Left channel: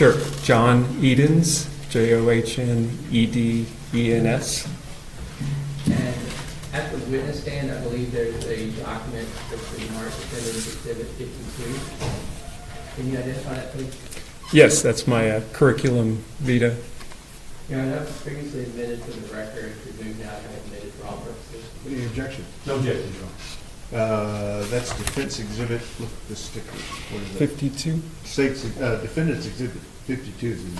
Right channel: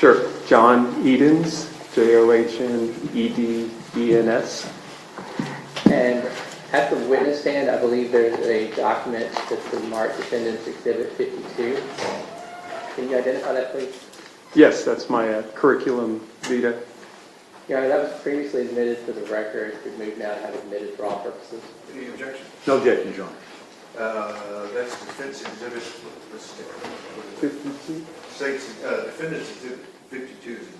Sure. John Edens, Johnedens. And at the witness stand, I believe there's a document that's been marked Defendant's Exhibit 52. Can you identify that, please? Yes, that's my curriculum vitae. Your Honor, that was previously admitted for the record. We've moved now to have it admitted for all purposes. Any objection? No objection, John. That's defense exhibit, look, the sticker. 52. Defendant's exhibit 52 is the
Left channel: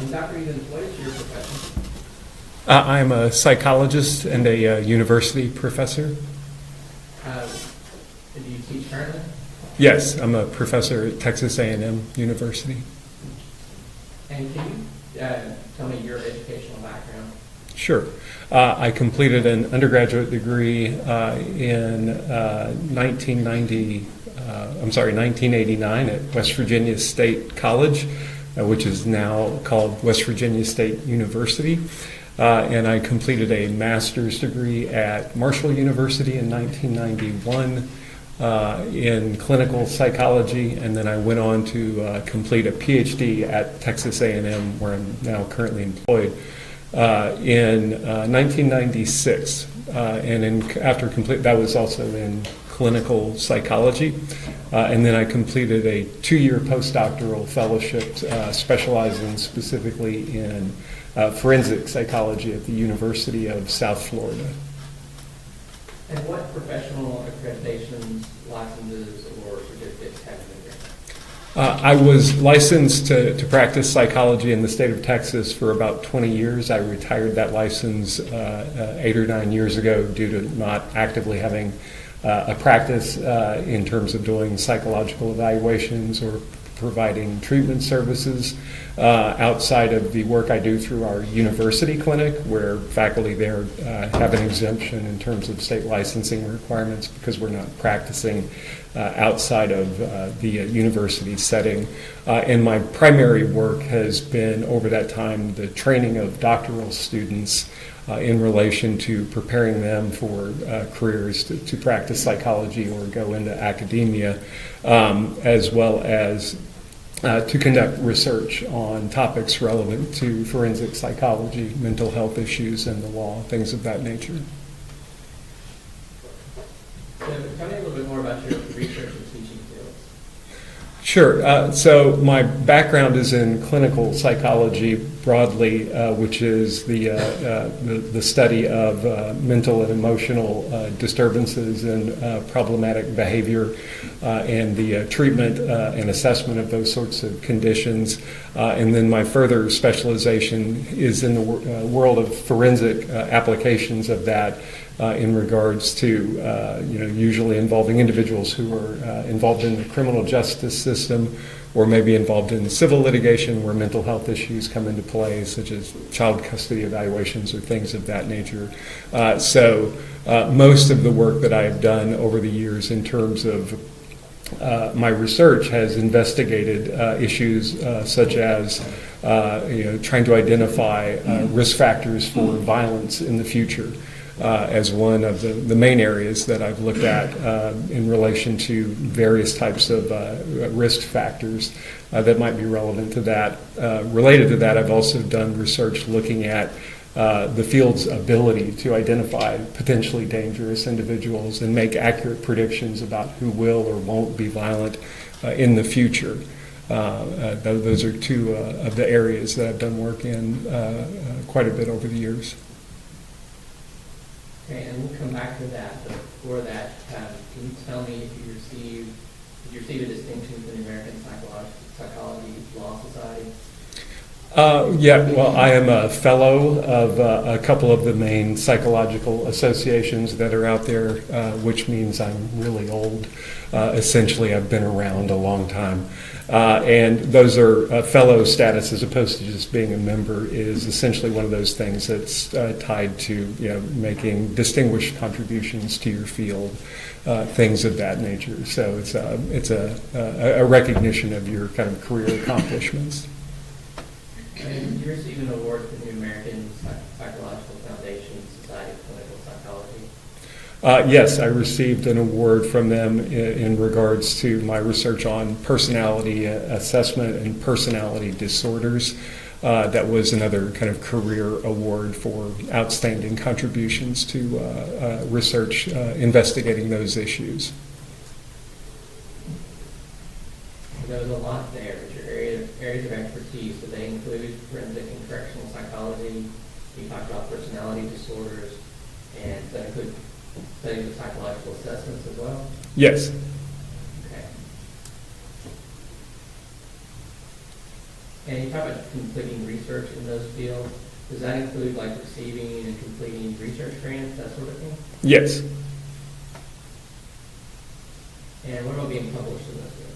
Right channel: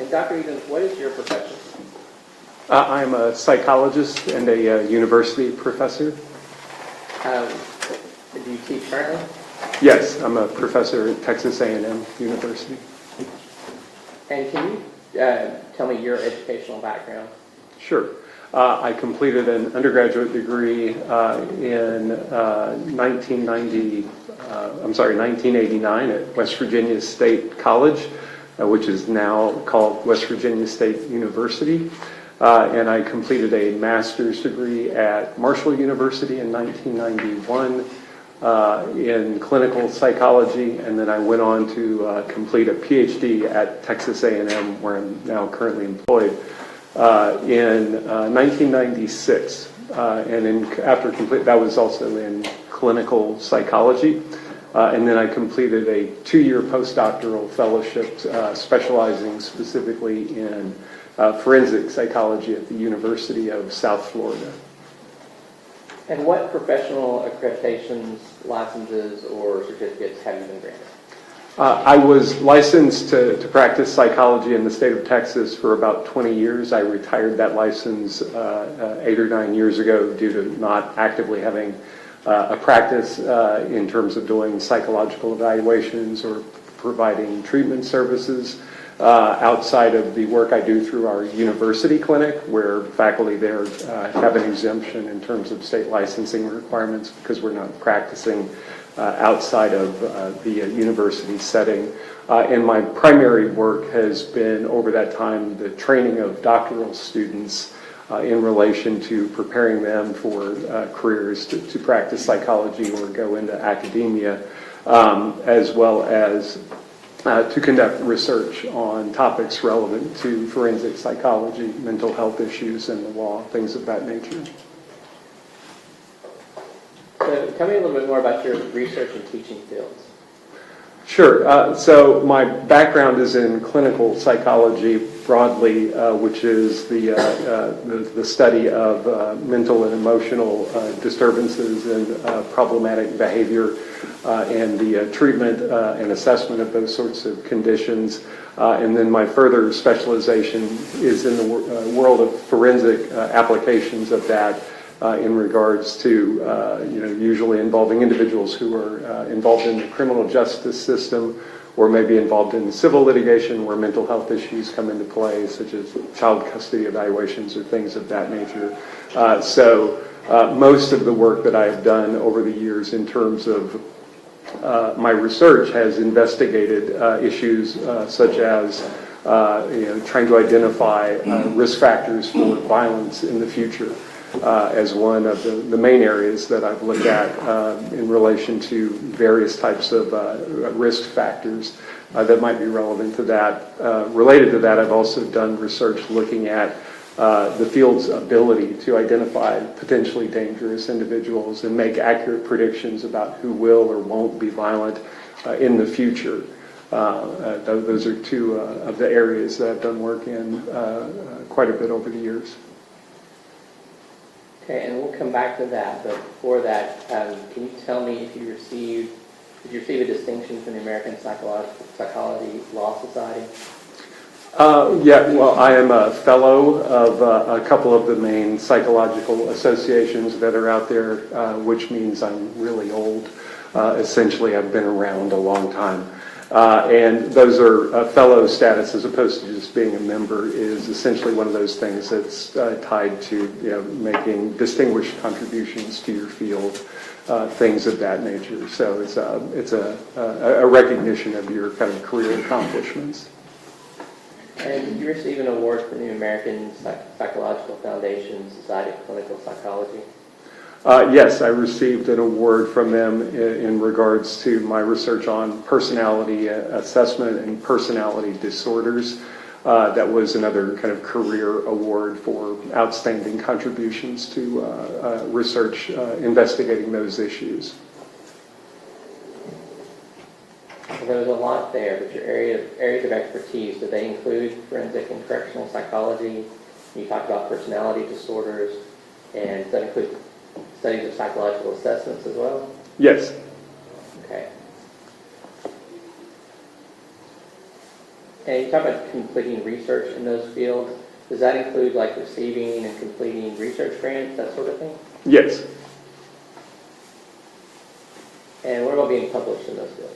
And Dr. Edens, what is your profession? I'm a psychologist and a university professor. Do you teach currently? Yes, I'm a professor at Texas A&M University. And can you tell me your educational background? Sure. I completed an undergraduate degree in 1989 at West Virginia State College, which is now called West Virginia State University. And I completed a master's degree at Marshall University in 1991 in clinical psychology, and then I went on to complete a PhD at Texas A&M, where I'm now currently employed, in 1996. After complete, that was also in clinical psychology. And then I completed a 2-year postdoctoral fellowship specializing specifically in forensic psychology at the University of South Florida. And what professional accreditations, licenses, or certificates have you been granted? I was licensed to practice psychology in the state of Texas for about 20 years. I retired that license 8 or 9 years ago due to not actively having a practice in terms of doing psychological evaluations or providing treatment services outside of the work I do through our university clinic, where faculty there have an exemption in terms of state licensing requirements because we're not practicing outside of the university setting. And my primary work has been, over that time, the training of doctoral students in relation to preparing them for careers to practice psychology or go into academia, as well as to conduct research on topics relevant to forensic psychology, mental health issues, and the law, things of that nature. So tell me a little bit more about your research and teaching fields. Sure. So my background is in clinical psychology broadly, which is the study of mental and emotional disturbances and problematic behavior, and the treatment and assessment of those sorts of conditions. And then my further specialization is in the world of forensic applications of that. In regards to, usually involving individuals who are involved in the criminal justice system or maybe involved in civil litigation where mental health issues come into play, such as child custody evaluations or things of that nature. So most of the work that I have done over the years in terms of my research has investigated issues such as trying to identify risk factors for violence in the future. As one of the main areas that I've looked at in relation to various types of risk factors that might be relevant to that. Related to that, I've also done research looking at the field's ability to identify potentially dangerous individuals and make accurate predictions about who will or won't be violent in the future. Those are two of the areas that I've done work in quite a bit over the years. Okay, and we'll come back to that, but before that, can you tell me if you did you receive a distinction from the American Psychology Law Society? Well, I am a fellow of a couple of the main psychological associations that are out there, which means I'm really old. Essentially, I've been around a long time. And those are fellow status as opposed to just being a member is essentially one of those things that's tied to making distinguished contributions to your field, things of that nature. So it's a recognition of your kind of career accomplishments. And did you receive an award from the American Psychological Foundation Society of Clinical Psychology? Yes, I received an award from them in regards to my research on personality assessment and personality disorders. That was another kind of career award for outstanding contributions to research investigating those issues. There was a lot there, but your areas of expertise, do they include forensic and correctional psychology? You talked about personality disorders, and does that include studies of psychological assessments as well? Yes. Okay. And you talk about completing research in those fields. Does that include like receiving and completing research grants, that sort of thing? Yes. And what about being published in those fields?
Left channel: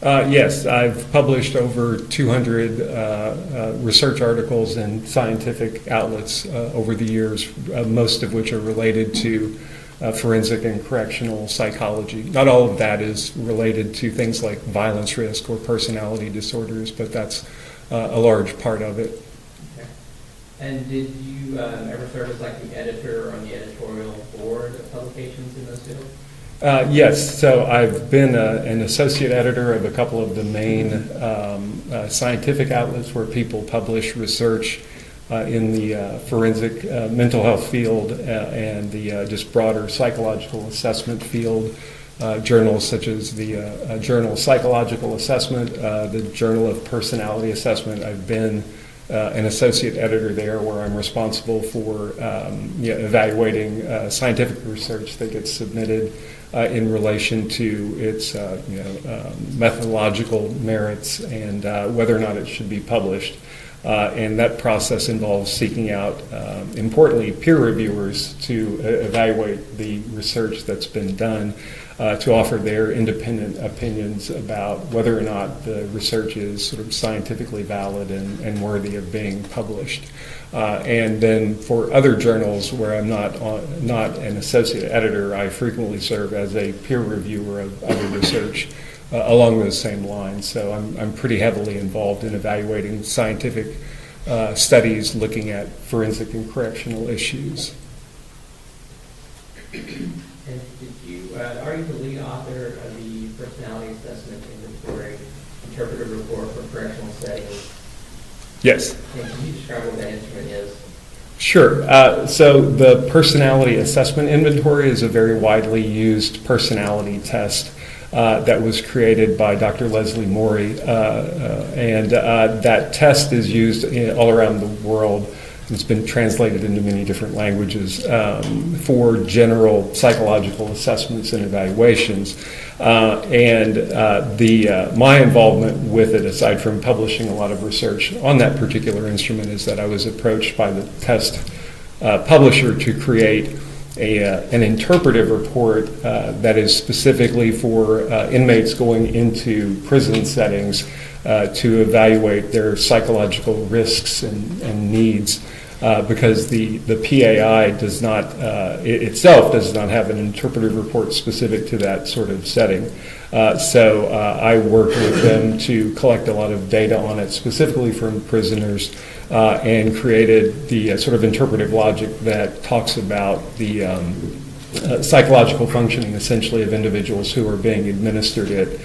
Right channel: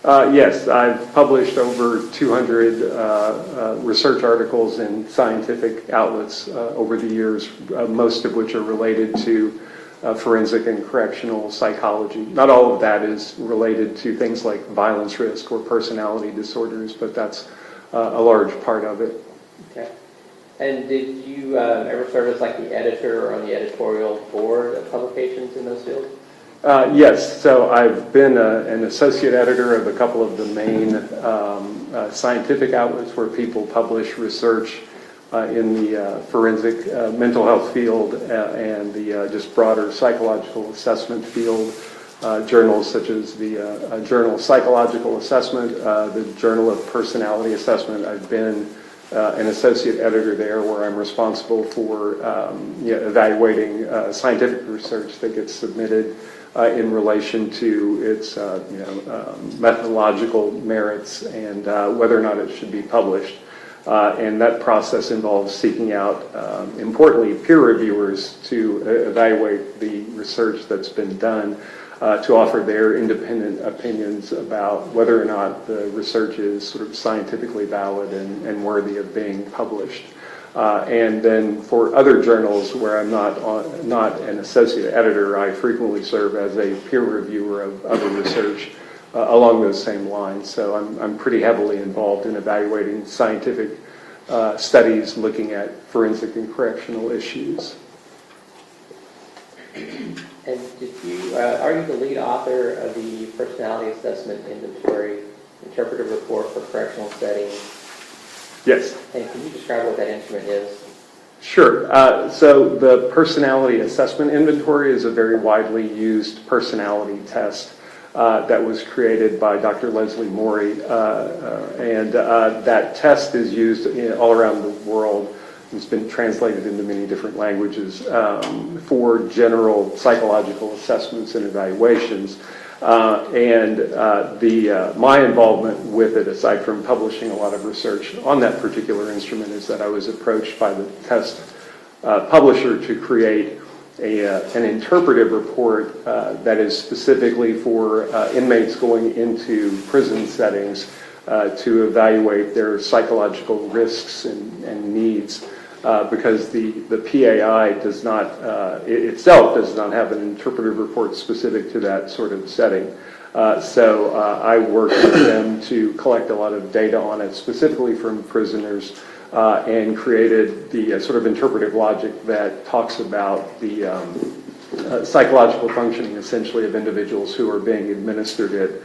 Yes, I've published over 200 research articles in scientific outlets over the years, most of which are related to forensic and correctional psychology. Not all of that is related to things like violence risk or personality disorders, but that's a large part of it. Okay. And did you ever serve as like the editor or on the editorial board of publications in those fields? Yes, so I've been an associate editor of a couple of the main scientific outlets where people publish research in the forensic mental health field and the just broader psychological assessment field. Journals such as the Journal of Psychological Assessment, the Journal of Personality Assessment. I've been an associate editor there where I'm responsible for evaluating scientific research that gets submitted in relation to its methodological merits and whether or not it should be published. And that process involves seeking out, importantly, peer reviewers to evaluate the research that's been done, to offer their independent opinions about whether or not the research is sort of scientifically valid and worthy of being published. And then for other journals where I'm not an associate editor, I frequently serve as a peer reviewer of other research along those same lines. So I'm pretty heavily involved in evaluating scientific studies looking at forensic and correctional issues. And are you the lead author of the Personality Assessment Inventory Interpretive Report for Correctional Settings? Yes. And can you describe what that instrument is? Sure. So the Personality Assessment Inventory is a very widely used personality test that was created by Dr. Leslie Morey. And that test is used all around the world. It's been translated into many different languages for general psychological assessments and evaluations. My involvement with it, aside from publishing a lot of research on that particular instrument, is that I was approached by the test publisher to create an interpretive report that is specifically for inmates going into prison settings to evaluate their psychological risks and needs. Because the PAI does not itself does not have an interpretive report specific to that sort of setting. So I worked with them to collect a lot of data on it, specifically from prisoners, and created the sort of interpretive logic that talks about the psychological functioning, essentially, of individuals who are being administered it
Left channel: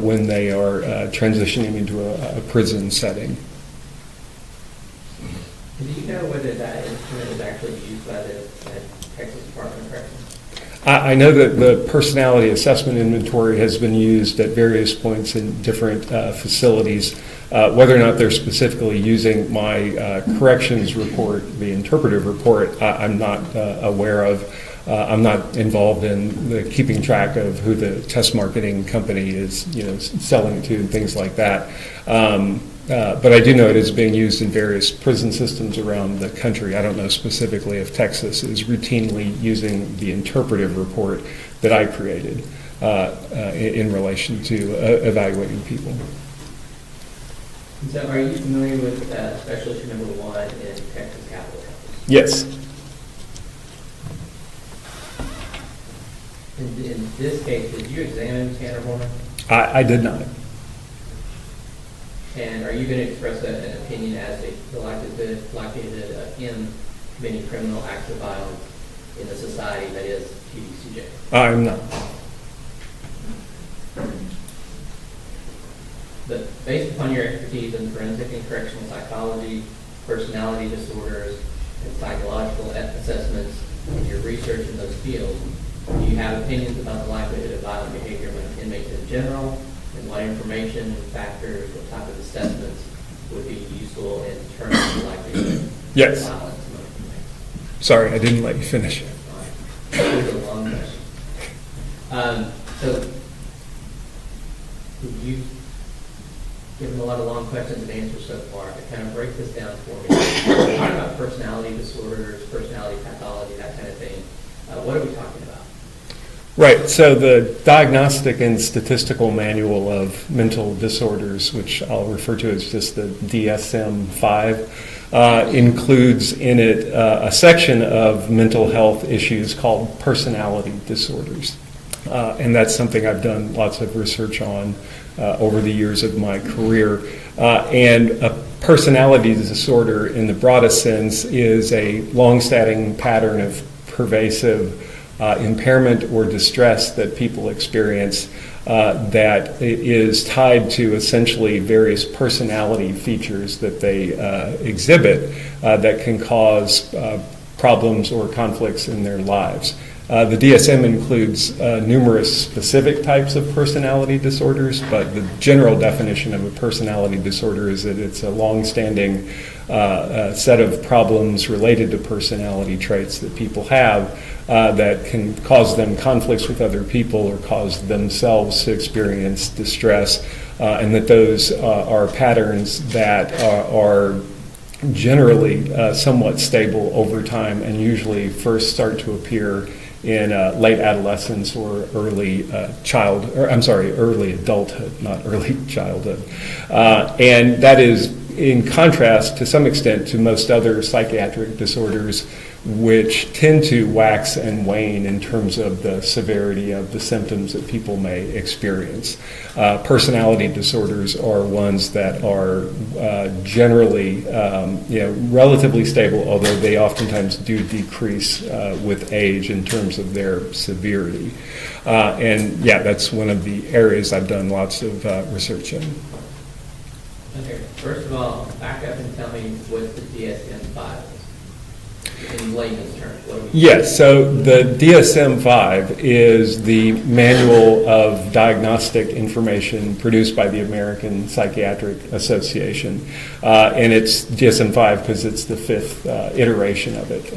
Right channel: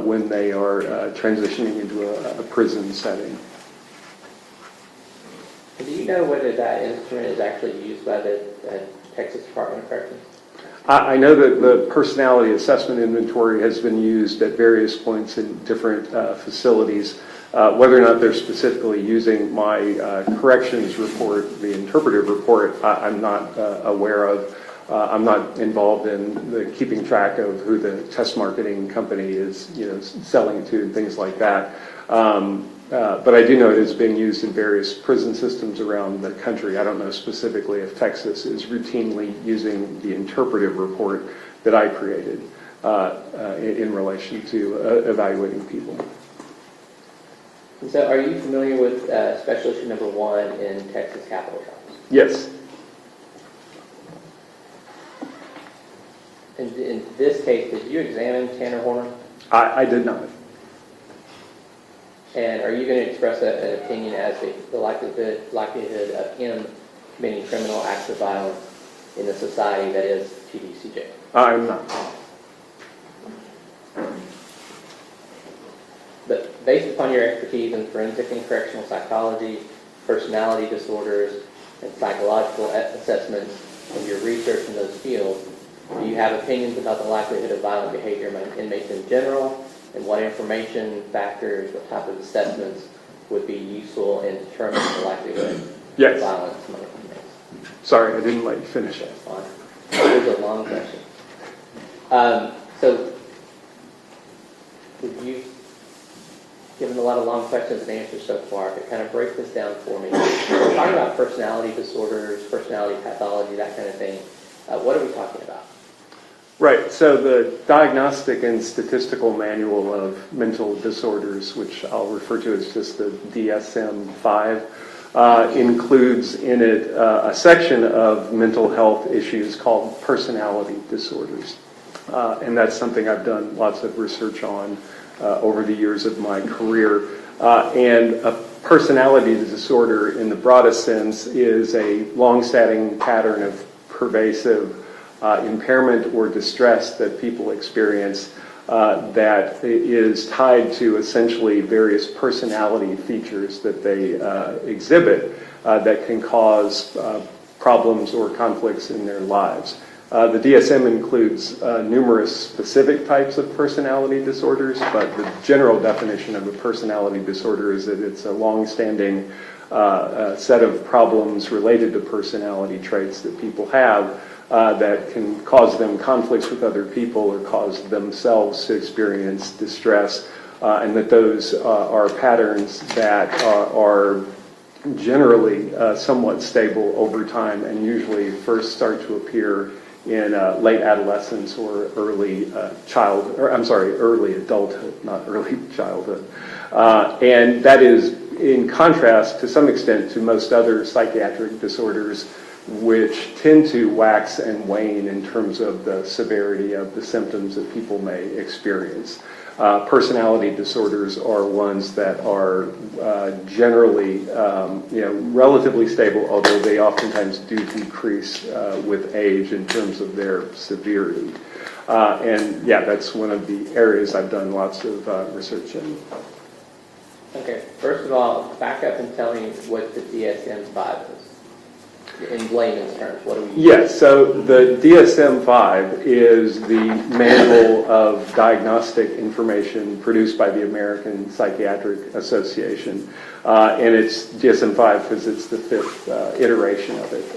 when they are transitioning into a prison setting. Do you know whether that instrument is actually used by the Texas Department of Corrections? I know that the Personality Assessment Inventory has been used at various points in different facilities. Whether or not they're specifically using my corrections report, the interpretive report, I'm not aware of. I'm not involved in the keeping track of who the test marketing company is, selling to and things like that. But I do know it is being used in various prison systems around the country. I don't know specifically if Texas is routinely using the interpretive report that I created in relation to evaluating people. And so are you familiar with Special Issue Number 1 in Texas Capital County? Yes. In this case, did you examine Tanner Horner? I did not. And are you going to express an opinion as to the likelihood of him committing criminal acts of violence in a society that is TDCJ? I'm not. But based upon your expertise in forensic and correctional psychology, personality disorders, and psychological assessments, and your research in those fields, do you have opinions about the likelihood of violent behavior among inmates in general, and what information, factors, what type of assessments would be useful in determining the likelihood Yes. of violence among inmates? Sorry, I didn't let you finish it. It was a long question. So, you've given a lot of long questions and answers so far, but kind of break this down for me. We're talking about personality disorders, personality pathology, that kind of thing. What are we talking about? Right, so the Diagnostic and Statistical Manual of Mental Disorders, which I'll refer to as just the DSM-5, includes in it a section of mental health issues called personality disorders. And that's something I've done lots of research on over the years of my career. And a personality disorder, in the broadest sense, is a long-standing pattern of pervasive impairment or distress that people experience that is tied to essentially various personality features that they exhibit that can cause problems or conflicts in their lives. The DSM includes numerous specific types of personality disorders, but the general definition of a personality disorder is that it's a long-standing set of problems related to personality traits that people have that can cause them conflicts with other people or cause themselves to experience distress, and that those are patterns that are generally somewhat stable over time and usually first start to appear in late adolescence or early early adulthood, not early childhood. And that is in contrast to some extent to most other psychiatric disorders, which tend to wax and wane in terms of the severity of the symptoms that people may experience. Personality disorders are ones that are generally relatively stable, although they oftentimes do decrease with age in terms of their severity. And yeah, that's one of the areas I've done lots of research in. Okay, first of all, back up and tell me what the DSM-5 is. In layman's terms, what do we do? Yes, so the DSM-5 is the manual of diagnostic information produced by the American Psychiatric Association. And it's DSM-5 because it's the fifth iteration of it.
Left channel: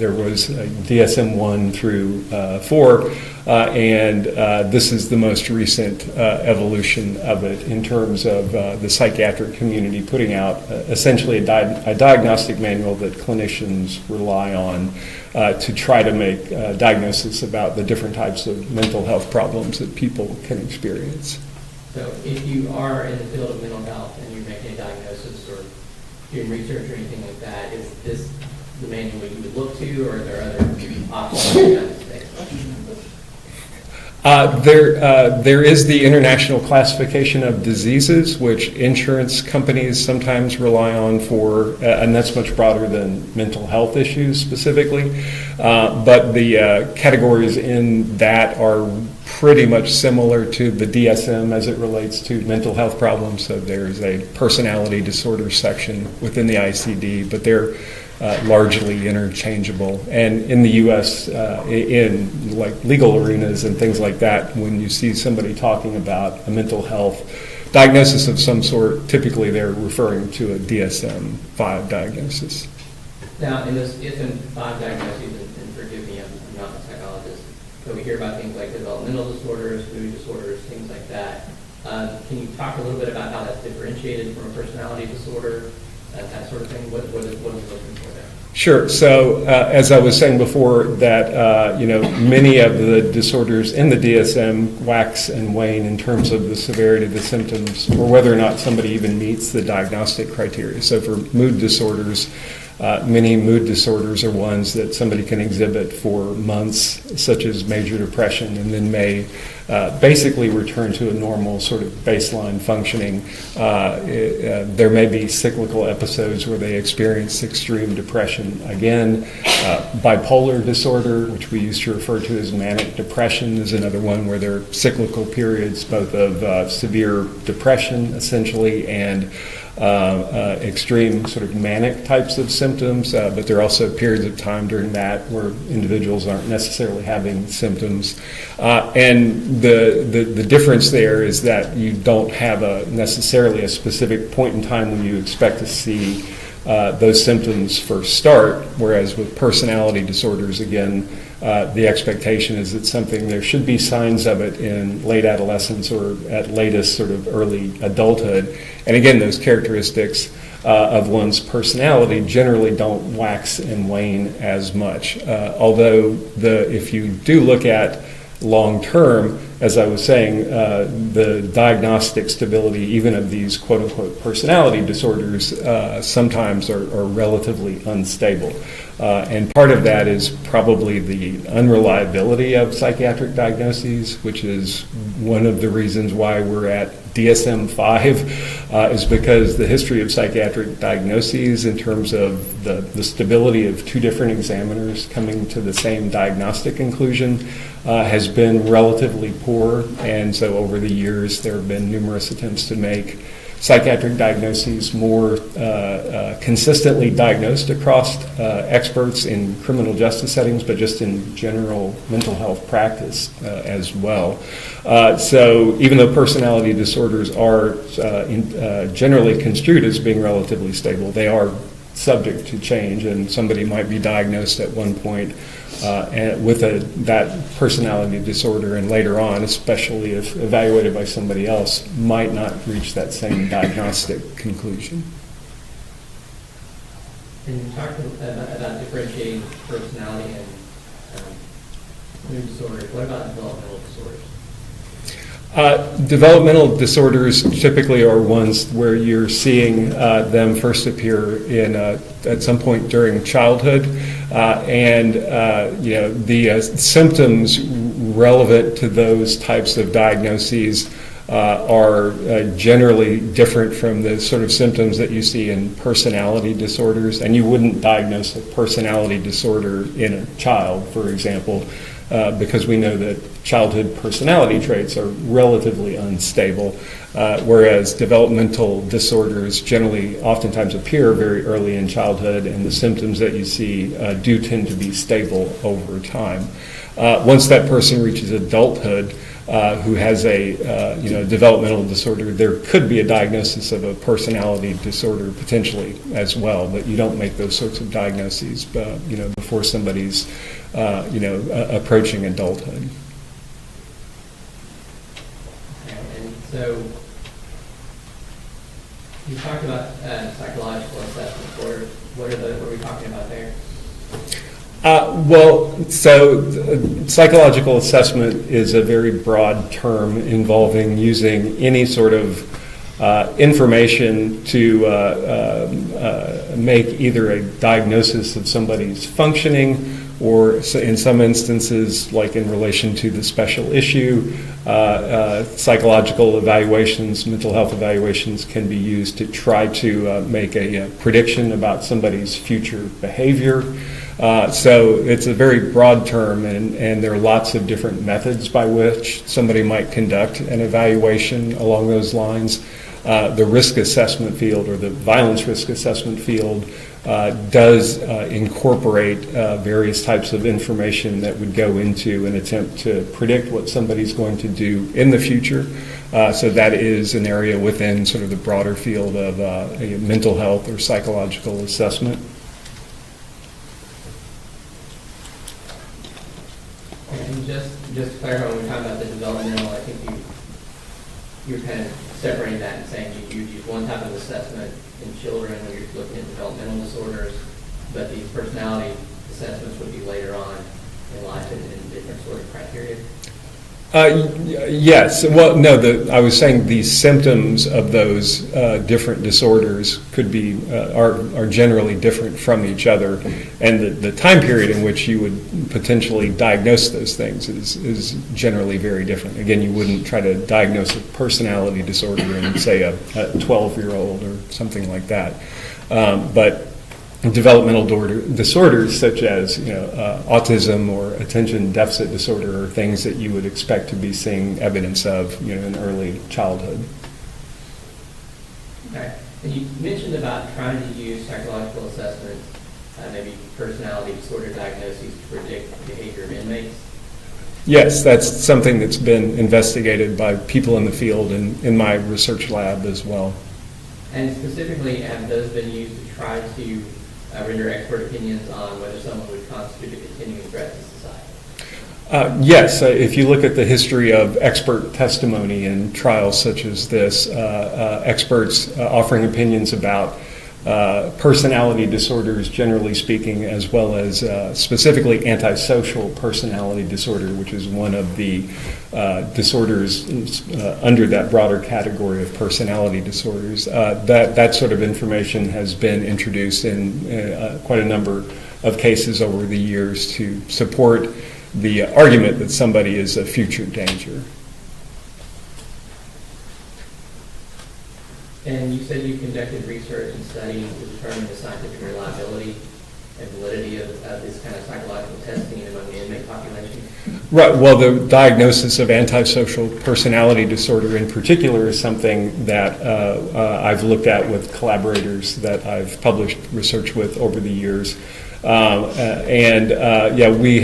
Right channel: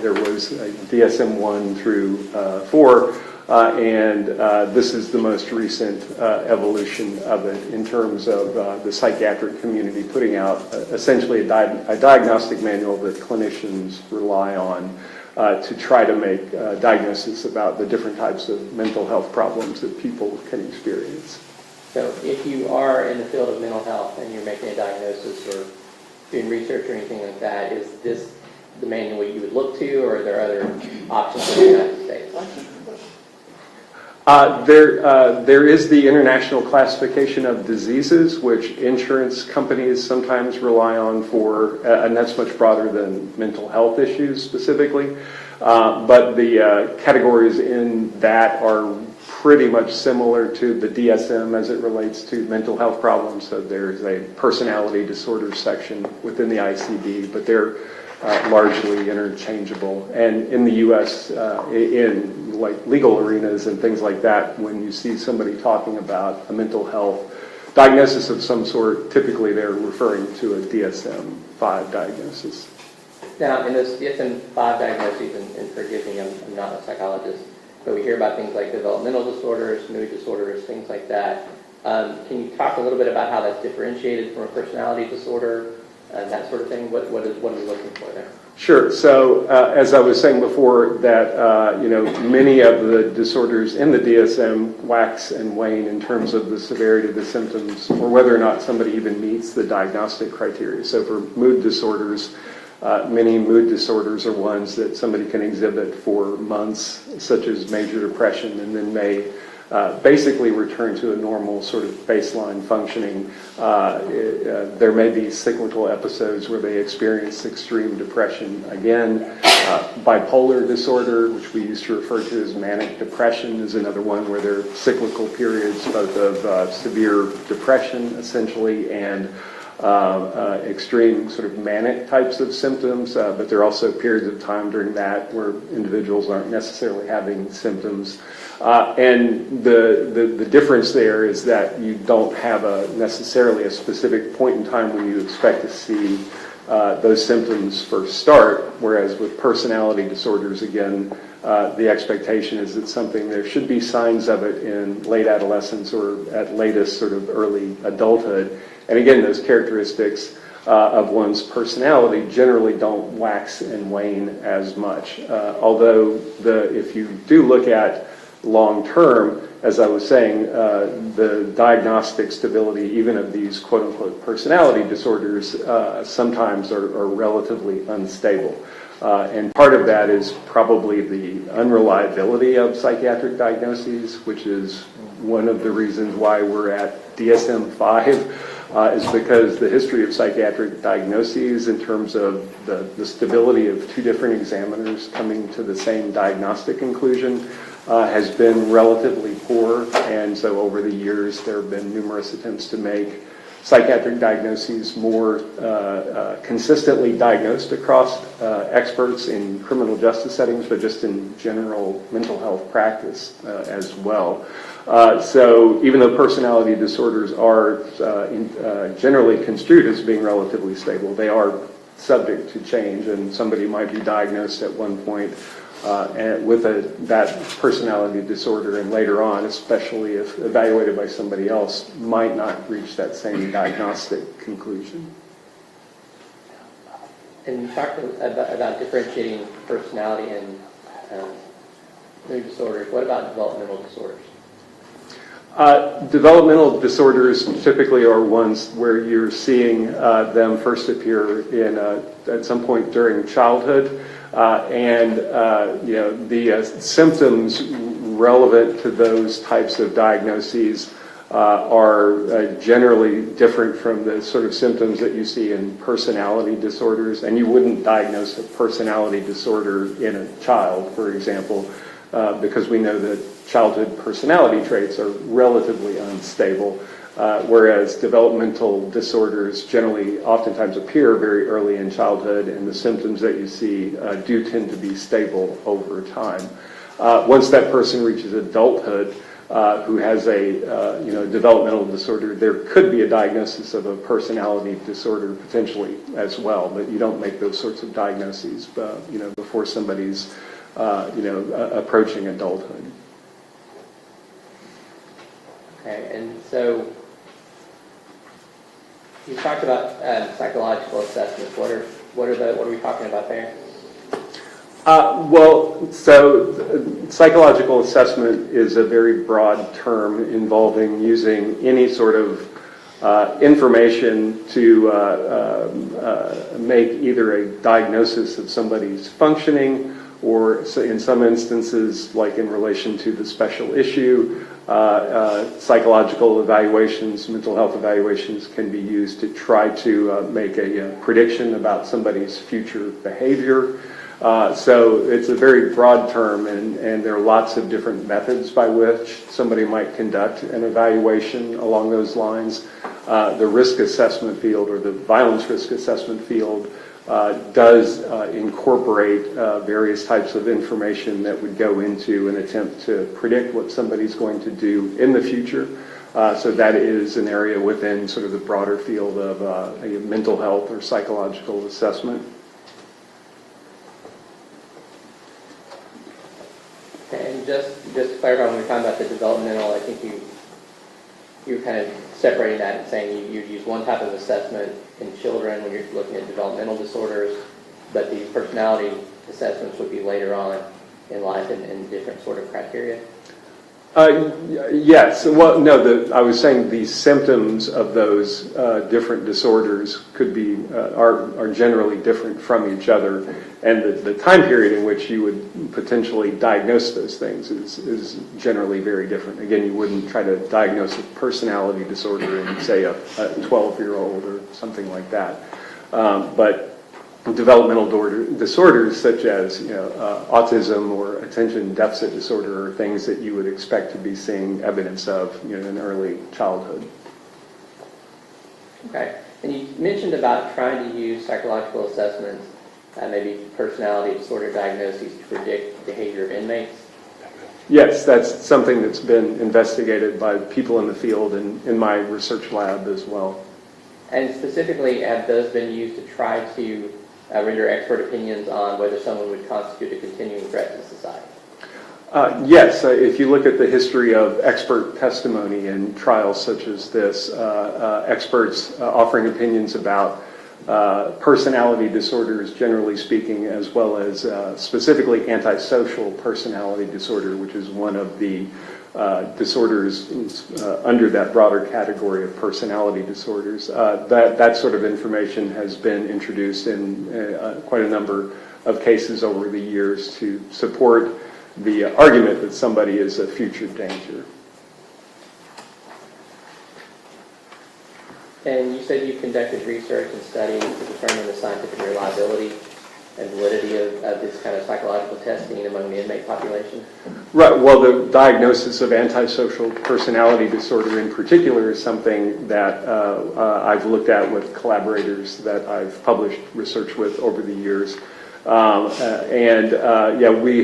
There was DSM-1 through 4, and this is the most recent evolution of it in terms of the psychiatric community putting out essentially a diagnostic manual that clinicians rely on to try to make diagnosis about the different types of mental health problems that people can experience. So if you are in the field of mental health and you're making a diagnosis or doing research or anything like that, is this the manual you would look to, or are there other options in the United States? There is the International Classification of Diseases, which insurance companies sometimes rely on for, and that's much broader than mental health issues specifically. But the categories in that are pretty much similar to the DSM as it relates to mental health problems. So there's a personality disorder section within the ICD, but they're largely interchangeable. And in the U.S., in like legal arenas and things like that, when you see somebody talking about a mental health diagnosis of some sort, typically they're referring to a DSM-5 diagnosis. Now, in those DSM-5 diagnoses, and forgive me, I'm not a psychologist, but we hear about things like developmental disorders, mood disorders, things like that. Can you talk a little bit about how that's differentiated from a personality disorder? That sort of thing. What are we looking for there? Sure. So as I was saying before, that many of the disorders in the DSM wax and wane in terms of the severity of the symptoms, or whether or not somebody even meets the diagnostic criteria. So for mood disorders, many mood disorders are ones that somebody can exhibit for months, such as major depression, and then may basically return to a normal sort of baseline functioning. There may be cyclical episodes where they experience extreme depression again. Bipolar disorder, which we used to refer to as manic depression, is another one where there are cyclical periods both of severe depression essentially and extreme sort of manic types of symptoms, but there are also periods of time during that where individuals aren't necessarily having symptoms. And the difference there is that you don't have necessarily a specific point in time when you expect to see those symptoms first start, whereas with personality disorders, again, the expectation is that there should be signs of it in late adolescence or at latest sort of early adulthood. And again, those characteristics of one's personality generally don't wax and wane as much. Although if you do look at long term, as I was saying, the diagnostic stability even of these quote-unquote personality disorders sometimes are relatively unstable. And part of that is probably the unreliability of psychiatric diagnoses, which is one of the reasons why we're at DSM-5, is because the history of psychiatric diagnoses in terms of the stability of two different examiners coming to the same diagnostic conclusion has been relatively poor. And so over the years, there have been numerous attempts to make psychiatric diagnoses more consistently diagnosed across experts in criminal justice settings, but just in general mental health practice as well. So even though personality disorders are generally construed as being relatively stable, they are subject to change, and somebody might be diagnosed at one point and with that personality disorder, and later on, especially if evaluated by somebody else, might not reach that same diagnostic conclusion. And you talked about differentiating personality and mood disorders. What about developmental disorders? Developmental disorders typically are ones where you're seeing them first appear at some point during childhood, and the symptoms relevant to those types of diagnoses are generally different from the sort of symptoms that you see in personality disorders. And you wouldn't diagnose a personality disorder in a child, for example, because we know that childhood personality traits are relatively unstable, whereas developmental disorders generally oftentimes appear very early in childhood, and the symptoms that you see do tend to be stable over time. Once that person reaches adulthood, who has a developmental disorder, there could be a diagnosis of a personality disorder potentially as well, but you don't make those sorts of diagnoses before somebody's approaching adulthood. Okay, and so you talked about psychological assessments. What are we talking about there? Psychological assessment is a very broad term involving using any sort of information to make either a diagnosis of somebody's functioning, or in some instances, like in relation to the special issue, psychological evaluations, mental health evaluations can be used to try to make a prediction about somebody's future behavior. So it's a very broad term, and there are lots of different methods by which somebody might conduct an evaluation along those lines. The risk assessment field, or the violence risk assessment field, does incorporate various types of information that would go into an attempt to predict what somebody's going to do in the future. So that is an area within sort of the broader field of mental health or psychological assessment. And just to clarify, when we're talking about the developmental, I think you're kind of separating that and saying you use one type of assessment in children when you're looking at developmental disorders, but these personality assessments would be later on in life in different sort of criteria. Yes. Well, no, I was saying the symptoms of those different disorders could be are generally different from each other, and the time period in which you would potentially diagnose those things is generally very different. Again, you wouldn't try to diagnose a personality disorder in, say, a 12-year-old or something like that, but developmental disorders such as autism or attention deficit disorder are things that you would expect to be seeing evidence of in early childhood. Okay. And you mentioned about trying to use psychological assessments, maybe personality disorder diagnoses to predict behavior of inmates. Yes, that's something that's been investigated by people in the field and in my research lab as well. And specifically, have those been used to try to render expert opinions on whether someone would constitute a continuing threat to society? Yes, if you look at the history of expert testimony in trials such as this, experts offering opinions about personality disorders, generally speaking, as well as specifically antisocial personality disorder, which is one of the disorders under that broader category of personality disorders. That sort of information has been introduced in quite a number of cases over the years to support the argument that somebody is a future danger. And you said you conducted research and studies to determine the scientific reliability and validity of this kind of psychological testing among the inmate population? Right. Well, the diagnosis of antisocial personality disorder in particular is something that I've looked at with collaborators that I've published research with over the years. We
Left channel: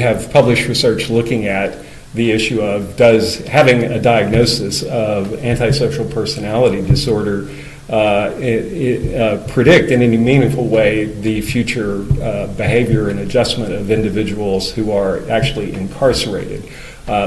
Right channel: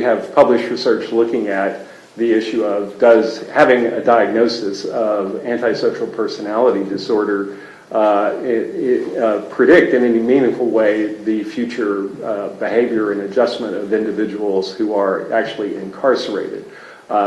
have published research looking at the issue of does having a diagnosis of antisocial personality disorder predict in any meaningful way the future behavior and adjustment of individuals who are actually incarcerated.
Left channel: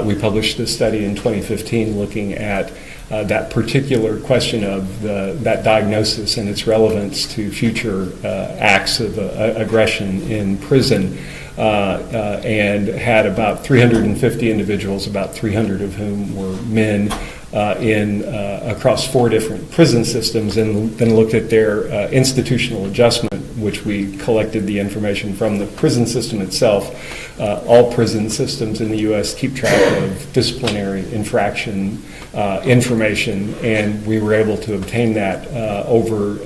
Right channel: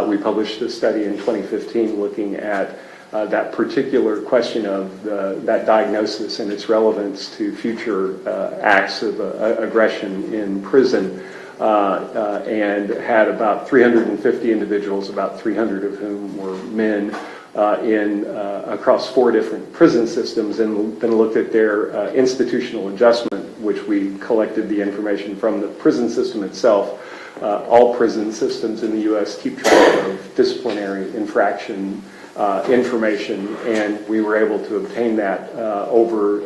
We published a study in 2015 looking at that particular question of that diagnosis and its relevance to future acts of aggression in prison, and had about 350 individuals, about 300 of whom were men, across 4 different prison systems, and then looked at their institutional adjustment, which we collected the information from the prison system itself. All prison systems in the U.S. keep track of disciplinary infraction information, and we were able to obtain that over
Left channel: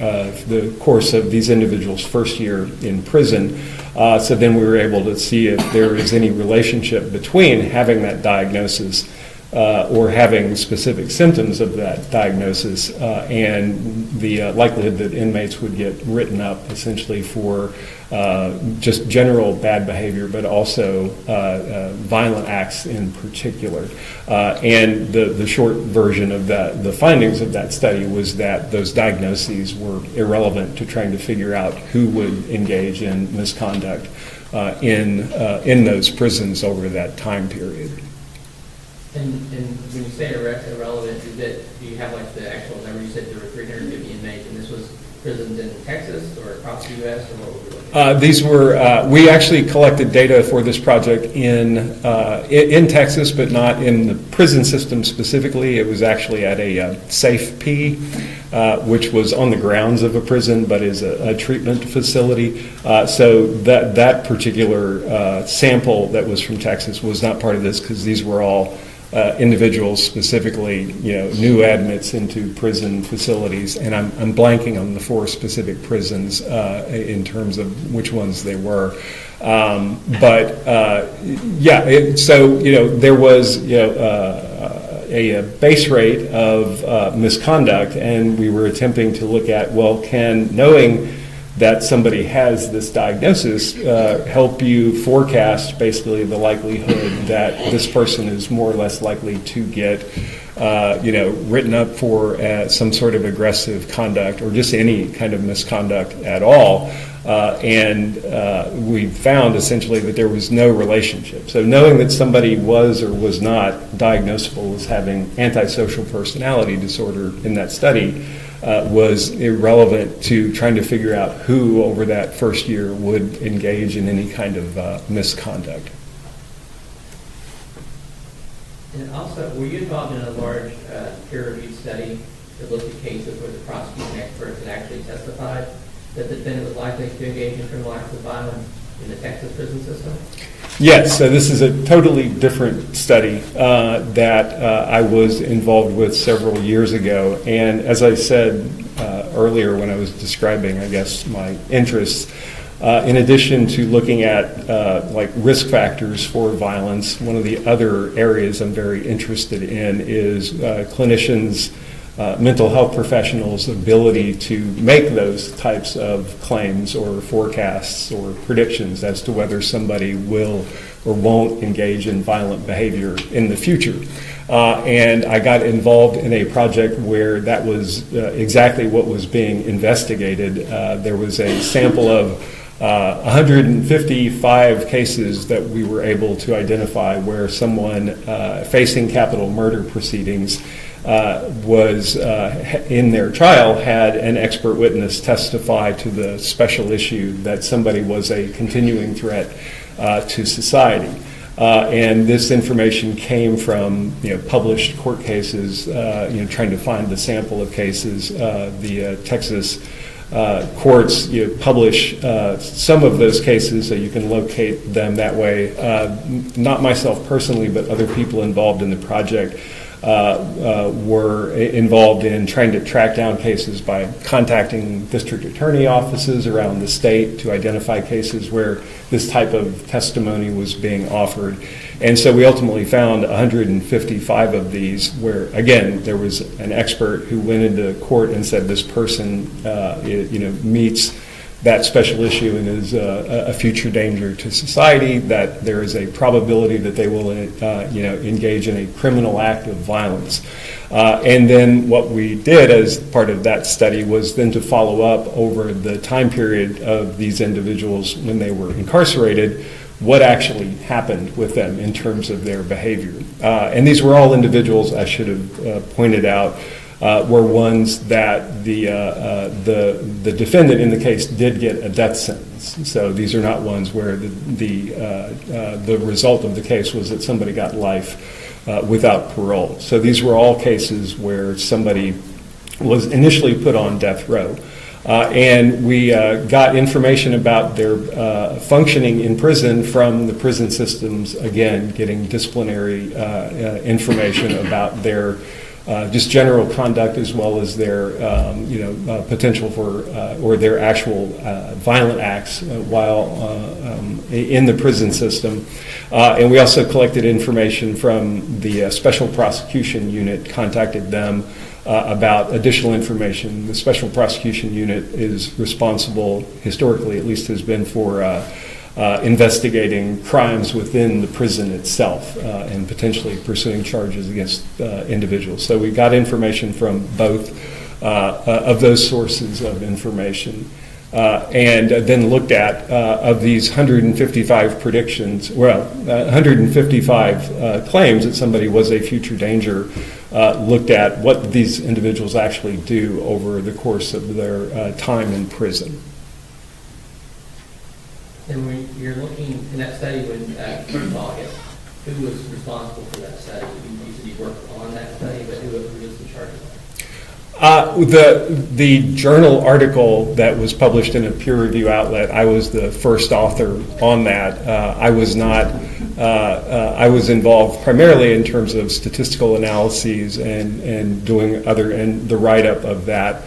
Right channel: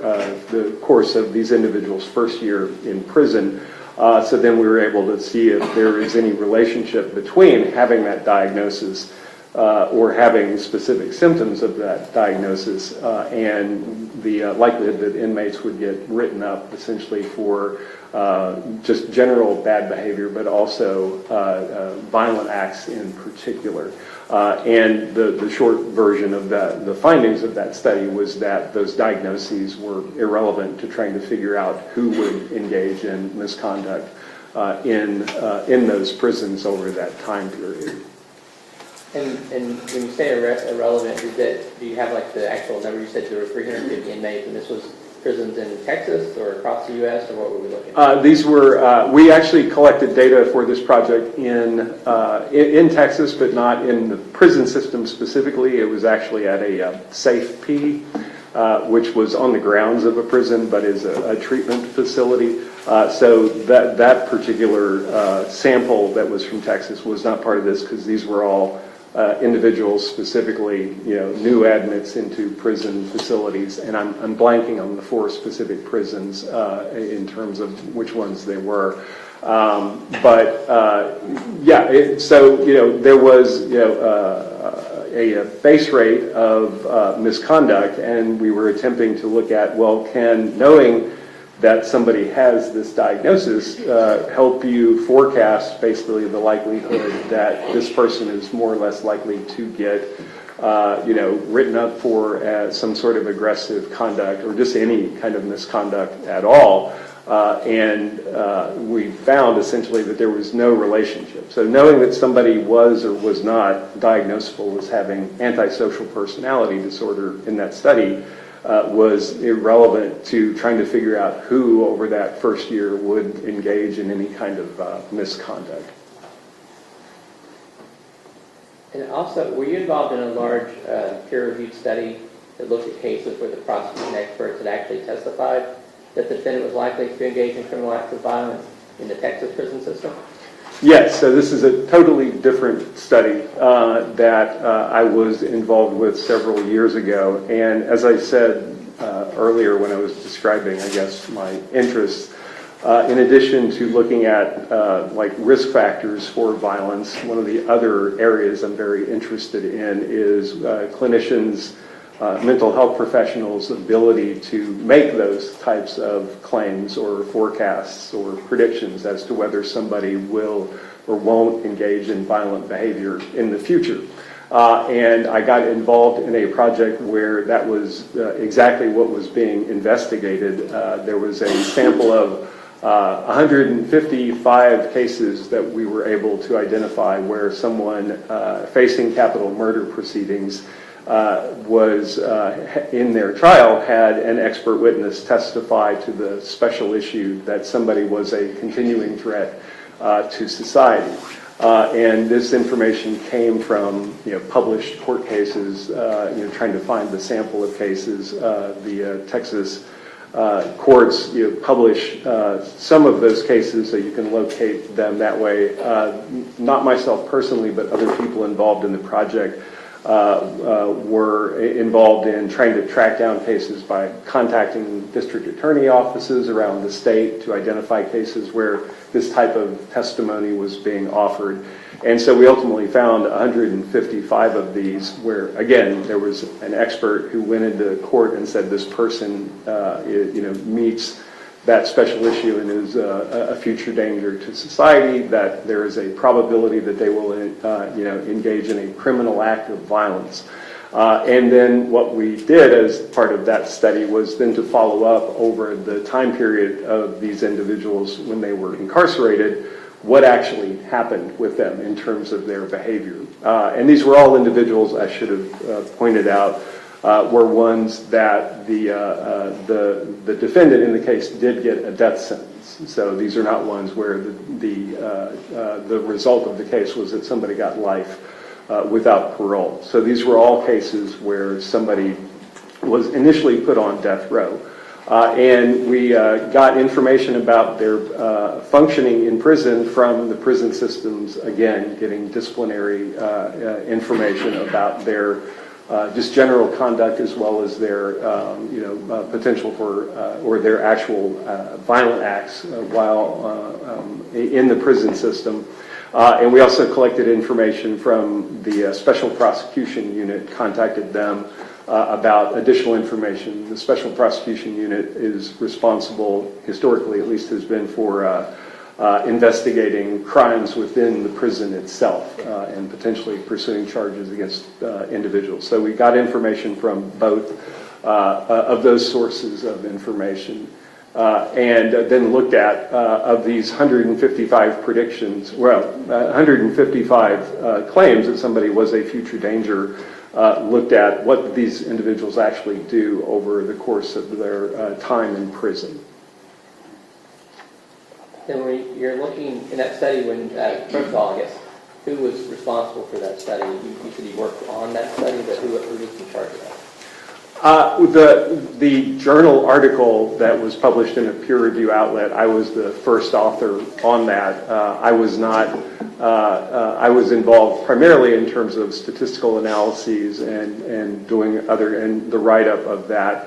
the course of these individuals' first year in prison. So then we were able to see if there is any relationship between having that diagnosis or having specific symptoms of that diagnosis and the likelihood that inmates would get written up essentially for just general bad behavior, but also violent acts in particular. And the short version of that, the findings of that study was that those diagnoses were irrelevant to trying to figure out who would engage in misconduct in those prisons over that time period. And when you say irrelevant, do you have like the actual number? You said there were 350 inmates, and this was prisons in Texas or across the U.S., or what were we looking at? These were, we actually collected data for this project in Texas, but not in the prison system specifically. It was actually at a safe P, which was on the grounds of a prison, but is a treatment facility. So that particular sample that was from Texas was not part of this, because these were all individuals, specifically, new admits into prison facilities, and I'm blanking on the 4 specific prisons in terms of which ones they were. So there was a base rate of misconduct, and we were attempting to look at, well, can knowing that somebody has this diagnosis help you forecast basically the likelihood that this person is more or less likely to get written up for some sort of aggressive conduct or just any kind of misconduct at all. We found essentially that there was no relationship. So knowing that somebody was or was not diagnosable as having antisocial personality disorder in that study was irrelevant to trying to figure out who over that first year would engage in any kind of misconduct. And also, were you involved in a large peer-reviewed study that looked at cases where the prosecution experts had actually testified that the defendant was likely to engage in criminal acts of violence in the Texas prison system? Yes, so this is a totally different study that I was involved with several years ago. And as I said earlier when I was describing, I guess, my interests, in addition to looking at like risk factors for violence, one of the other areas I'm very interested in is clinicians, mental health professionals' ability to make those types of claims or forecasts or predictions as to whether somebody will or won't engage in violent behavior in the future. And I got involved in a project where that was exactly what was being investigated. There was a sample of 155 cases that we were able to identify where someone facing capital murder proceedings was in their trial had an expert witness testify to the special issue that somebody was a continuing threat to society. And this information came from published court cases, trying to find the sample of cases. The Texas courts publish some of those cases so you can locate them that way. Not myself personally, but other people involved in the project were involved in trying to track down cases by contacting district attorney offices around the state to identify cases where this type of testimony was being offered. And so we ultimately found 155 of these where, again, there was an expert who went into court and said this person meets that special issue and is a future danger to society, that there is a probability that they will engage in a criminal act of violence. And then what we did as part of that study was then to follow up over the time period of these individuals when they were incarcerated, what actually happened with them in terms of their behavior. And these were all individuals, I should have pointed out, were ones that the defendant in the case did get a death sentence. So these are not ones where the result of the case was that somebody got life without parole. So these were all cases where somebody was initially put on death row. And we got information about their functioning in prison from the prison systems, again, getting disciplinary information about their just general conduct as well as their potential for or their actual violent acts while in the prison system. And we also collected information from the Special Prosecution Unit, contacted them about additional information. The Special Prosecution Unit is responsible, historically at least has been, for investigating crimes within the prison itself and potentially pursuing charges against individuals. So we got information from both of those sources of information. And then looked at, of these 155 predictions, 155 claims that somebody was a future danger, looked at what these individuals actually do over the course of their time in prison. Then when you're looking in that study, first of all, I guess, who was responsible for that study? You said you worked on that study, but who was in charge of that? The journal article that was published in a peer review outlet, I was the first author on that. I was not, I was involved primarily in terms of statistical analyses and doing and the write-up of that.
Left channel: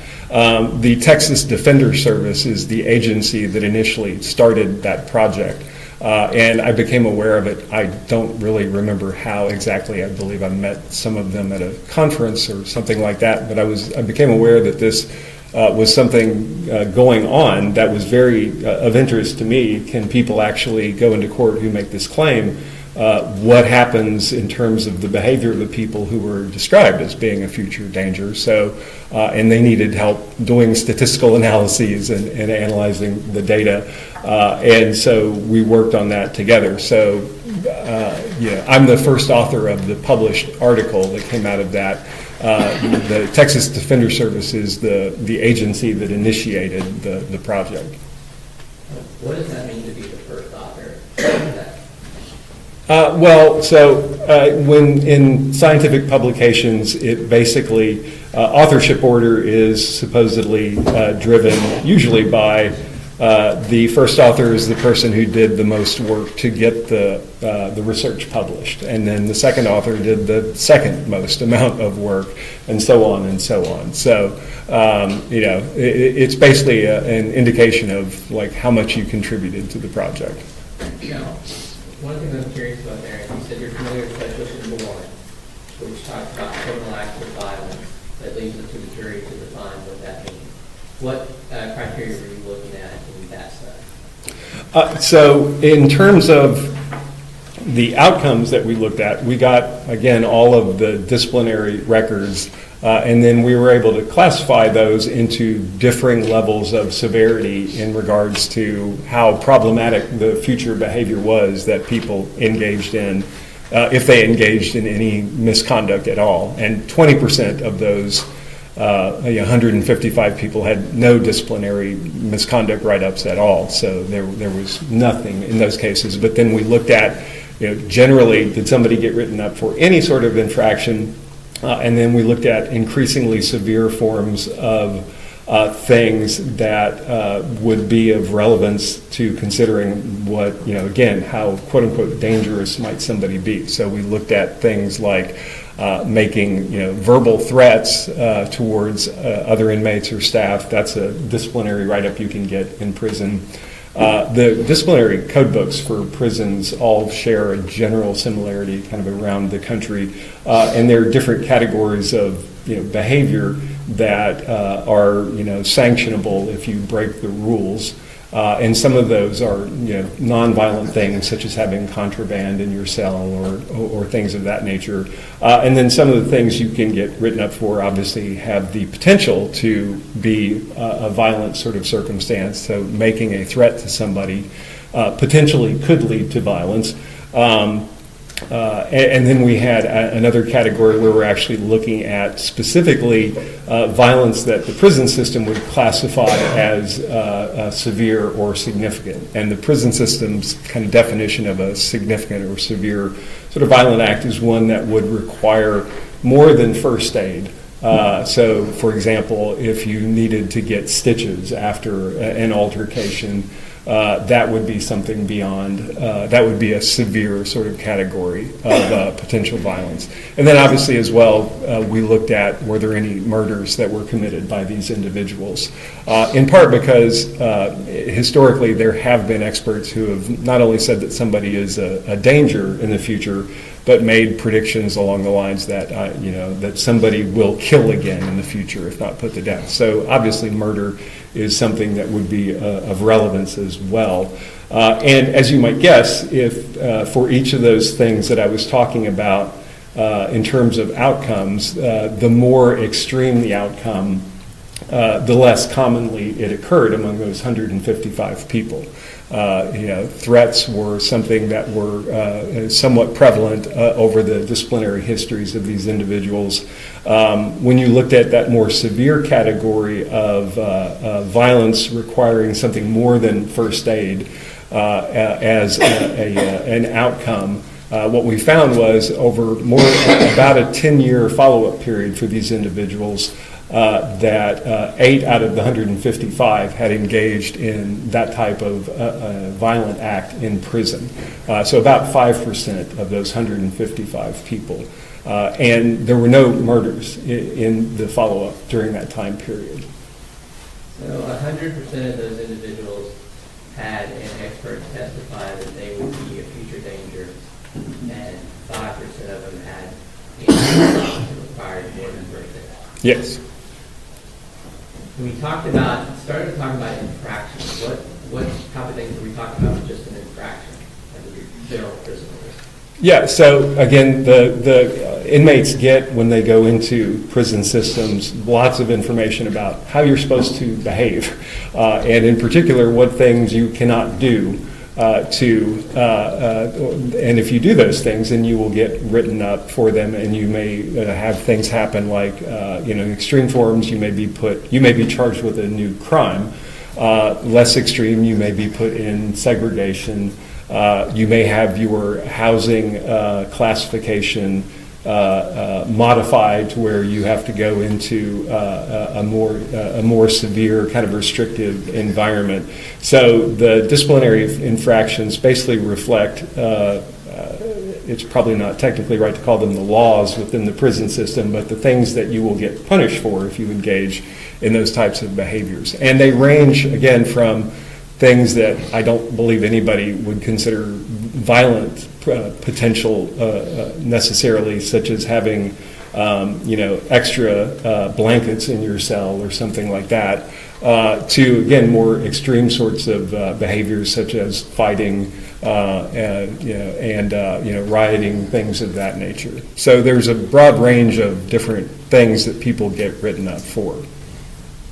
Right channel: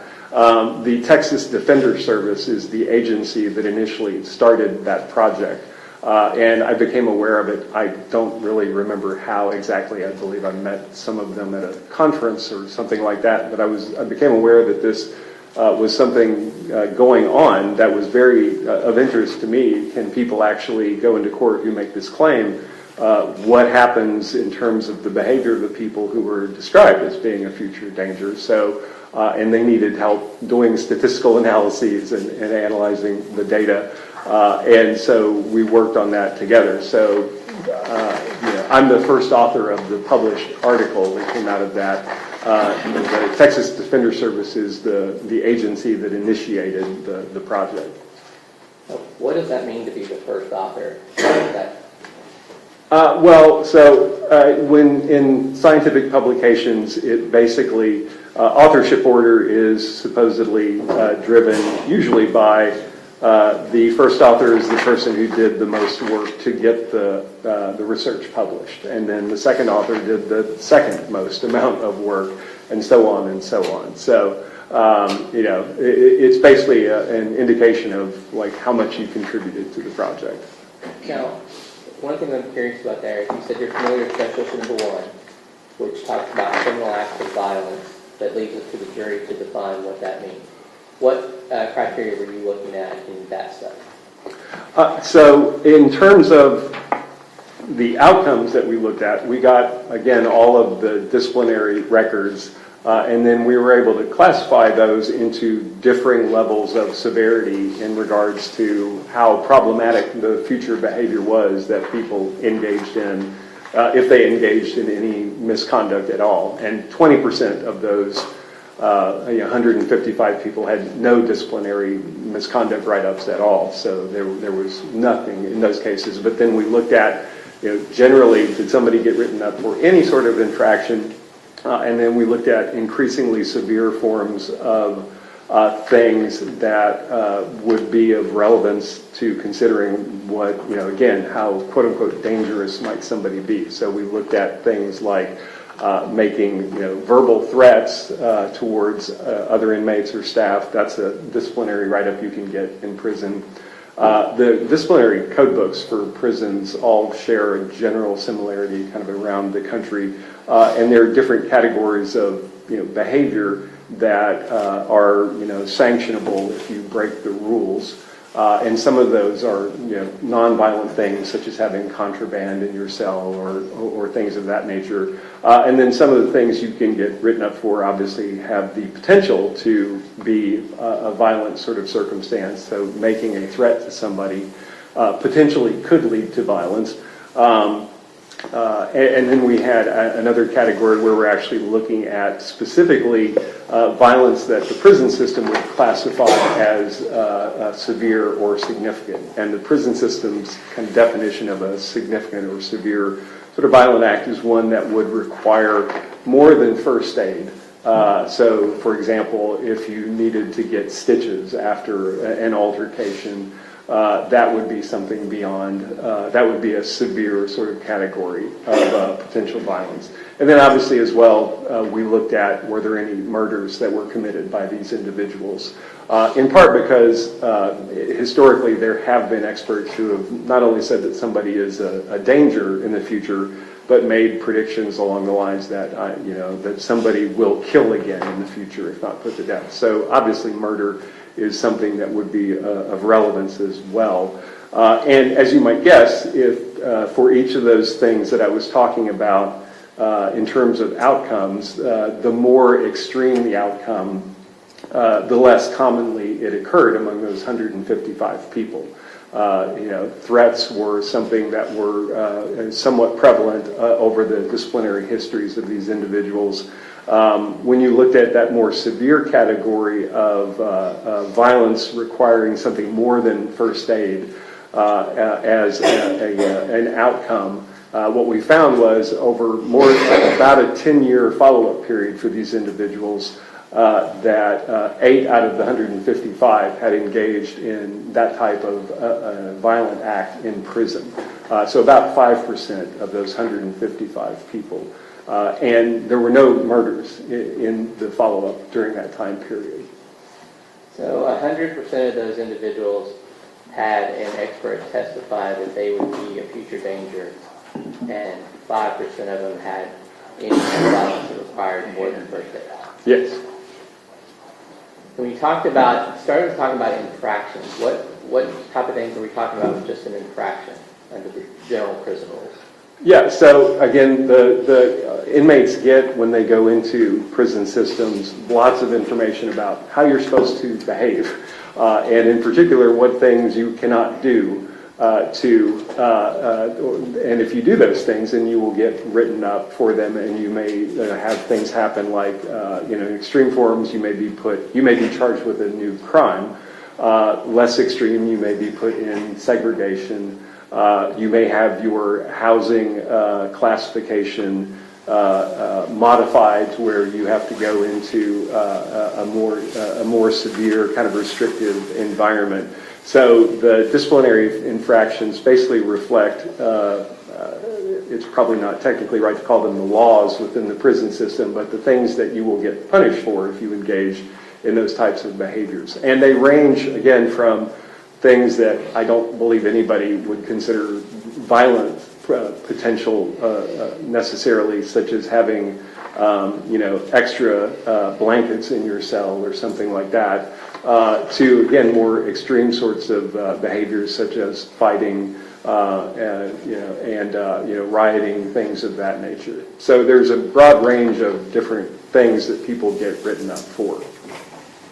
The Texas Defender Service is the agency that initially started that project. And I became aware of it. I don't really remember how exactly. I believe I met some of them at a conference or something like that. But I became aware that this was something going on that was very of interest to me. Can people actually go into court who make this claim? What happens in terms of the behavior of the people who were described as being a future danger? So, and they needed help doing statistical analyses and analyzing the data. And so we worked on that together. So I'm the first author of the published article that came out of that. The Texas Defender Service is the agency that initiated the project. So what does that mean to be the first author? When in scientific publications, it basically, authorship order is supposedly driven usually by the first author is the person who did the most work to get the research published, and then the second author did the second most amount of work, and so on and so on. So, it's basically an indication of like how much you contributed to the project. Now, one thing I'm curious about there, you said you're familiar with Special Number 1, which talks about criminal acts of violence that leaves it to the jury to define what that means. What criteria were you looking at in that study? So in terms of the outcomes that we looked at, we got, again, all of the disciplinary records, and then we were able to classify those into differing levels of severity in regards to how problematic the future behavior was that people engaged in, if they engaged in any misconduct at all. And 20% of those 155 people had no disciplinary misconduct write-ups at all, so there was nothing in those cases. But then we looked at, generally, did somebody get written up for any sort of infraction, and then we looked at increasingly severe forms of things that would be of relevance to considering what, again, how quote-unquote dangerous might somebody be. So we looked at things like making verbal threats towards other inmates or staff. That's a disciplinary write-up you can get in prison. The disciplinary code books for prisons all share a general similarity kind of around the country, and there are different categories of behavior that are sanctionable if you break the rules. And some of those are, nonviolent things such as having contraband in your cell or things of that nature. And then some of the things you can get written up for obviously have the potential to be a violent sort of circumstance. So making a threat to somebody potentially could lead to violence. And then we had another category where we're actually looking at specifically violence that the prison system would classify as severe or significant. And the prison system's kind of definition of a significant or severe sort of violent act is one that would require more than first aid. So, for example, if you needed to get stitches after an altercation, that would be something beyond, that would be a severe sort of category of potential violence. And then obviously as well, we looked at were there any murders that were committed by these individuals. In part because historically there have been experts who have not only said that somebody is a danger in the future, but made predictions along the lines that, that somebody will kill again in the future if not put to death. So obviously murder is something that would be of relevance as well. And as you might guess, if for each of those things that I was talking about in terms of outcomes, the more extreme the outcome, the less commonly it occurred among those 155 people. Threats were something that were somewhat prevalent over the disciplinary histories of these individuals. When you looked at that more severe category of violence requiring something more than first aid as an outcome, what we found was over about a 10-year follow-up period for these individuals, that 8 out of the 155 had engaged in that type of violent act in prison. So about 5% of those 155 people. And there were no murders in the follow-up during that time period. So 100% of those individuals had an expert testify that they would be a future danger, and 5% of them had violence that required more than first aid. Yes. When we started talking about infractions, what type of things are we talking about with just an infraction under the general prison rules? Yeah, so again, the inmates get, when they go into prison systems, lots of information about how you're supposed to behave, and in particular, what things you cannot do and if you do those things, then you will get written up for them, and you may have things happen like, in extreme forms, you may be charged with a new crime. Less extreme, you may be put in segregation. You may have your housing classification modified to where you have to go into a more severe kind of restrictive environment. So the disciplinary infractions basically reflect, it's probably not technically right to call them the laws within the prison system, but the things that you will get punished for if you engage in those types of behaviors. And they range, again, from things that I don't believe anybody would consider violent potential necessarily, such as having extra blankets in your cell or something like that, to, again, more extreme sorts of behaviors such as fighting and rioting, things of that nature. So there's a broad range of different things that people get written up for.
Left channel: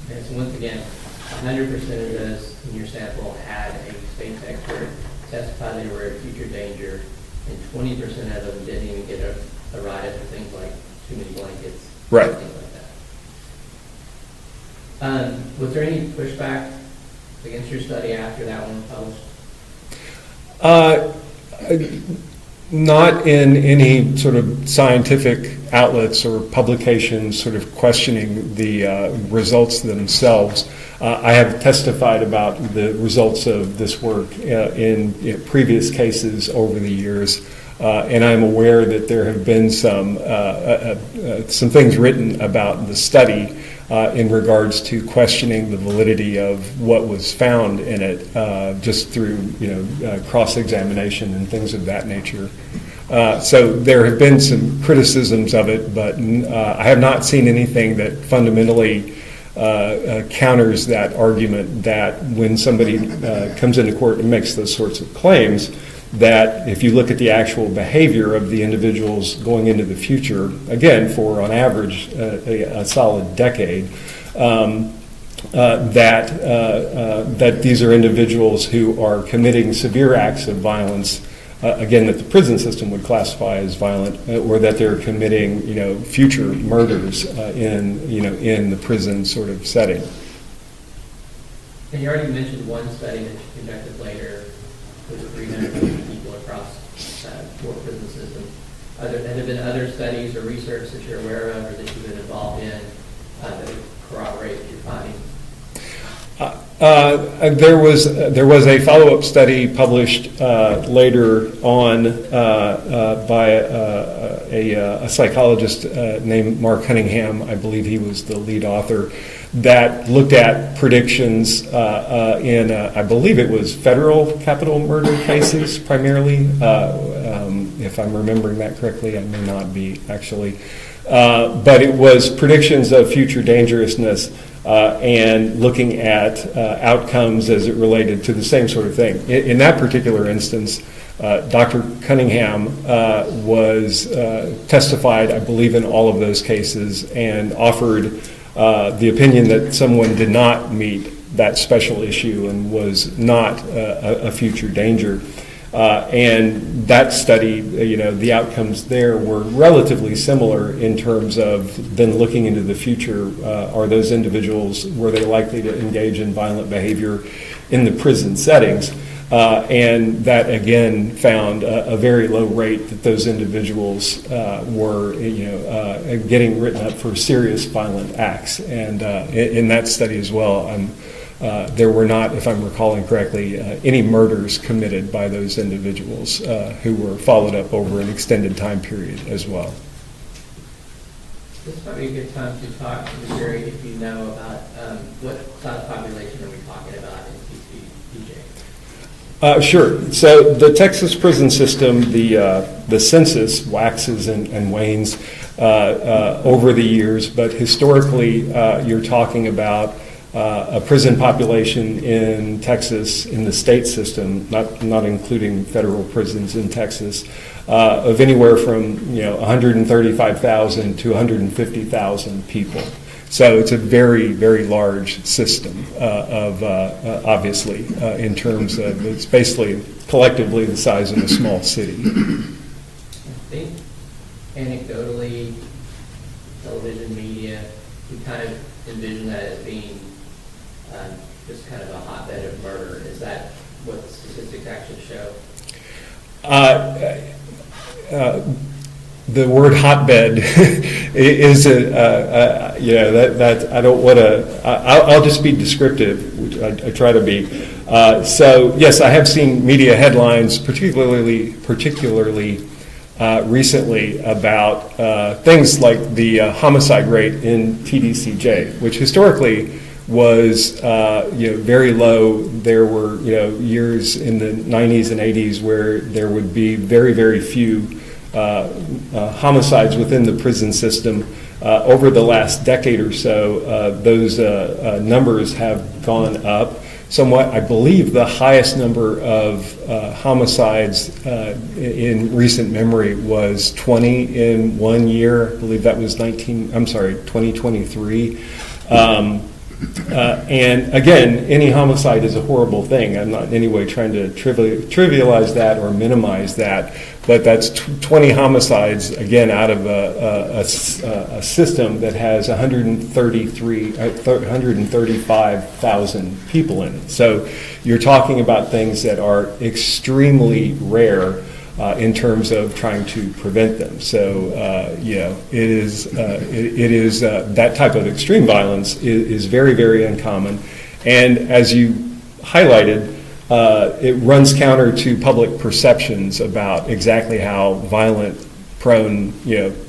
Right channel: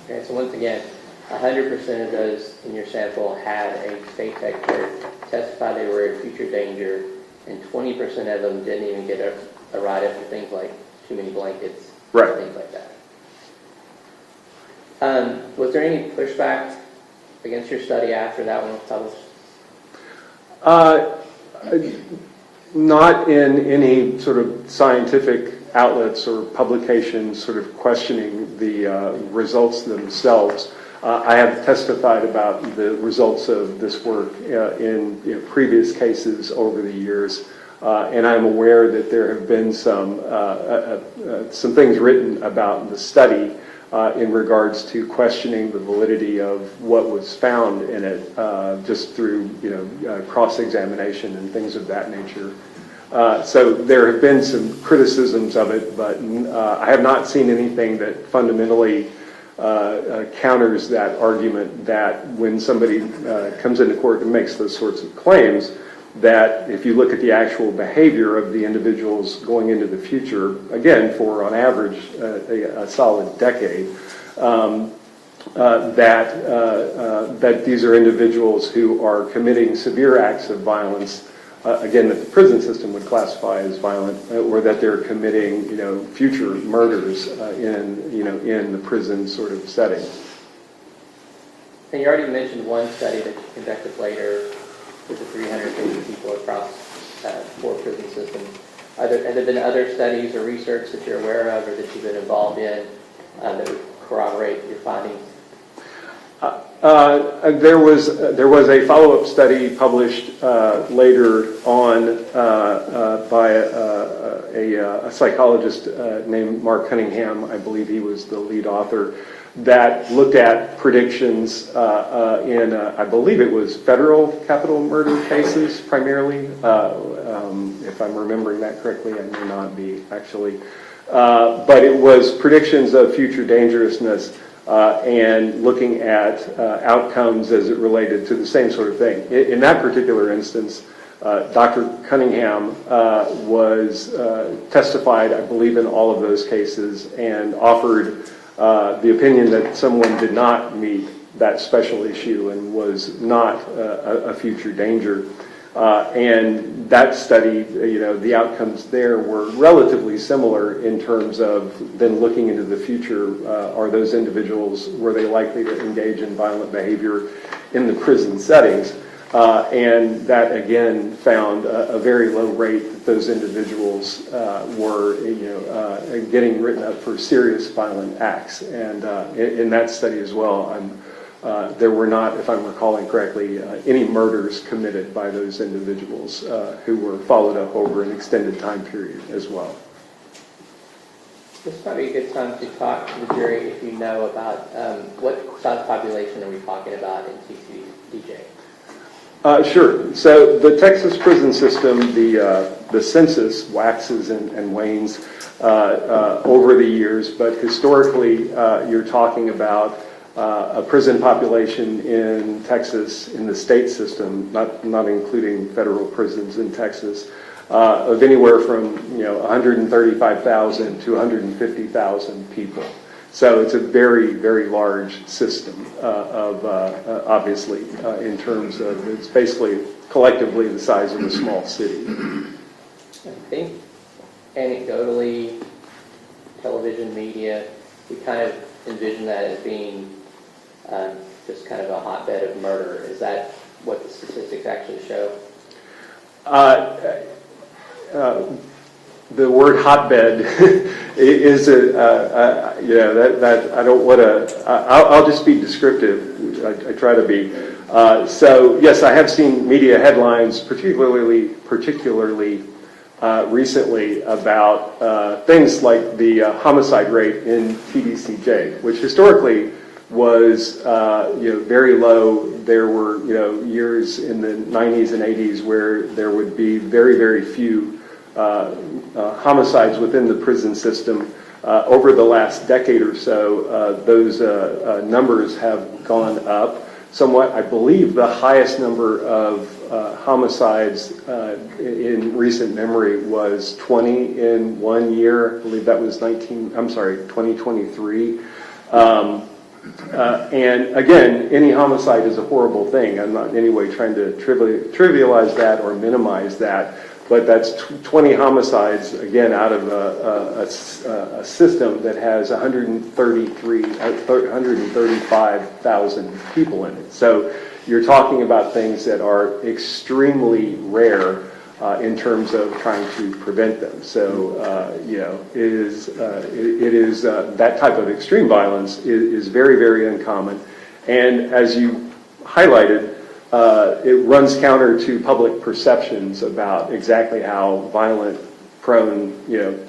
Okay, so once again, 100% of those in your sample had a state texture, testified they were a future danger, and 20% of them didn't even get a write-up for things like too many blankets, Right. things like that. Was there any pushback against your study after that one was published? Not in any sort of scientific outlets or publications sort of questioning the results themselves. I have testified about the results of this work in previous cases over the years, and I'm aware that there have been some things written about the study in regards to questioning the validity of what was found in it, just through cross-examination and things of that nature. So there have been some criticisms of it, but I have not seen anything that fundamentally counters that argument that when somebody comes into court and makes those sorts of claims, that if you look at the actual behavior of the individuals going into the future, again, for on average a solid decade, that these are individuals who are committing severe acts of violence, again, that the prison system would classify as violent, or that they're committing, future murders in the prison sort of setting. And you already mentioned one study that you conducted later with the 350 people across 4 prison systems. Have there been other studies or research that you're aware of or that you've been involved in that would corroborate your findings? There was a follow-up study published later on by a psychologist named Mark Cunningham. I believe he was the lead author, that looked at predictions in, I believe it was federal capital murder cases primarily. If I'm remembering that correctly, I may not be actually. But it was predictions of future dangerousness and looking at outcomes as it related to the same sort of thing. In that particular instance, Dr. Cunningham was testified, I believe, in all of those cases and offered the opinion that someone did not meet that special issue and was not a future danger. And that study, the outcomes there were relatively similar in terms of then looking into the future. Are those individuals, were they likely to engage in violent behavior in the prison settings? And that again found a very low rate that those individuals were, getting written up for serious violent acts. And in that study as well, there were not, if I'm recalling correctly, any murders committed by those individuals who were followed up over an extended time period as well. This might be a good time to talk to the jury if you know about what size population are we talking about in TCPJ? Sure. So the Texas prison system, the census waxes and wanes over the years, but historically you're talking about a prison population in Texas, in the state system, not including federal prisons in Texas, of anywhere from 135,000 to 150,000 people. So it's a very, very large system of obviously in terms of it's basically collectively the size of a small city. I think anecdotally, television media, we kind of envision that as being just kind of a hotbed of murder. Is that what the statistics actually show? The word hotbed is that I don't want to. I'll just be descriptive. I try to be. So yes, I have seen media headlines, particularly recently, about things like the homicide rate in TDCJ, which historically was very low. There were years in the 90s and 80s where there would be very, very few homicides within the prison system. Over the last decade or so, those numbers have gone up somewhat. I believe the highest number of homicides in recent memory was 20 in 1 year. I believe that was 2023. And again, any homicide is a horrible thing. I'm not in any way trying to trivialize that or minimize that, but that's 20 homicides, again, out of a system that has 135,000 people in it. So you're talking about things that are extremely rare in terms of trying to prevent them. So it is that type of extreme violence is very, very uncommon. And as you highlighted, it runs counter to public perceptions about exactly how violent prone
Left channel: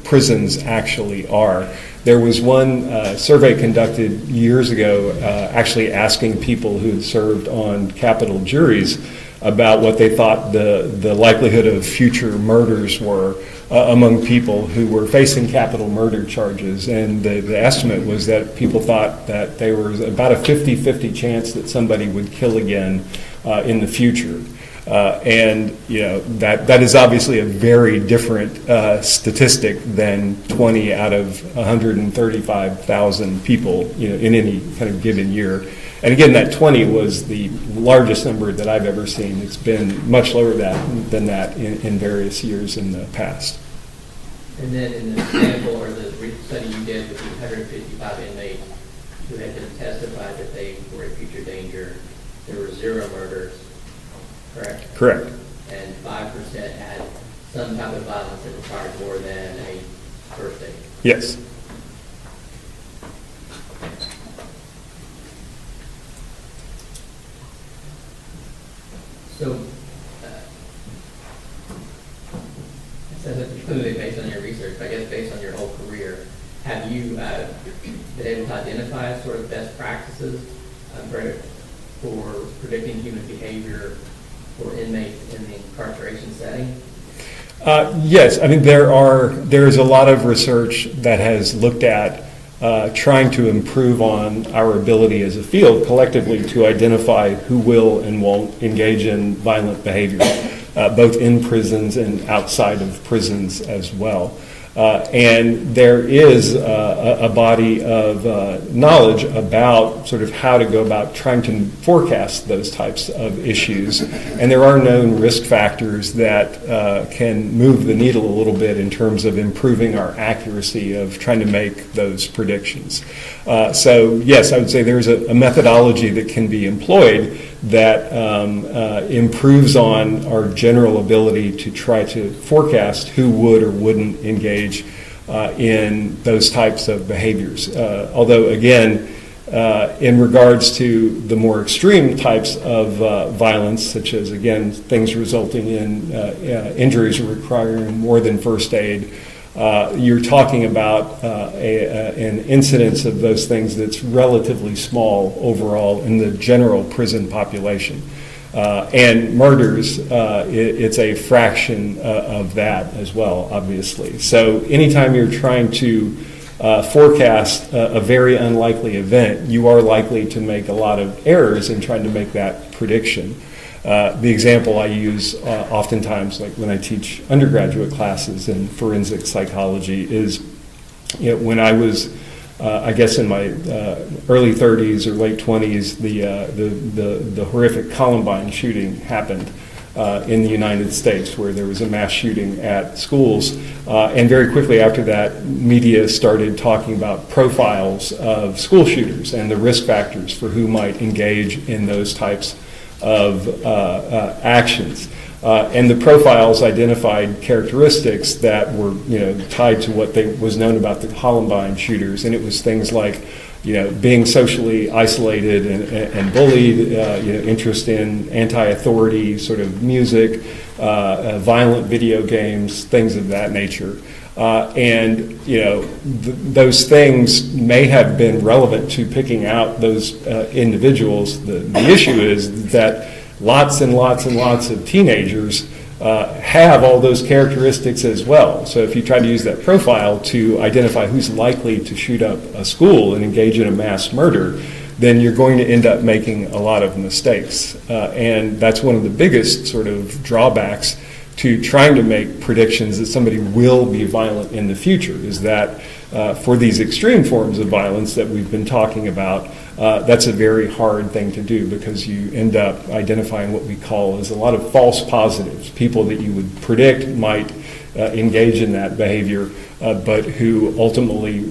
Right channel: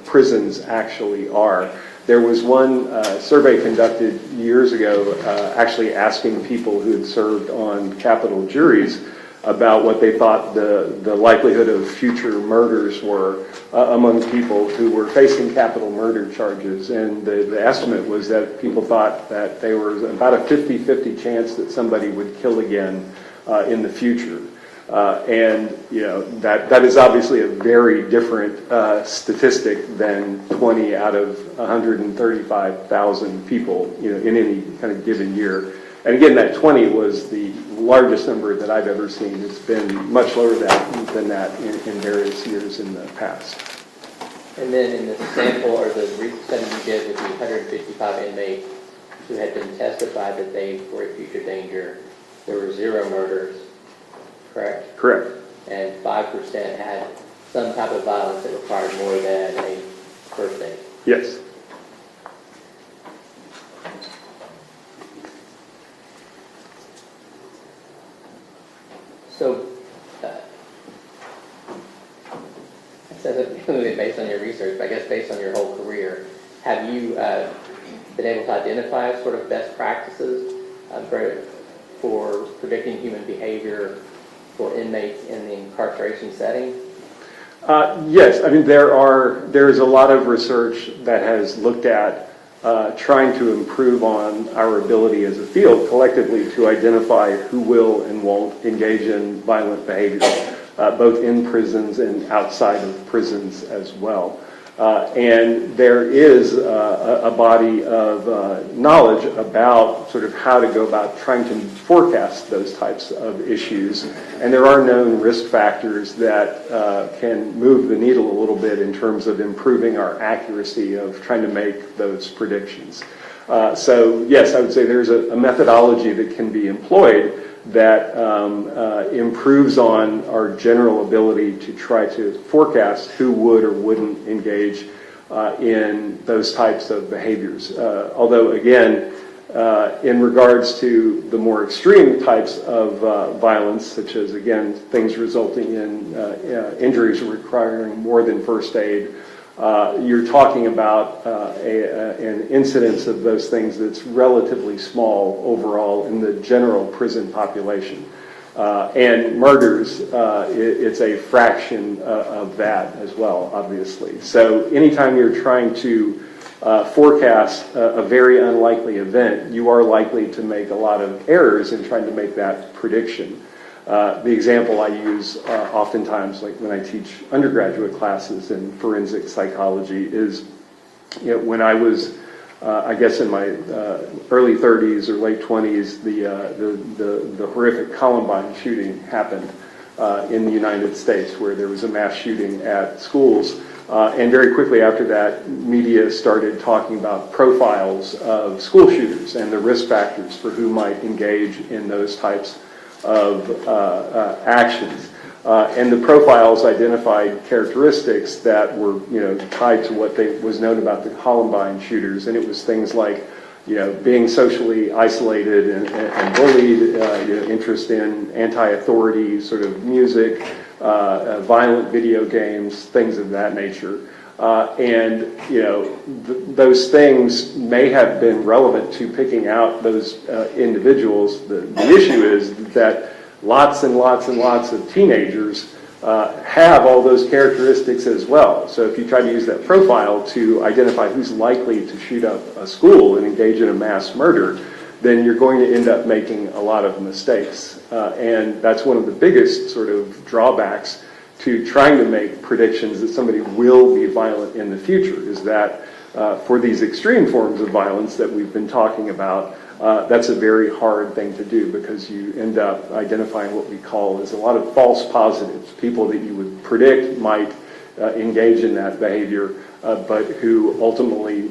prisons actually are. There was one survey conducted years ago actually asking people who had served on capital juries about what they thought the likelihood of future murders were among people who were facing capital murder charges. And the estimate was that people thought that there was about a 50-50 chance that somebody would kill again in the future. And that is obviously a very different statistic than 20 out of 135,000 people in any kind of given year. And again, that 20 was the largest number that I've ever seen. It's been much lower than that in various years in the past. And then in the sample or the study you did with the 155 inmates who had been testified that they were in future danger, there were 0 murders, correct? Correct. And 5% had some type of violence that required more than a first aid. Yes. So, so based on your research, but I guess based on your whole career, have you been able to identify sort of best practices for predicting human behavior for inmates in the incarceration setting? Yes, I mean there is a lot of research that has looked at trying to improve on our ability as a field collectively to identify who will and won't engage in violent behavior, both in prisons and outside of prisons as well. And there is a body of knowledge about sort of how to go about trying to forecast those types of issues. And there are known risk factors that can move the needle a little bit in terms of improving our accuracy of trying to make those predictions. So yes, I would say there's a methodology that can be employed that improves on our general ability to try to forecast who would or wouldn't engage in those types of behaviors. Although again, in regards to the more extreme types of violence, such as again things resulting in injuries requiring more than first aid, you're talking about an incidence of those things that's relatively small overall in the general prison population. And murders, it's a fraction of that as well, obviously. So anytime you're trying to forecast a very unlikely event, you are likely to make a lot of errors in trying to make that prediction. The example I use oftentimes, like when I teach undergraduate classes in forensic psychology, is when I was, I guess, in my early 30s or late 20s, the horrific Columbine shooting happened in the United States, where there was a mass shooting at schools. And very quickly after that, media started talking about profiles of school shooters and the risk factors for who might engage in those types of actions. And the profiles identified characteristics that were, tied to what was known about the Columbine shooters, and it was things like, being socially isolated and bullied, interest in anti-authority sort of music, violent video games, things of that nature. Those things may have been relevant to picking out those individuals. The issue is that lots and lots and lots of teenagers have all those characteristics as well. So if you try to use that profile to identify who's likely to shoot up a school and engage in a mass murder, then you're going to end up making a lot of mistakes. And that's one of the biggest sort of drawbacks to trying to make predictions that somebody will be violent in the future, is that for these extreme forms of violence that we've been talking about, that's a very hard thing to do, because you end up identifying what we call as a lot of false positives, people that you would predict might engage in that behavior, but who ultimately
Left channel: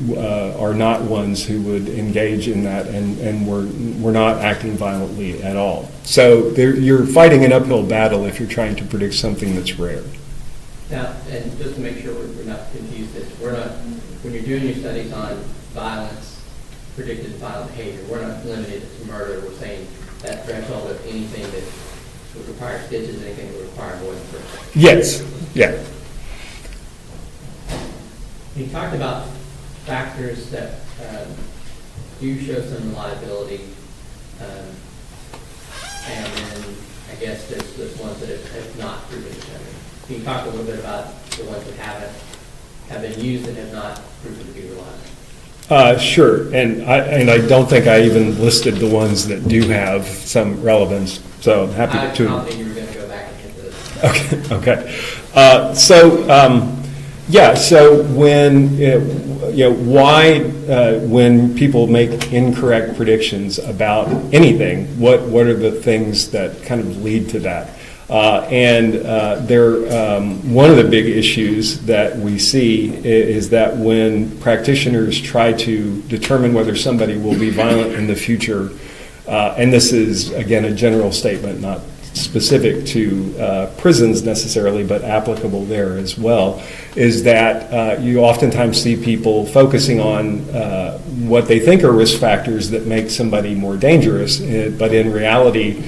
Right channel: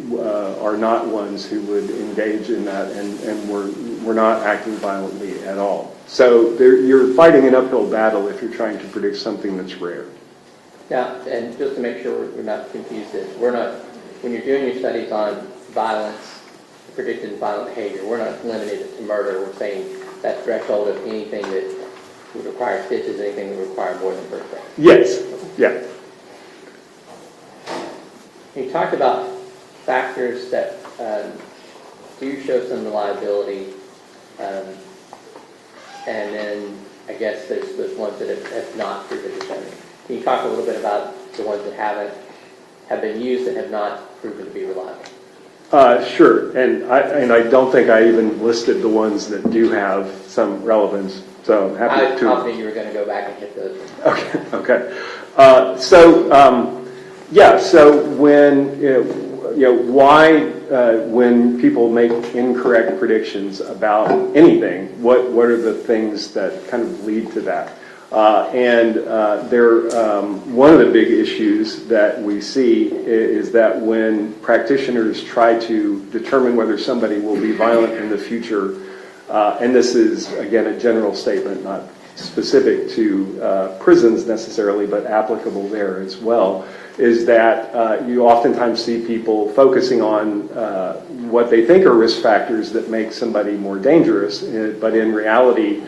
are not ones who would engage in that and were not acting violently at all. So you're fighting an uphill battle if you're trying to predict something that's rare. Now, and just to make sure we're not confused, when you're doing your studies on violence, predicted violent behavior, we're not limiting it to murder. We're saying that threshold of anything that would require stitches, anything that would require more than first aid. Yes. Yeah. You talked about factors that do show some reliability, and then I guess there's ones that have not proven to be. Can you talk a little bit about the ones that have been used that have not proven to be reliable? Sure, and I don't think I even listed the ones that do have some relevance. So I'm happy to. I thought you were going to go back and hit those. Okay. So when when people make incorrect predictions about anything, what are the things that kind of lead to that? One of the big issues that we see is that when practitioners try to determine whether somebody will be violent in the future, and this is, again, a general statement, not specific to prisons necessarily, but applicable there as well, is that you oftentimes see people focusing on what they think are risk factors that make somebody more dangerous, but in reality,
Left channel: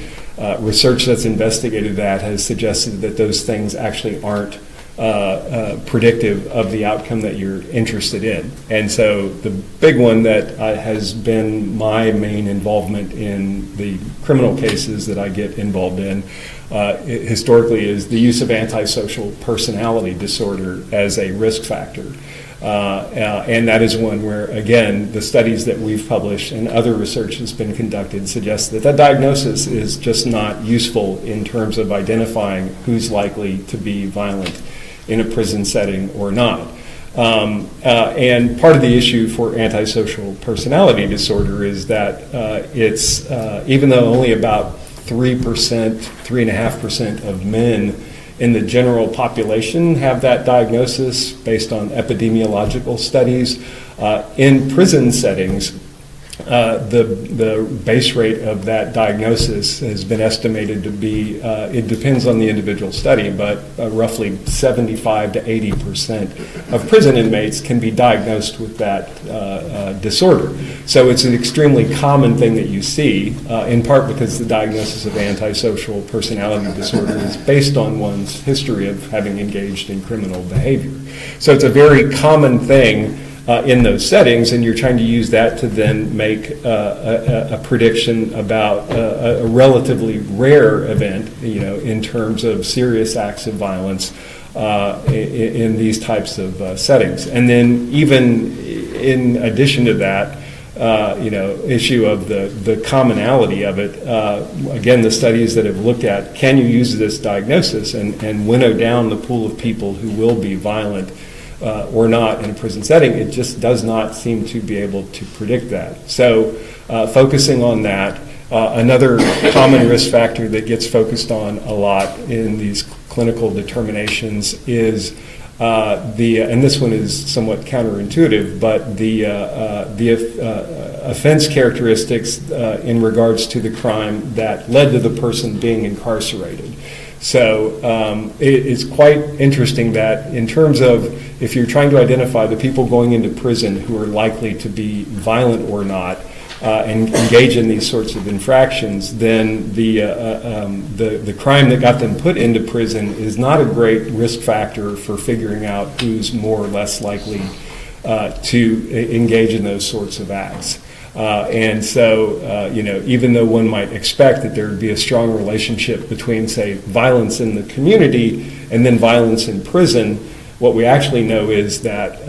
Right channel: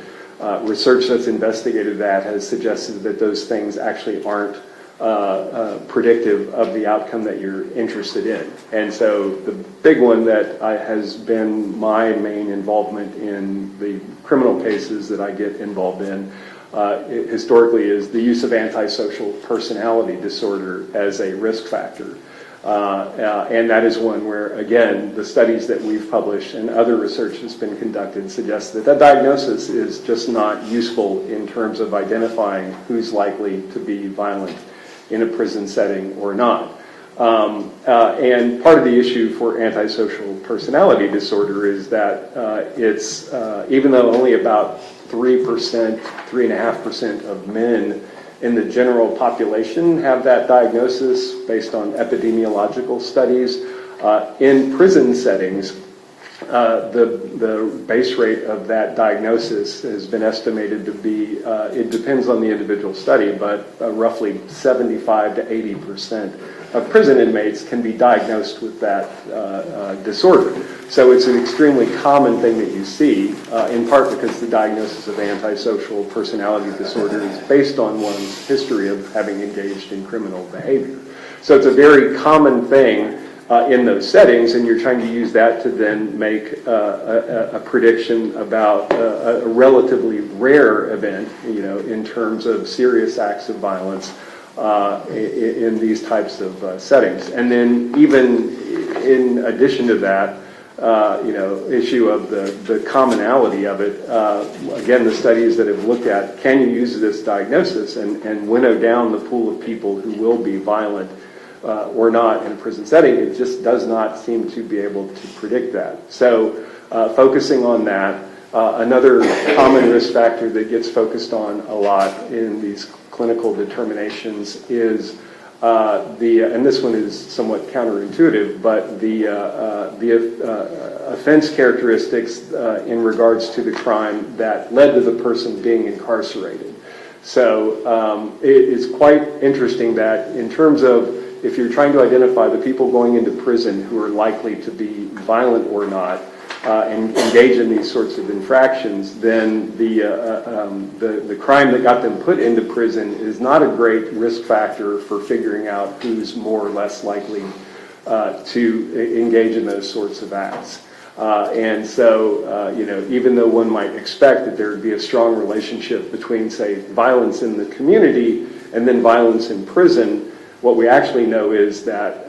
research that's investigated that has suggested that those things actually aren't predictive of the outcome that you're interested in. And so the big one that has been my main involvement in the criminal cases that I get involved in historically is the use of antisocial personality disorder as a risk factor. And that is one where, again, the studies that we've published and other research has been conducted suggest that that diagnosis is just not useful in terms of identifying who's likely to be violent in a prison setting or not. And part of the issue for antisocial personality disorder is that it's, even though only about 3.5% of men in the general population have that diagnosis based on epidemiological studies, in prison settings, the base rate of that diagnosis has been estimated to be, it depends on the individual study, but roughly 75 to 80% of prison inmates can be diagnosed with that disorder. So it's an extremely common thing that you see, in part because the diagnosis of antisocial personality disorder is based on one's history of having engaged in criminal behavior. So it's a very common thing in those settings, and you're trying to use that to then make a prediction about a relatively rare event, in terms of serious acts of violence in these types of settings. And then even in addition to that, issue of the commonality of it, again, the studies that have looked at, can you use this diagnosis and winnow down the pool of people who will be violent or not in a prison setting, it just does not seem to be able to predict that. So focusing on that, another common risk factor that gets focused on a lot in these clinical determinations is and this one is somewhat counterintuitive, but the offense characteristics in regards to the crime that led to the person being incarcerated. So it's quite interesting that in terms of if you're trying to identify the people going into prison who are likely to be violent or not, and engage in these sorts of infractions, then the crime that got them put into prison is not a great risk factor for figuring out who's more or less likely to engage in those sorts of acts. And so, even though one might expect that there would be a strong relationship between, say, violence in the community and then violence in prison, what we actually know is that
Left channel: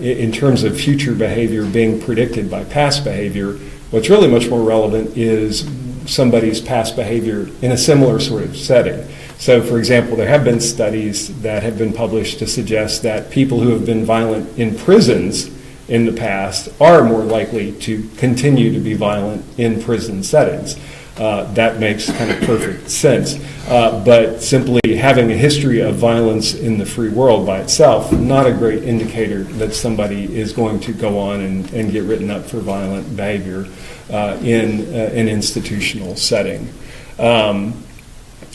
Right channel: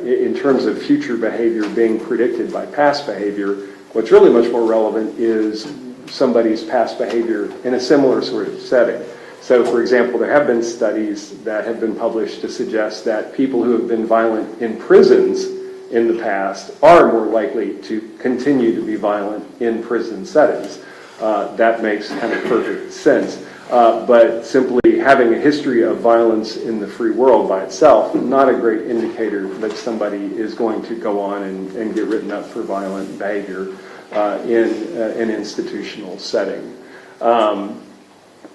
in terms of future behavior being predicted by past behavior, what's really much more relevant is somebody's past behavior in a similar sort of setting. So, for example, there have been studies that have been published to suggest that people who have been violent in prisons in the past are more likely to continue to be violent in prison settings. That makes kind of perfect sense. But simply having a history of violence in the free world by itself, not a great indicator that somebody is going to go on and get written up for violent behavior in an institutional setting.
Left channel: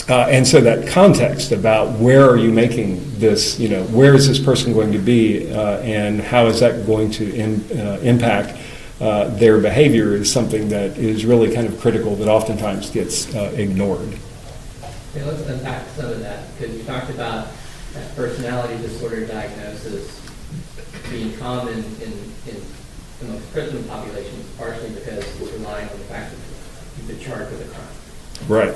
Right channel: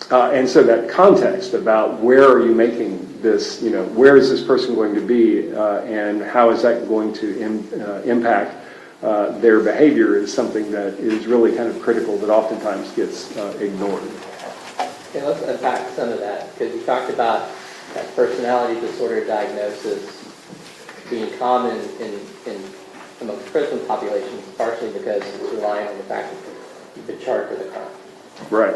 And so that context about where are you making this, where is this person going to be and how is that going to impact their behavior is something that is really kind of critical that oftentimes gets ignored. Okay, let's unpack some of that, because you talked about that personality disorder diagnosis being common amongst prison populations, partially because we're relying on the fact that you've been charged with a crime. Right.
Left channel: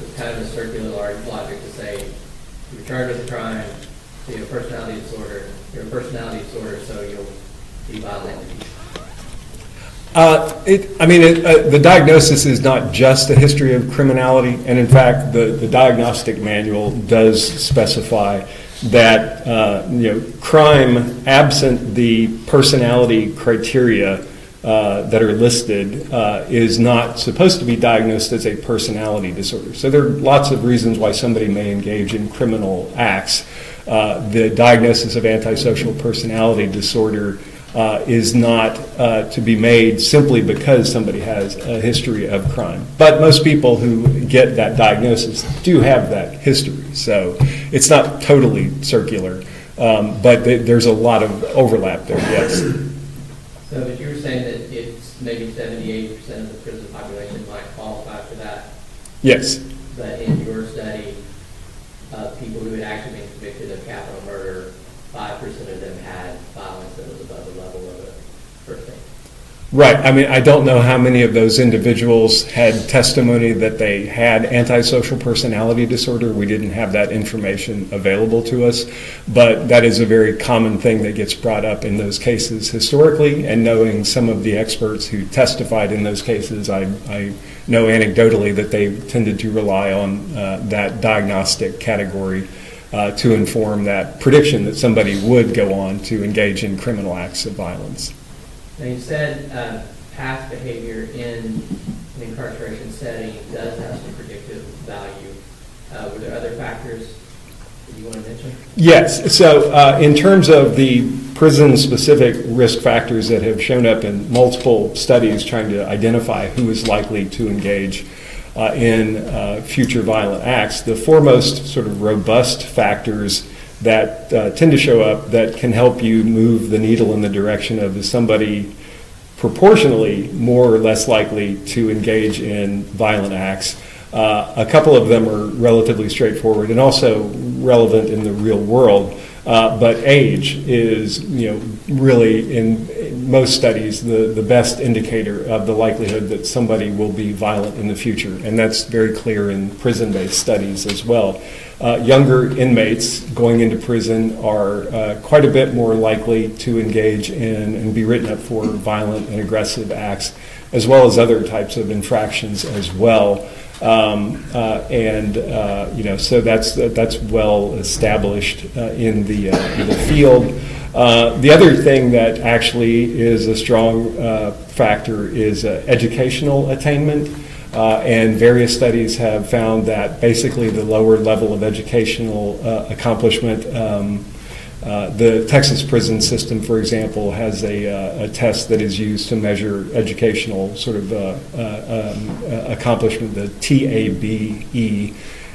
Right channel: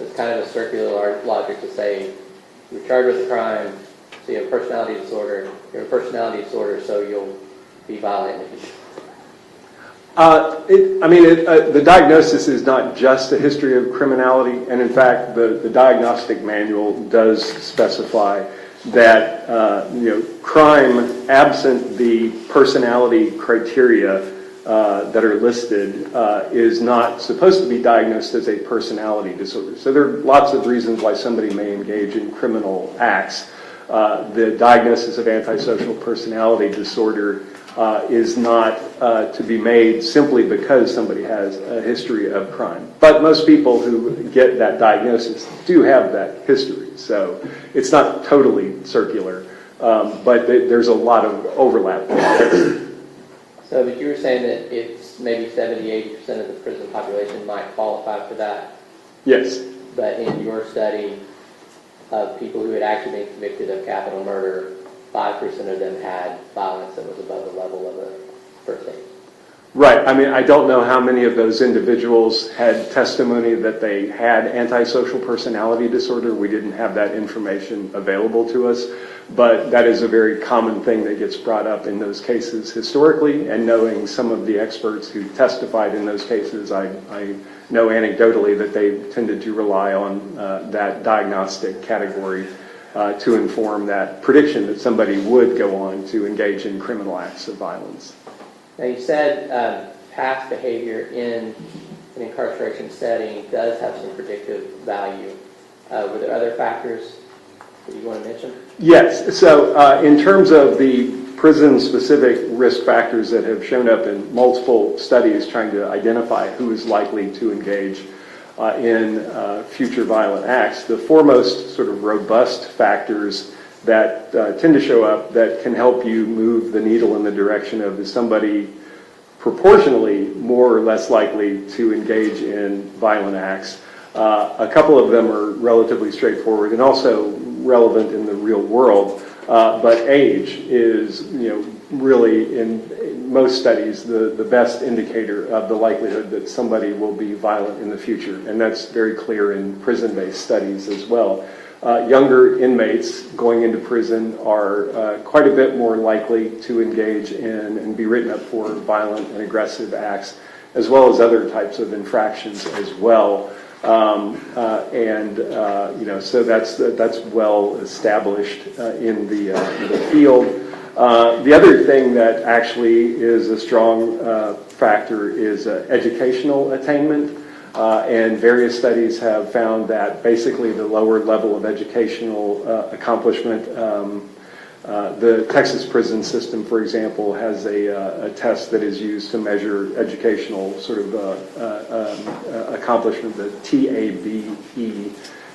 It's kind of a circular logic to say you're charged with a crime, so you have a personality disorder. You have a personality disorder, so you'll be violent in the future. The diagnosis is not just a history of criminality, and in fact, the diagnostic manual does specify that crime, absent the personality criteria that are listed, is not supposed to be diagnosed as a personality disorder. So there are lots of reasons why somebody may engage in criminal acts. The diagnosis of antisocial personality disorder is not to be made simply because somebody has a history of crime. But most people who get that diagnosis do have that history. So it's not totally circular, but there's a lot of overlap there, yes. So, but you were saying that it's maybe 70-80% of the prison population might qualify for that? Yes. But in your study of people who had actually been convicted of capital murder, 5% of them had violence that was above the level of a first aid. Right. I don't know how many of those individuals had testimony that they had antisocial personality disorder. We didn't have that information available to us, but that is a very common thing that gets brought up in those cases historically, and knowing some of the experts who testified in those cases, I know anecdotally that they tended to rely on that diagnostic category to inform that prediction that somebody would go on to engage in criminal acts of violence. Now, you said past behavior in an incarceration setting does have some predictive value. Were there other factors that you want to mention? Yes. So in terms of the prison-specific risk factors that have shown up in multiple studies trying to identify who is likely to engage in future violent acts, the foremost sort of robust factors that tend to show up that can help you move the needle in the direction of is somebody proportionally more or less likely to engage in violent acts. A couple of them are relatively straightforward and also relevant in the real world, but age is really in most studies the best indicator of the likelihood that somebody will be violent in the future, and that's very clear in prison-based studies as well. Younger inmates going into prison are quite a bit more likely to engage in and be written up for violent and aggressive acts, as well as other types of infractions as well. So that's well established in the field. The other thing that actually is a strong factor is educational attainment. And various studies have found that basically the lower level of educational accomplishment The Texas prison system, for example, has a test that is used to measure educational sort of accomplishment, the TABE,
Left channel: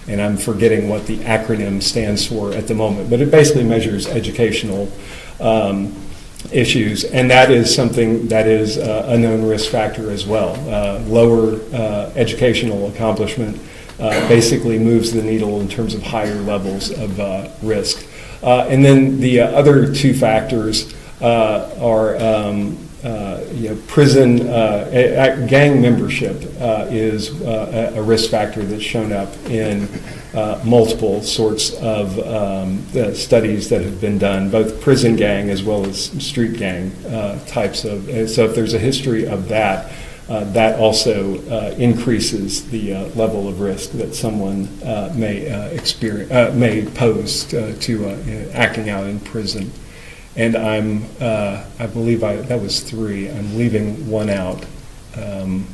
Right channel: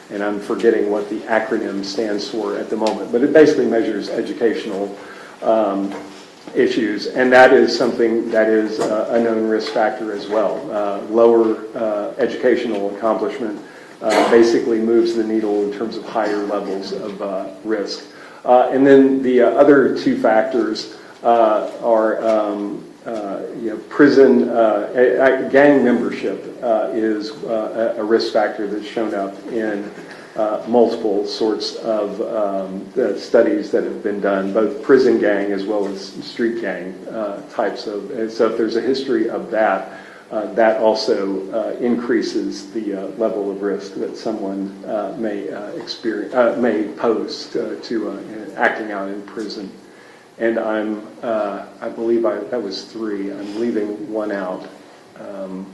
and I'm forgetting what the acronym stands for at the moment, but it basically measures educational issues, and that is something that is a known risk factor as well. Lower educational accomplishment basically moves the needle in terms of higher levels of risk. And then the other two factors are prison gang membership is a risk factor that's shown up in multiple sorts of the studies that have been done, both prison gang as well as street gang types of. And so if there's a history of that, that also increases the level of risk that someone may pose to acting out in prison. And I believe that was 3. I'm leaving one out. And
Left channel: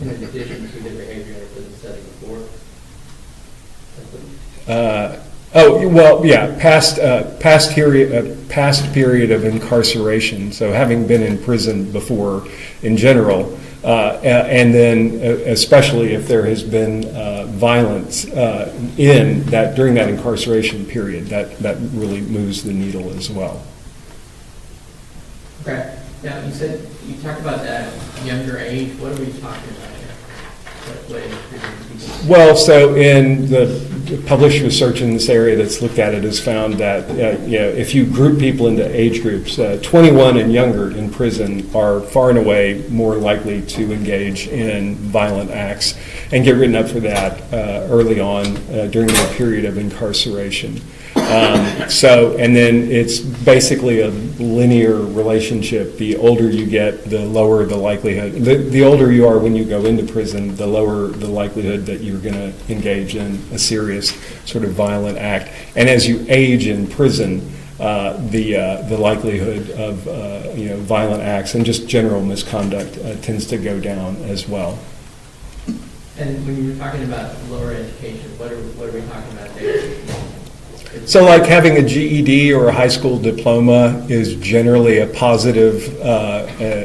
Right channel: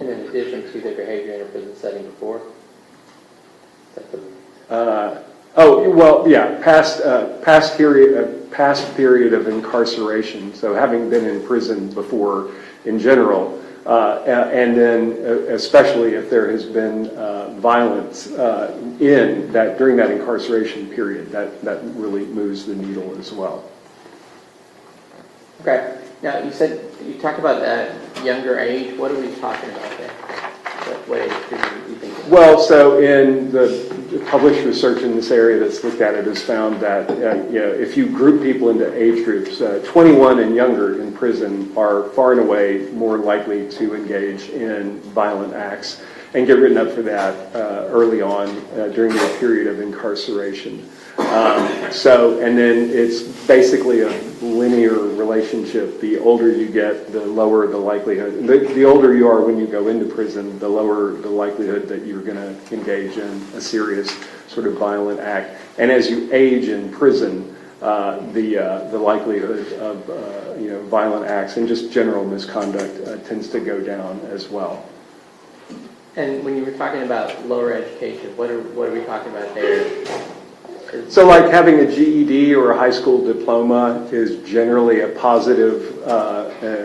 in addition to the behavior in a prison setting before? Past period of incarceration. So having been in prison before, in general, and then especially if there has been violence in that during that incarceration period, that really moves the needle as well. Okay. Now you talked about that younger age. What are we talking about there? What age group do you think? Well, so in the published research in this area that's looked at it has found that if you group people into age groups, 21 and younger in prison are far and away more likely to engage in violent acts and get written up for that early on during their period of incarceration. And then it's basically a linear relationship. The older you get, the lower the likelihood. The older you are when you go into prison, the lower the likelihood that you're going to engage in a serious sort of violent act. And as you age in prison, the likelihood of violent acts and just general misconduct tends to go down as well. And when you were talking about lower education, what are we talking about there? So like having a GED or a high school diploma is generally a positive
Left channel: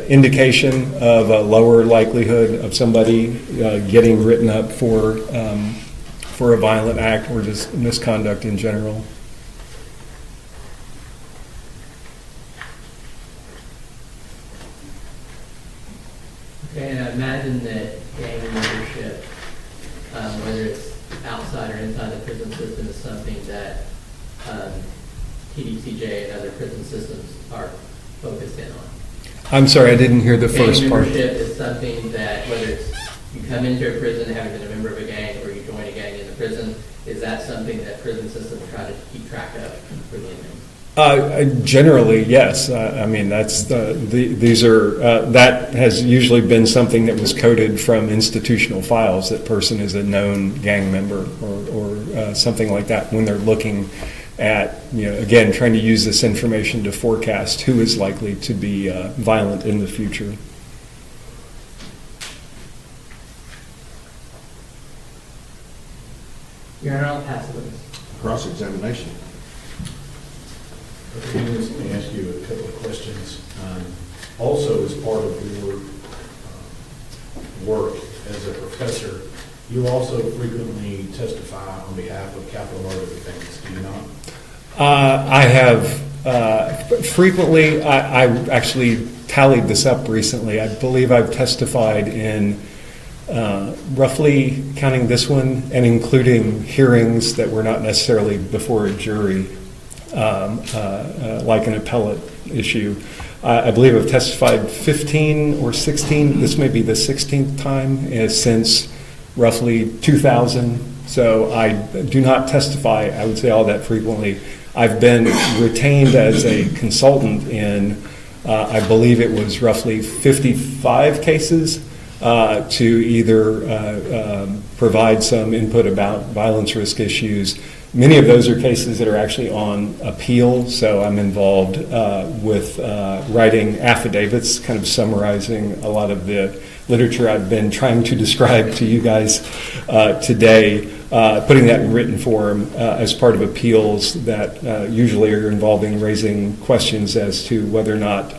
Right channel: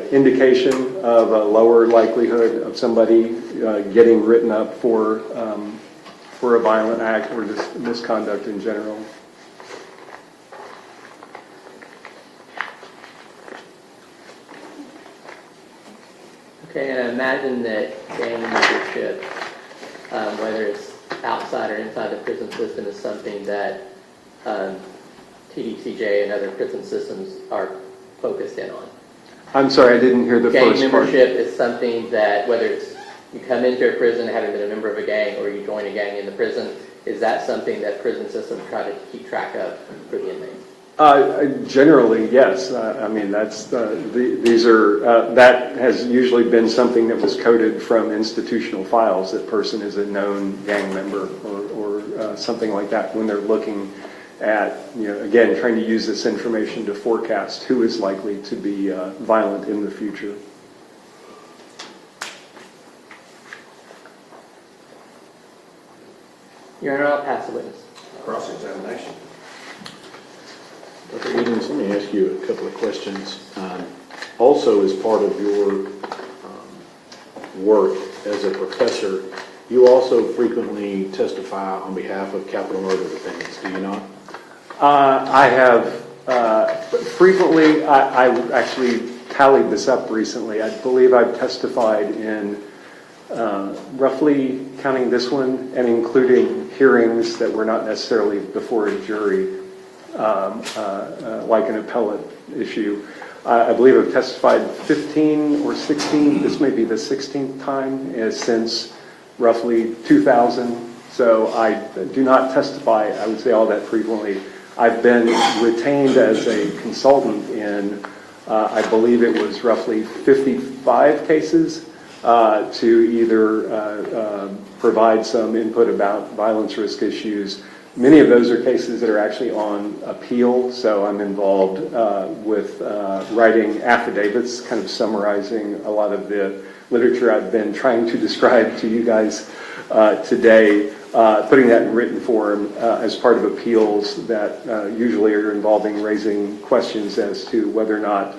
indication of a lower likelihood of somebody getting written up for a violent act or just misconduct in general. Okay, and I imagine that gang membership, whether it's outside or inside the prison system, is something that TDCJ and other prison systems are focused in on. I'm sorry, I didn't hear the first Gang part. membership is something that, whether it's you come into a prison having been a member of a gang or you join a gang in the prison, is that something that prison systems try to keep track of for the inmates? Generally, yes. I mean, that's these are that has usually been something that was coded from institutional files. That person is a known gang member or something like that when they're looking at, again, trying to use this information to forecast who is likely to be violent in the future. Your Honor, I'll pass the witness. Cross-examination. Okay, let me ask you a couple of questions. Also, as part of your work as a professor, you also frequently testify on behalf of capital murder defendants, do you not? I have frequently, I actually tallied this up recently. I believe I've testified in roughly, counting this one and including hearings that were not necessarily before a jury, like an appellate issue. I believe I've testified 15 or 16, this may be the 16th time since roughly 2000. So I do not testify, I would say, all that frequently. I've been retained as a consultant in, I believe it was roughly 55 cases to either provide some input about violence risk issues, Many of those are cases that are actually on appeal, so I'm involved with writing affidavits, kind of summarizing a lot of the literature I've been trying to describe to you guys today, putting that in written form as part of appeals that usually are involving raising questions as to whether or not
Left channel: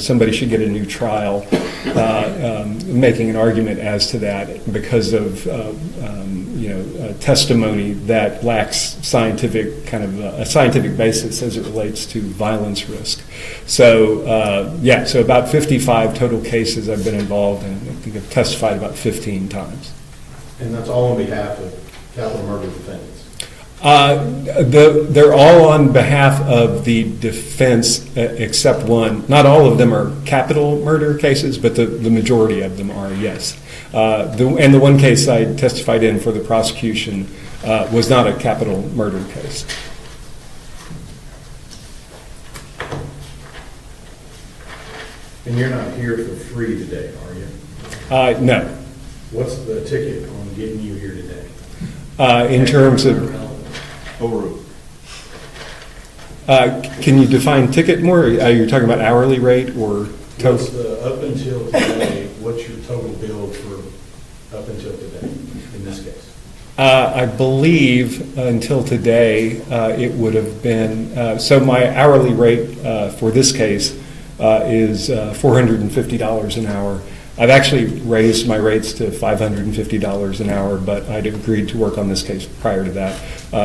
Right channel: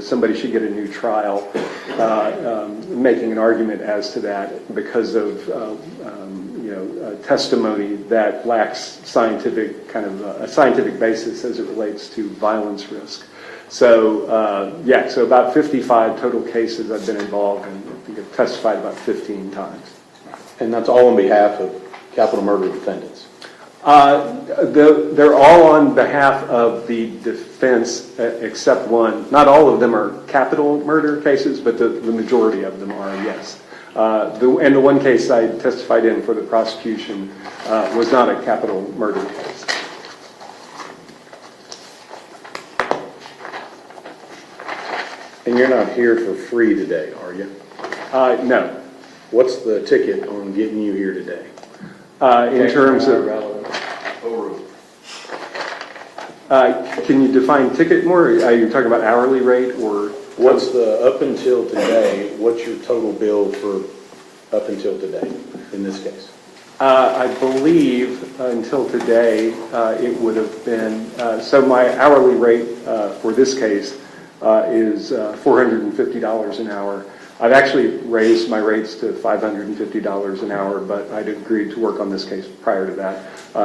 somebody should get a new trial, making an argument as to that because of testimony that lacks scientific a scientific basis as it relates to violence risk. So so about 55 total cases I've been involved in. I think I've testified about 15 times. And that's all on behalf of capital murder defendants? They're all on behalf of the defense except one. Not all of them are capital murder cases, but the majority of them are, yes. And the one case I testified in for the prosecution was not a capital murder case. And you're not here for free today, are you? No. What's the ticket on getting you here today? In terms of... Overruled. Can you define ticket more? Are you talking about hourly rate or... What's the, up until today, what's your total bill for up until today, in this case? I believe until today it would have been, so my hourly rate for this case is $450 an hour. I've actually raised my rates to $550 an hour, but I'd agreed to work on this case prior to that.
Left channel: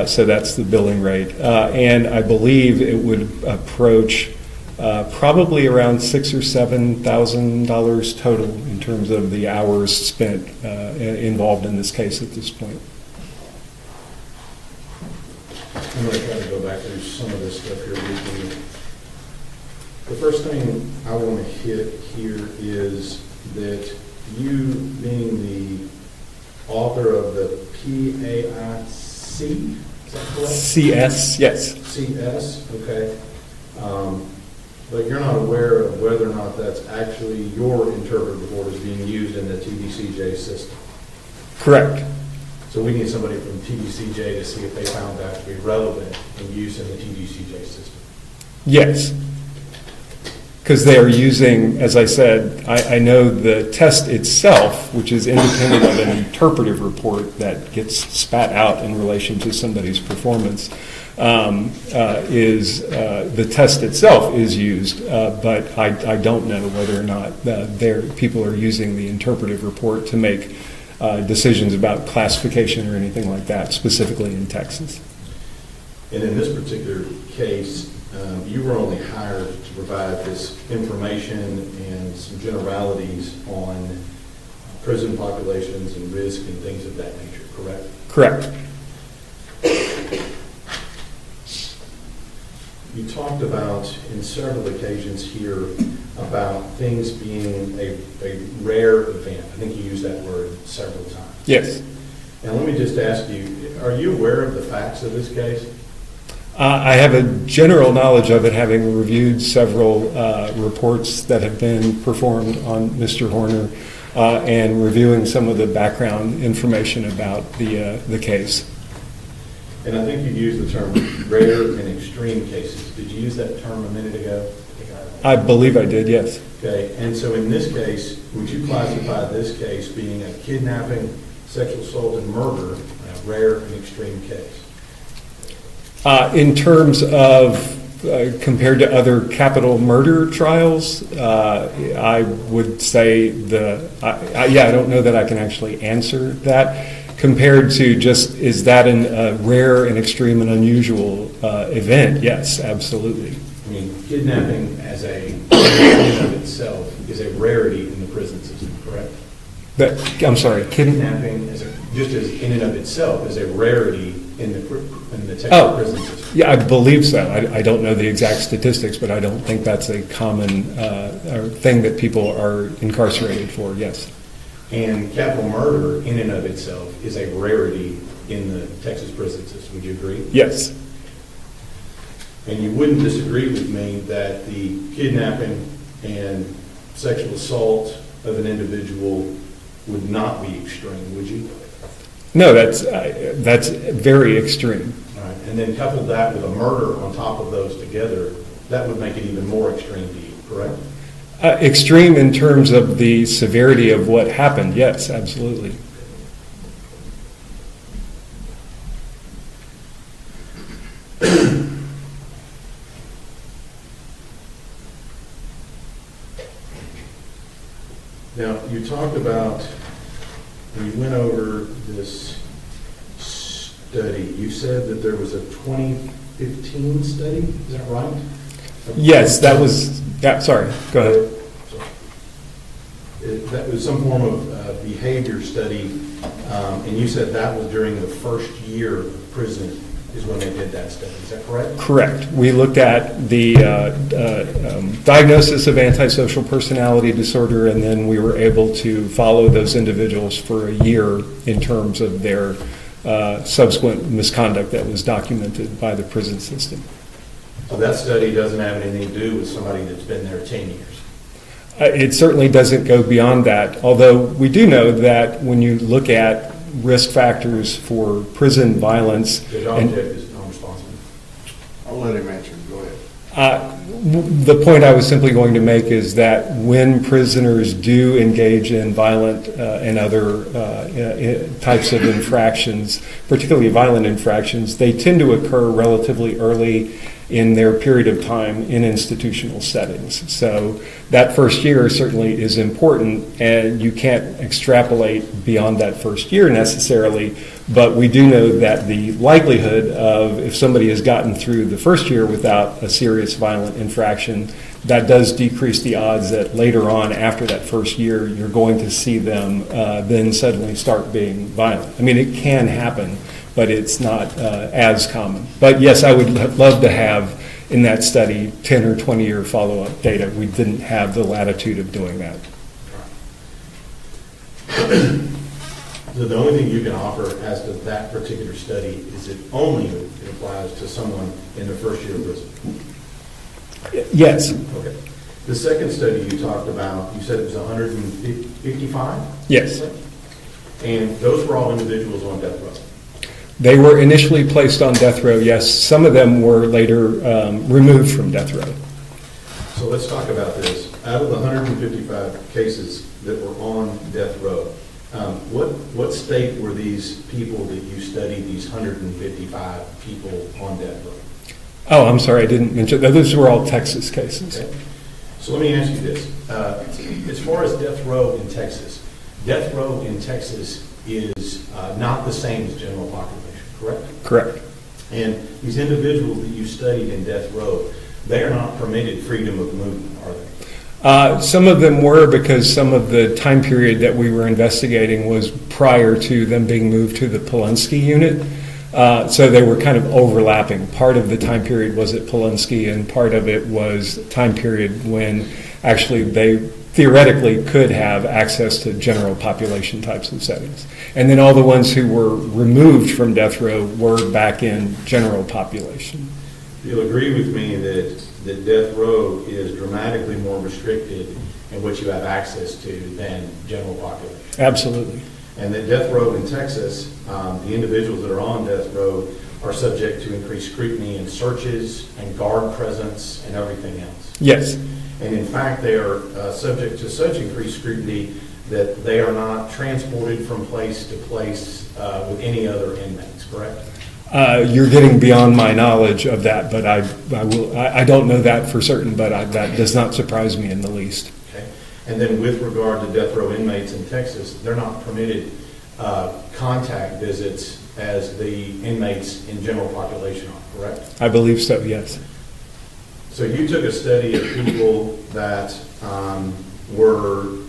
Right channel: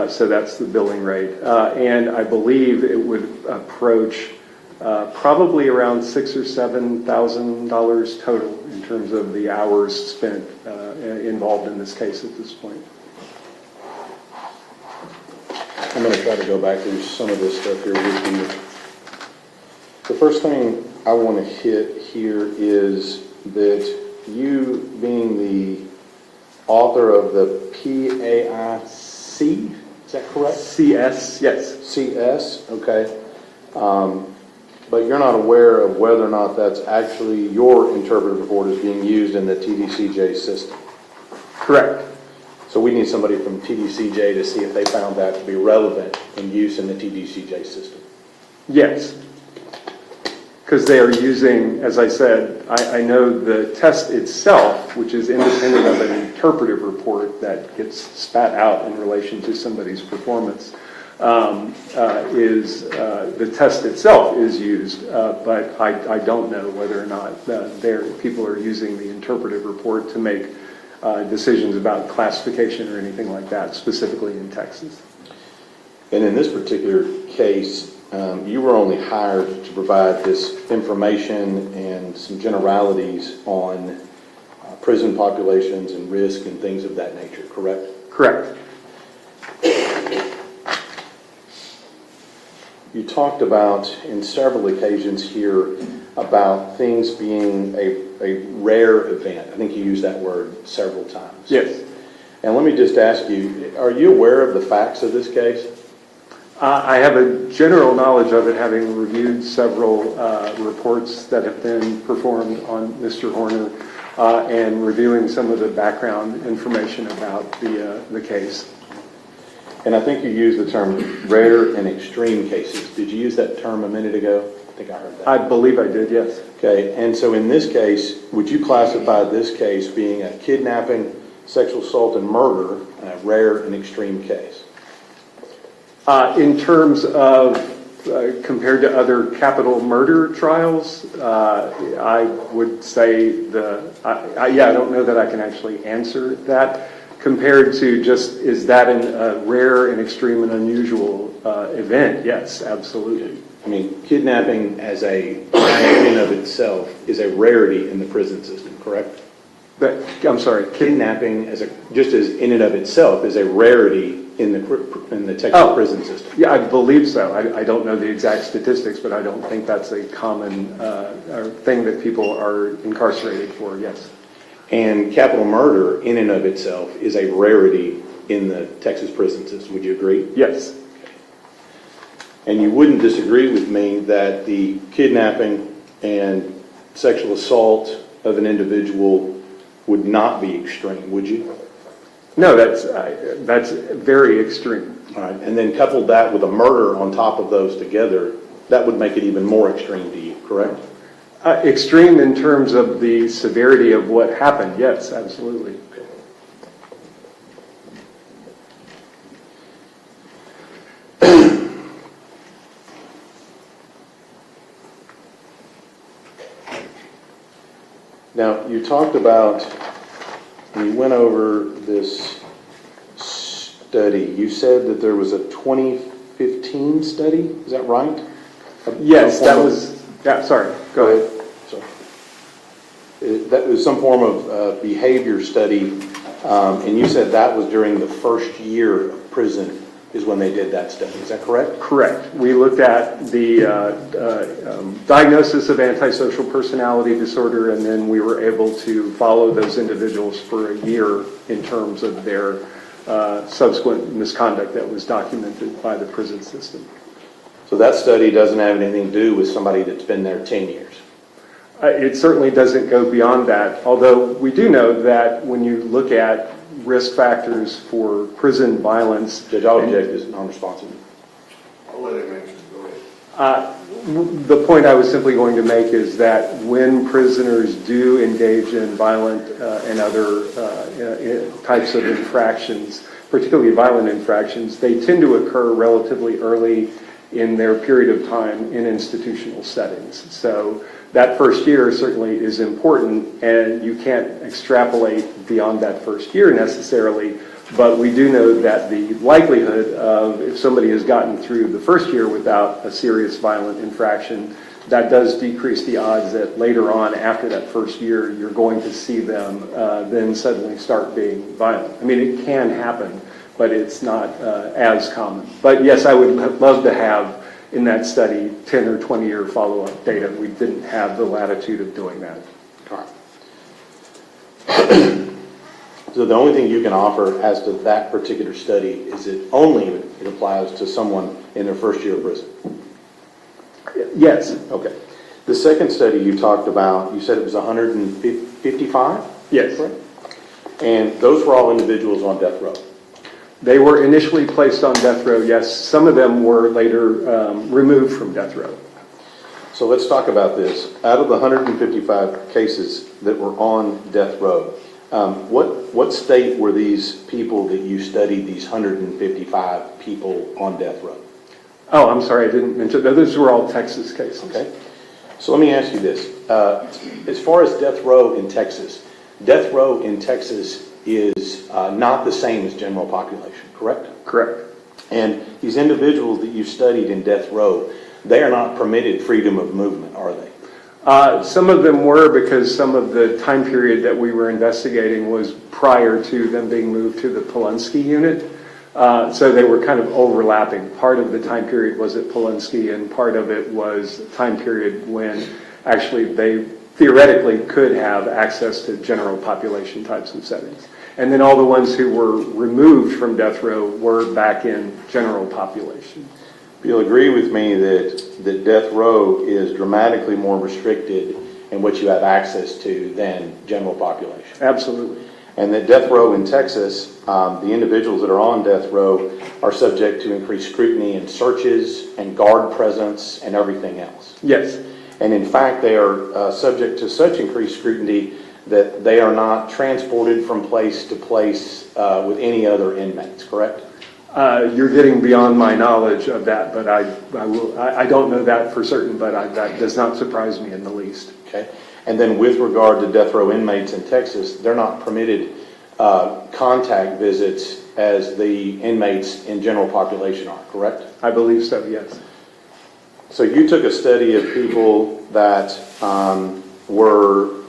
So that's the billing rate. And I believe it would approach probably around $6,000 or $7,000 total in terms of the hours spent involved in this case at this point. I'm going to try to go back through some of this stuff here with you. The first thing I want to hit here is that you being the author of the PAIC, is that correct? CS, yes. CS, okay. But you're not aware of whether or not that's actually your interpretive report is being used in the TDCJ system. Correct. So we need somebody from TDCJ to see if they found that to be relevant in use in the TDCJ system. Yes. Because they are using, as I said, I know the test itself, which is independent of an interpretive report that gets spat out in relation to somebody's performance, the test itself is used, but I don't know whether or not people are using the interpretive report to make decisions about classification or anything like that, specifically in Texas. And in this particular case, you were only hired to provide this information and some generalities on prison populations and risk and things of that nature, correct? Correct. You talked about, in several occasions here, about things being a rare event. I think you used that word several times. Yes. And let me just ask you, are you aware of the facts of this case? I have a general knowledge of it, having reviewed several reports that have been performed on Mr. Horner and reviewing some of the background information about the case. And I think you used the term rare and extreme cases. Did you use that term a minute ago? I think I heard that. I believe I did, yes. Okay, and so in this case, would you classify this case being a kidnapping, sexual assault, and murder, a rare and extreme case? In terms of compared to other capital murder trials, I would say I don't know that I can actually answer that. Compared to just, is that a rare and extreme and unusual event? Yes, absolutely. I mean, kidnapping as in and of itself is a rarity in the prison system, correct? I'm sorry, Kidnapping just as in and of itself is a rarity in the Texas prison system. Yeah, I believe so. I don't know the exact statistics, but I don't think that's a common thing that people are incarcerated for, yes. And capital murder in and of itself is a rarity in the Texas prison system. Would you agree? Yes. And you wouldn't disagree with me that the kidnapping and sexual assault of an individual would not be extreme, would you? No, that's very extreme. All right, and then couple that with a murder on top of those together, that would make it even more extreme to you, correct? Extreme in terms of the severity of what happened, yes, absolutely. Now, you talked about, when you went over this study, you said that there was a 2015 study, is that right? Yes, that was, yeah, sorry, go ahead. That was some form of behavior study, and you said that was during the first year of prison is when they did that study. Is that correct? Correct. We looked at the diagnosis of antisocial personality disorder, and then we were able to follow those individuals for a year in terms of their subsequent misconduct that was documented by the prison system. So that study doesn't have anything to do with somebody that's been there 10 years? It certainly doesn't go beyond that, although we do know that when you look at risk factors for prison violence. Judge Object is non-responsible. I'll let him answer. Go ahead. The point I was simply going to make is that when prisoners do engage in violent and other types of infractions, particularly violent infractions, they tend to occur relatively early in their period of time in institutional settings. So that first year certainly is important, and you can't extrapolate beyond that first year necessarily, but we do know that the likelihood of, if somebody has gotten through the first year without a serious violent infraction, that does decrease the odds that later on, after that first year, you're going to see them then suddenly start being violent. I mean, it can happen, but it's not as common. But yes, I would love to have in that study 10 or 20 year follow-up data. We didn't have the latitude of doing that. All right. So the only thing you can offer as to that particular study is it only applies to someone in their first year of prison? Yes. Okay. The second study you talked about, you said it was 155? Yes. Right? And those were all individuals on death row? They were initially placed on death row, yes. Some of them were later removed from death row. So let's talk about this. Out of the 155 cases that were on death row, what state were these people that you studied, these 155 people on death row? Oh, I'm sorry, I didn't mention that. Those were all Texas cases. Okay. So let me ask you this. As far as death row in Texas is not the same as general population, correct? Correct. And these individuals that you studied in death row, they are not permitted freedom of movement, are they? Some of them were, because some of the time period that we were investigating was prior to them being moved to the Polunsky unit. So they were kind of overlapping. Part of the time period was at Polunsky, and part of it was time period when actually they theoretically could have access to general population types of settings. And then all the ones who were removed from death row were back in general population. You'll agree with me that death row is dramatically more restricted in what you have access to than general population. Absolutely. And that death row in Texas, the individuals that are on death row are subject to increased scrutiny and searches and guard presence and everything else. Yes. And in fact, they are subject to such increased scrutiny that they are not transported from place to place with any other inmates, correct? You're getting beyond my knowledge of that, but I don't know that for certain, but that does not surprise me in the least. Okay. And then with regard to death row inmates in Texas, they're not permitted contact visits as the inmates in general population are, correct? I believe so, yes. So you took a study of people that were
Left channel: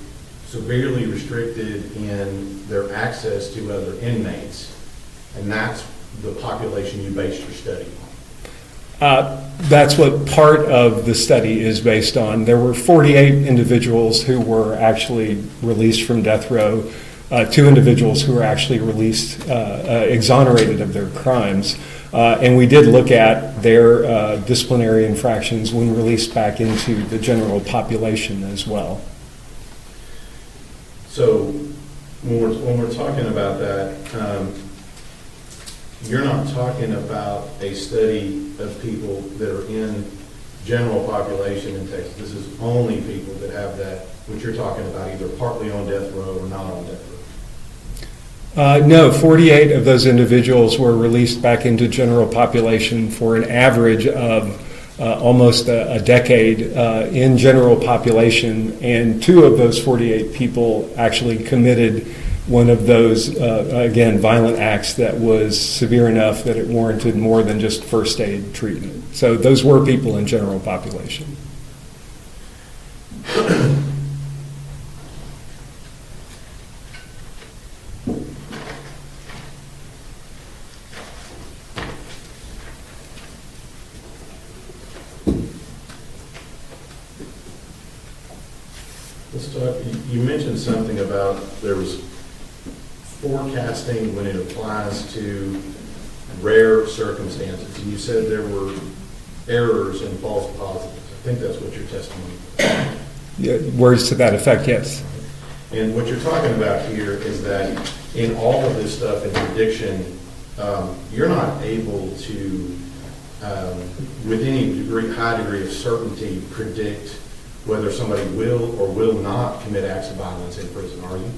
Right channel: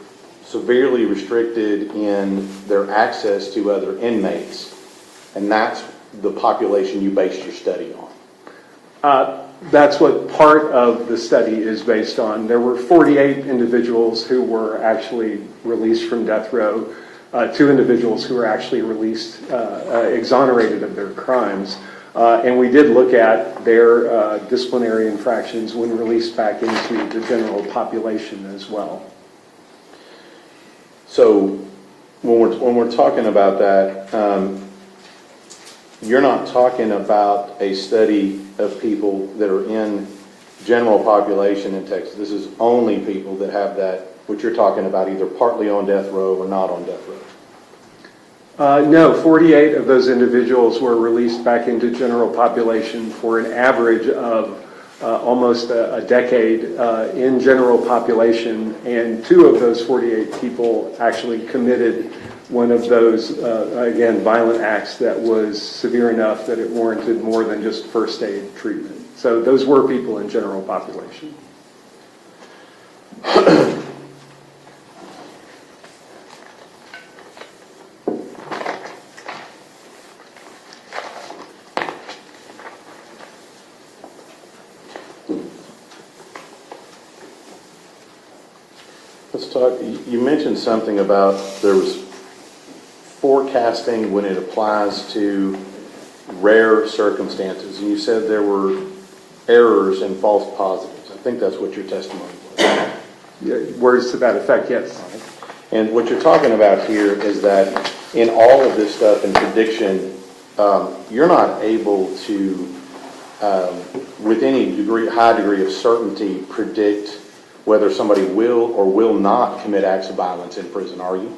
severely restricted in their access to other inmates, and that's the population you based your study on. That's what part of the study is based on. There were 48 individuals who were actually released from death row, 2 individuals who were actually released, exonerated of their crimes. And we did look at their disciplinary infractions when released back into the general population as well. So when we're talking about that, you're not talking about a study of people that are in general population in Texas. This is only people that have that, which you're talking about, either partly on death row or not on death row. No, 48 of those individuals were released back into general population for an average of almost a decade in general population, and 2 of those 48 people actually committed one of those, again, violent acts that was severe enough that it warranted more than just first aid treatment. So those were people in general population. Let's talk, you mentioned something about there was forecasting when it applies to rare circumstances, and you said there were errors and false positives. I think that's what your testimony was. Yeah, words to that effect, yes. And what you're talking about here is that in all of this stuff in prediction, you're not able to, with any high degree of certainty, predict whether somebody will or will not commit acts of violence in prison, are you?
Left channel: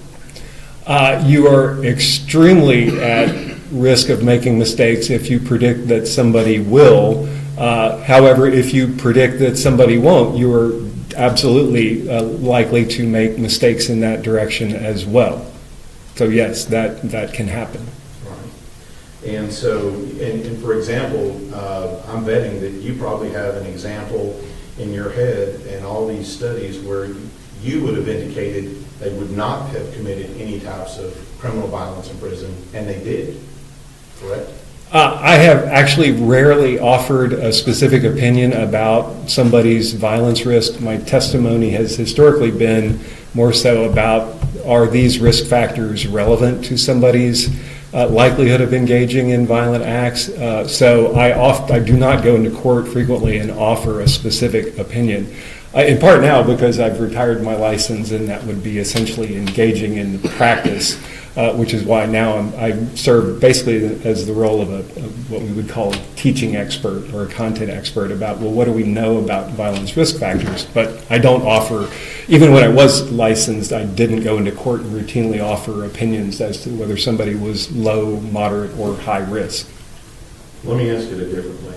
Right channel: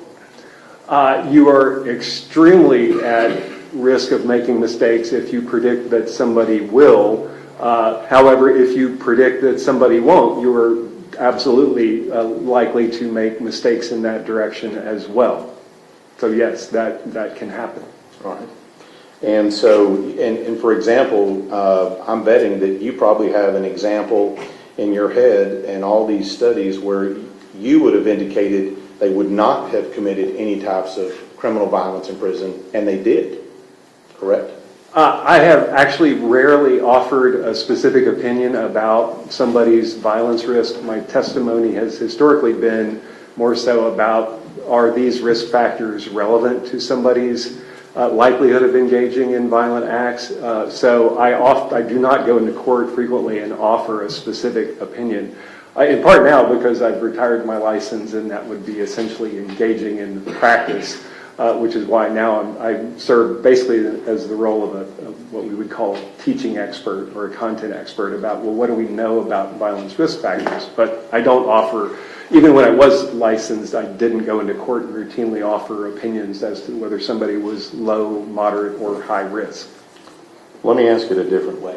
You are extremely at risk of making mistakes if you predict that somebody will. However, if you predict that somebody won't, you are absolutely likely to make mistakes in that direction as well. So yes, that can happen. All right. And so, and for example, I'm betting that you probably have an example in your head and all these studies where you would have indicated they would not have committed any types of criminal violence in prison, and they did, correct? I have actually rarely offered a specific opinion about somebody's violence risk. My testimony has historically been more so about, are these risk factors relevant to somebody's likelihood of engaging in violent acts? So I do not go into court frequently and offer a specific opinion. In part now because I've retired my license, and that would be essentially engaging in practice, which is why now I serve basically as the role of what we would call a teaching expert or a content expert about, well, what do we know about violence risk factors? But I don't offer, even when I was licensed, I didn't go into court and routinely offer opinions as to whether somebody was low, moderate, or high risk. Let me ask it a different way.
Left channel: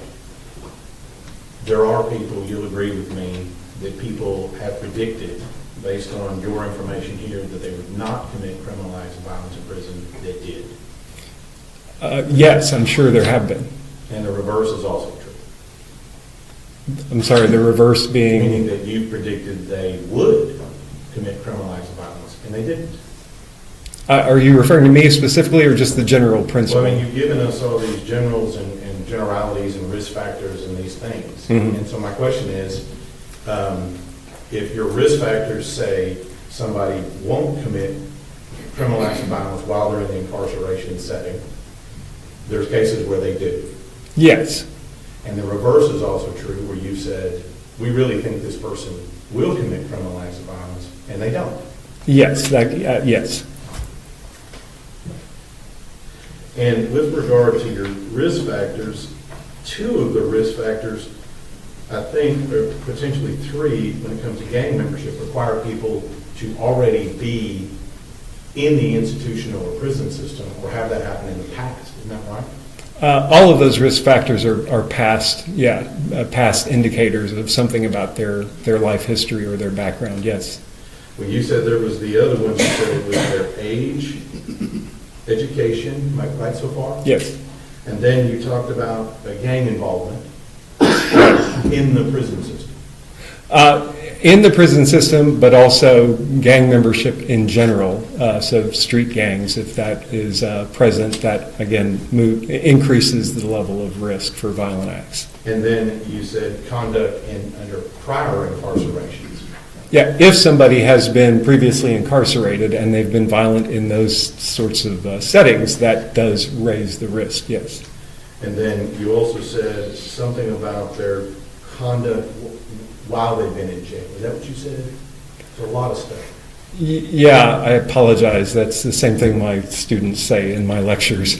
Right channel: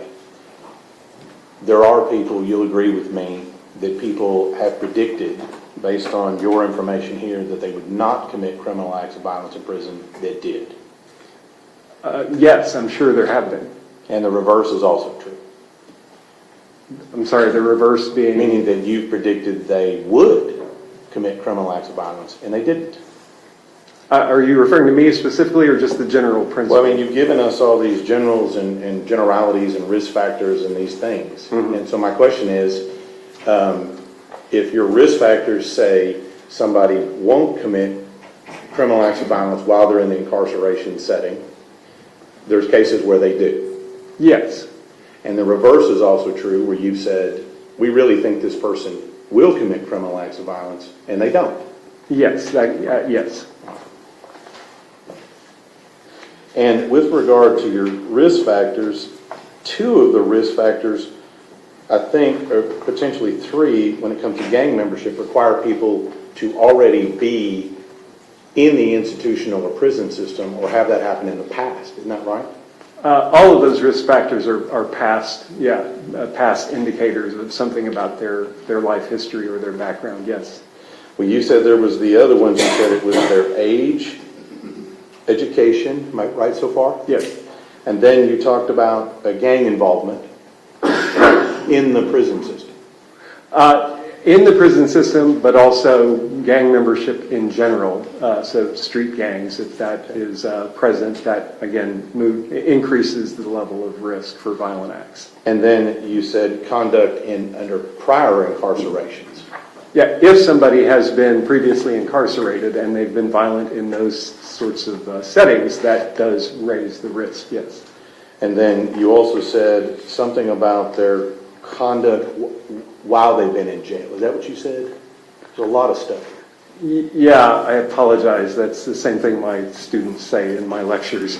There are people, you'll agree with me, that people have predicted, based on your information here, that they would not commit criminal acts of violence in prison that did. Yes, I'm sure there have been. And the reverse is also true. I'm sorry, the reverse being? Meaning that you predicted they would commit criminal acts of violence, and they didn't. Are you referring to me specifically, or just the general principle? Well, I mean, you've given us all these generals and generalities and risk factors and these things. Mm-hmm. And so my question is, if your risk factors say somebody won't commit criminal acts of violence while they're in the incarceration setting, there's cases where they do. Yes. And the reverse is also true, where you said, we really think this person will commit criminal acts of violence, and they don't. Yes, yes. And with regard to your risk factors, 2 of the risk factors, I think, or potentially 3, when it comes to gang membership, require people to already be in the institutional or prison system or have that happen in the past. Isn't that right? All of those risk factors are past indicators of something about their life history or their background, yes. Well, you said there was the other ones. You said it was their age, education. Am I right so far? Yes. And then you talked about a gang involvement in the prison system. In the prison system, but also gang membership in general. So street gangs, if that is present, that again increases the level of risk for violent acts. And then you said conduct under prior incarcerations. Yeah, if somebody has been previously incarcerated and they've been violent in those sorts of settings, that does raise the risk, yes. And then you also said something about their conduct while they've been in jail. Is that what you said? There's a lot of stuff. Yeah, I apologize. That's the same thing my students say in my lectures.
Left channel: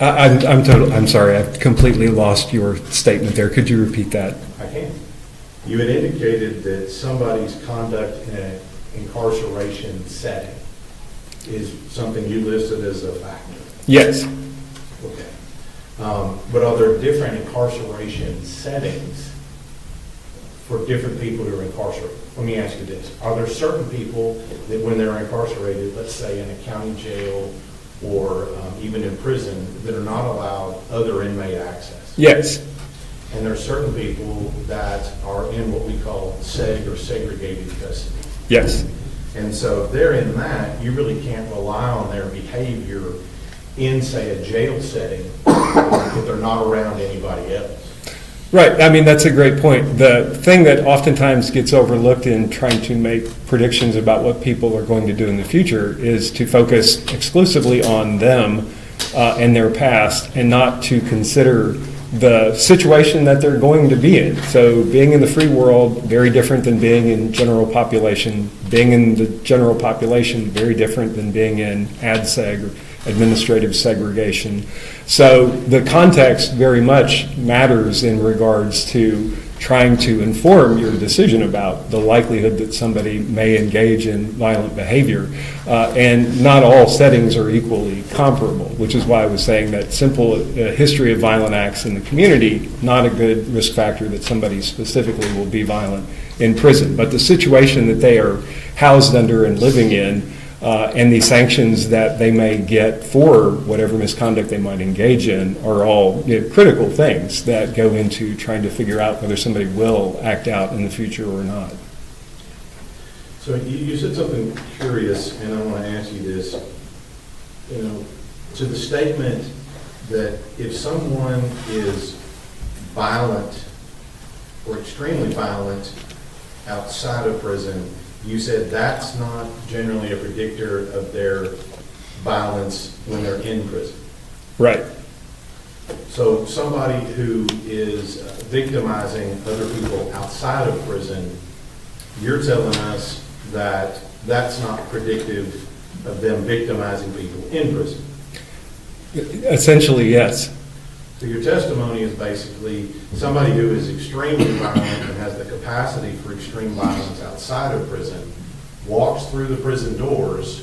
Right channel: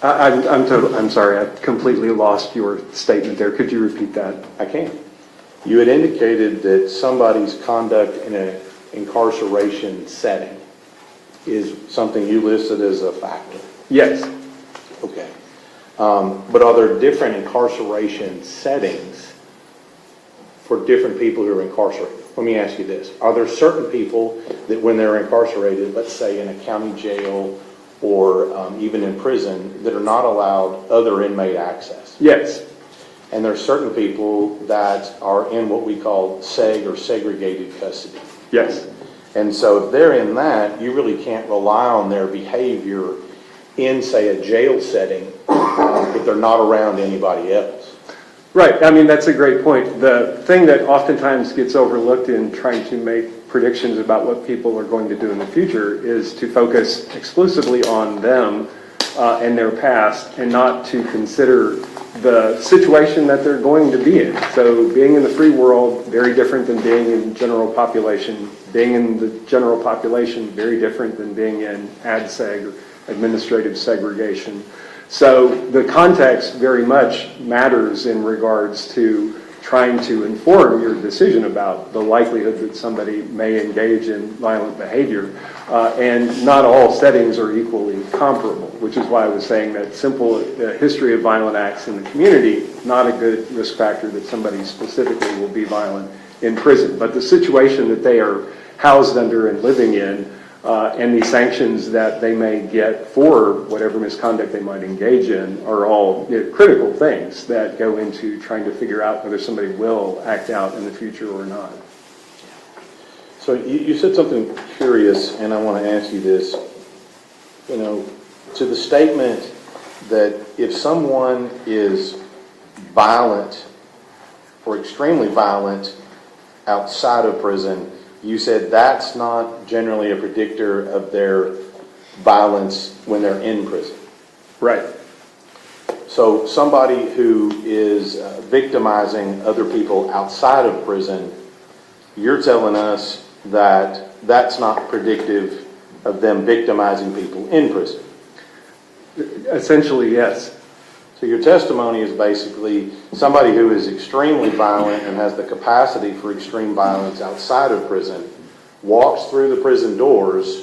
I'm sorry, I've completely lost your statement there. Could you repeat that? I can. You had indicated that somebody's conduct in an incarceration setting is something you listed as a factor. Yes. Okay. But are there different incarceration settings for different people who are incarcerated? Let me ask you this. Are there certain people that when they're incarcerated, let's say in a county jail or even in prison, that are not allowed other inmate access? Yes. And there are certain people that are in what we call seg or segregated custody. Yes. And so if they're in that, you really can't rely on their behavior in, say, a jail setting if they're not around anybody else. Right. I mean, that's a great point. The thing that oftentimes gets overlooked in trying to make predictions about what people are going to do in the future is to focus exclusively on them and their past and not to consider the situation that they're going to be in. So being in the free world, very different than being in general population. Being in the general population, very different than being in ADSEG or administrative segregation. So the context very much matters in regards to trying to inform your decision about the likelihood that somebody may engage in violent behavior. And not all settings are equally comparable, which is why I was saying that simple history of violent acts in the community, not a good risk factor that somebody specifically will be violent in prison. But the situation that they are housed under and living in, and the sanctions that they may get for whatever misconduct they might engage in are all critical things that go into trying to figure out whether somebody will act out in the future or not. So you said something curious, and I want to ask you this. To the statement that if someone is violent or extremely violent outside of prison, you said that's not generally a predictor of their violence when they're in prison. Right. So somebody who is victimizing other people outside of prison, you're telling us that that's not predictive of them victimizing people in prison. Essentially, yes. So your testimony is basically somebody who is extremely violent and has the capacity for extreme violence outside of prison walks through the prison doors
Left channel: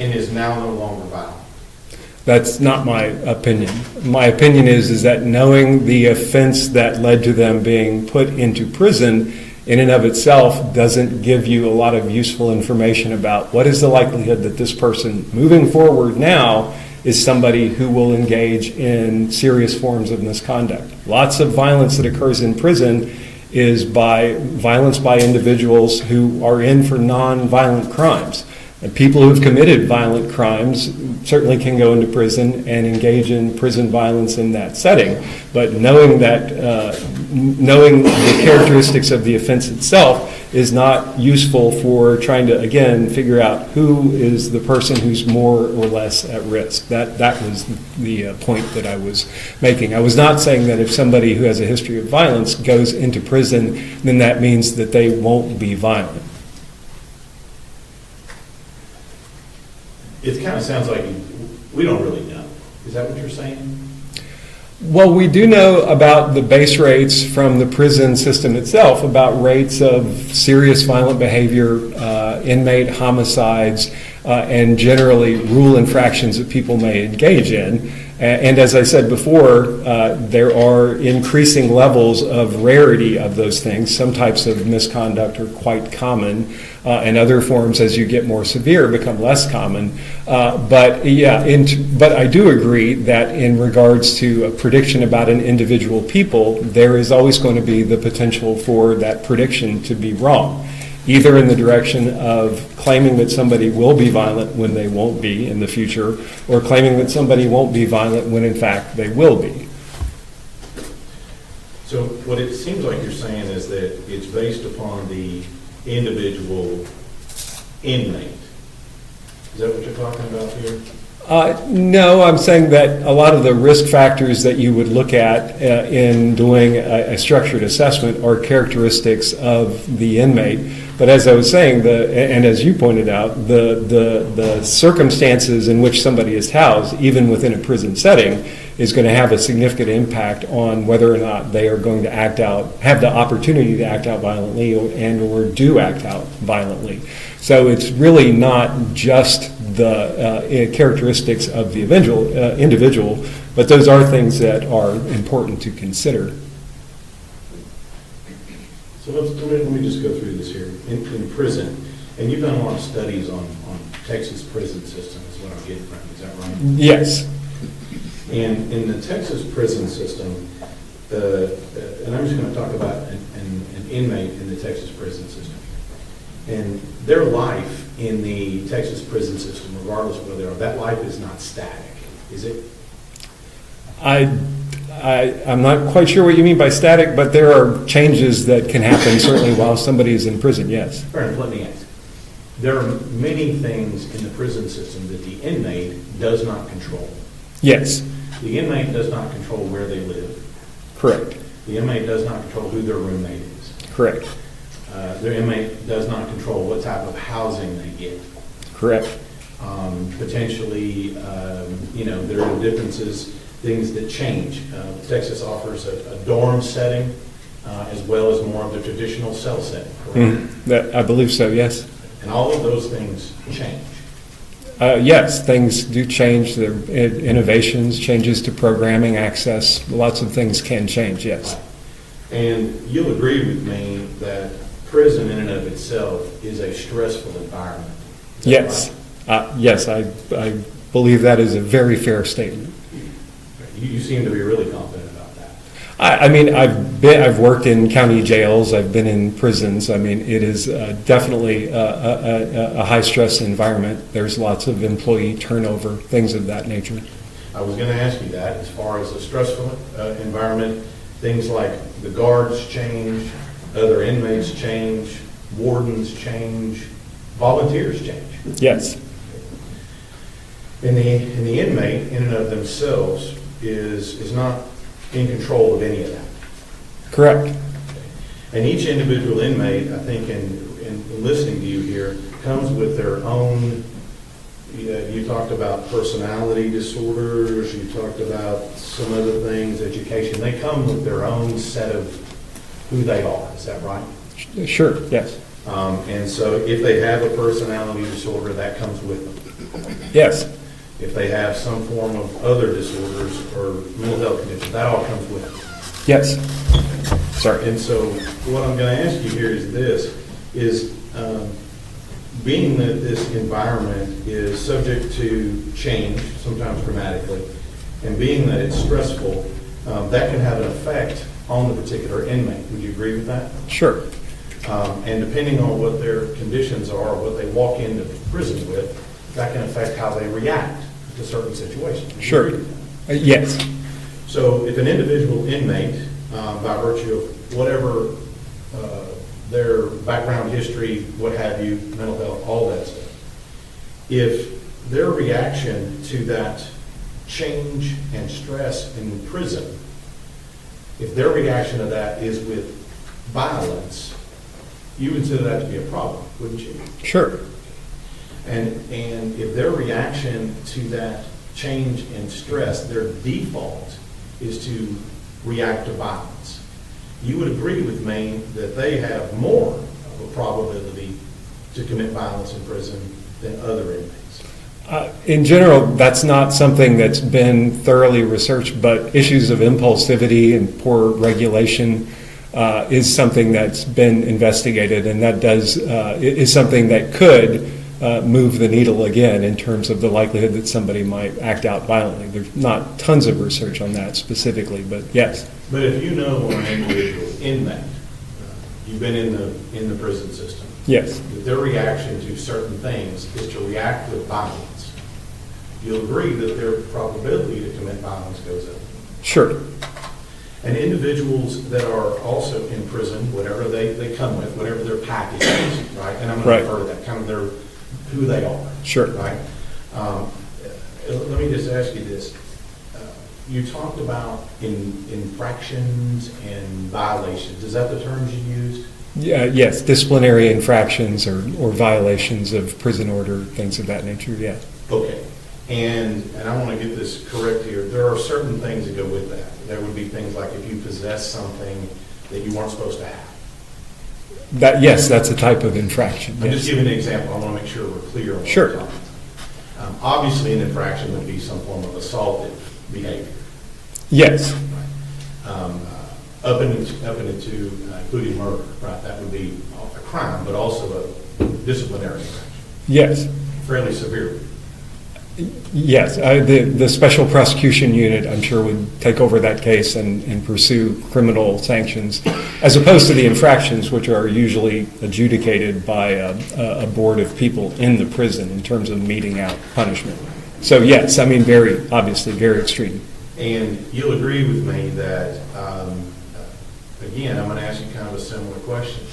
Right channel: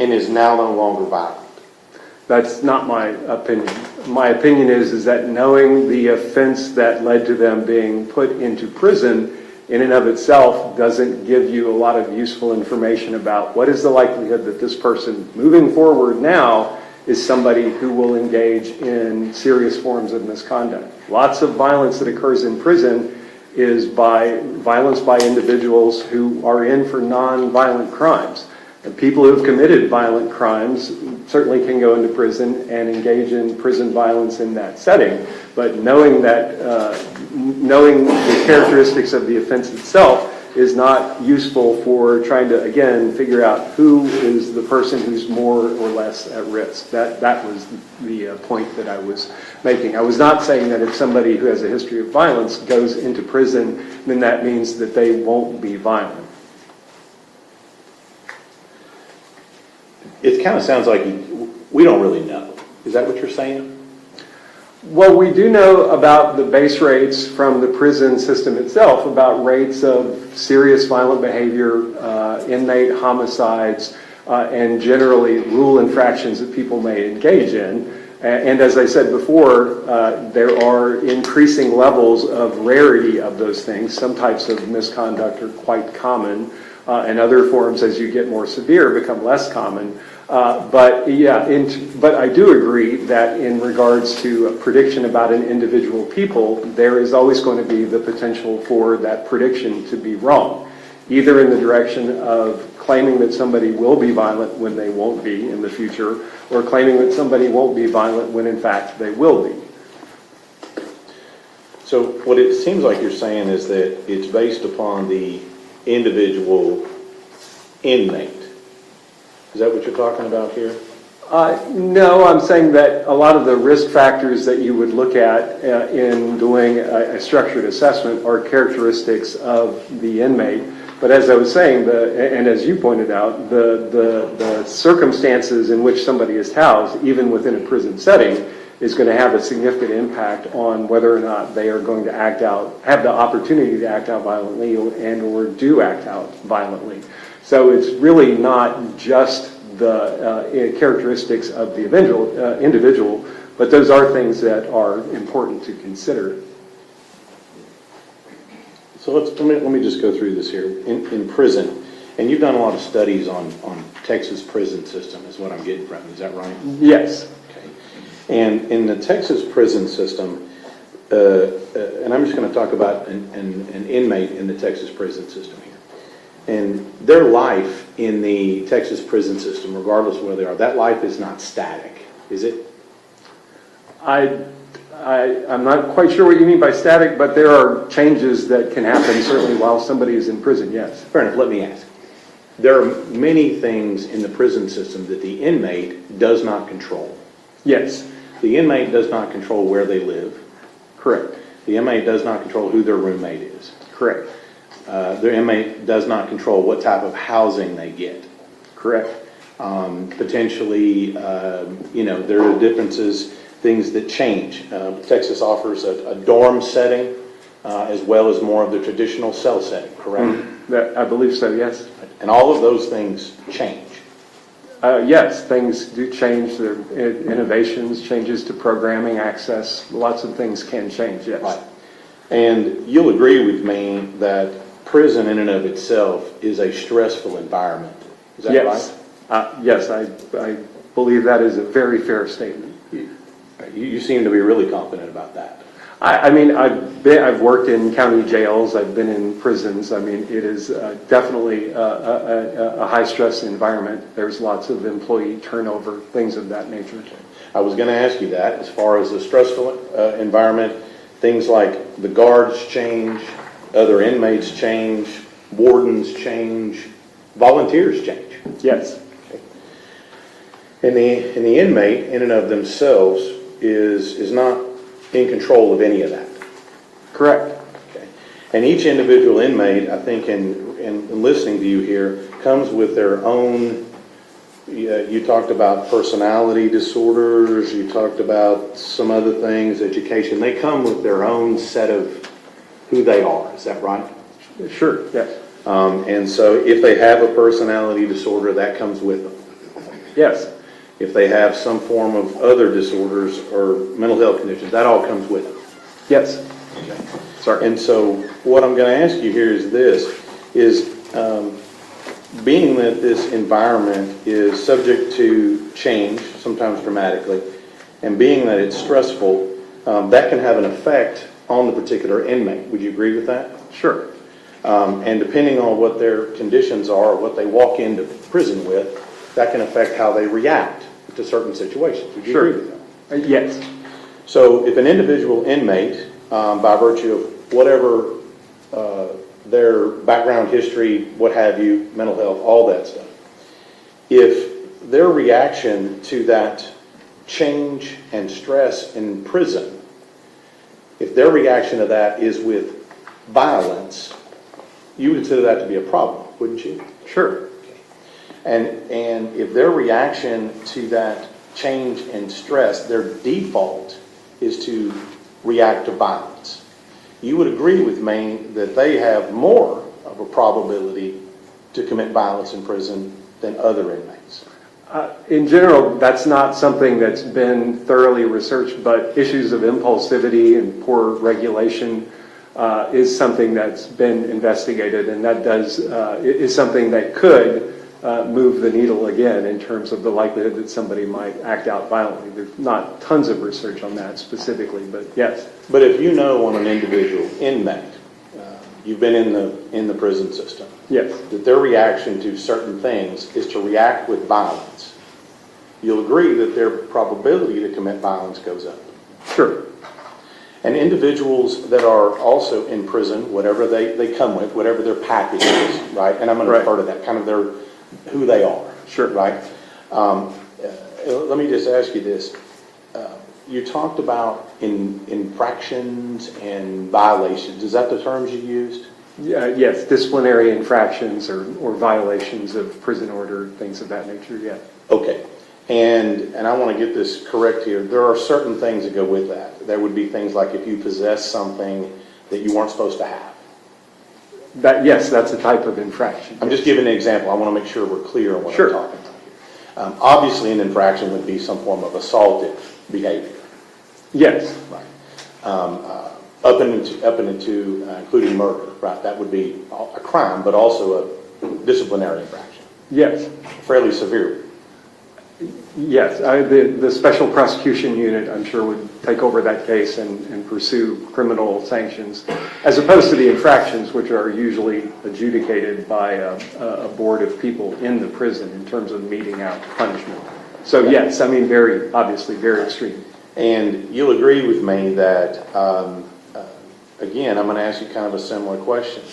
and is now no longer violent. That's not my opinion. My opinion is that knowing the offense that led to them being put into prison in and of itself doesn't give you a lot of useful information about what is the likelihood that this person moving forward now is somebody who will engage in serious forms of misconduct. Lots of violence that occurs in prison is by violence by individuals who are in for non-violent crimes. And people who have committed violent crimes certainly can go into prison and engage in prison violence in that setting. But knowing the characteristics of the offense itself is not useful for trying to, again, figure out who is the person who's more or less at risk. That was the point that I was making. I was not saying that if somebody who has a history of violence goes into prison, then that means that they won't be violent. It kind of sounds like we don't really know. Is that what you're saying? Well, we do know about the base rates from the prison system itself, about rates of serious violent behavior, inmate homicides, and generally rule infractions that people may engage in. And as I said before, there are increasing levels of rarity of those things. Some types of misconduct are quite common, and other forms, as you get more severe, become less common. But I do agree that in regards to a prediction about an individual people, there is always going to be the potential for that prediction to be wrong, either in the direction of claiming that somebody will be violent when they won't be in the future, or claiming that somebody won't be violent when in fact they will be. So what it seems like you're saying is that it's based upon the individual inmate. Is that what you're talking about here? No, I'm saying that a lot of the risk factors that you would look at in doing a structured assessment are characteristics of the inmate. But as I was saying, and as you pointed out, the circumstances in which somebody is housed, even within a prison setting, is going to have a significant impact on whether or not they are going to act out, have the opportunity to act out violently and or do act out violently. So it's really not just the characteristics of the individual, but those are things that are important to consider. So let me just go through this here. In prison, and you've done a lot of studies on Texas prison system, is what I'm getting from you. Is that right? Yes. And in the Texas prison system, and I'm just going to talk about an inmate in the Texas prison system here. And their life in the Texas prison system, regardless of where they are, that life is not static, is it? I'm not quite sure what you mean by static, but there are changes that can happen certainly while somebody is in prison, yes. Fair enough, let me ask. There are many things in the prison system that the inmate does not control. Yes. The inmate does not control where they live. Correct. The inmate does not control who their roommate is. Correct. The inmate does not control what type of housing they get. Correct. Potentially, there are differences, things that change. Texas offers a dorm setting as well as more of the traditional cell setting, correct? I believe so, yes. And all of those things change. Yes, things do change. There are innovations, changes to programming, access. Lots of things can change, yes. Right. And you'll agree with me that prison in and of itself is a stressful environment. Is that Yes. right? Yes, I believe that is a very fair statement. You seem to be really confident about that. I mean, I've worked in county jails. I've been in prisons. I mean, it is definitely a high-stress environment. There's lots of employee turnover, things of that nature. I was going to ask you that. As far as a stressful environment, things like the guards change, other inmates change, wardens change, volunteers change. Yes. And the inmate in and of themselves is not in control of any of that. Correct. Okay. And each individual inmate, I think, in listening to you here, comes with their own. You talked about personality disorders. You talked about some other things, education. They come with their own set of who they are. Is that right? Sure. Yes. And so, if they have a personality disorder, that comes with them. Yes. If they have some form of other disorders or mental health conditions, that all comes with them. Yes. Sorry. And so what I'm going to ask you here is this, being that this environment is subject to change, sometimes dramatically, and being that it's stressful, that can have an effect on the particular inmate. Would you agree with that? Sure. And depending on what their conditions are, what they walk into prison with, that can affect how they react to certain situations. Would you Sure. agree with that? Yes. So if an individual inmate, by virtue of whatever their background history, what have you, mental health, all that stuff, if their reaction to that change and stress in prison, if their reaction to that is with violence, you would consider that to be a problem, wouldn't you? Sure. And if their reaction to that change and stress, their default is to react to violence, you would agree with me that they have more of a probability to commit violence in prison than other inmates. In general, that's not something that's been thoroughly researched, but issues of impulsivity and poor regulation is something that's been investigated, and that is something that could move the needle again in terms of the likelihood that somebody might act out violently. There's not tons of research on that specifically, but yes. But if you know on an individual inmate, you've been in the prison system, Yes. that their reaction to certain things is to react with violence, you'll agree that their probability to commit violence goes up. Sure. And individuals that are also in prison, whatever they come with, whatever their package is, right? And I'm going to Right. refer to that, kind of who they are. Sure. Right? Let me just ask you this. You talked about infractions and violations. Is that the terms you used? Yes, disciplinary infractions or violations of prison order, things of that nature, yeah. Okay. And I want to get this correct here. There are certain things that go with that. There would be things like if you possess something that you weren't supposed to have. Yes, that's a type of infraction. I'm yes. just giving an example. I want to make sure we're clear on what Sure. we're talking about. Obviously, an infraction would be some form of assaultive behavior. Yes, Up into including murder, right? That would be a crime, but also a disciplinary infraction. yes. Fairly severe. Yes, the Special Prosecution Unit, I'm sure, would take over that case and pursue criminal sanctions, as opposed to the infractions, which are usually adjudicated by a board of people in the prison in terms of meting out punishment. So yes, I mean, obviously very extreme. And you'll agree with me that, again, I'm going to ask you kind of a similar question.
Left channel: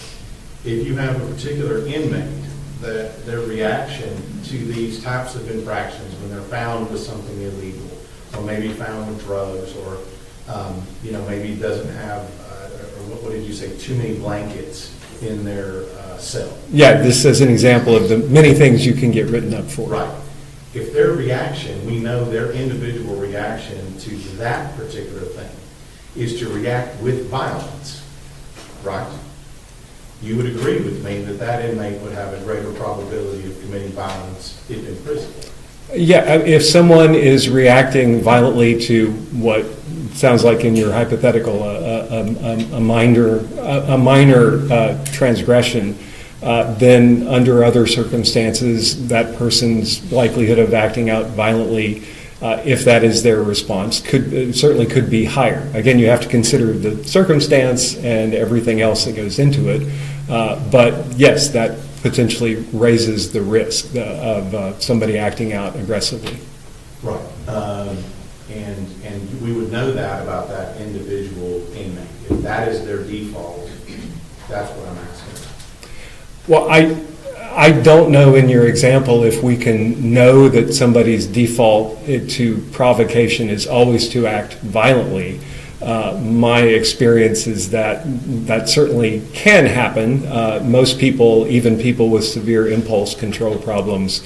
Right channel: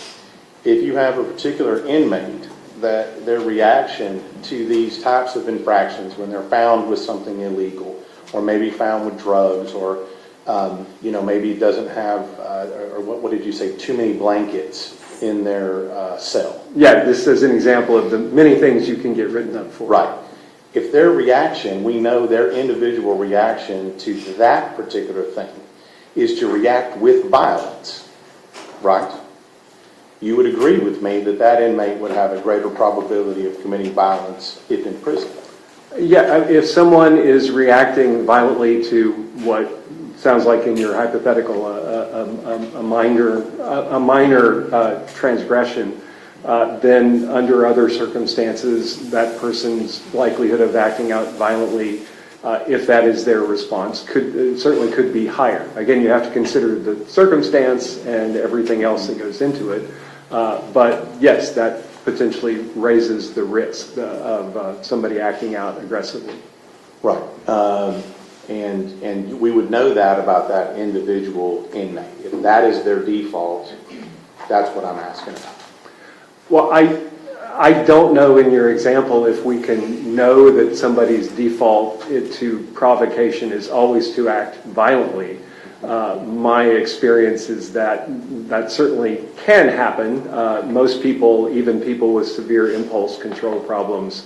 If you have a particular inmate that their reaction to these types of infractions, when they're found with something illegal, or maybe found with drugs, or maybe doesn't have, or what did you say, too many blankets in their cell. Yeah, this is an example of the many things you can get written up for. Right. If their reaction, we know their individual reaction to that particular thing is to react with violence, right? You would agree with me that that inmate would have a greater probability of committing violence if in prison. Yeah, if someone is reacting violently to what sounds like in your hypothetical a minor transgression, then under other circumstances, that person's likelihood of acting out violently, if that is their response, certainly could be higher. Again, you have to consider the circumstance and everything else that goes into it. But yes, that potentially raises the risk of somebody acting out aggressively. Right. And we would know that about that individual inmate. If that is their default, that's what I'm asking about. Well, I don't know in your example if we can know that somebody's default to provocation is always to act violently. My experience is that certainly can happen. Most people, even people with severe impulse control problems,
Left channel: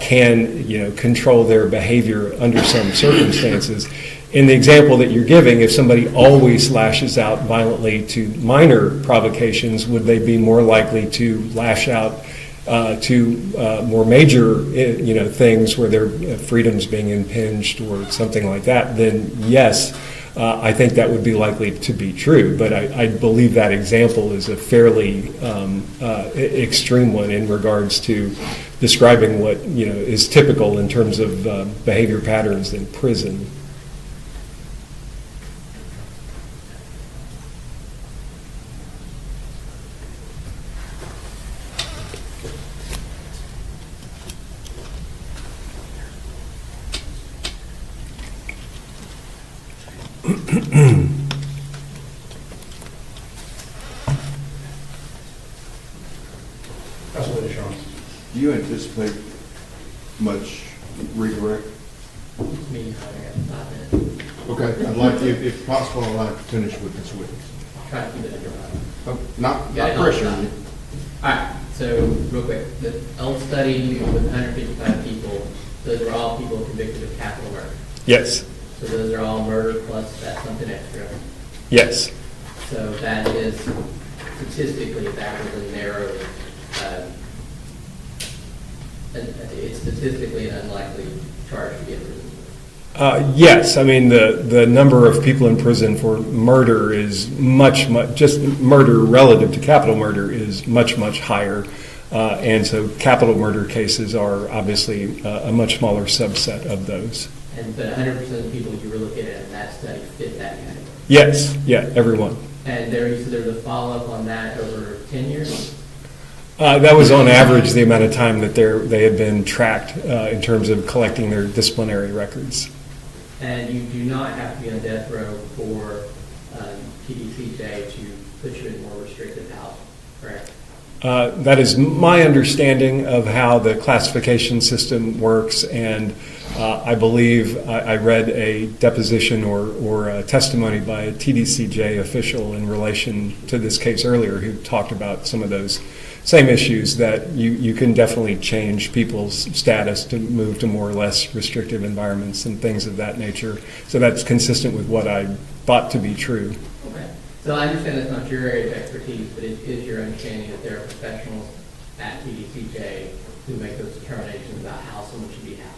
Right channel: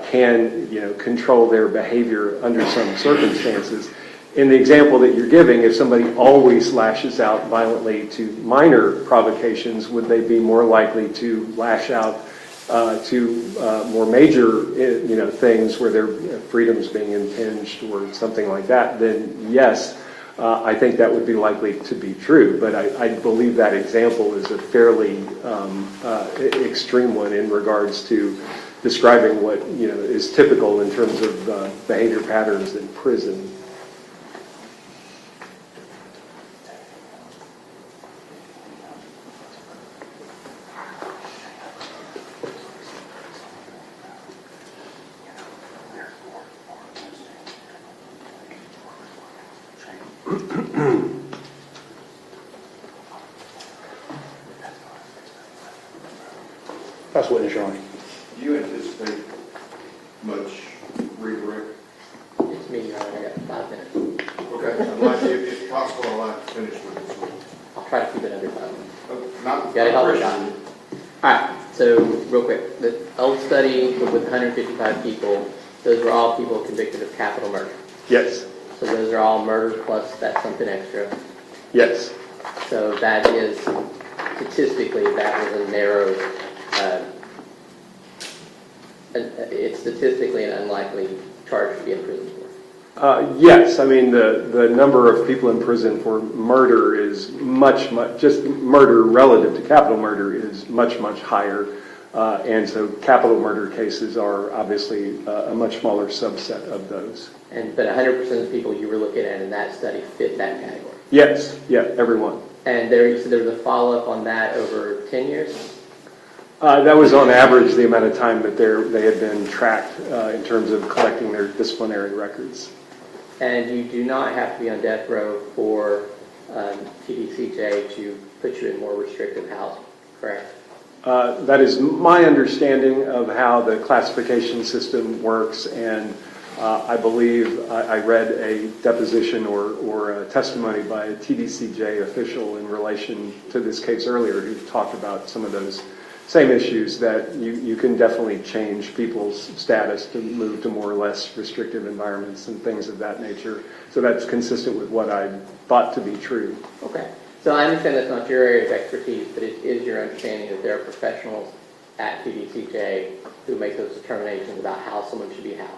can control their behavior under some circumstances. In the example that you're giving, if somebody always lashes out violently to minor provocations, would they be more likely to lash out to more major things where their freedom's being impinged or something like that? Then yes, I think that would be likely to be true. But I believe that example is a fairly extreme one in regards to describing what is typical in terms of behavior patterns in prison. That's what Sean. Do you anticipate much redirect? It's me, Your Honor. I got 5 minutes. Okay, I'd like, if possible, I'd like to finish with this witness. I'll try to keep it under 5. Not Got it all pressure. done. All right, so real quick, the old study with 155 people, those were all people convicted of capital murder. Yes, So those are all murder plus that's something extra. yes. So that is, statistically, that was a narrow, it's statistically an unlikely charge to be in prison for. Yes, I mean, the number of people in prison for murder is much, just murder relative to capital murder is much, much higher. And so capital murder cases are obviously a much smaller subset of those. But 100% of the people you were looking at in that study fit that category. Yes, yeah, everyone. And you said there was a follow-up on that over 10 years? That was on average the amount of time that they have been tracked in terms of collecting their disciplinary records. And you do not have to be on death row for TDCJ to put you in more restrictive housing, correct? That is my understanding of how the classification system works, and I believe I read a deposition or a testimony by a TDCJ official in relation to this case earlier who talked about some of those same issues, that you can definitely change people's status to move to more or less restrictive environments and things of that nature. So that's consistent with what I thought to be true. Okay. So I understand that's not your area of expertise, but it is your understanding that there are professionals at TDCJ who make those determinations about how someone should be housed.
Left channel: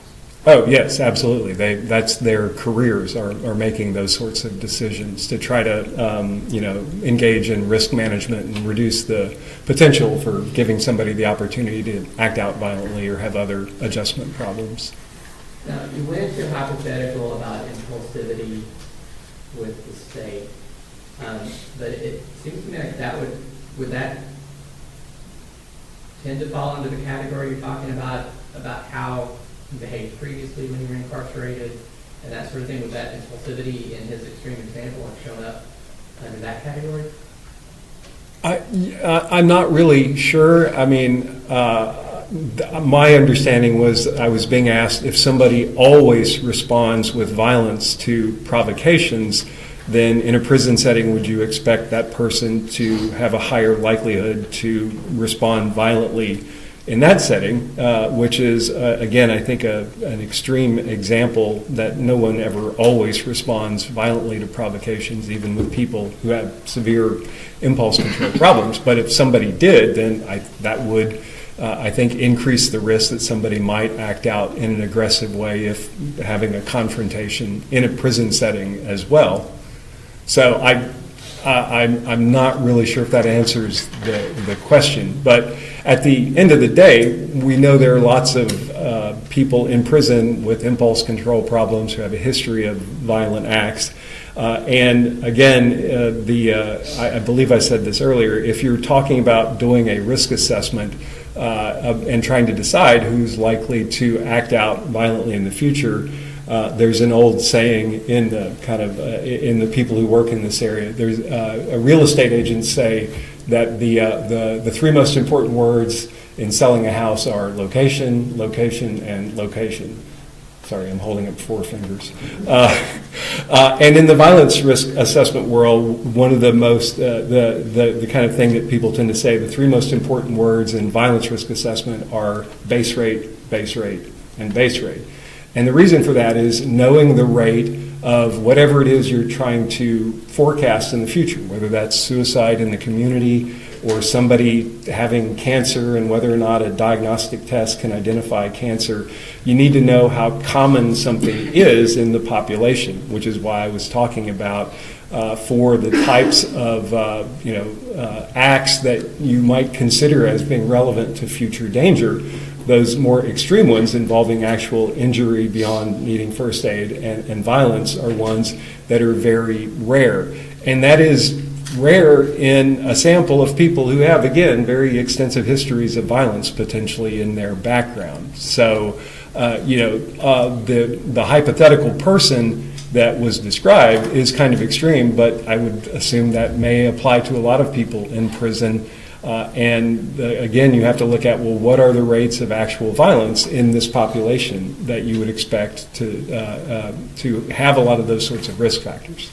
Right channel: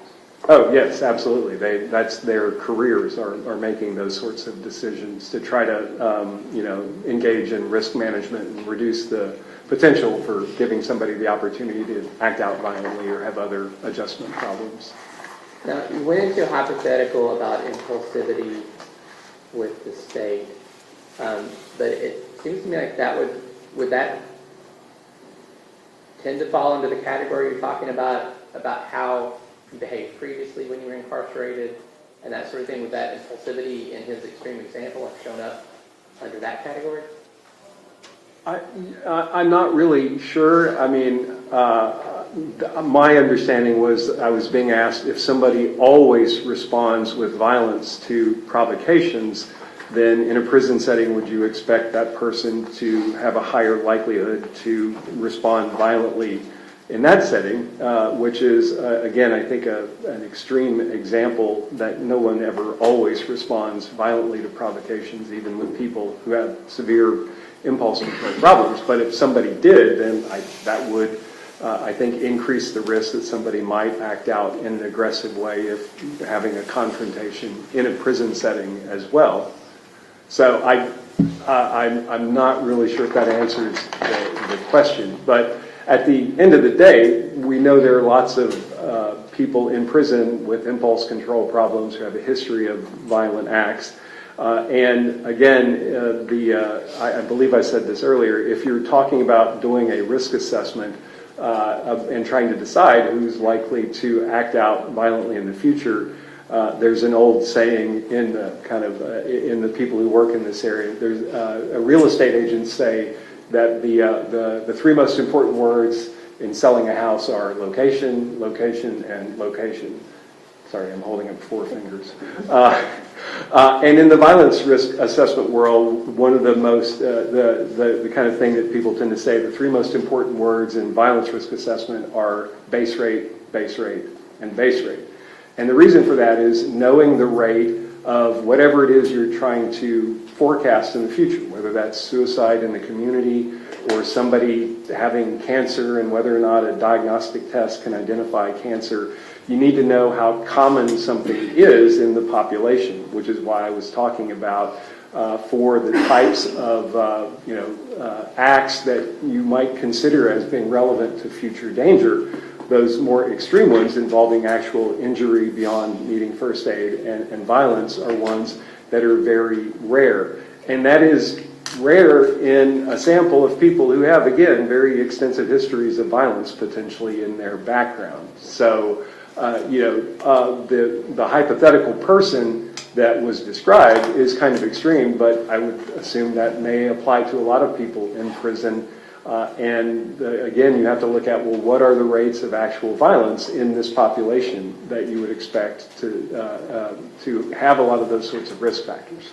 Oh, yes, absolutely. That's their careers are making those sorts of decisions to try to, engage in risk management and reduce the potential for giving somebody the opportunity to act out violently or have other adjustment problems. Now, you went into a hypothetical about impulsivity with the state, but it seems to me like would that tend to fall into the category you're talking about how you behaved previously when you were incarcerated and that sort of thing? Would that impulsivity in his extreme example have shown up under that category? I'm not really sure. I mean, my understanding was I was being asked if somebody always responds with violence to provocations, then in a prison setting, would you expect that person to have a higher likelihood to respond violently in that setting, which is, again, I think an extreme example that no one ever always responds violently to provocations, even with people who have severe impulse control problems. But if somebody did, then that would, I think, increase the risk that somebody might act out in an aggressive way if having a confrontation in a prison setting as well. So I'm not really sure if that answers the question. But at the end of the day, we know there are lots of people in prison with impulse control problems who have a history of violent acts. And again, I believe I said this earlier, if you're talking about doing a risk assessment and trying to decide who's likely to act out violently in the future, there's an old saying in the people who work in this area. There's real estate agents say that the three most important words in selling a house are location, location, and location. Sorry, I'm holding up four fingers. And in the violence risk assessment world, one of the most, the kind of thing that people tend to say, the three most important words in violence risk assessment are base rate, and base rate. And the reason for that is knowing the rate of whatever it is you're trying to forecast in the future, whether that's suicide in the community or somebody having cancer and whether or not a diagnostic test can identify cancer. You need to know how common something is in the population, which is why I was talking about for the types of acts that you might consider as being relevant to future danger. Those more extreme ones involving actual injury beyond needing first aid and violence are ones that are very rare. And that is rare in a sample of people who have, again, very extensive histories of violence potentially in their background. So, the hypothetical person that was described is kind of extreme, but I would assume that may apply to a lot of people in prison. Again, you have to look at, well, what are the rates of actual violence in this population that you would expect to have a lot of those sorts of risk factors.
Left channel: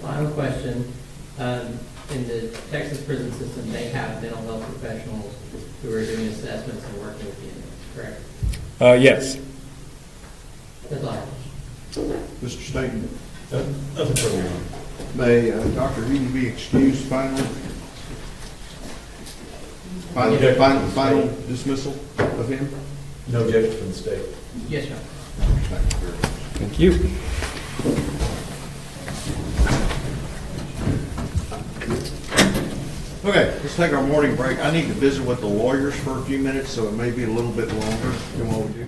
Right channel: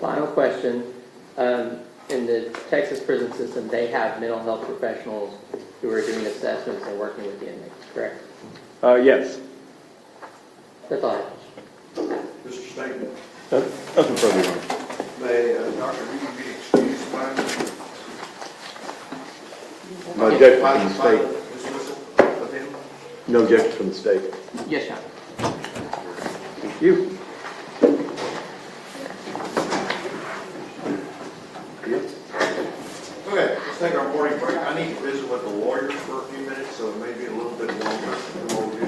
Final question. In the Texas prison system, they have mental health professionals who are doing assessments and working with the inmates, correct? Yes. That's all I have. Mr. Staton, Nothing further, Your Honor. may Dr. Reed be excused finally? Objection from the Final state. dismissal of him? No objection from the state. Yes, sir. Thank you. Okay, let's take our morning break. I need to visit with the lawyers for a few minutes, so it may be a little bit longer than what we'll do.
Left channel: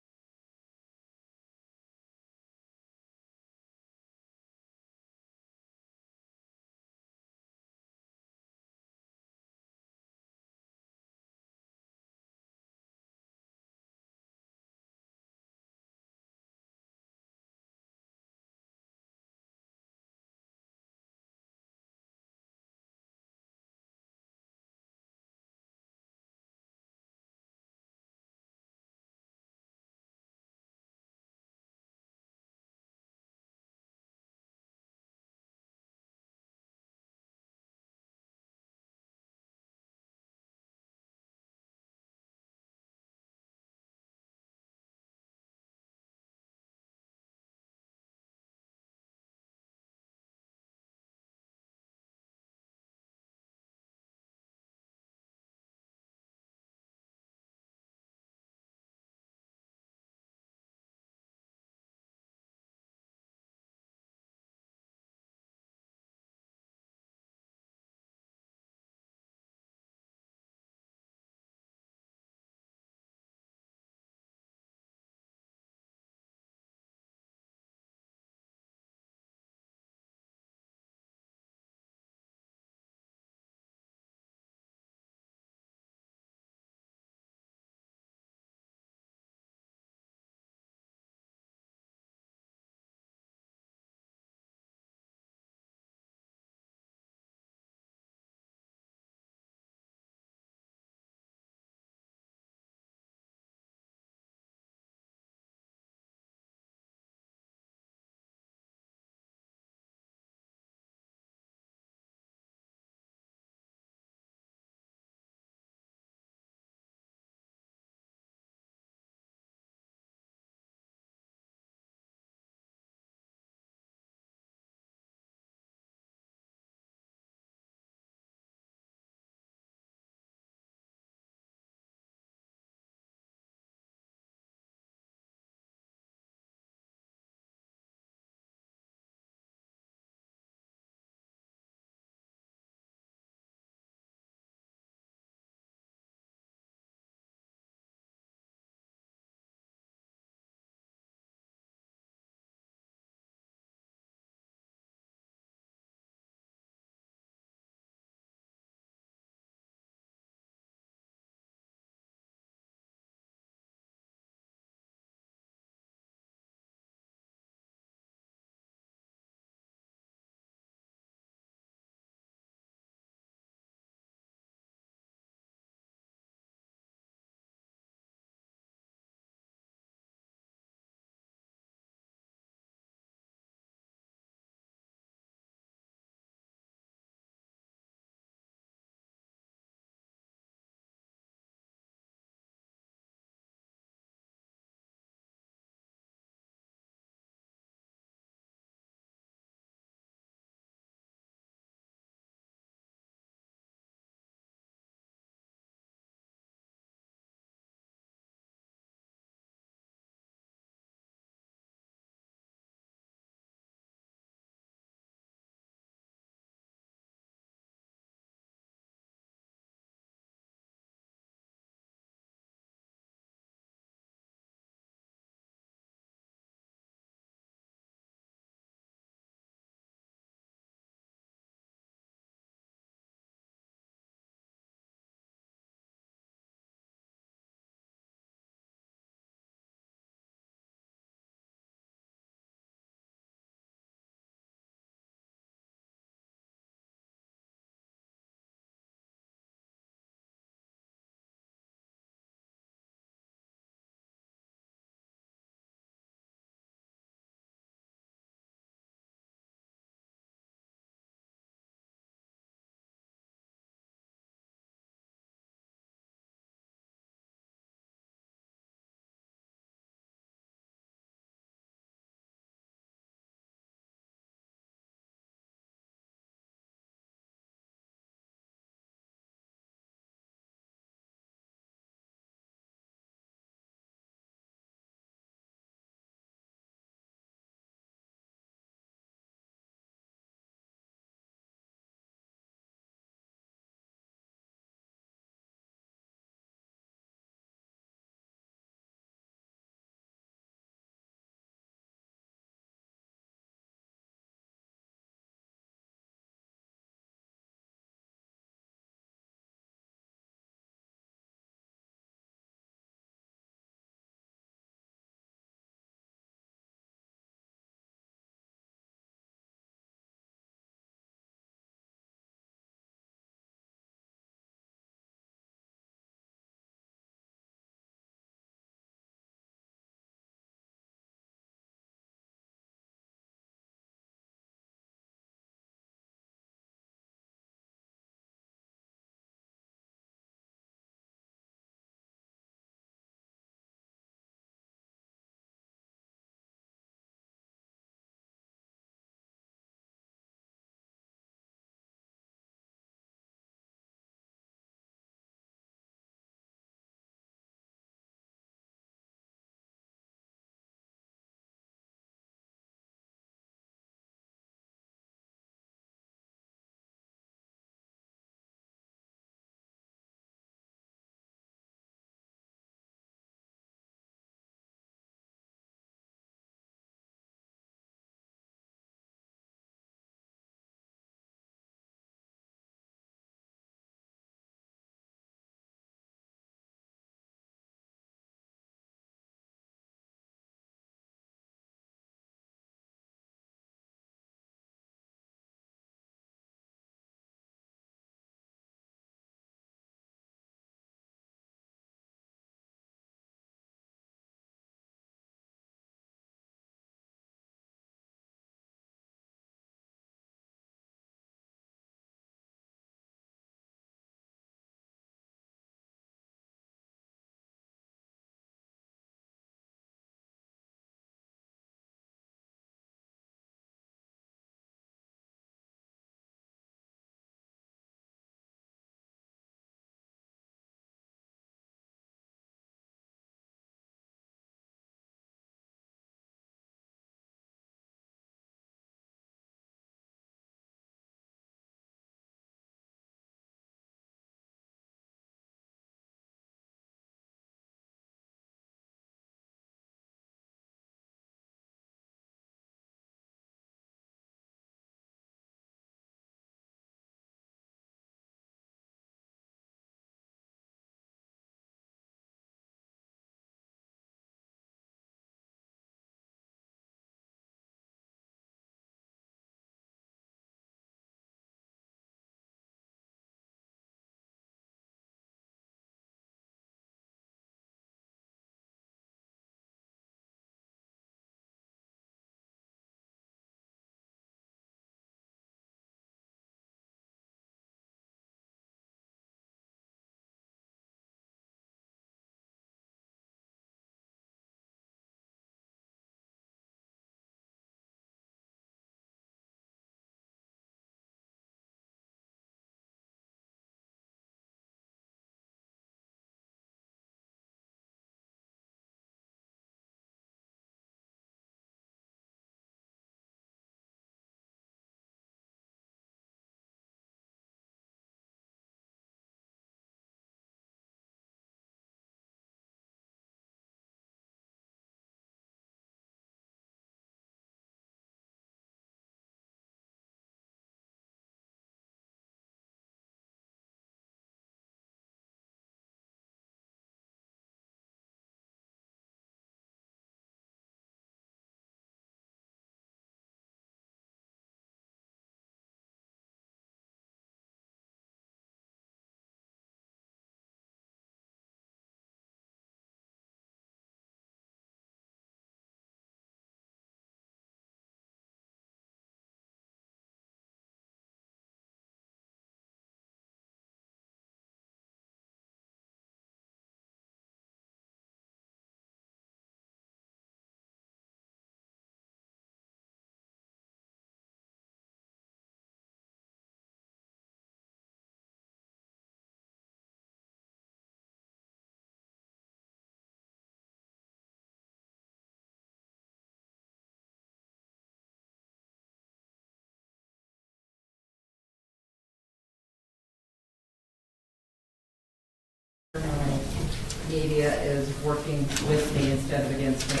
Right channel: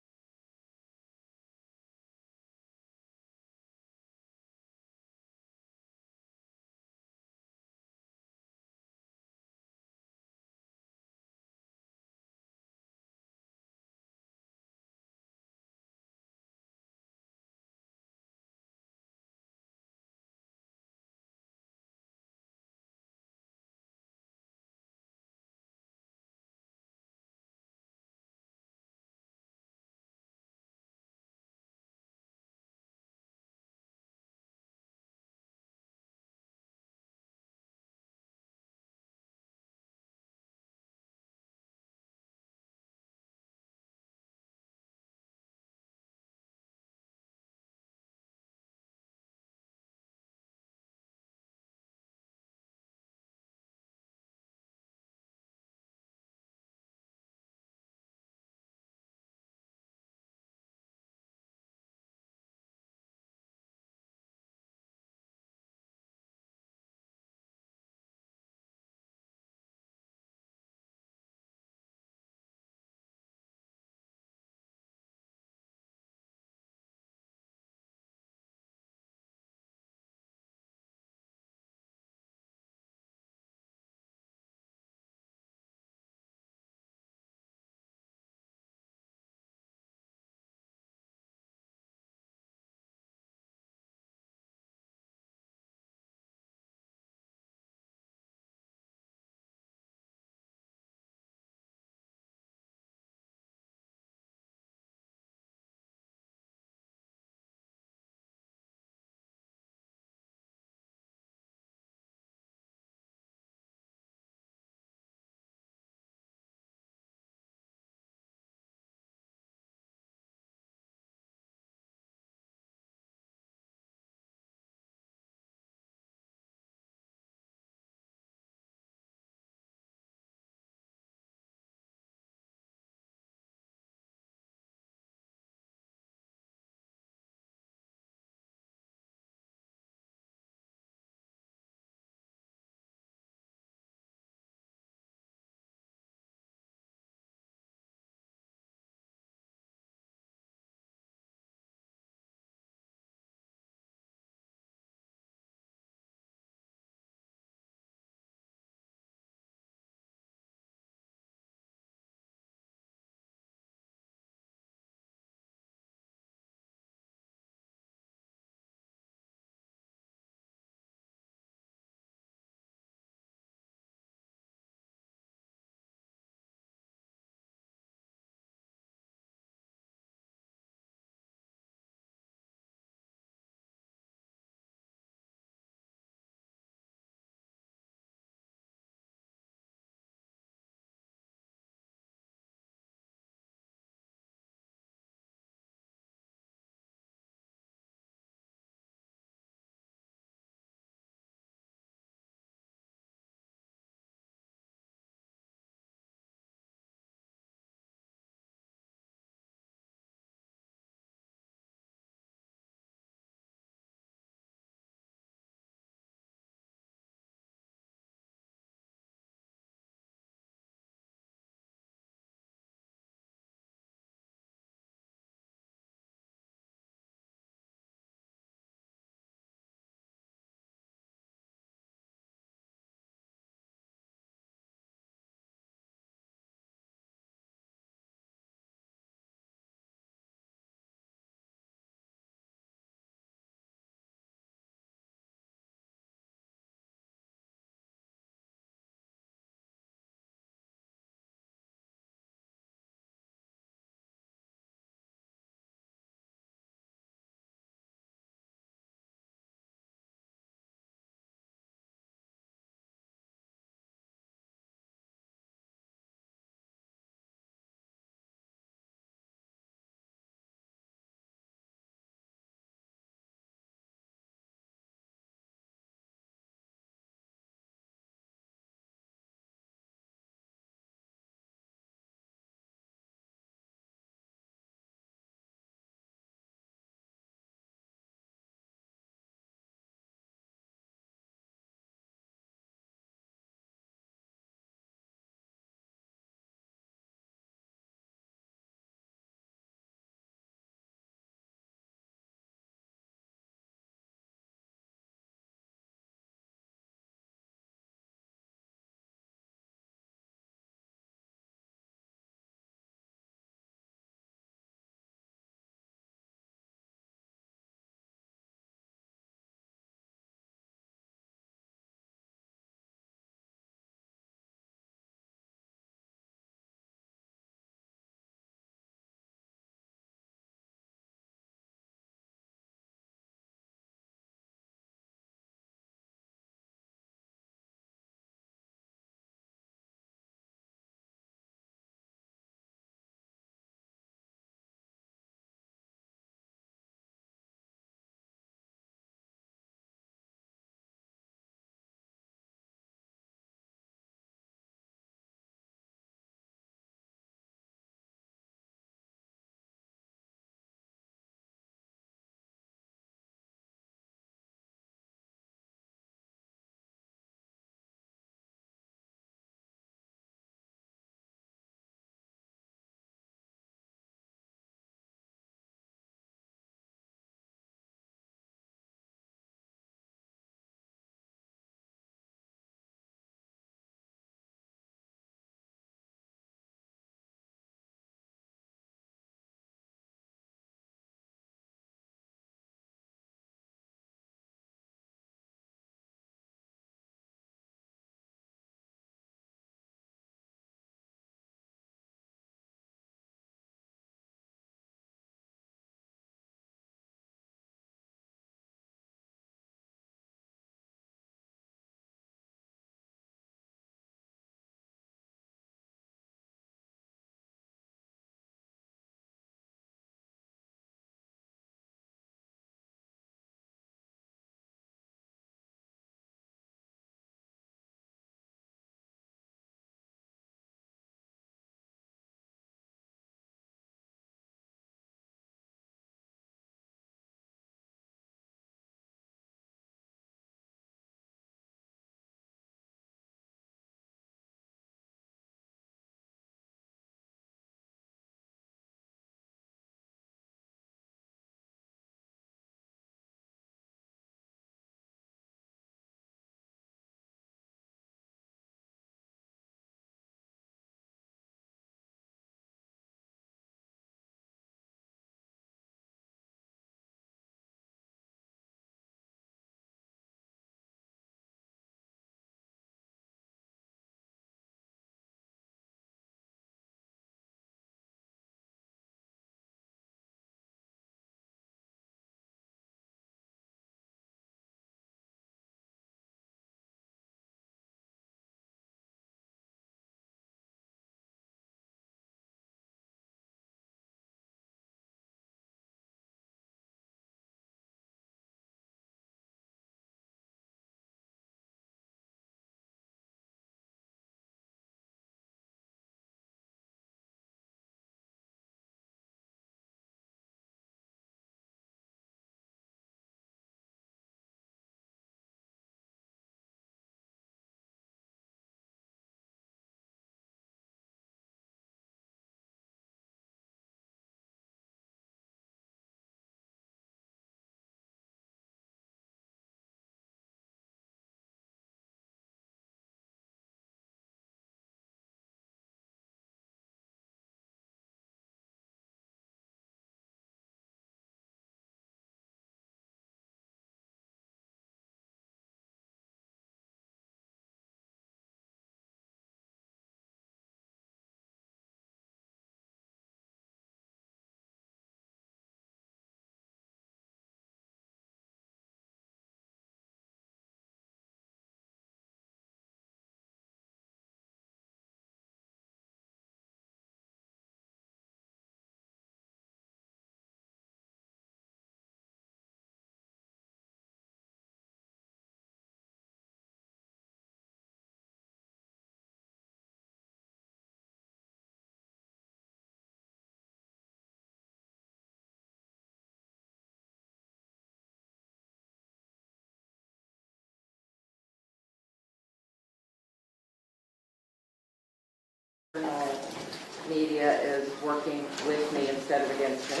media is working with me instead of against me.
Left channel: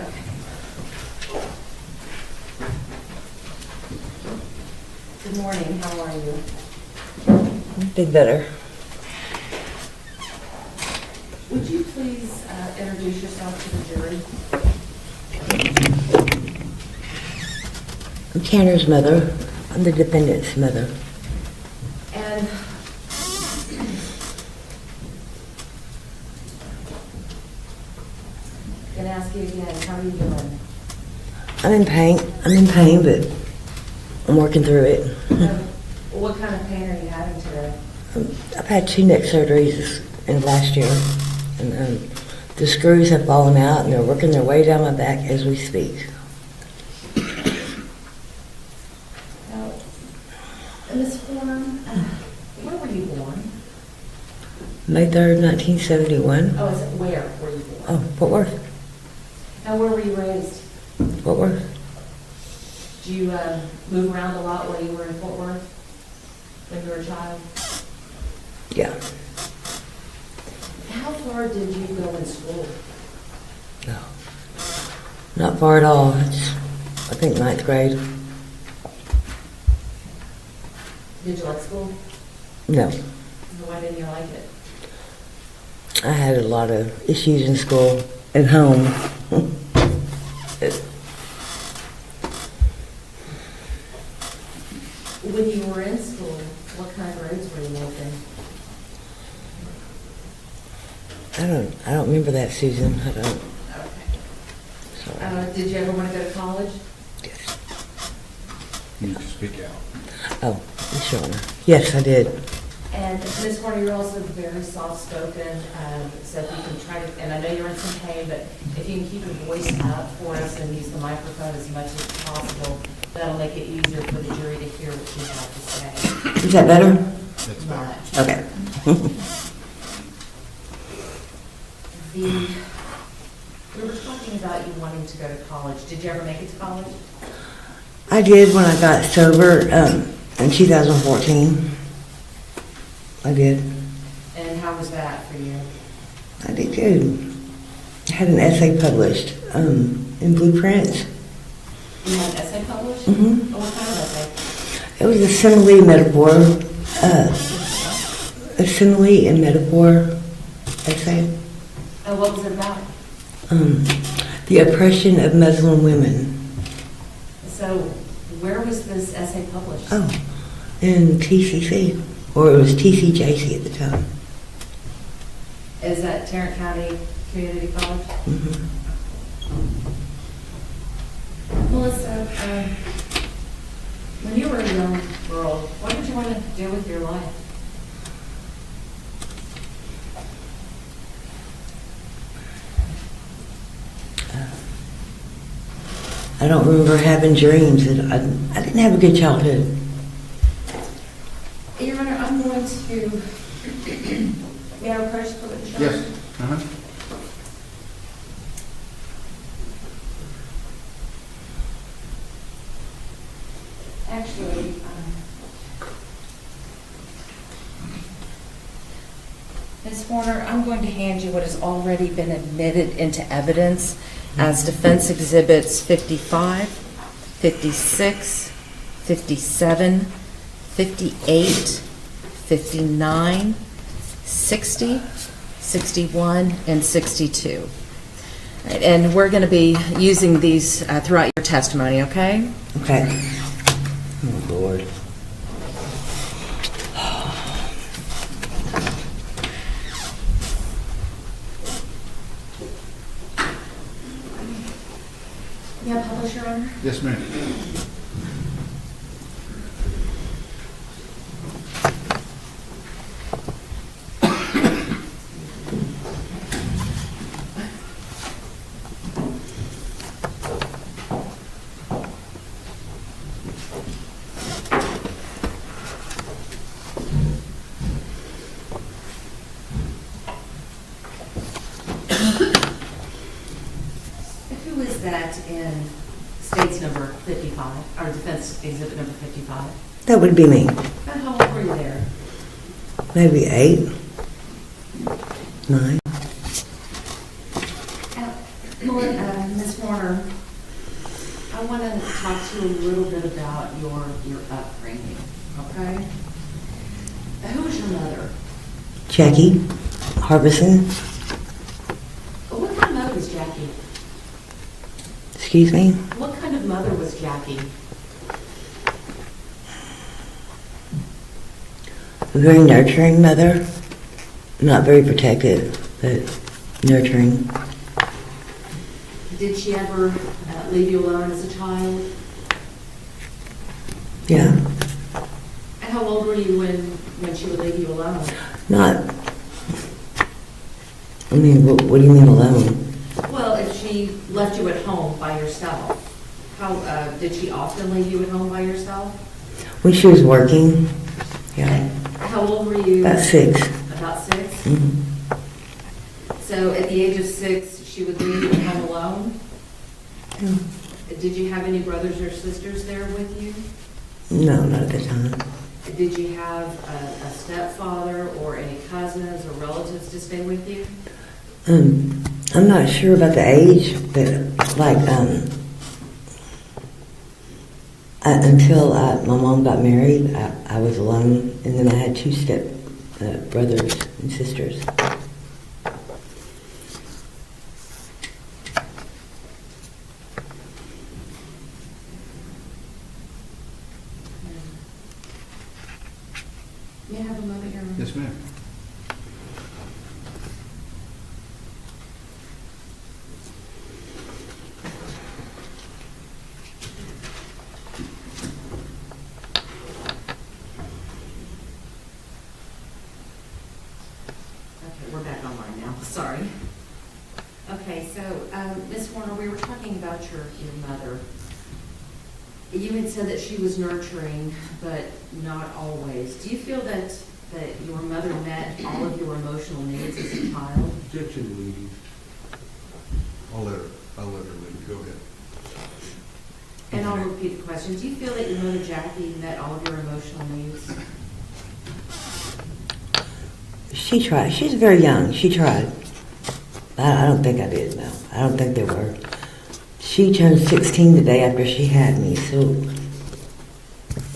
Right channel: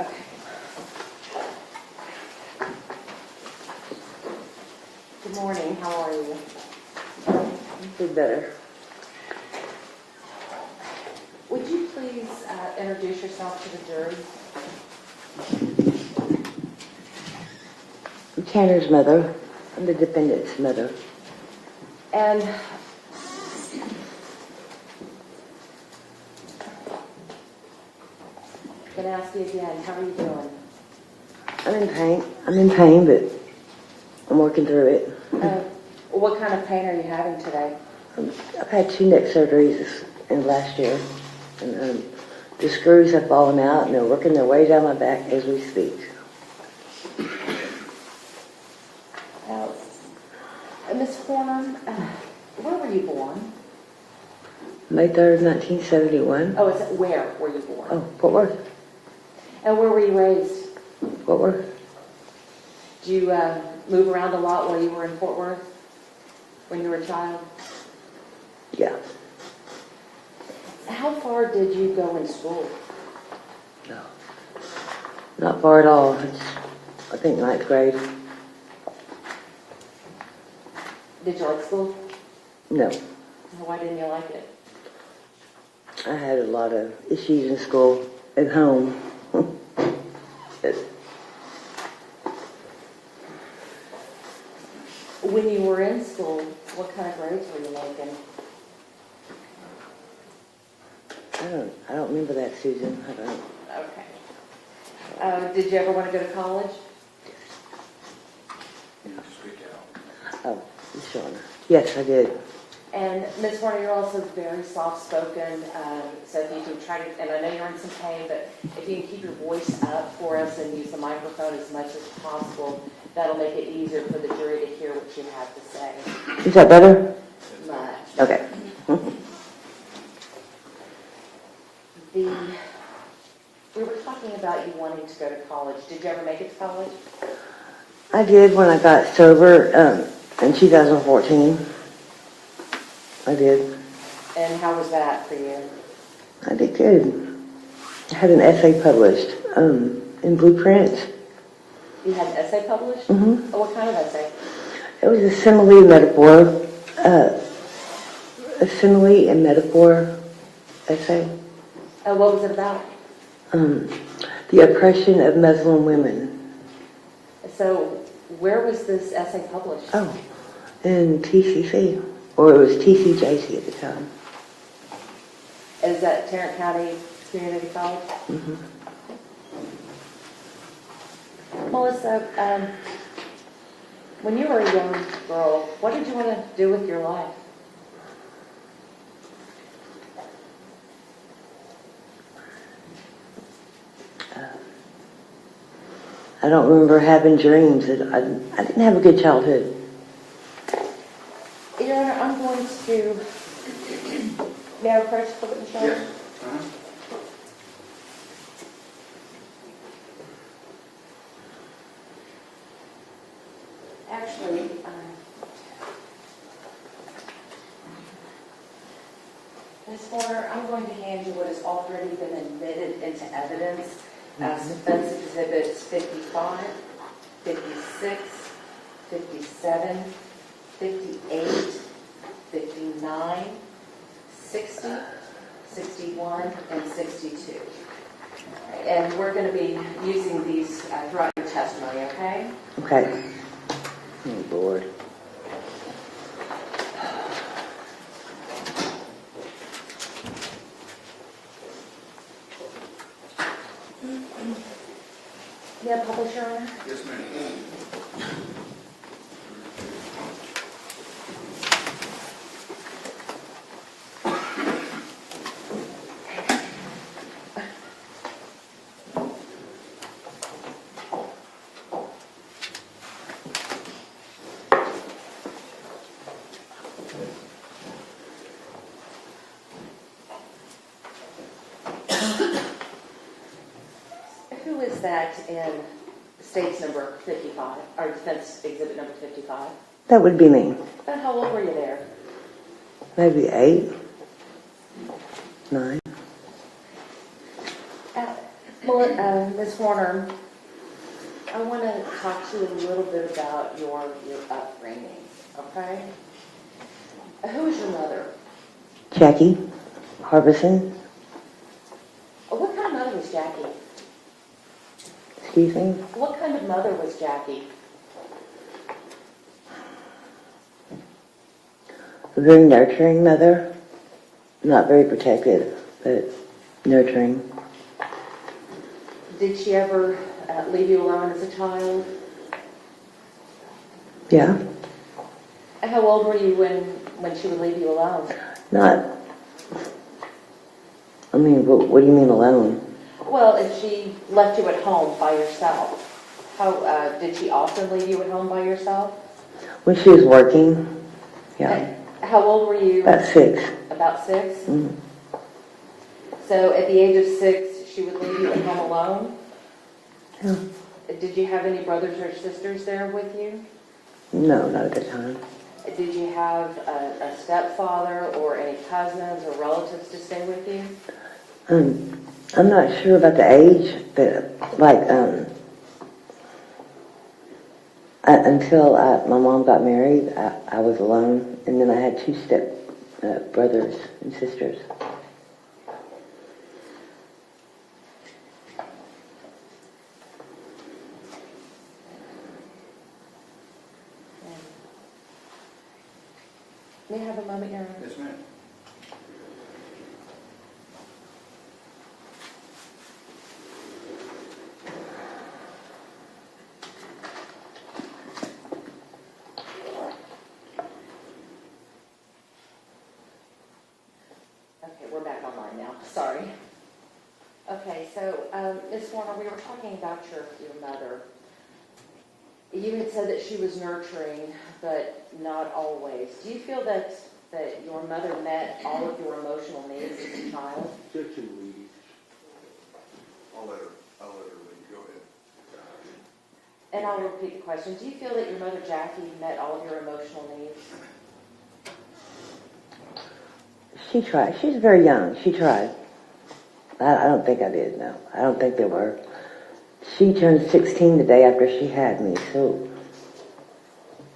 Okay. Good morning, how are you? Been better. Would you please introduce yourself to the jury? I'm Tanner's mother. I'm the defendant's mother. And I'm going to ask you again, how are you doing? I'm in pain. But I'm working through it. What kind of pain are you having today? I've had 2 neck surgeries in last year, and the screws have fallen out, and they're working their way down my back as we speak. Ms. Horner, where were you born? May 3rd, 1971. Oh, is it where were you born? Oh, Fort Worth. And where were you raised? Fort Worth. Did you move around a lot while you were in Fort Worth when you were a child? Yeah. How far did you go in school? No. Not far at all. It's, I think, 9th grade. Did you like school? No. Why didn't you like it? I had a lot of issues in school and home. When you were in school, what kind of grades were you making? I don't remember that, Susan. I don't. Okay. Did you ever want to go to college? You need to speak out. Oh, sure. Yes, I did. And Ms. Horner, you're also very soft-spoken, so if you can try to, and I know you're in some pain, but if you can keep your voice up for us and use the microphone as much as possible, that'll make it easier for the jury to hear what you have to say. Is that better? Much. Okay. We were talking about you wanting to go to college. Did you ever make it to college? I did when I got sober in 2014. I did. And how was that for you? I did good. I had an essay published in Blueprints. You had an essay published? Mm-hmm. Oh, what kind of essay? It was a simile metaphor. A simile and metaphor essay. Oh, what was it about? The oppression of Muslim women. So, where was this essay published? Oh, in TCC, or it was TCJC at the time. Is that Tarrant County Community College? Mm-hmm. Melissa, when you were a young girl, what did you want to do with your life? I don't remember having dreams. I didn't have a good childhood. Your Honor, I'm going to, may I request to put it in charge? Yes. Uh-huh. Actually, Ms. Horner, I'm going to hand you what has already been admitted into evidence as defense exhibits 55, 56, 57, 58, 59, 60, 61, and 62. And we're going to be using these throughout your testimony, okay? Okay. Oh, Lord. May I publish, Your Honor? Yes, ma'am. Who is that in states number 55, or defense exhibit number 55? That would be me. And how old were you there? Maybe 8. 9. Ms. Warner, I want to talk to you a little bit about your upbringing, okay? Who was your mother? Jackie Harbison. What kind of mother was Jackie? Excuse me? What kind of mother was Jackie? A very nurturing mother. Not very protective, but nurturing. Did she ever leave you alone as a child? Yeah. And how old were you when she would leave you alone? Not. I mean, what do you mean alone? Well, if she left you at home by yourself, how did she often leave you at home by yourself? When she was working, yeah. And how old were you? About 6. About 6? Mhm. So at the age of 6, she would leave you at home alone? Yeah. Did you have any brothers or sisters there with you? No, not at the time. Did you have a stepfather or any cousins or relatives to stay with you? I'm not sure about the age, but like, until my mom got married, I was alone, and then I had 2 step brothers and sisters. May I have a moment, Your Honor? Yes, ma'am. Okay, we're back online now, sorry. Okay, so, Ms. Warner, we were talking about your mother. You had said that she was nurturing, but not always. Do you feel that your mother met all of your emotional needs as a child? Objection, lady. I'll let her leave. Go ahead. And I'll repeat the question. Do you feel that your mother, Jackie, met all of your emotional needs? She tried. She's very young. She tried. I don't think I did, no. I don't think they were. She turned 16 the day after she had me, so,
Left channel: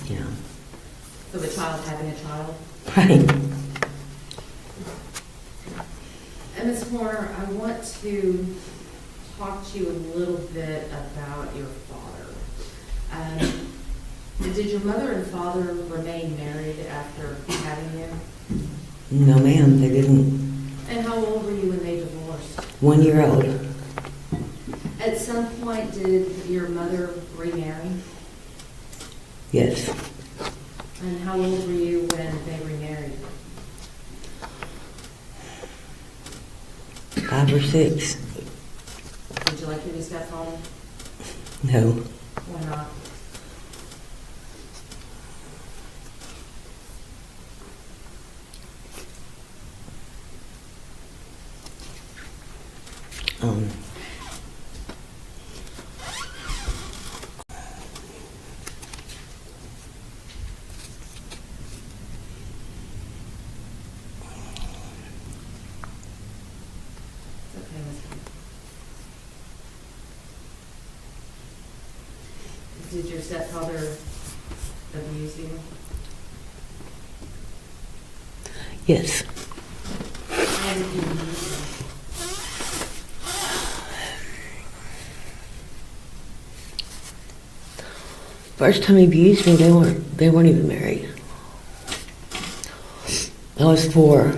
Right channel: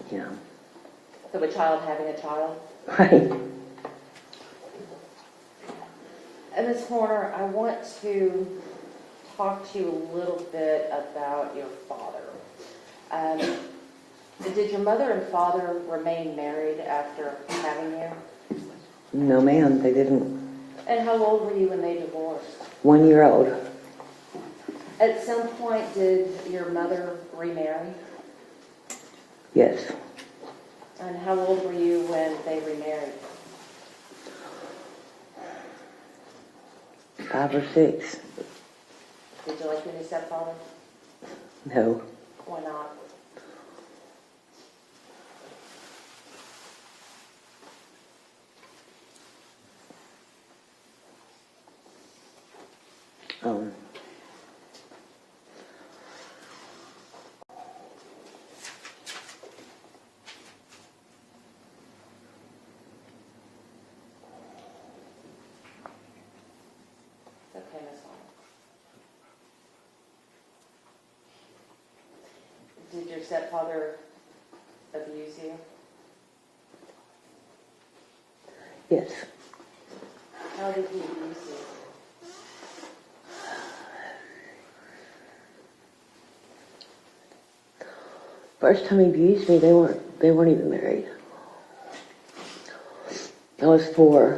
you know. So the child having a child? Right. And Ms. Horner, I want to talk to you a little bit about your father. Did your mother and father remain married after having you? No, ma'am, they didn't. And how old were you when they divorced? 1 year old. At some point, did your mother remarry? Yes. And how old were you when they remarried? 5 or 6. Did you like your stepfather? No. Why not? Um, It's okay, Ms. Horner. Did your stepfather abuse you? yes. How did he abuse you? First time he abused me, they weren't even married. I was 4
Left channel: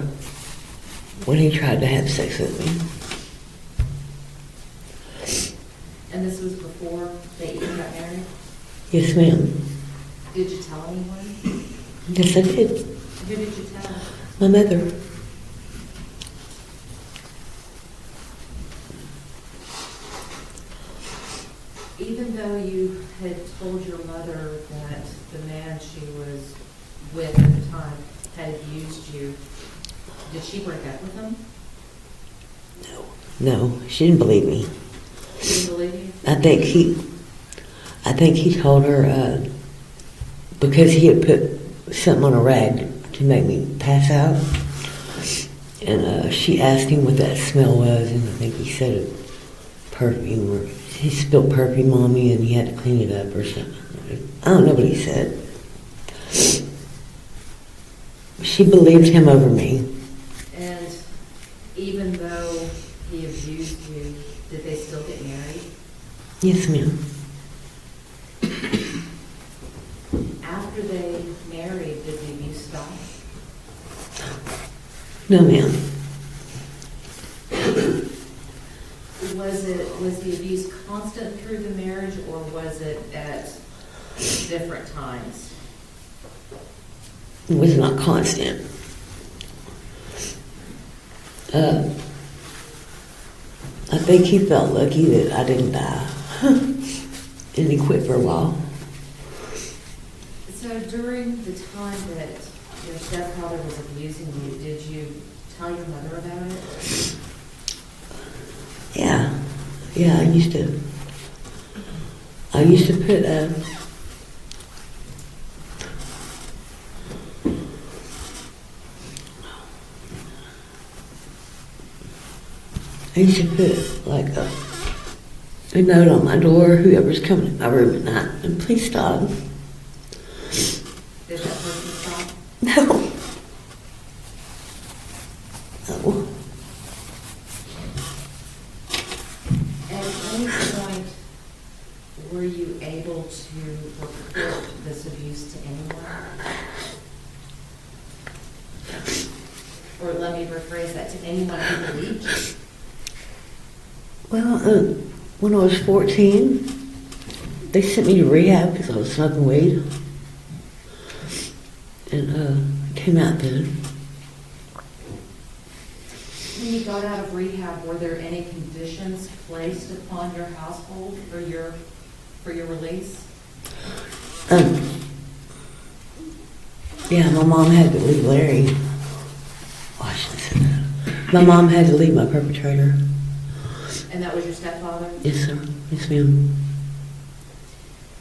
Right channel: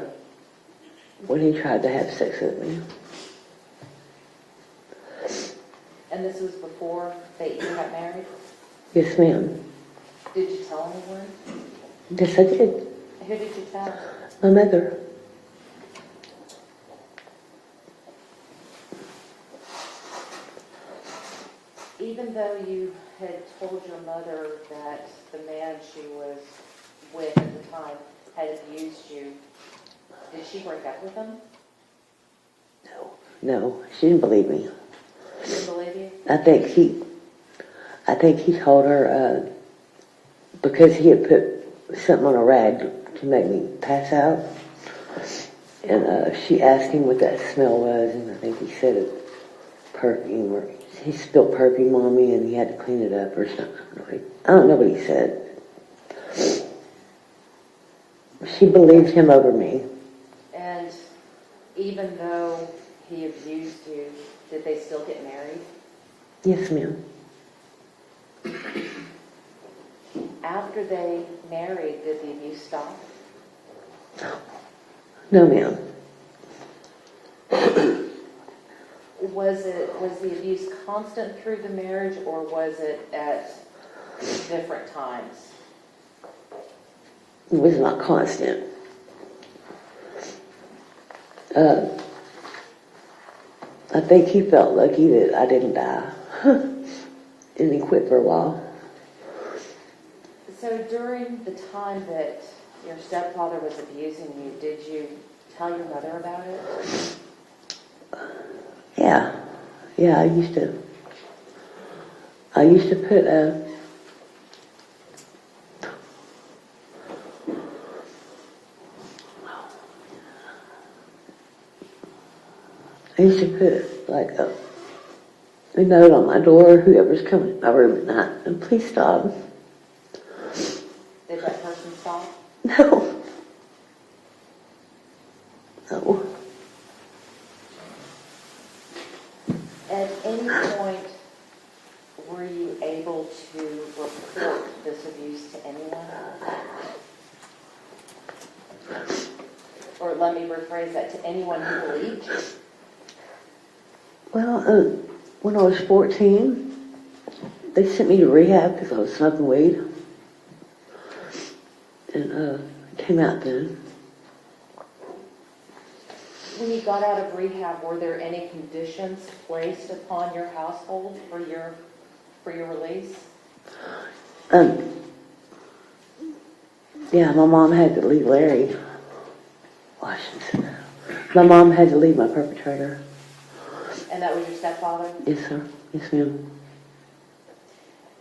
when he tried to have sex with me. And this was before they even got married? Yes, ma'am. Did you tell anyone? Yes, I did. Who did you tell? My mother. Even though you had told your mother that the man she was with at the time had abused you, did she break up with him? No, she didn't believe me. She didn't believe you? I think he told her because he had put something on a rag to make me pass out. And she asked him what that smell was, and I think he said it, perfume, or he spilled perfume on me and he had to clean it up or something. I don't know what he said. She believed him over me. And even though he abused you, did they still get married? Yes, ma'am. After they married, did the abuse stop? No, ma'am. Was the abuse constant through the marriage, or was it at different times? It was not constant. I think he felt lucky that I didn't die. And he quit for a while. So during the time that your stepfather was abusing you, did you tell your mother about it? Yeah. Yeah, I used to put, like a note on my door, whoever's coming in my room at night, and please stop. Did that person stop? No. No. At any point, were you able to report this abuse to anyone? Or let me rephrase that, to anyone who believed you? Well, when I was 14, they sent me to rehab because I was smoking weed. And came out then. When you got out of rehab, were there any conditions placed upon your household for your release? Yeah, my mom had to leave Larry. Oh, I shouldn't say that. My mom had to leave my perpetrator. And that was your stepfather? Yes, sir. Yes, ma'am.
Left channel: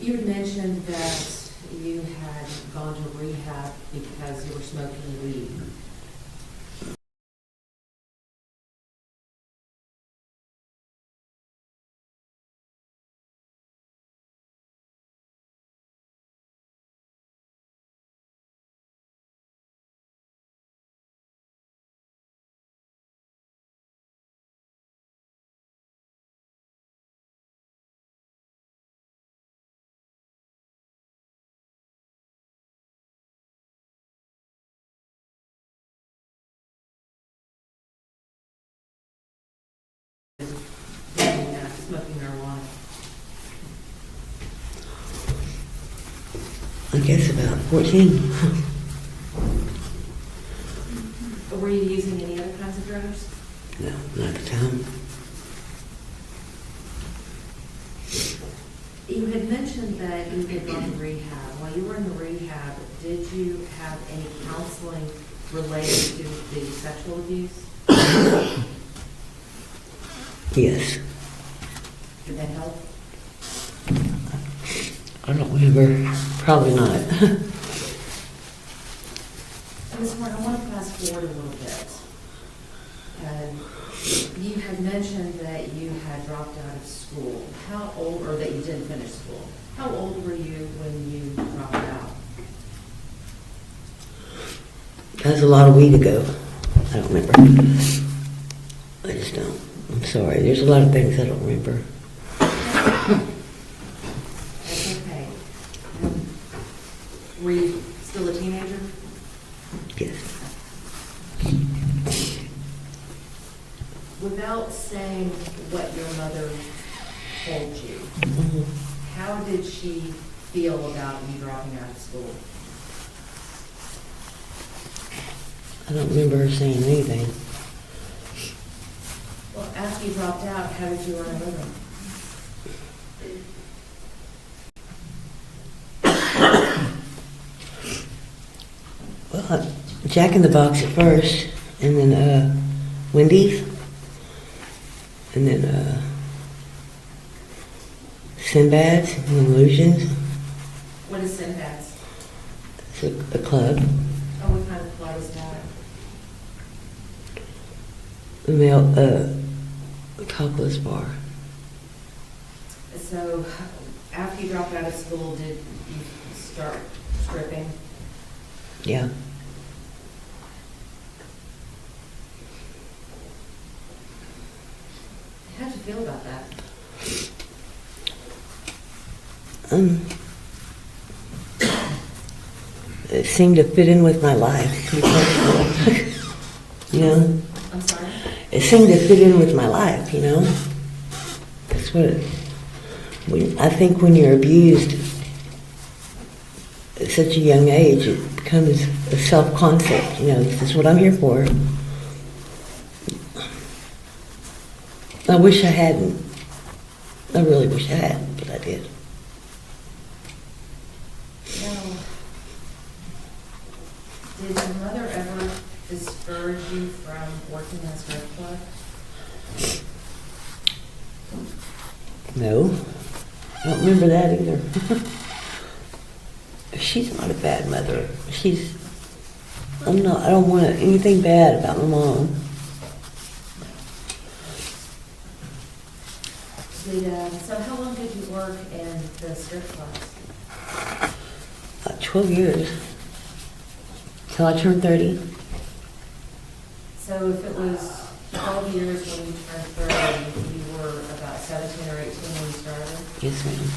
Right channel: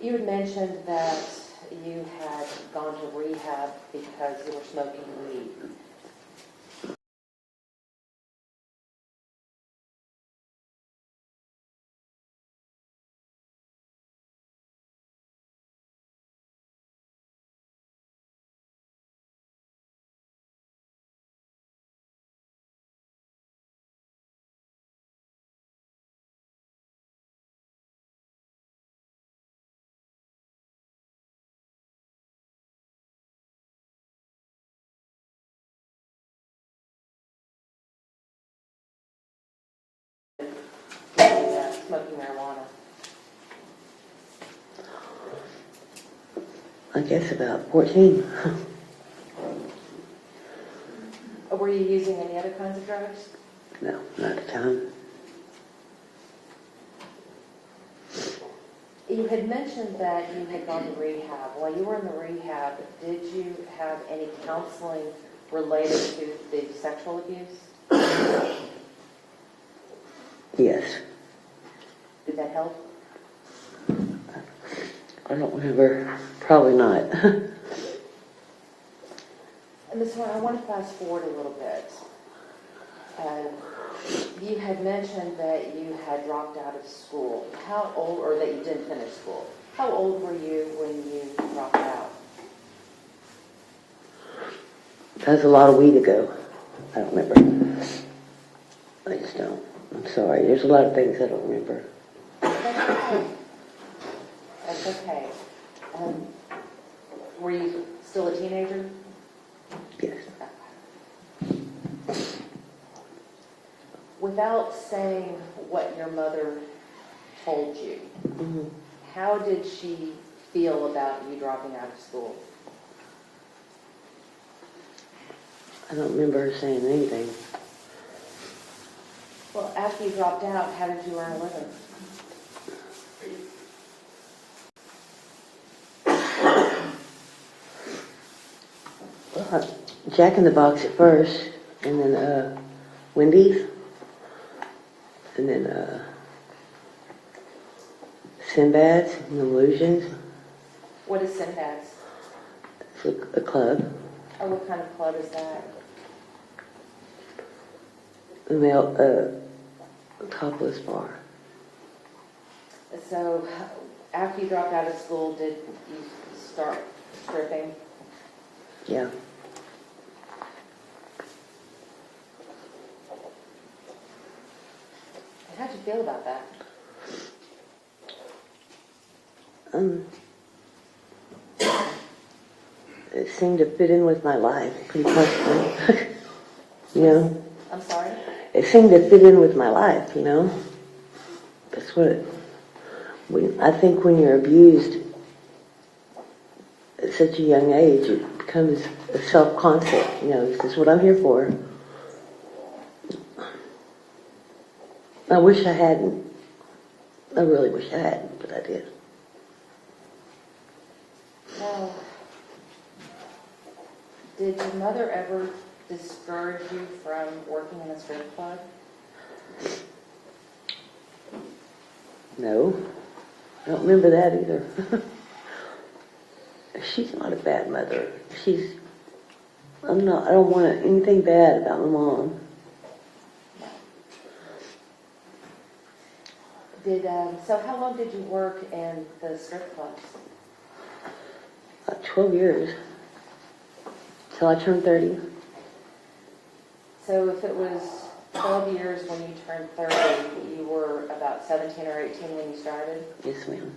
You had mentioned that you had gone to rehab because you were smoking weed. Smoking marijuana. I guess about 14. Were you using any other kinds of drugs? No, not at the time. You had mentioned that you had gone to rehab. While you were in the rehab, did you have any counseling related to the sexual abuse? Yes. Did that help? I don't remember. Probably not. And Ms. Horn, I want to fast forward a little bit. You had mentioned that you had dropped out of school. How old, or that you didn't finish school. How old were you when you dropped out? That's a lot of weed ago. I don't remember. I just don't. I'm sorry. There's a lot of things I don't remember. That's okay. Were you still a teenager? Yes. Without saying what your mother told you, how did she feel about you dropping out of school? I don't remember her saying anything. Well, after you dropped out, how did you earn a living? Well, Jack in the Box at first, and then Wendy's, and then Sinbad's and Illusions. What is Sinbad's? It's a club. Oh, what kind of club is that? male, topless bar. So after you dropped out of school, did you start stripping? Yeah. How'd you feel about that? It seemed to fit in with my life. You know? I'm sorry? It seemed to fit in with my life, you know? That's what I think when you're abused at such a young age, it becomes a self-concept, you know, this is what I'm here for. I wish I hadn't. I really wish I hadn't, but I did. Now, did your mother ever discourage you from working in a strip club? No, I don't remember that either. She's not a bad mother. I don't want anything bad about my mom. So how long did you work in the strip clubs? 12 years. Till I turned 30. So if it was 12 years when you turned 30, you were about 17 or 18 when you started? Yes, ma'am.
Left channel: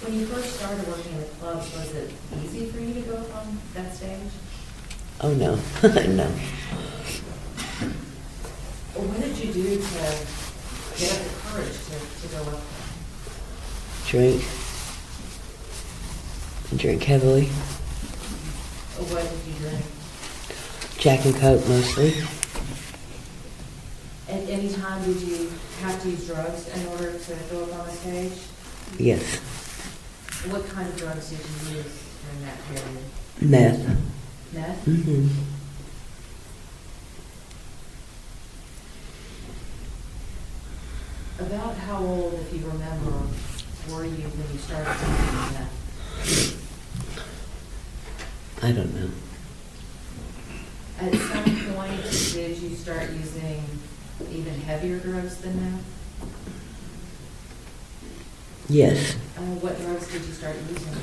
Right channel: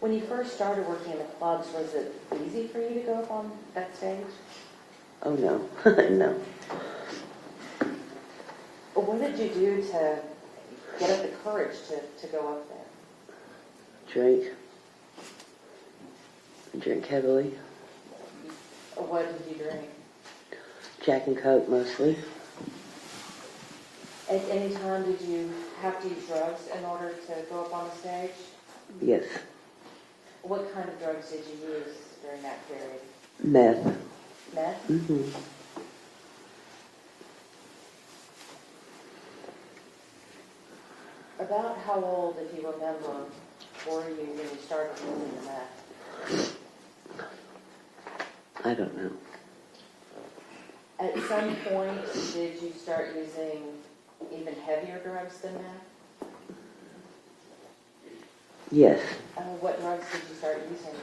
When you first started working in the clubs, was it easy for you to go up on that stage? Oh, no. No. Or what did you do to get up the courage to go up there? Drink. Drink heavily. Or what did you drink? Jack and Coke mostly. At any time did you have to use drugs in order to go up on the stage? Yes. What kind of drugs did you use during that period? Meth. Meth? Mm-hmm. About how old, if you remember, were you when you started using meth? I don't know. At some point, did you start using even heavier drugs than meth? Yes. What drugs did you start using?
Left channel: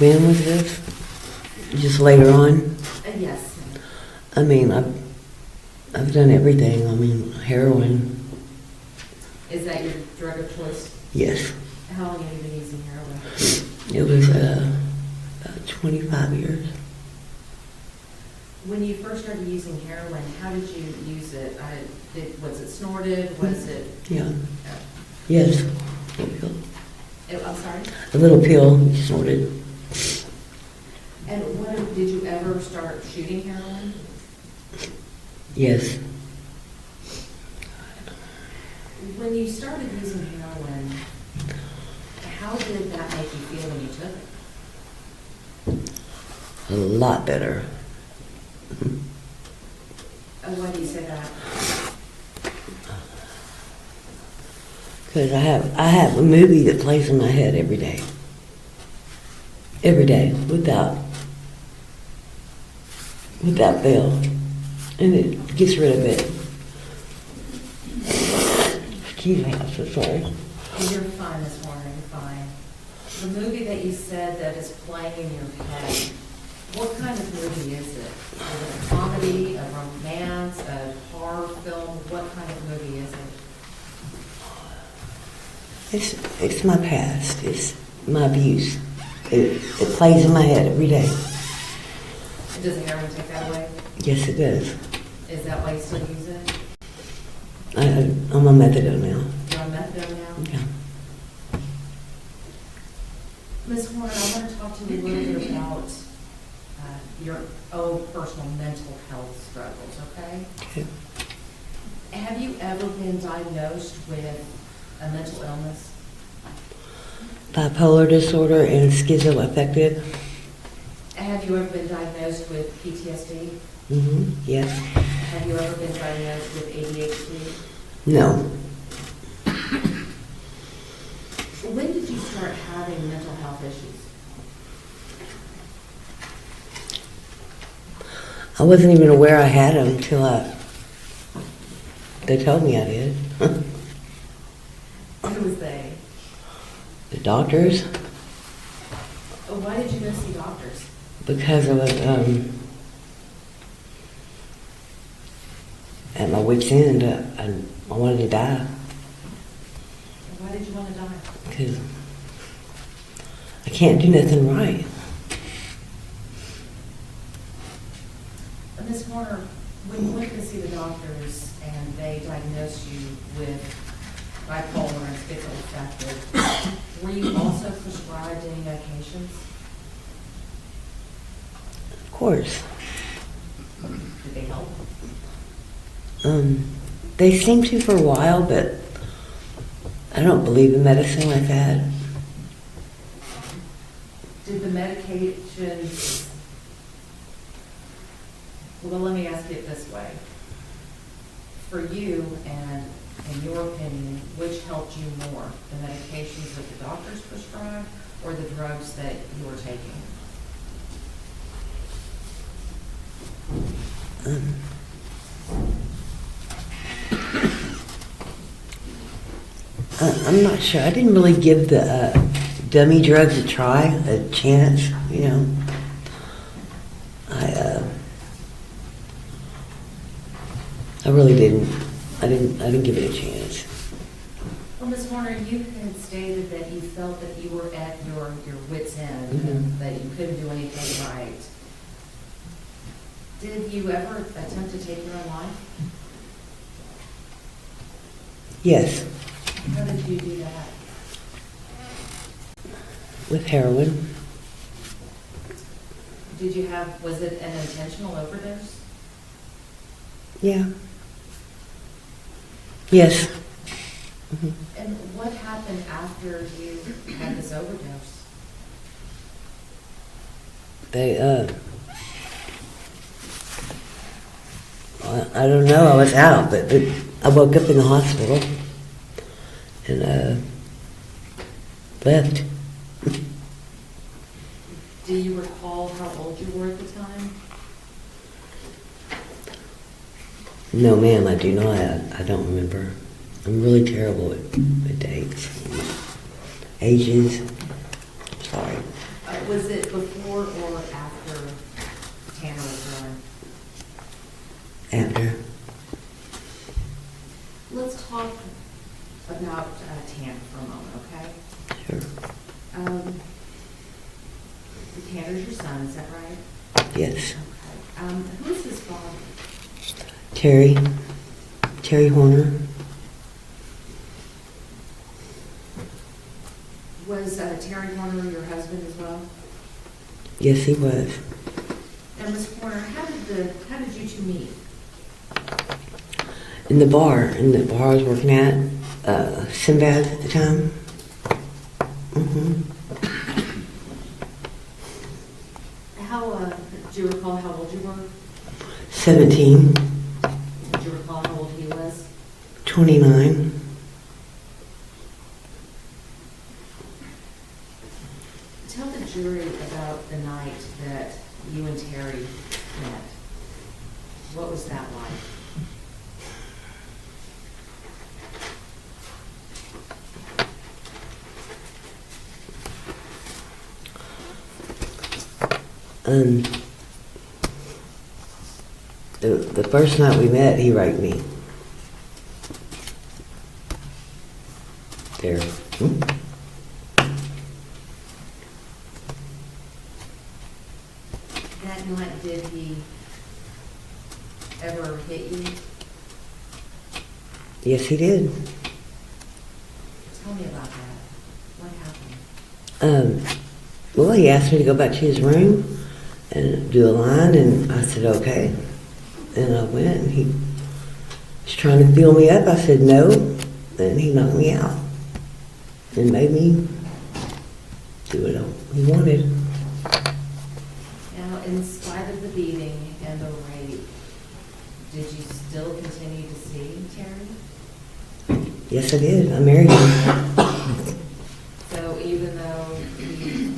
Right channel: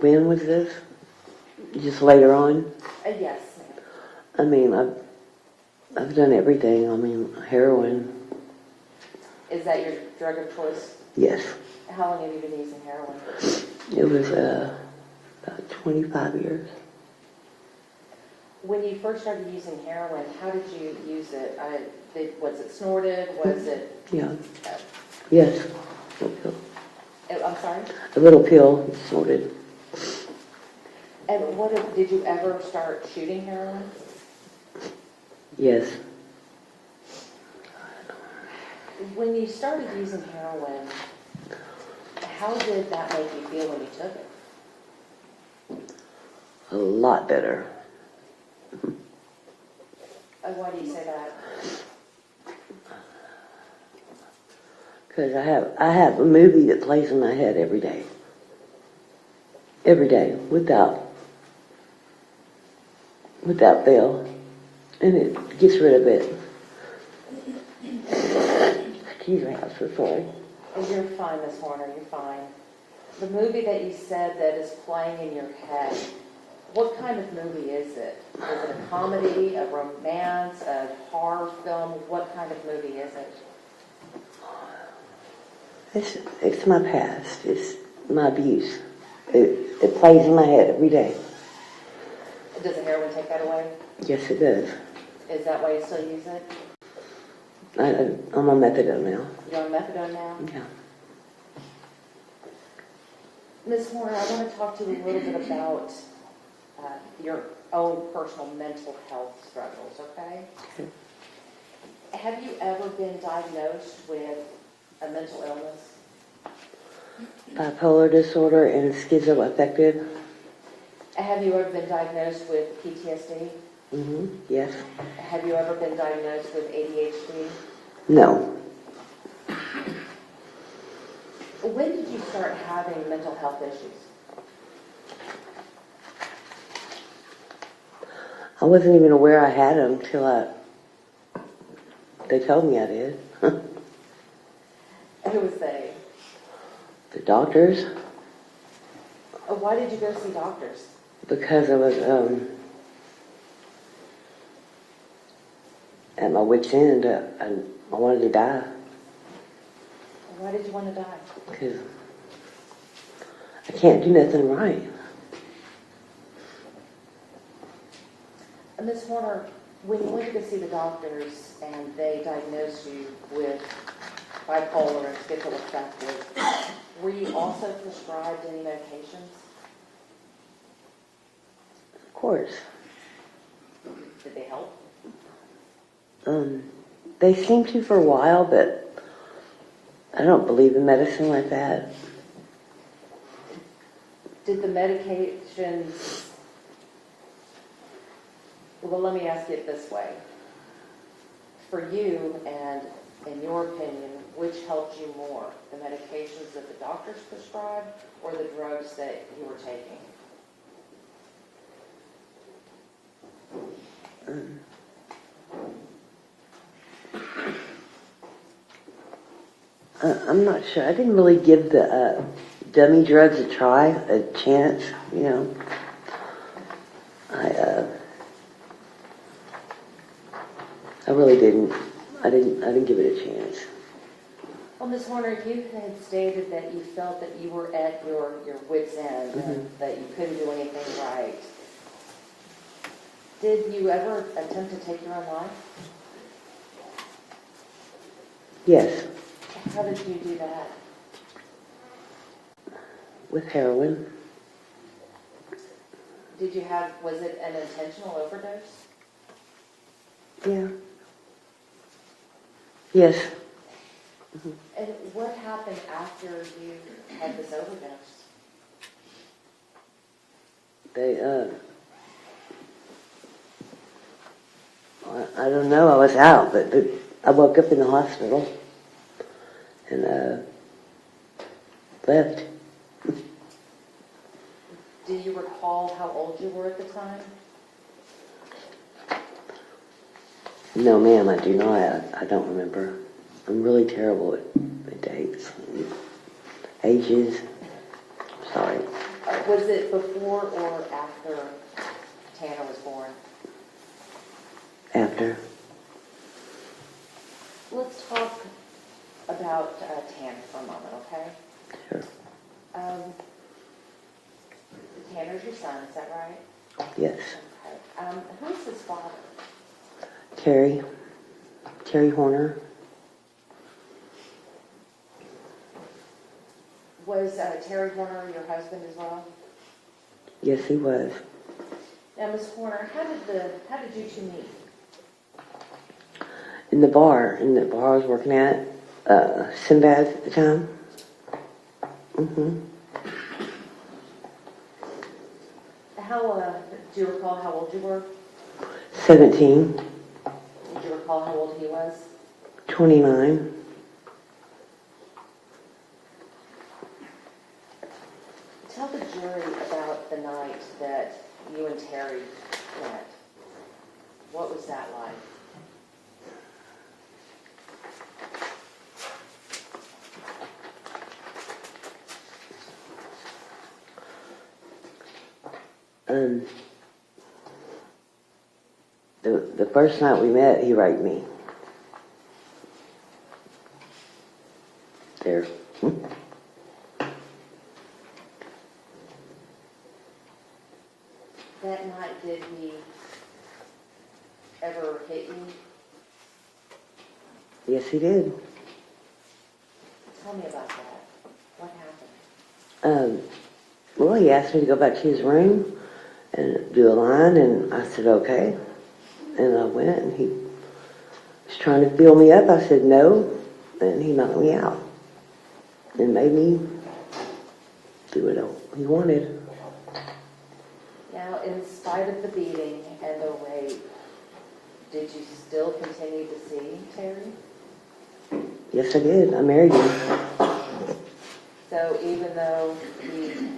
When was this? Just later on? Yes. I mean, I've done everything. I mean, heroin. Is that your drug of choice? Yes. How long have you been using heroin? It was about 25 years. When you first started using heroin, how did you use it? Was it snorted? Was it? Yeah. Yes. Little pill. I'm sorry? A little pill, snorted. And did you ever start shooting heroin? Yes. When you started using heroin, how did that make you feel when you took it? A lot better. Mhm. Why do you say that? Because I have a movie that plays in my head every day. Every day, without fail. And it gets rid of it. Excuse me, I'm so sorry. And you're fine, Miss Warner, you're fine. The movie that you said that is playing in your head, what kind of movie is it? Is it a comedy, a romance, a horror film? What kind of movie is it? It's my past. It's my abuse. It plays in my head every day. Does the heroin take that away? Yes, it does. Is that why you still use it? I'm on methadone now. You're on methadone now? Yeah. Ms. Horner, I want to talk to you a little bit about your own personal mental health struggles, okay? Okay. Have you ever been diagnosed with a mental illness? Bipolar disorder and schizoaffective. Have you ever been diagnosed with PTSD? Mm-hmm. Yes. Have you ever been diagnosed with ADHD? No. When did you start having mental health issues? I wasn't even aware I had them until they told me I did. Who was they? The doctors, Why did you go see doctors? because I was at my wit's end. I wanted to die Why did you want to die? because I can't do nothing right. Ms. Horner, when you went to see the doctors and they diagnosed you with bipolar and schizoaffective, were you also prescribed any medications? Of course. Did they help? They seemed to for a while, but I don't believe in medicine like that. Did the medications, well, let me ask it this way. For you, and in your opinion, which helped you more? The medications that the doctors prescribed or the drugs that you were taking? I'm not sure. I didn't really give the dummy drugs a try, a chance, you know. I really didn't. I didn't give it a chance. Well, Ms. Horner, you had stated that you felt that you were at your wit's end and that you couldn't do anything right. Did you ever attempt to take your own life? Yes, How did you do that? with heroin. Was it an intentional overdose? Yeah. Yes. And what happened after you had this overdose? They, I don't know. I was out, but I woke up in the hospital and left. Do you recall how old you were at the time? No, ma'am, I do not. I don't remember. I'm really terrible with dates, ages. Sorry. Was it before or after Tanner was born? After. Let's talk about Tanner for a moment, okay? Sure. Tanner's your son, is that right? Yes. Okay. Who's his father? Terry Horner. Was Terry Horner your husband as well? Yes, he was. Now, Ms. Horner, how did you two meet? In the bar I was working at, Sinbad at the time. Do you recall how old you were? 17, Do you recall how old he was? 29. Tell the jury about the night that you and Terry met. What was that like? The first night we met, he raped me. There. That night, did he ever hit you? Yes, he did. Tell me about that. What happened? Well, he asked me to go back to his room and do the line, and I said, okay. And I went, and he was trying to feel me up. I said, no. And he knocked me out and made me do what he wanted. Now, in spite of the beating and the rape, did you still continue to see Terry? Yes, I did. I married him. So even though he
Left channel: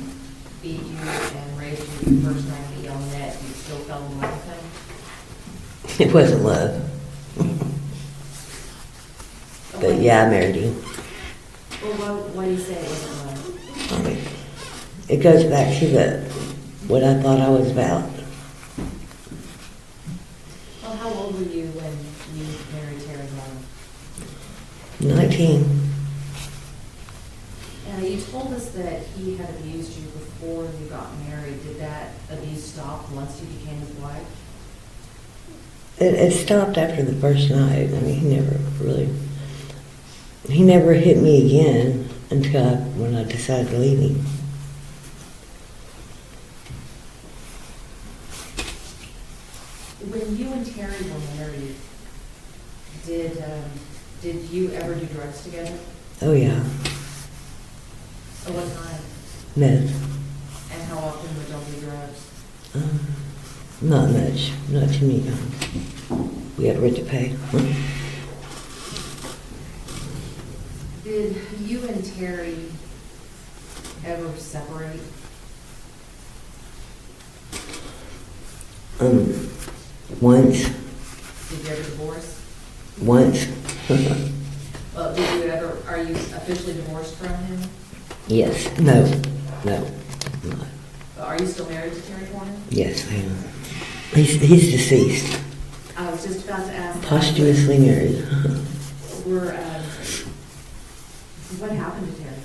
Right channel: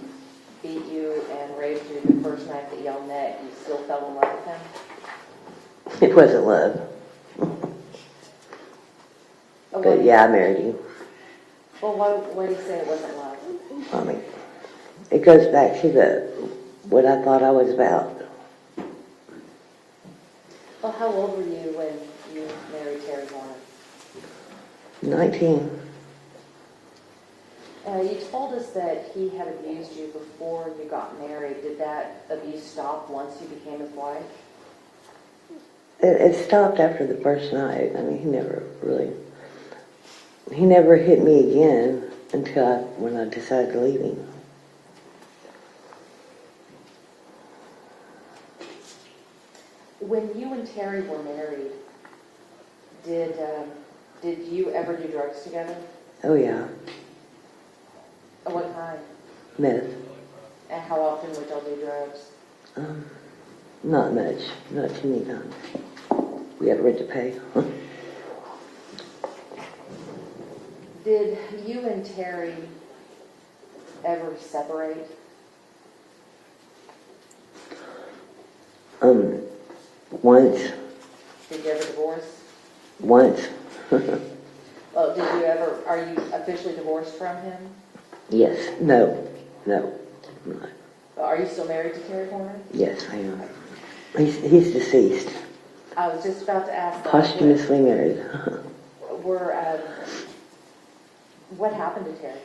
beat you and raped you the first night that y'all met, you still fell in love with him? It wasn't love. But yeah, I married him. Well, why do you say it wasn't love? I mean, it goes back to what I thought I was about. Well, how old were you when you married Terry Warner? 19. You told us that he had abused you before you got married. Did that abuse stop once you became his wife? It stopped after the first night. I mean, he never hit me again until when I decided to leave him. When you and Terry were married, did you ever do drugs together? Oh yeah, At what time? meth. And how often would y'all do drugs? Not much, not too many times. We had rent to pay. Did you and Terry ever separate? Once, Did you ever divorce? once. Well, are you officially divorced from him? Yes, no. Are you still married to Terry Warner? Yes, I am. He's deceased, I was just about to ask that. posthumously married. What happened to Terry?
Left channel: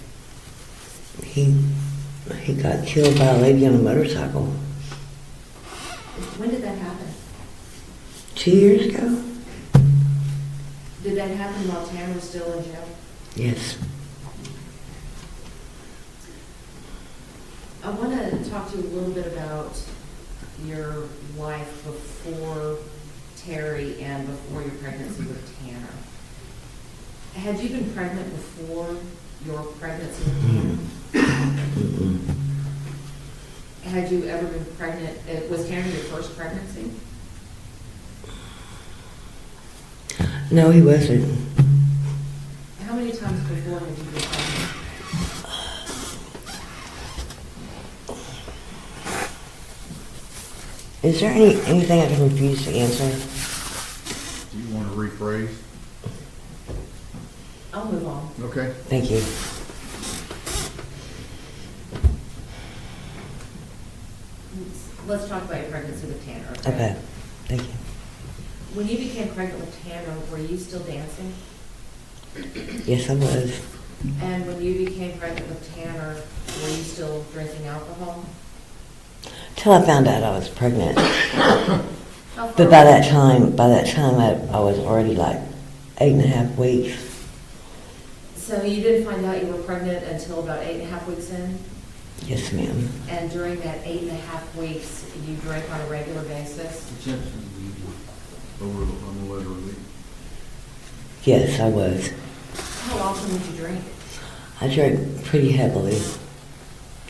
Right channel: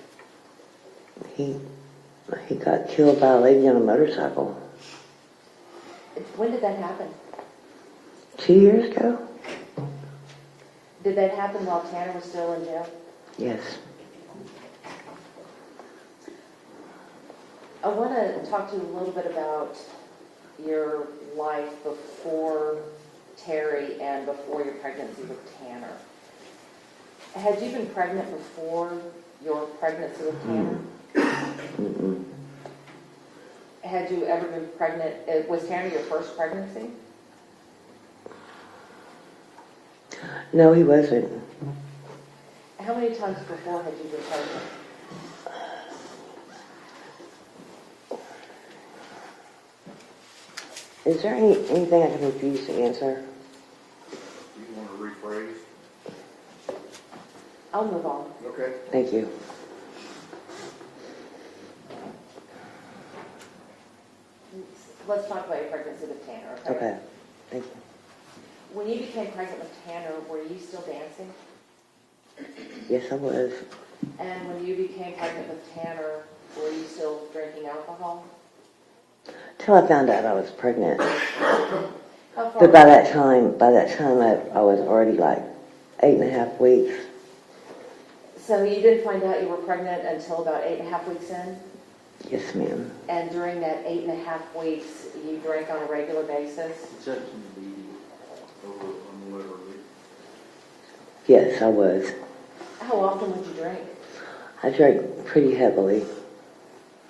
He got killed by a lady on a motorcycle When did that happen? 2 years ago. Did that happen while Tanner was still in jail? Yes. I want to talk to you a little bit about your life before Terry and before your pregnancy with Tanner. Had you been pregnant before your pregnancy with Tanner? Mm-mm. Had you ever been pregnant? Was Tanner your first pregnancy? No, he wasn't. How many times before had you been pregnant? Is there anything I can refuse to answer? Do you want to rephrase? I'll move on. Okay. Thank you. Let's talk about your pregnancy with Tanner. Okay, thank you. When you became pregnant with Tanner, were you still dancing? Yes, I was. And when you became pregnant with Tanner, were you still drinking alcohol? Till I found out I was pregnant. How far? But by that time, I was already like 8.5 weeks. So you didn't find out you were pregnant until about 8.5 weeks in? Yes, ma'am. And during that 8.5 weeks, you drank on a regular basis? Yes, I was. How often would you drink? I drank pretty heavily.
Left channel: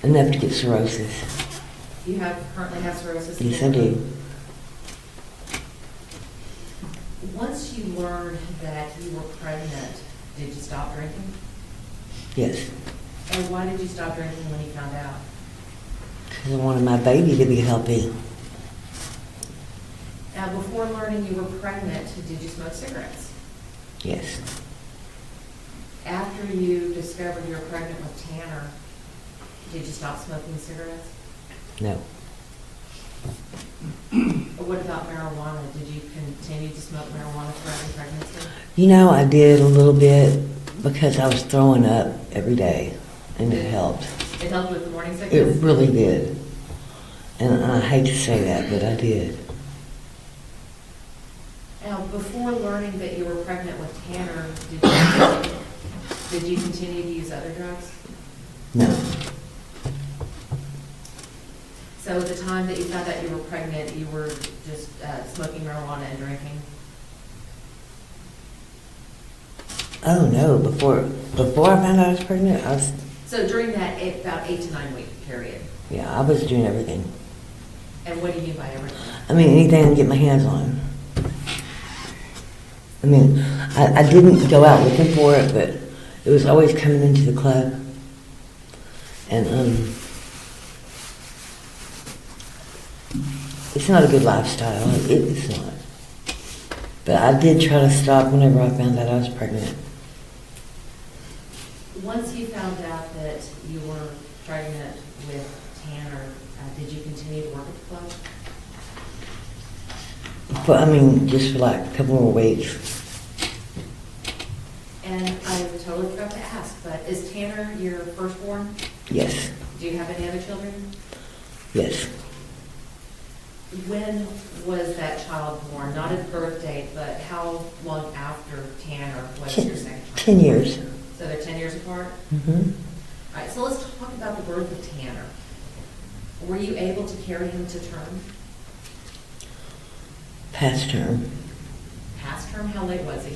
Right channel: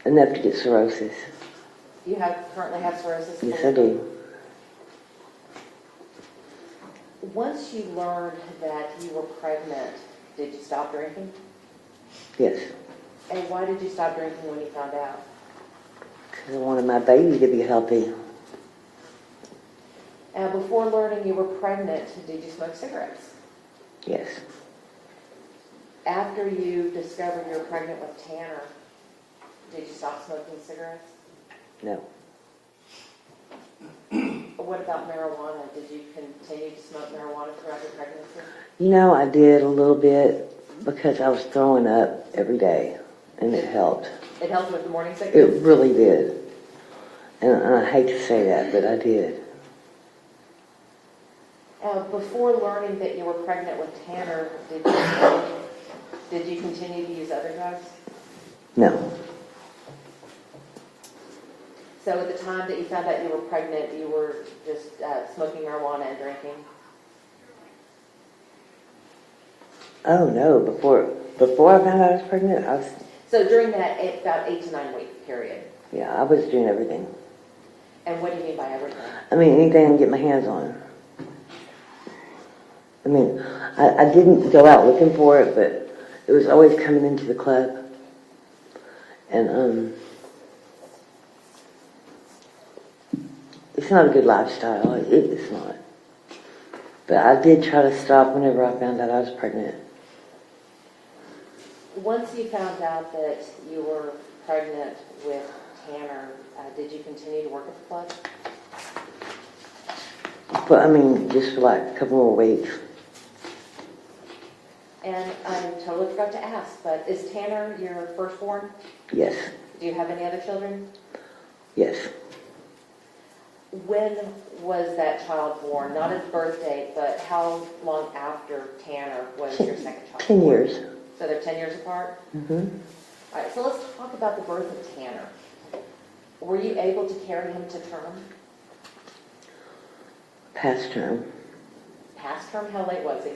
Enough to get cirrhosis. You currently have cirrhosis? Yes, I do. Once you learned that you were pregnant, did you stop drinking? Yes. And why did you stop drinking when you found out? 'Cause I wanted my baby to be healthy. Now, before learning you were pregnant, did you smoke cigarettes? Yes. After you discovered you were pregnant with Tanner, did you stop smoking cigarettes? No. Or what about marijuana? Did you continue to smoke marijuana throughout your pregnancy? You know, I did a little bit because I was throwing up every day, and it helped. It helped with the morning It sickness? really did. And I hate to say that, but I did. Now, before learning that you were pregnant with Tanner, did you continue to use other drugs? No. So at the time that you found out you were pregnant, you were just smoking marijuana and drinking? Oh, no. Before I found out I was pregnant, So during that about 8 to 9 week period? yeah, I was doing everything. And what do you mean by everything? I mean, anything I can get my hands on. I mean, I didn't go out looking for it, but it was always coming into the club. And, it's not a good lifestyle. It's not. But I did try to stop whenever I found out I was pregnant. Once you found out that you were pregnant with Tanner, did you continue to work at the club? But I mean, just for like a couple more weeks. And I totally forgot to ask, but is Tanner your firstborn? Yes, Do you have any other children? yes. When was that child born? Not at birth date, but how long after Tanner was your second child? 10 years. So they're 10 years apart? Mm-hmm. All right, so let's talk about the birth of Tanner. Were you able to carry him to term? Past term. Past term, how late was he?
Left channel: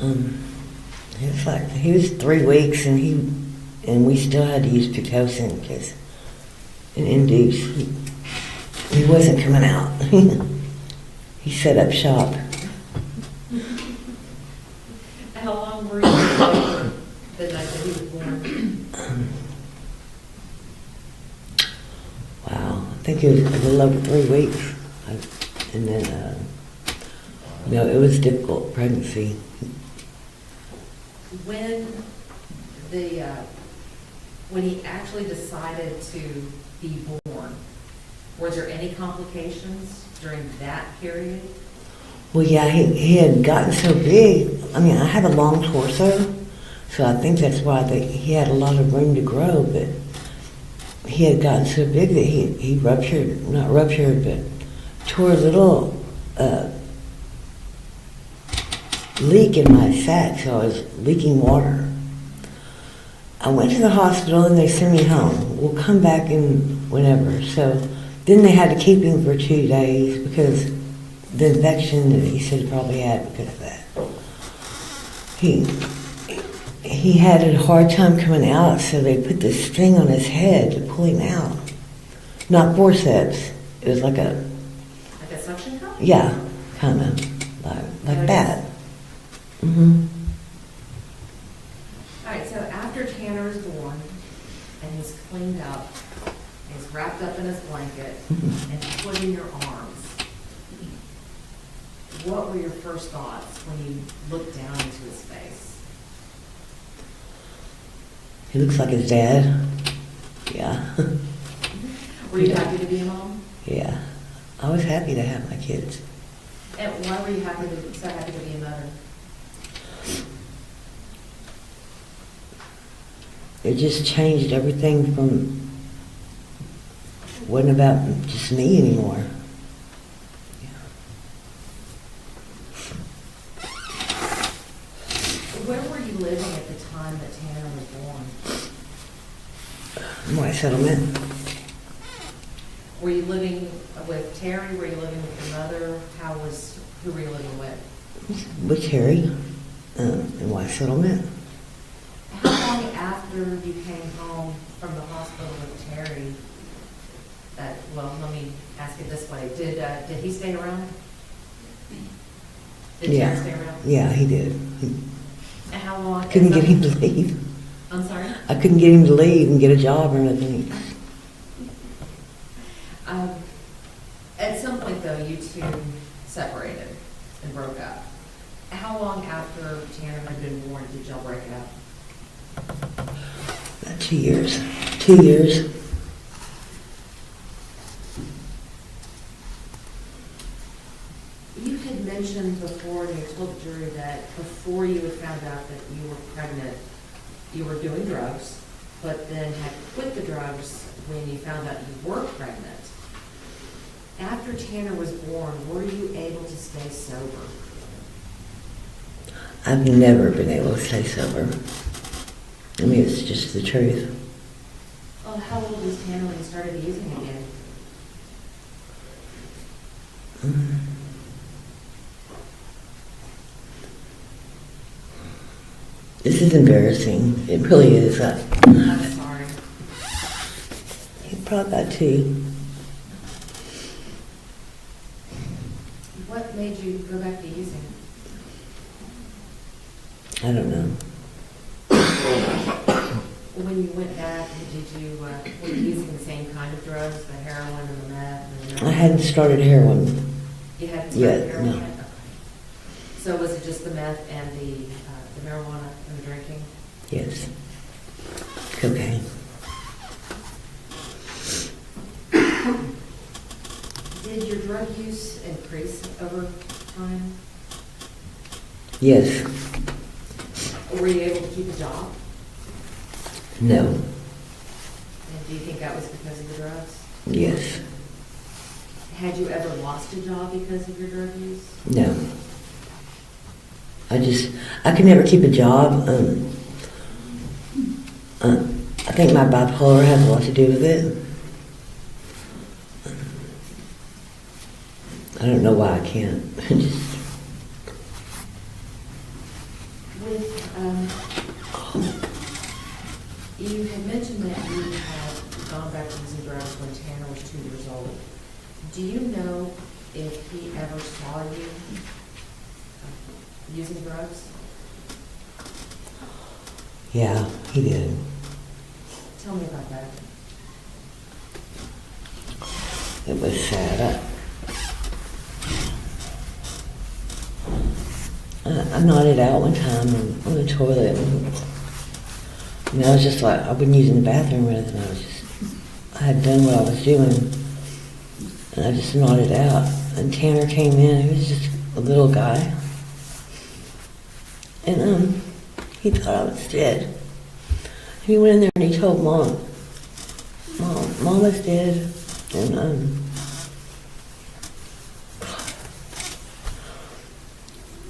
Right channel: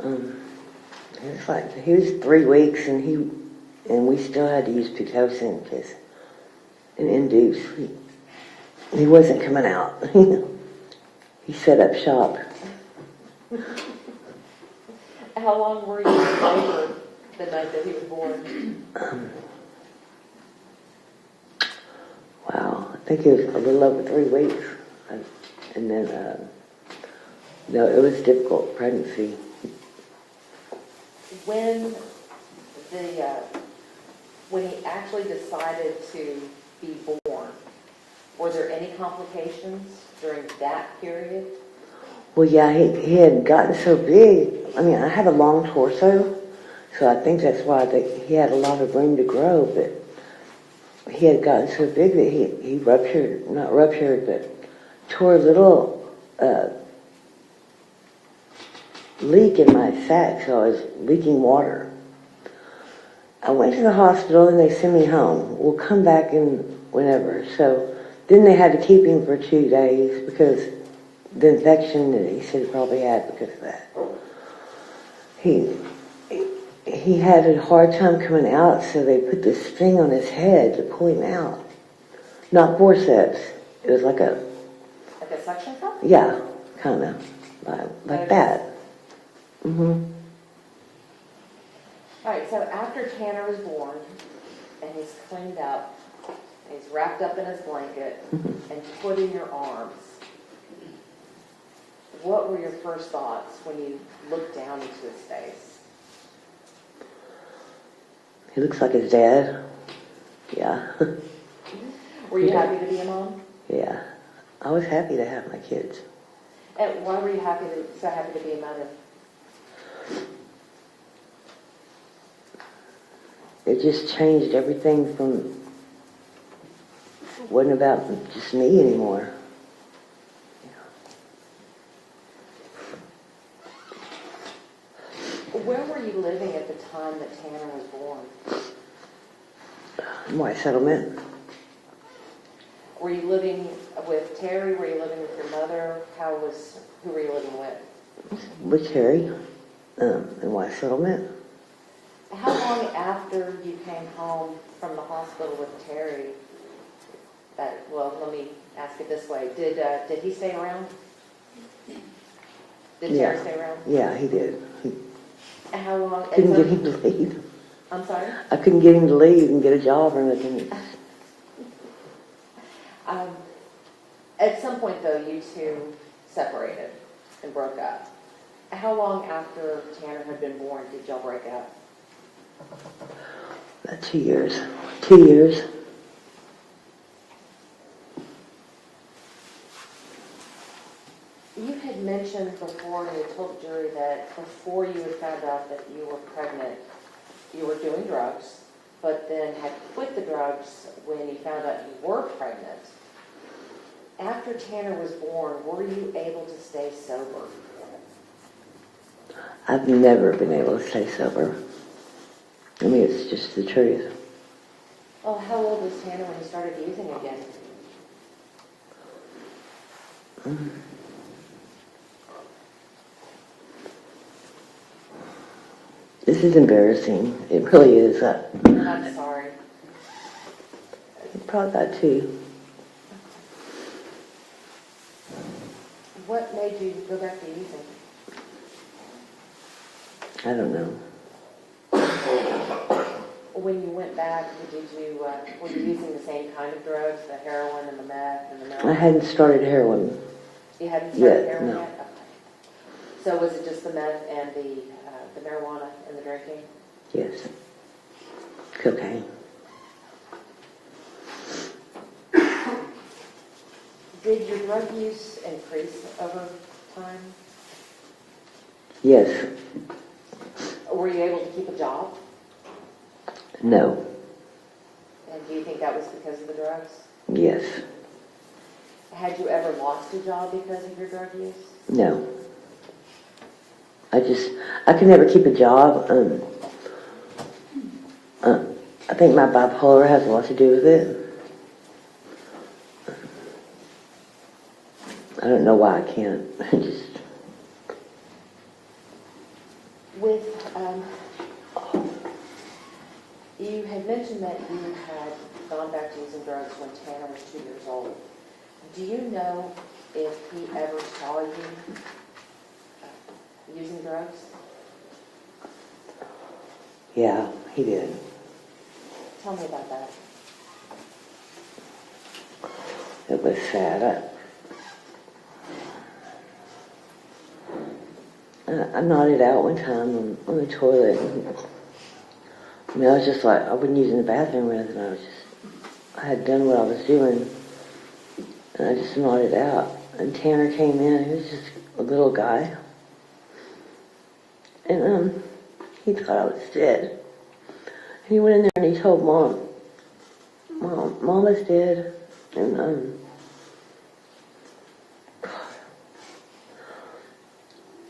It was like, he was 3 weeks and we still had to use Pitocin because an induce. He wasn't coming out. He set up shop. How long were you in labor the night that he was born? Wow, I think it was a little over 3 weeks. And then, no, it was a difficult pregnancy. When he actually decided to be born, were there any complications during that period? Well, yeah, he had gotten so big. I mean, I have a long torso, so I think that's why he had a lot of room to grow, but he had gotten so big that he ruptured, not ruptured, but tore a little leak in my sac, so I was leaking water. I went to the hospital and they sent me home. We'll come back in whenever. So then they had to keep him for 2 days because the infection that he said probably had because of that. He had a hard time coming out, so they put this thing on his head to pull him out. Not forceps. It was like a, Like a suction cup? yeah, kind of like it that. Mm-hmm. All right, so after Tanner was born and he's cleaned up, and he's wrapped up in his blanket and put in your arms, what were your first thoughts when you looked down into his face? He looks like his dad. Yeah. Were you happy to be a mom? Yeah. I was happy to have my kids. And why were you so happy to be a mother? It just changed everything from, wasn't about just me anymore. Where were you living at the time that Tanner was born? White settlement. Were you living with Terry? Were you living with your mother? Who were you living with? With Harry in White settlement. How long after you came home from the hospital with Terry? Well, let me ask it this way: Did he stay around? Did Yeah. Terry stay around? Yeah, he did. And how long? Couldn't get him to leave. I'm sorry. I couldn't get him to leave and get a job or anything. At some point, though, you two separated and broke up. How long after Tanner had been born did y'all break up? 2 years. 2 years. You had mentioned before, and you told the jury that before you had found out that you were pregnant, you were doing drugs, but then had quit the drugs when you found out you were pregnant. After Tanner was born, were you able to stay sober? I've never been able to stay sober. I mean, it's just the truth. Oh, how old was Tanner when you started using again? This is embarrassing. It really is. I'm sorry. Probably about 2. What made you go back to using? I don't know. When you went back, were you using the same kind of drugs, the heroin and the meth and the I hadn't started heroin. You hadn't Yeah, started heroin no. yet? Okay. So was it just the meth and the marijuana and the drinking? Yes. Cocaine. Did your drug use increase over time? Yes. Were you able to keep a job? No. And do you think that was because of the drugs? Yes. Had you ever lost a job because of your drug use? No. I could never keep a job. I think my bipolar has a lot to do with it. I don't know why I can't. With, you had mentioned that you had gone back to using drugs when Tanner was 2 years old. Do you know if he ever saw you using drugs? Yeah, he did. Tell me about that. It was sad. I nodded out one time on the toilet, and I was just like, I wasn't using the bathroom or anything. I had done what I was doing, and I just nodded out. And Tanner came in. He was just a little guy, and he thought I was dead. And he went in there and he told Mom, Mama's dead, and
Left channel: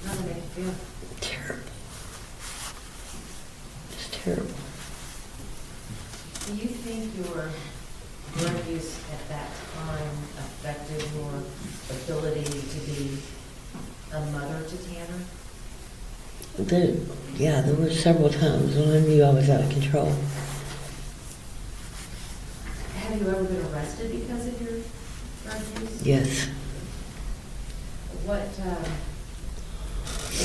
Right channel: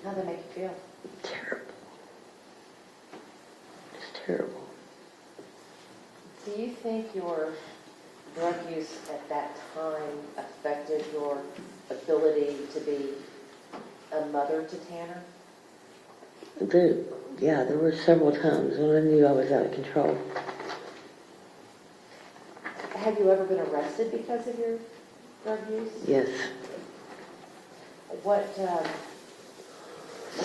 How did it make you feel? terrible. Just terrible. Do you think your drug use at that time affected your ability to be a mother to Tanner? There were several times when I knew I was out of control. Have you ever been arrested because of your drug use? Yes. What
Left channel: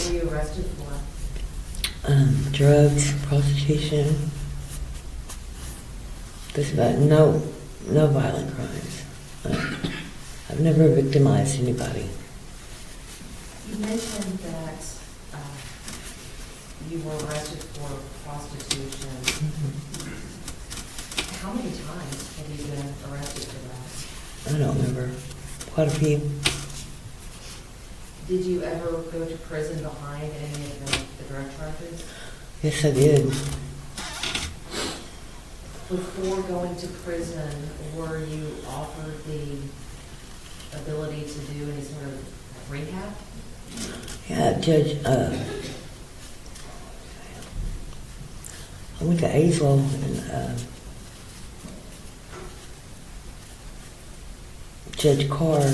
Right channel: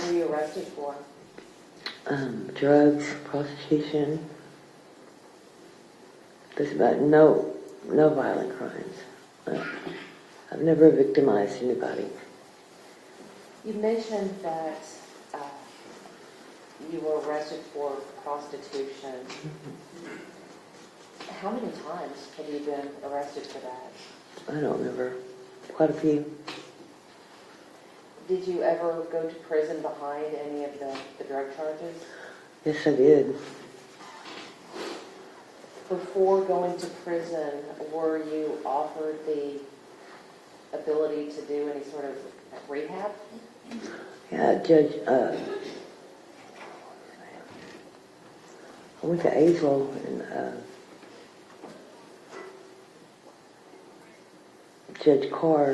were you arrested for? Drugs, prostitution. There's about no violent crimes. I've never victimized anybody. You mentioned that you were arrested for prostitution. How many times have you been arrested for that? I don't remember. Quite a few. Did you ever go to prison behind any of the drug charges? Yes, I did. Before going to prison, were you offered the ability to do any sort of rehab? Yeah, Judge, I went to Azle and Judge Carr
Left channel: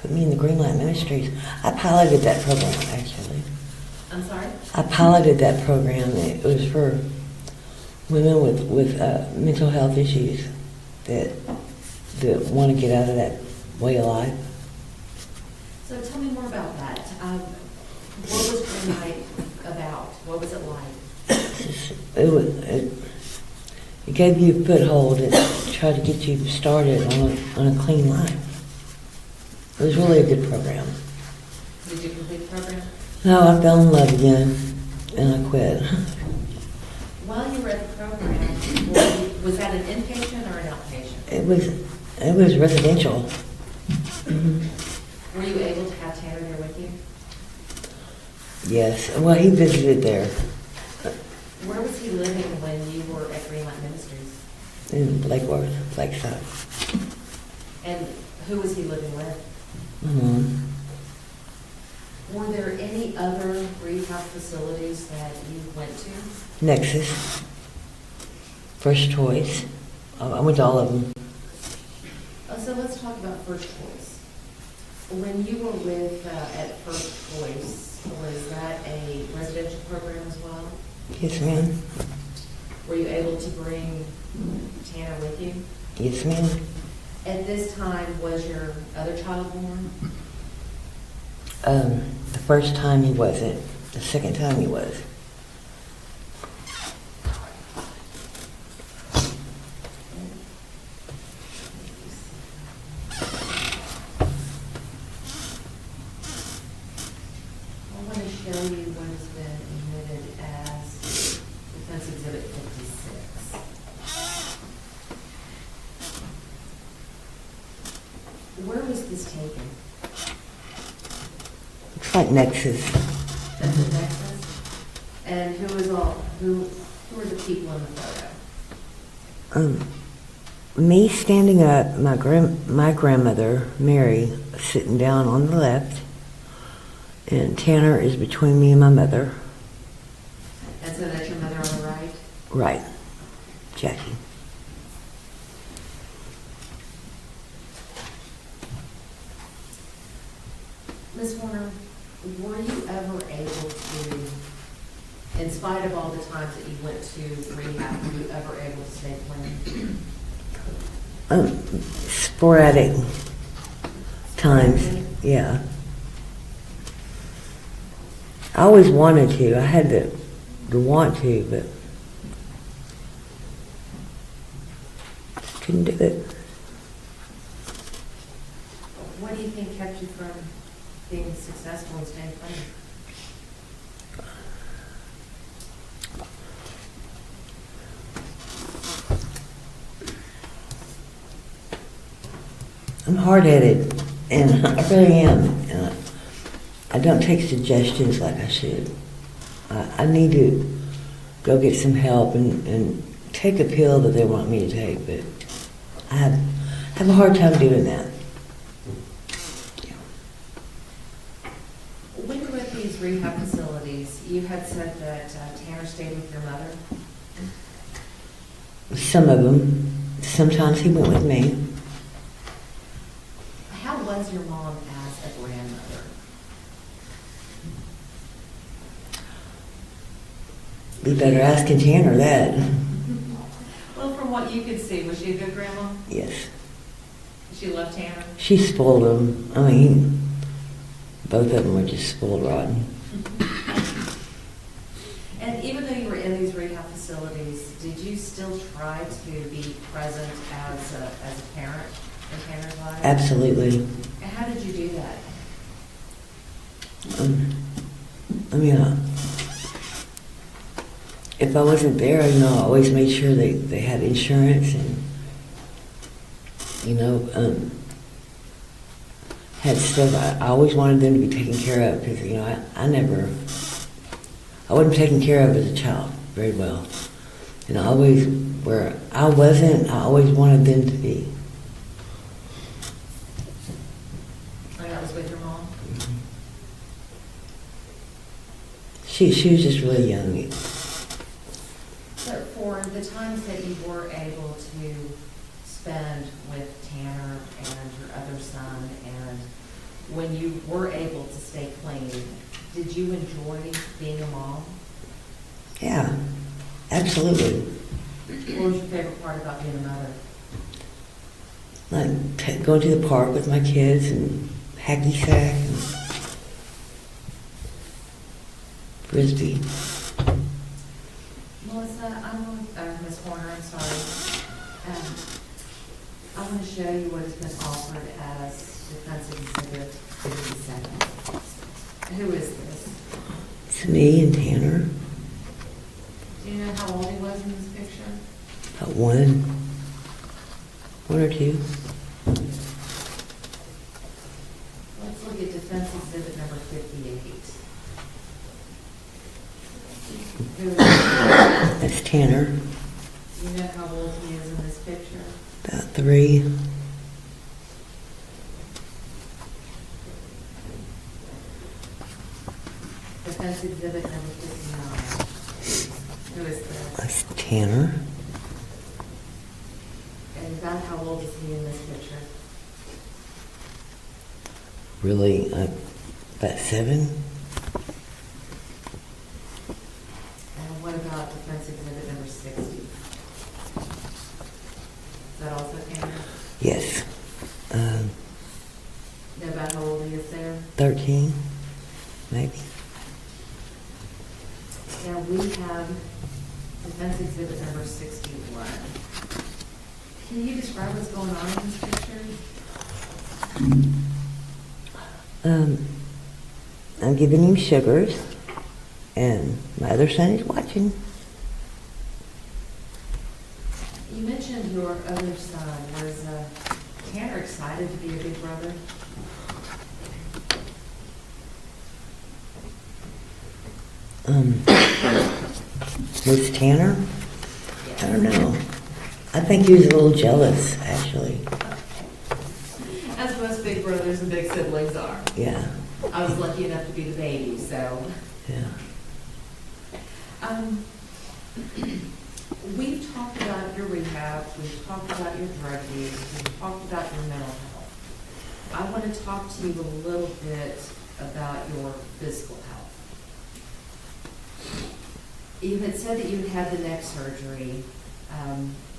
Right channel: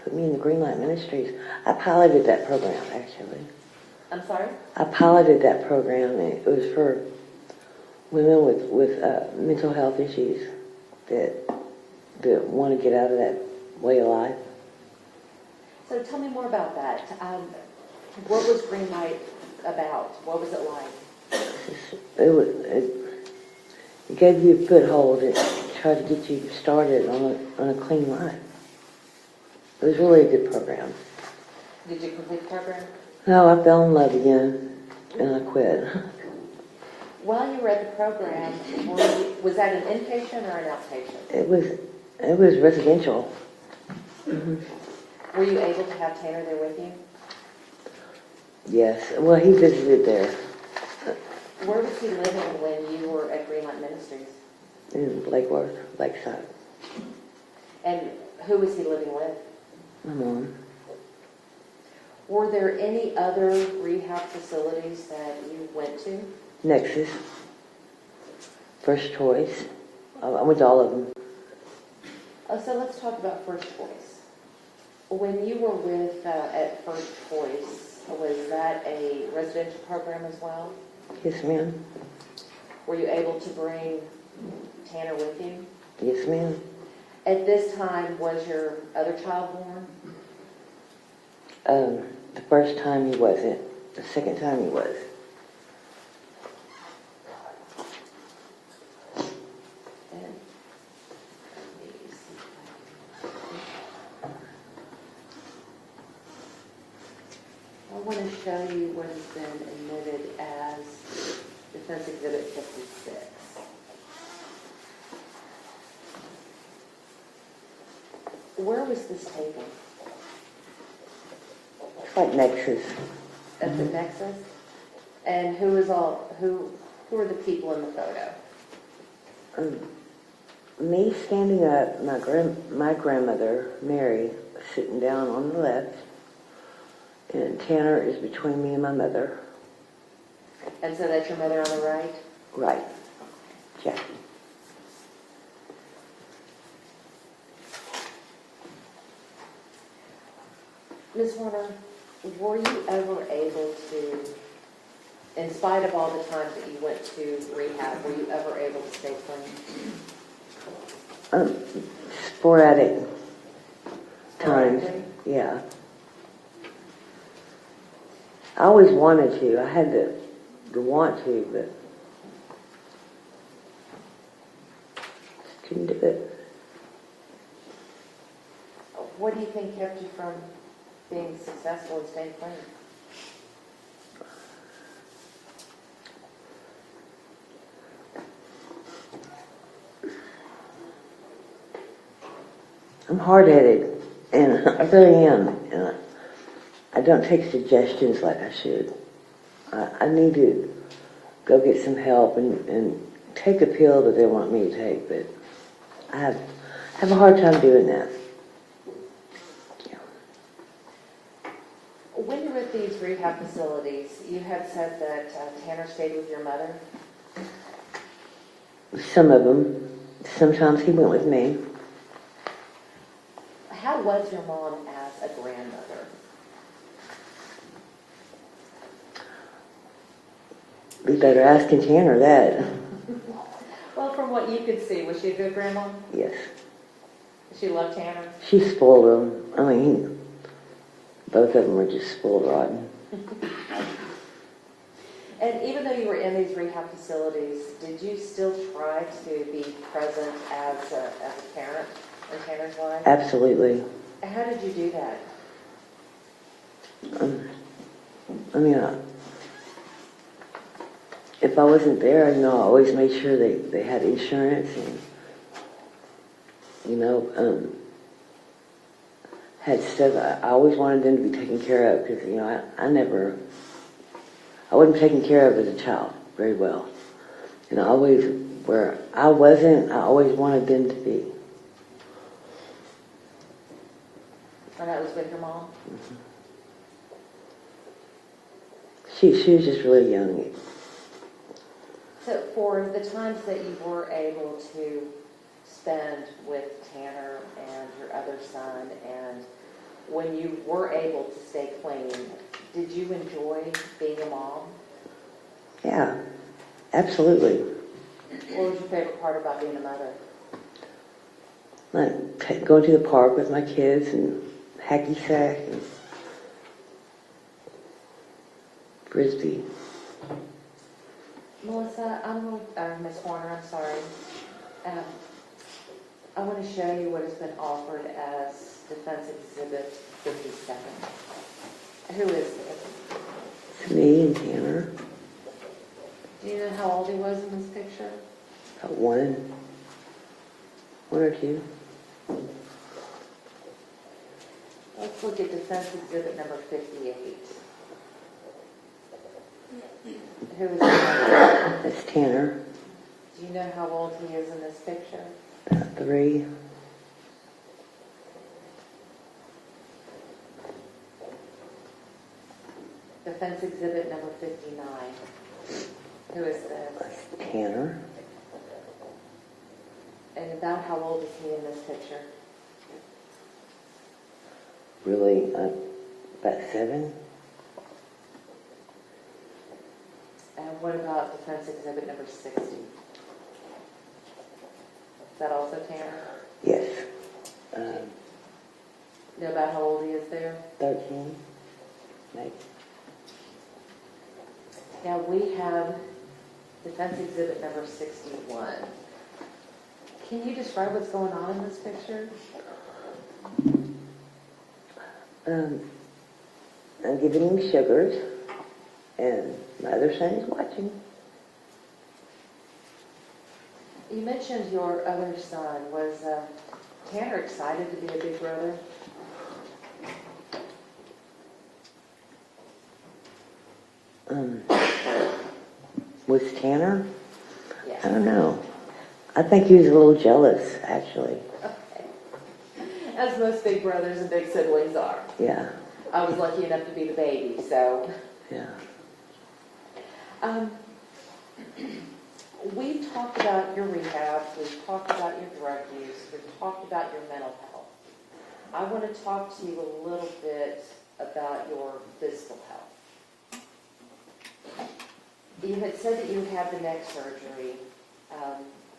put me in the Green Light Ministries. I piloted that program, actually. I'm sorry? I piloted that program. It was for women with mental health issues that want to get out of that way of life. So tell me more about that. What was Green Light about? What was it like? It gave you a foothold and tried to get you started on a clean life. It was really a good program. Did you complete the program? No, I fell in love again and I quit. While you were at the program, was that an inpatient or an outpatient? It was residential. Mhm. Were you able to have Tanner there with you? Yes, well, he visited there Where was he living when you were at Green Light Ministries? in Lake Worth, Lakeside. And who was he living with? Mhm. Were there any other rehab facilities that you went to? Nexus, First Choice. I went to all of them. Oh, so let's talk about First Choice. When you were with at First Choice, was that a residential program as well? Yes, ma'am. Were you able to bring Tanner with you? Yes, ma'am. At this time, was your other child born? The first time he wasn't. The second time he was. going to show you what has been admitted as Defense Exhibit 56. Where was this taken? It's like Nexus. At the Nexus? And who are the people in the photo? Me standing up, my grandmother, Mary, sitting down on the left, and Tanner is between me and my mother. And so that's your mother on the right? Right. Jackie. Ms. Warner, were you ever able to, in spite of all the times that you went to rehab, were you ever able to stay clean? Sporadic times, yeah. I always wanted to. I had the want to, but couldn't do it. What do you think kept you from being successful in staying clean? I'm hard-headed, and I really am. And I don't take suggestions like I should. I need to go get some help and take a pill that they want me to take, but I have a hard time doing that. When you were at these rehab facilities, you had said that Tanner stayed with your mother. Some of them. Sometimes he went with me. How was your mom as a grandmother? We better ask Tanner that. Well, from what you could see, was she a good grandma? Yes. She loved Tanner? She spoiled him. I mean, both of them were just spoiled rotten. And even though you were in these rehab facilities, did you still try to be present as a parent in Tanner's life? Absolutely. How did you do that? I mean, if I wasn't there, I always made sure they had insurance and, had stuff. I always wanted them to be taken care of because, I wasn't taken care of as a child very well. And where I wasn't, I always wanted them to be. And that was with your mom? She was just really young. So for the times that you were able to spend with Tanner and your other son, and when you were able to stay clean, did you enjoy being a mom? Yeah, absolutely. What was your favorite part about being a mother? Like going to the park with my kids and hacky sack and frisbee. Melissa, Ms. Horner, I'm sorry. I want to show you what has been offered as Defense Exhibit 57. Who is this? It's me and Tanner. Do you know how old he was in this picture? About one or two. Let's look at Defense Exhibit number 58. Who is that? That's Tanner. Do you know how old he is in this picture? About 3. Defense Exhibit number 59. Who is that? That's Tanner. And about how old is he in this picture? Really, about 7. And what about Defense Exhibit number 60? Is that also Tanner? Yes. Know about how old he is there? 13, maybe. Now we have Defense Exhibit number 61. Can you describe what's going on in this picture? I'm giving him sugars, and my other son is watching. You mentioned your other son. Was Tanner excited to be a big brother? Was Tanner? Yeah. I don't know. I think he was a little jealous, actually. As most big brothers and big siblings are. Yeah, I was lucky enough to be the baby, so. yeah. We've talked about your rehab, we've talked about your drug use, we've talked about your mental health. I want to talk to you a little bit about your physical health. You had said that you had had the neck surgery,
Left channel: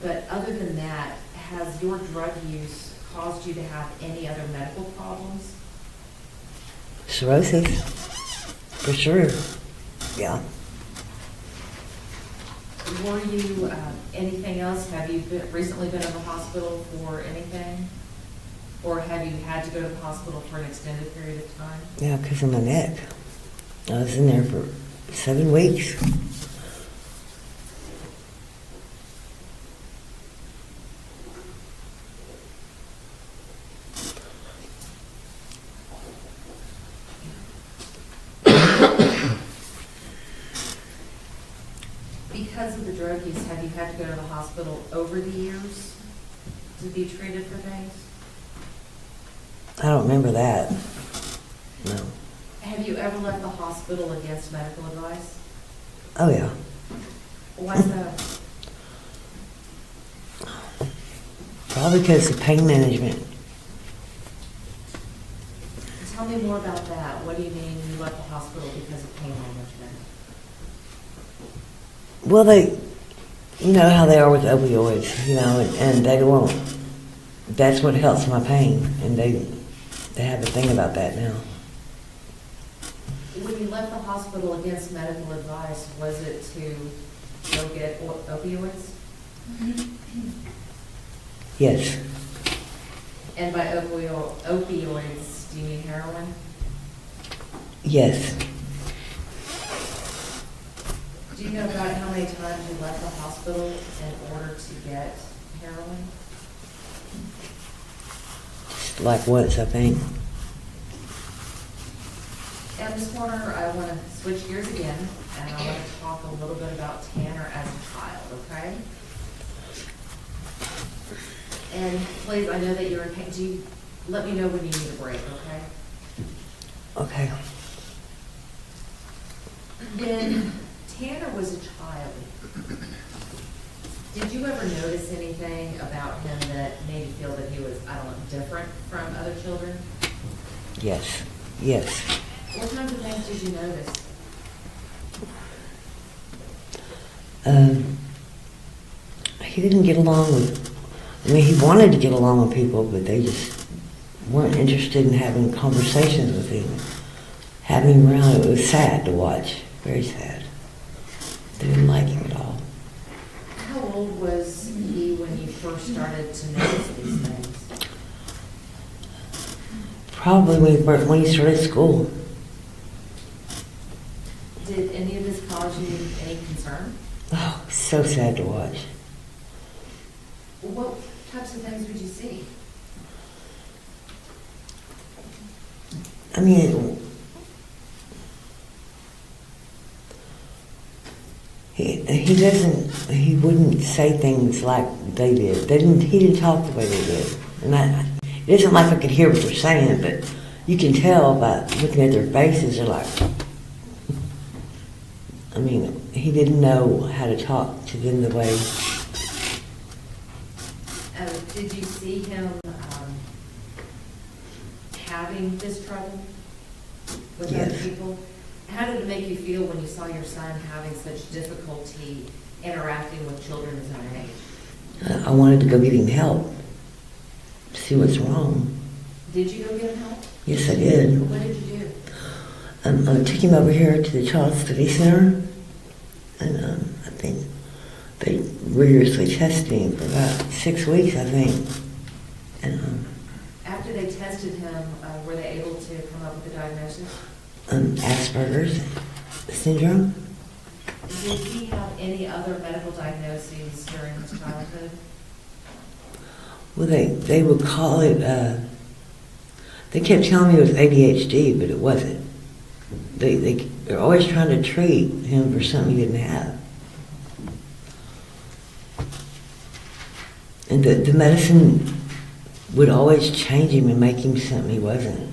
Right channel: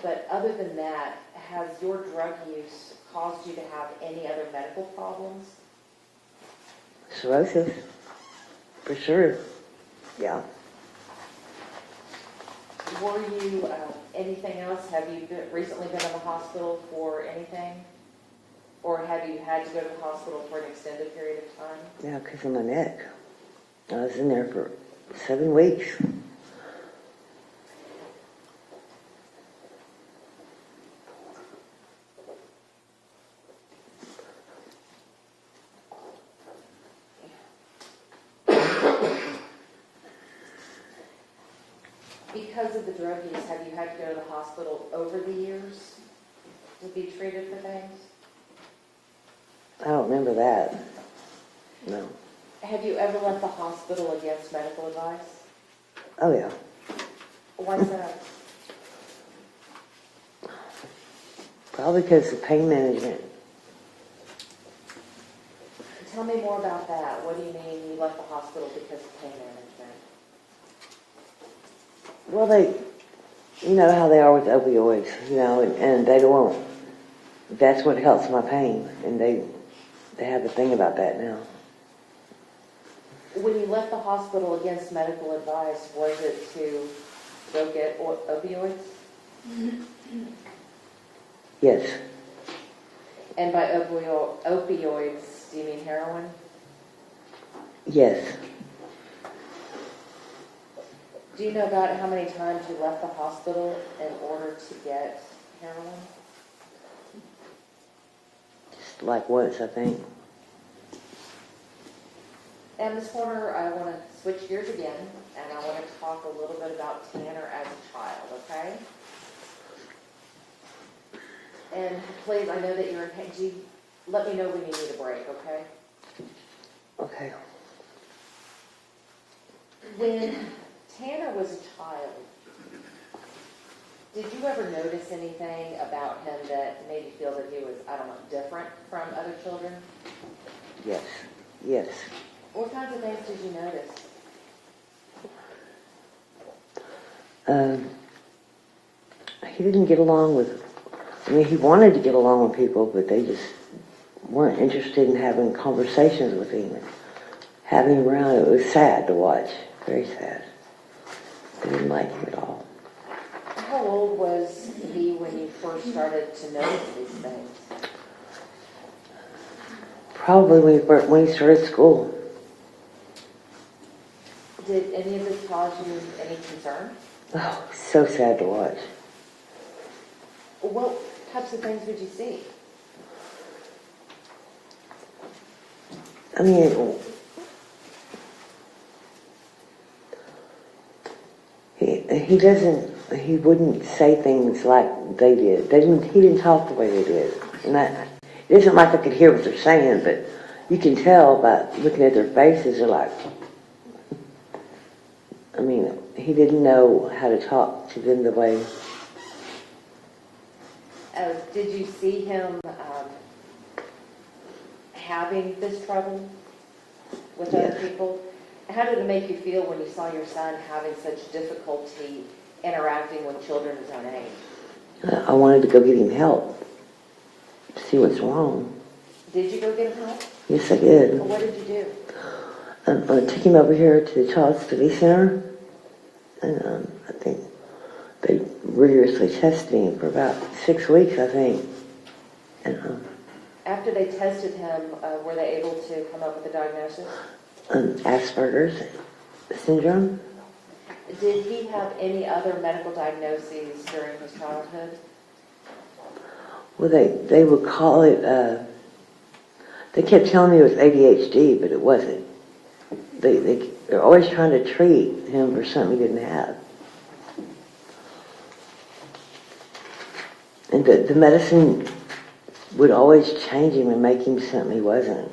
but other than that, has your drug use caused you to have any other medical problems? Cirrhosis, for sure. Yeah. Were you, anything else? Have you recently been in the hospital for anything? Or have you had to go to the hospital for an extended period of time? Yeah, because of my neck. I was in there for 7 weeks. Because of the drug use, have you had to go to the hospital over the years to be treated for things? I don't remember that. No. Have you ever left the hospital against medical advice? Oh, yeah. Why's that? Probably because of pain management. Tell me more about that. What do you mean you left the hospital because of pain management? Well, you know how they are with opioids, and they won't. That's what helps my pain, and they have a thing about that now. When you left the hospital against medical advice, was it to go get opioids? Yes. And by opioids, do you mean heroin? Yes. Do you know about how many times you left the hospital in order to get heroin? Like once, I think. And Ms. Horner, I want to switch gears again, and I want to talk a little bit about Tanner as a child, okay? And please, I know that you're in pain. Do you let me know when you need a break, okay? Okay. When Tanner was a child, did you ever notice anything about him that made you feel that he was, I don't know, different from other children? Yes. Yes. What kinds of things did you notice? He didn't get along with, he wanted to get along with people, but they just weren't interested in having conversations with him. Having him around, it was sad to watch, very sad. They didn't like him at all. How old was he when you first started to notice these things? Probably when he started school. Did any of this cause you any concern? Oh, so sad to watch. What types of things would you see? I mean, he wouldn't say things like they did. He didn't talk the way they did. And it isn't like I could hear what they're saying, but you can tell by looking at their faces, they're like, he didn't know how to talk to them the way. Did you see him having this trouble with Yes. other people? How did it make you feel when you saw your son having such difficulty interacting with children his own age? I wanted to go get him help, see what's wrong. Did you go get him help? Yes, I did. What did you do? I took him over here to the Child Study Center, and I think they rigorously tested him for about 6 weeks, I think. And After they tested him, were they able to come up with a diagnosis? Asperger's syndrome. Did he have any other medical diagnoses during his childhood? Well, they would call it, they kept telling me it was ADHD, but it wasn't. They're always trying to treat him for something he didn't have. And the medicine would always change him and make him something he wasn't.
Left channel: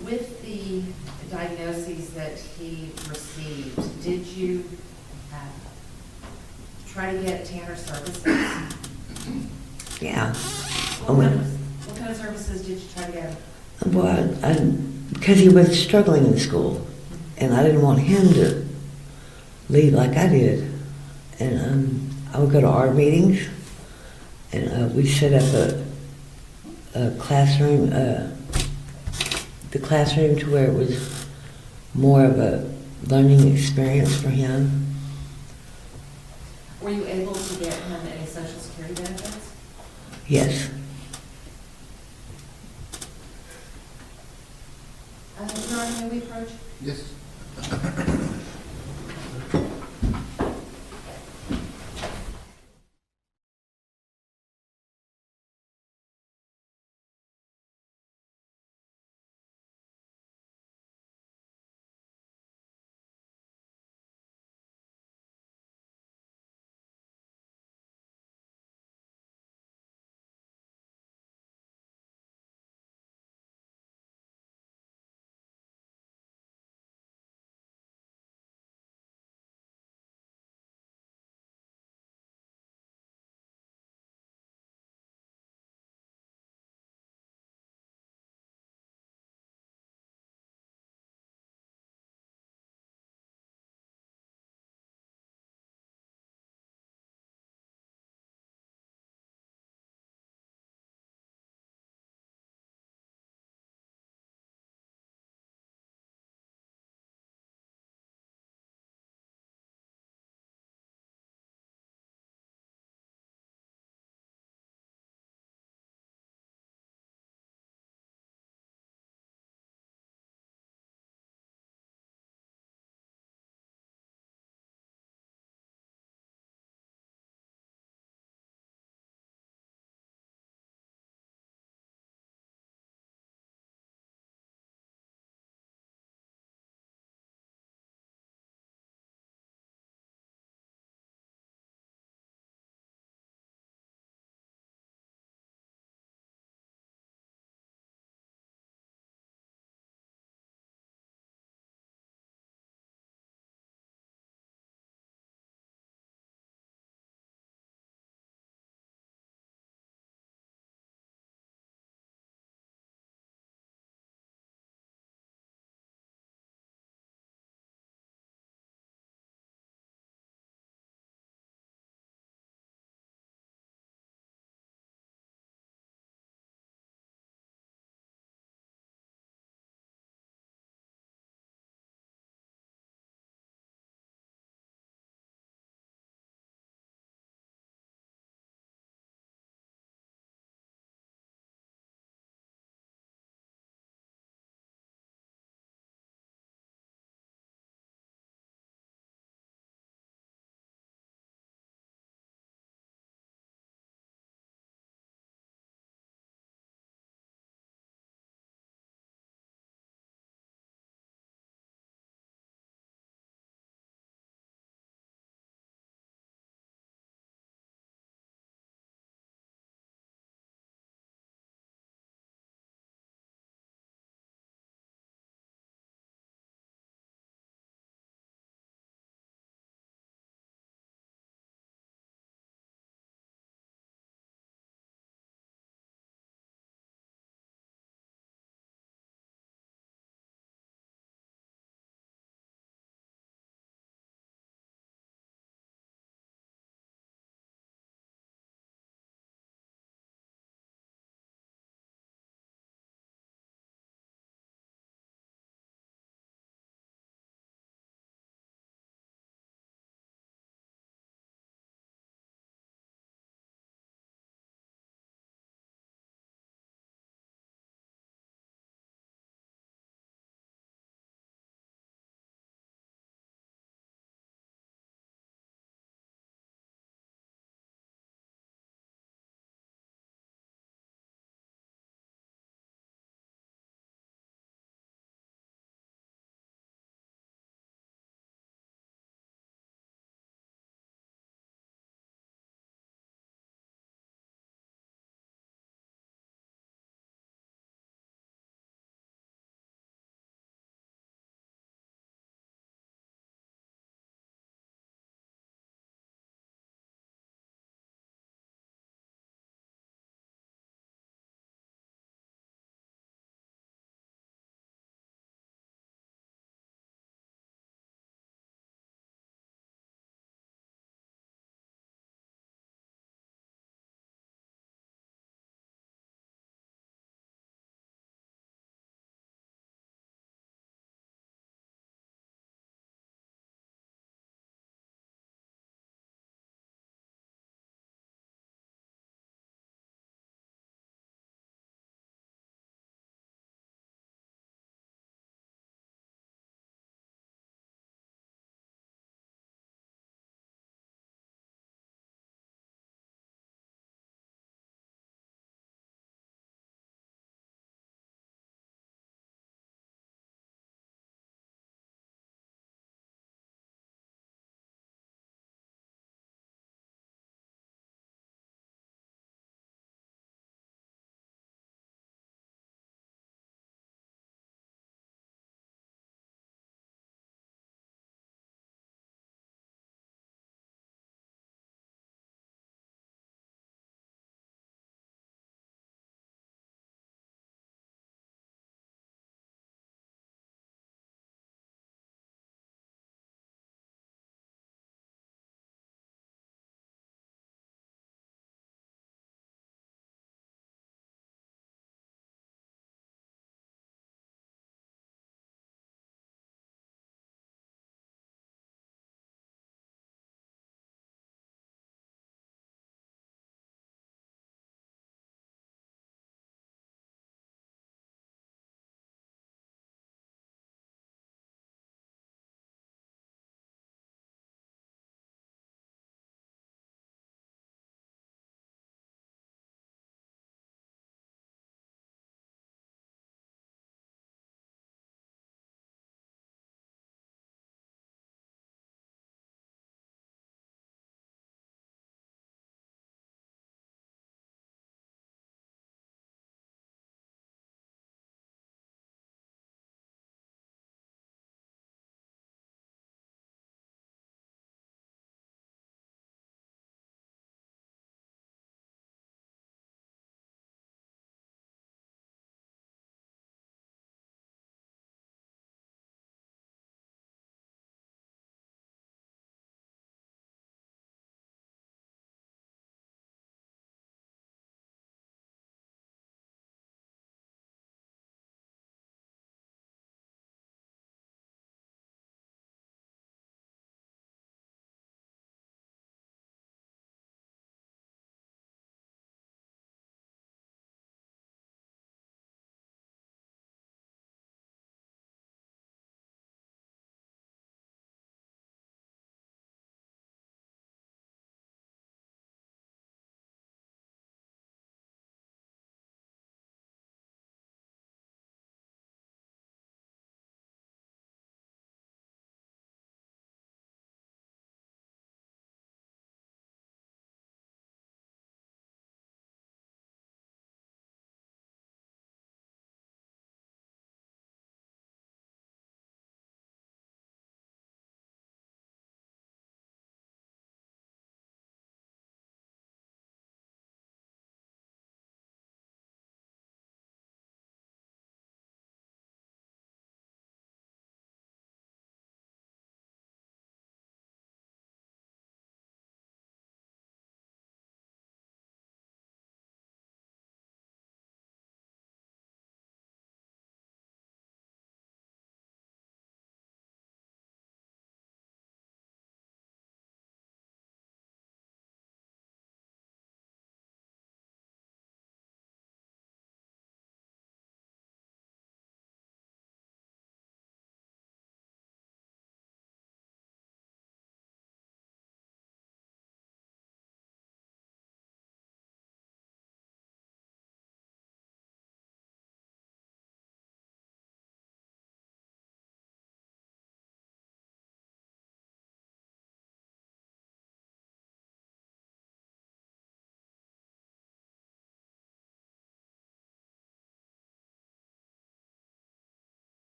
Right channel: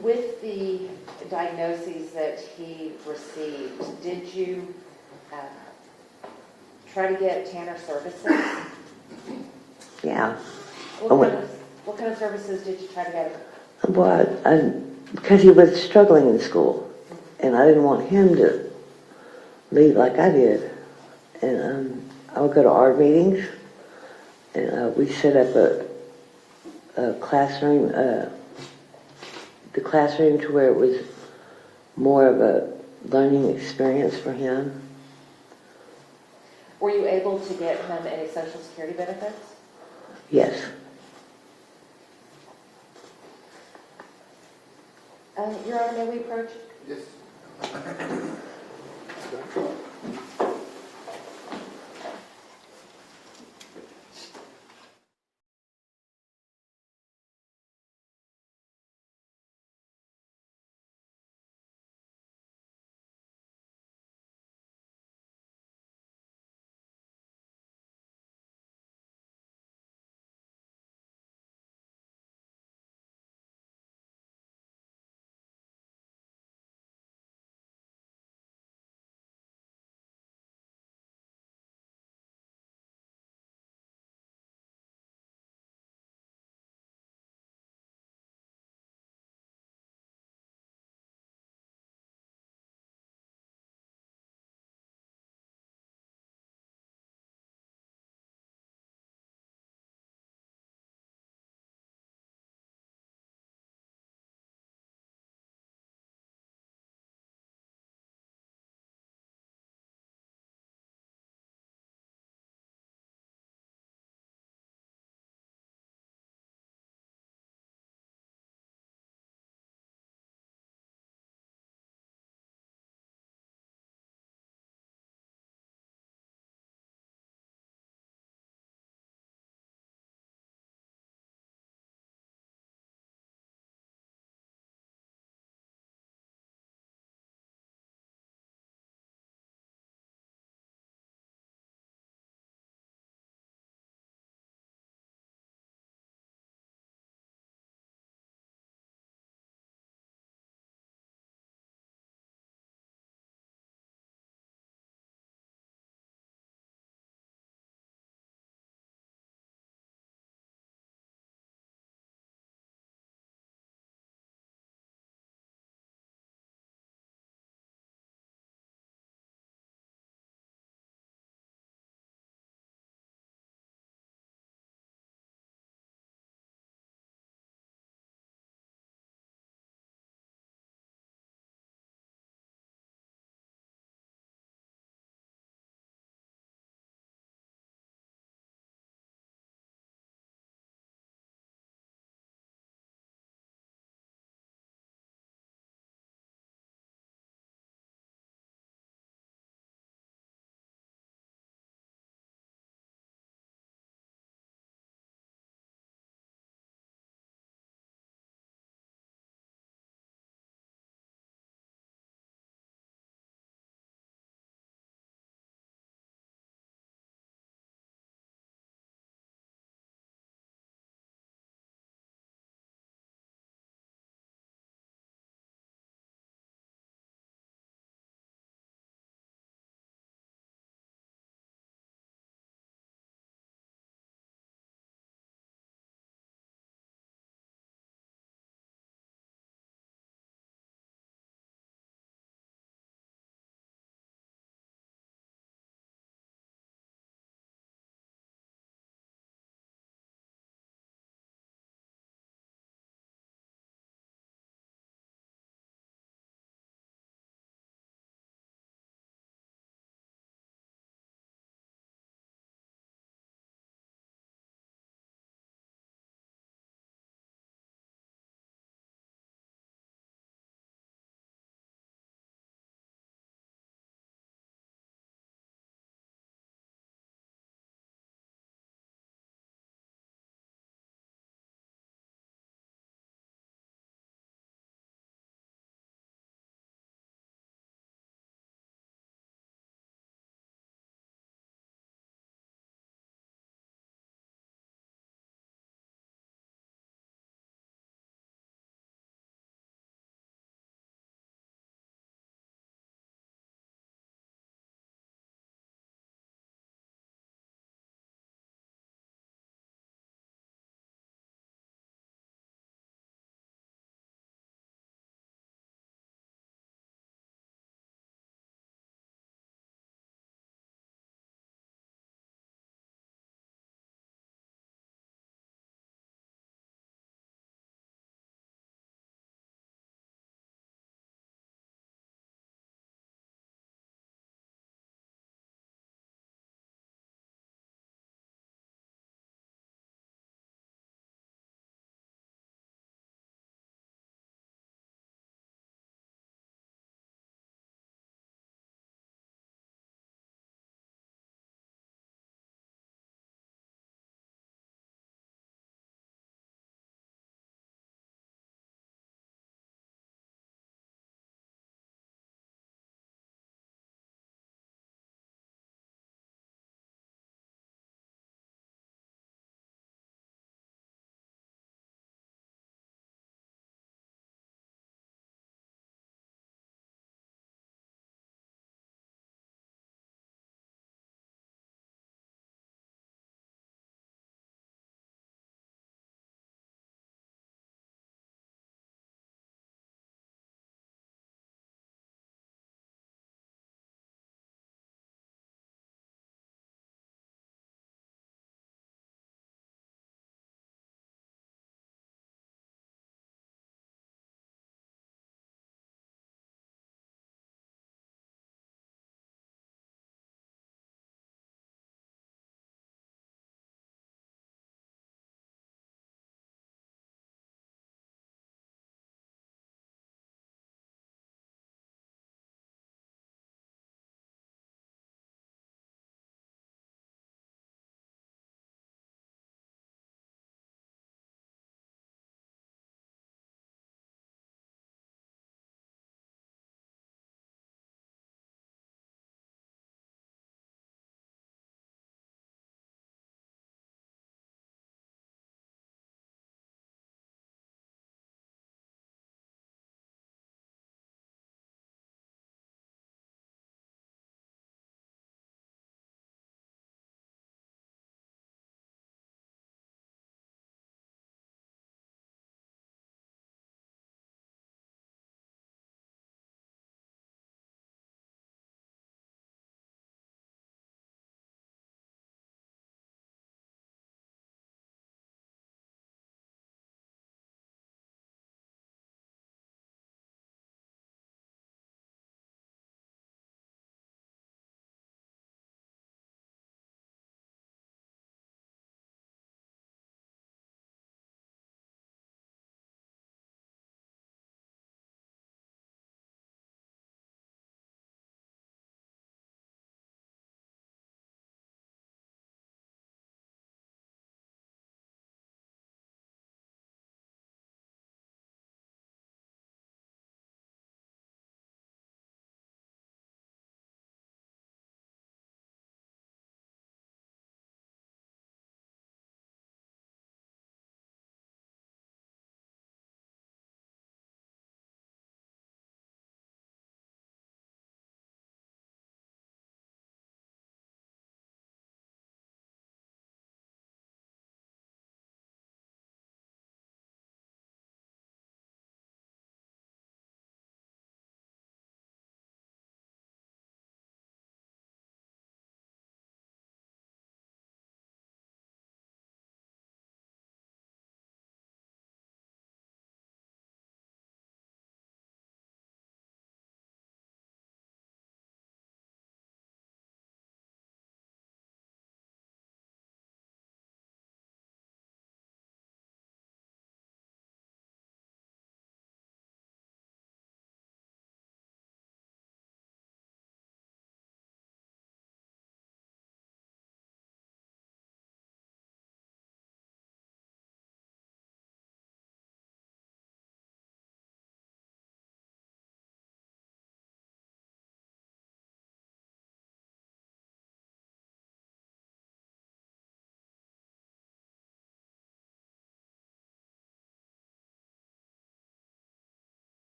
With the diagnoses that he received, did you try to get Tanner services? Yeah. What kind of services did you try to get him? Well, because he was struggling in school, and I didn't want him to lead like I did. And I would go to our meetings, and we set up a classroom, the classroom to where it was more of a learning experience for him. Were you able to get him any Social Security benefits? Yes. Your Honor, may we approach? Yes.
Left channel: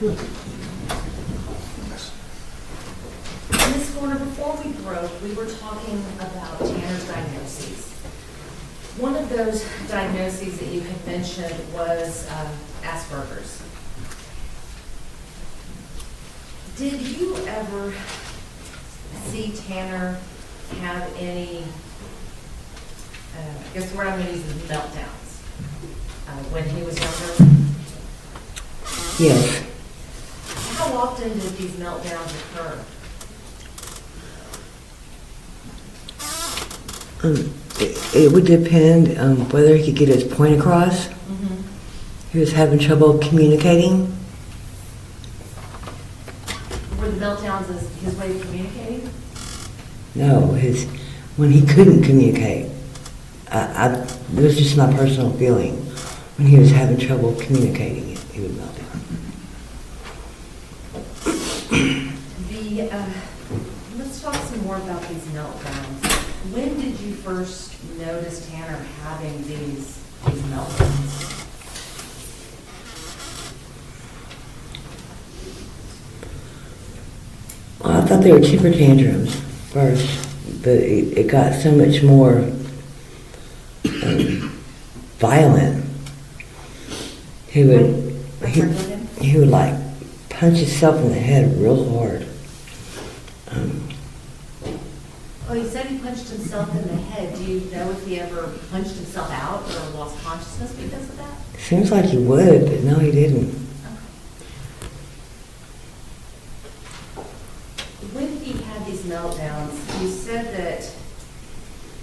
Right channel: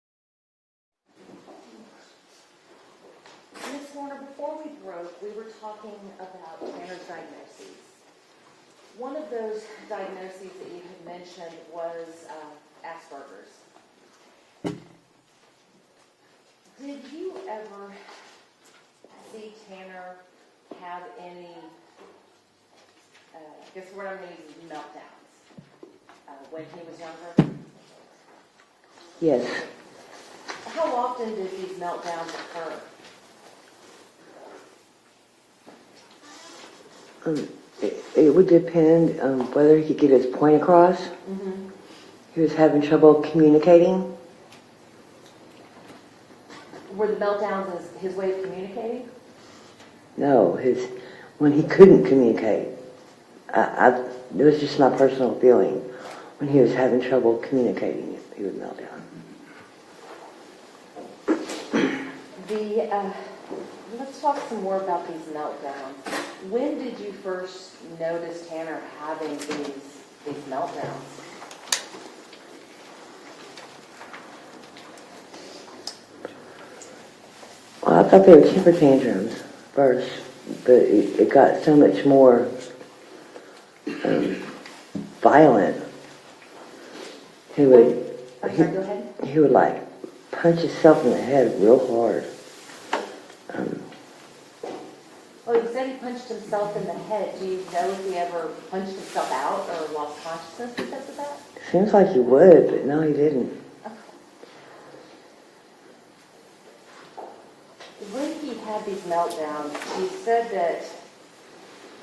Ms. Warner, before we broke, we were talking about Tanner's diagnoses. One of those diagnoses that you had mentioned was Asperger's. Did you ever see Tanner have any, I guess the word I'm going to use is meltdowns, when he was younger? Yes. How often did these meltdowns occur? It would depend whether he could get his point across. Mm-hmm. He was having trouble communicating. Were the meltdowns his way of communicating? No, when he couldn't communicate. It was just my personal feeling. When he was having trouble communicating, he would melt down. Let's talk some more about these meltdowns. When did you first notice Tanner having these meltdowns? Well, I thought they were temper tantrums first, but it got so much more violent. He would, I'm sorry, go ahead. he would like punch himself in the head real hard. Oh, you said he punched himself in the head. Do you know if he ever punched himself out or lost consciousness because of that? Seems like he would, but no, he didn't. Okay. When he had these meltdowns, you said that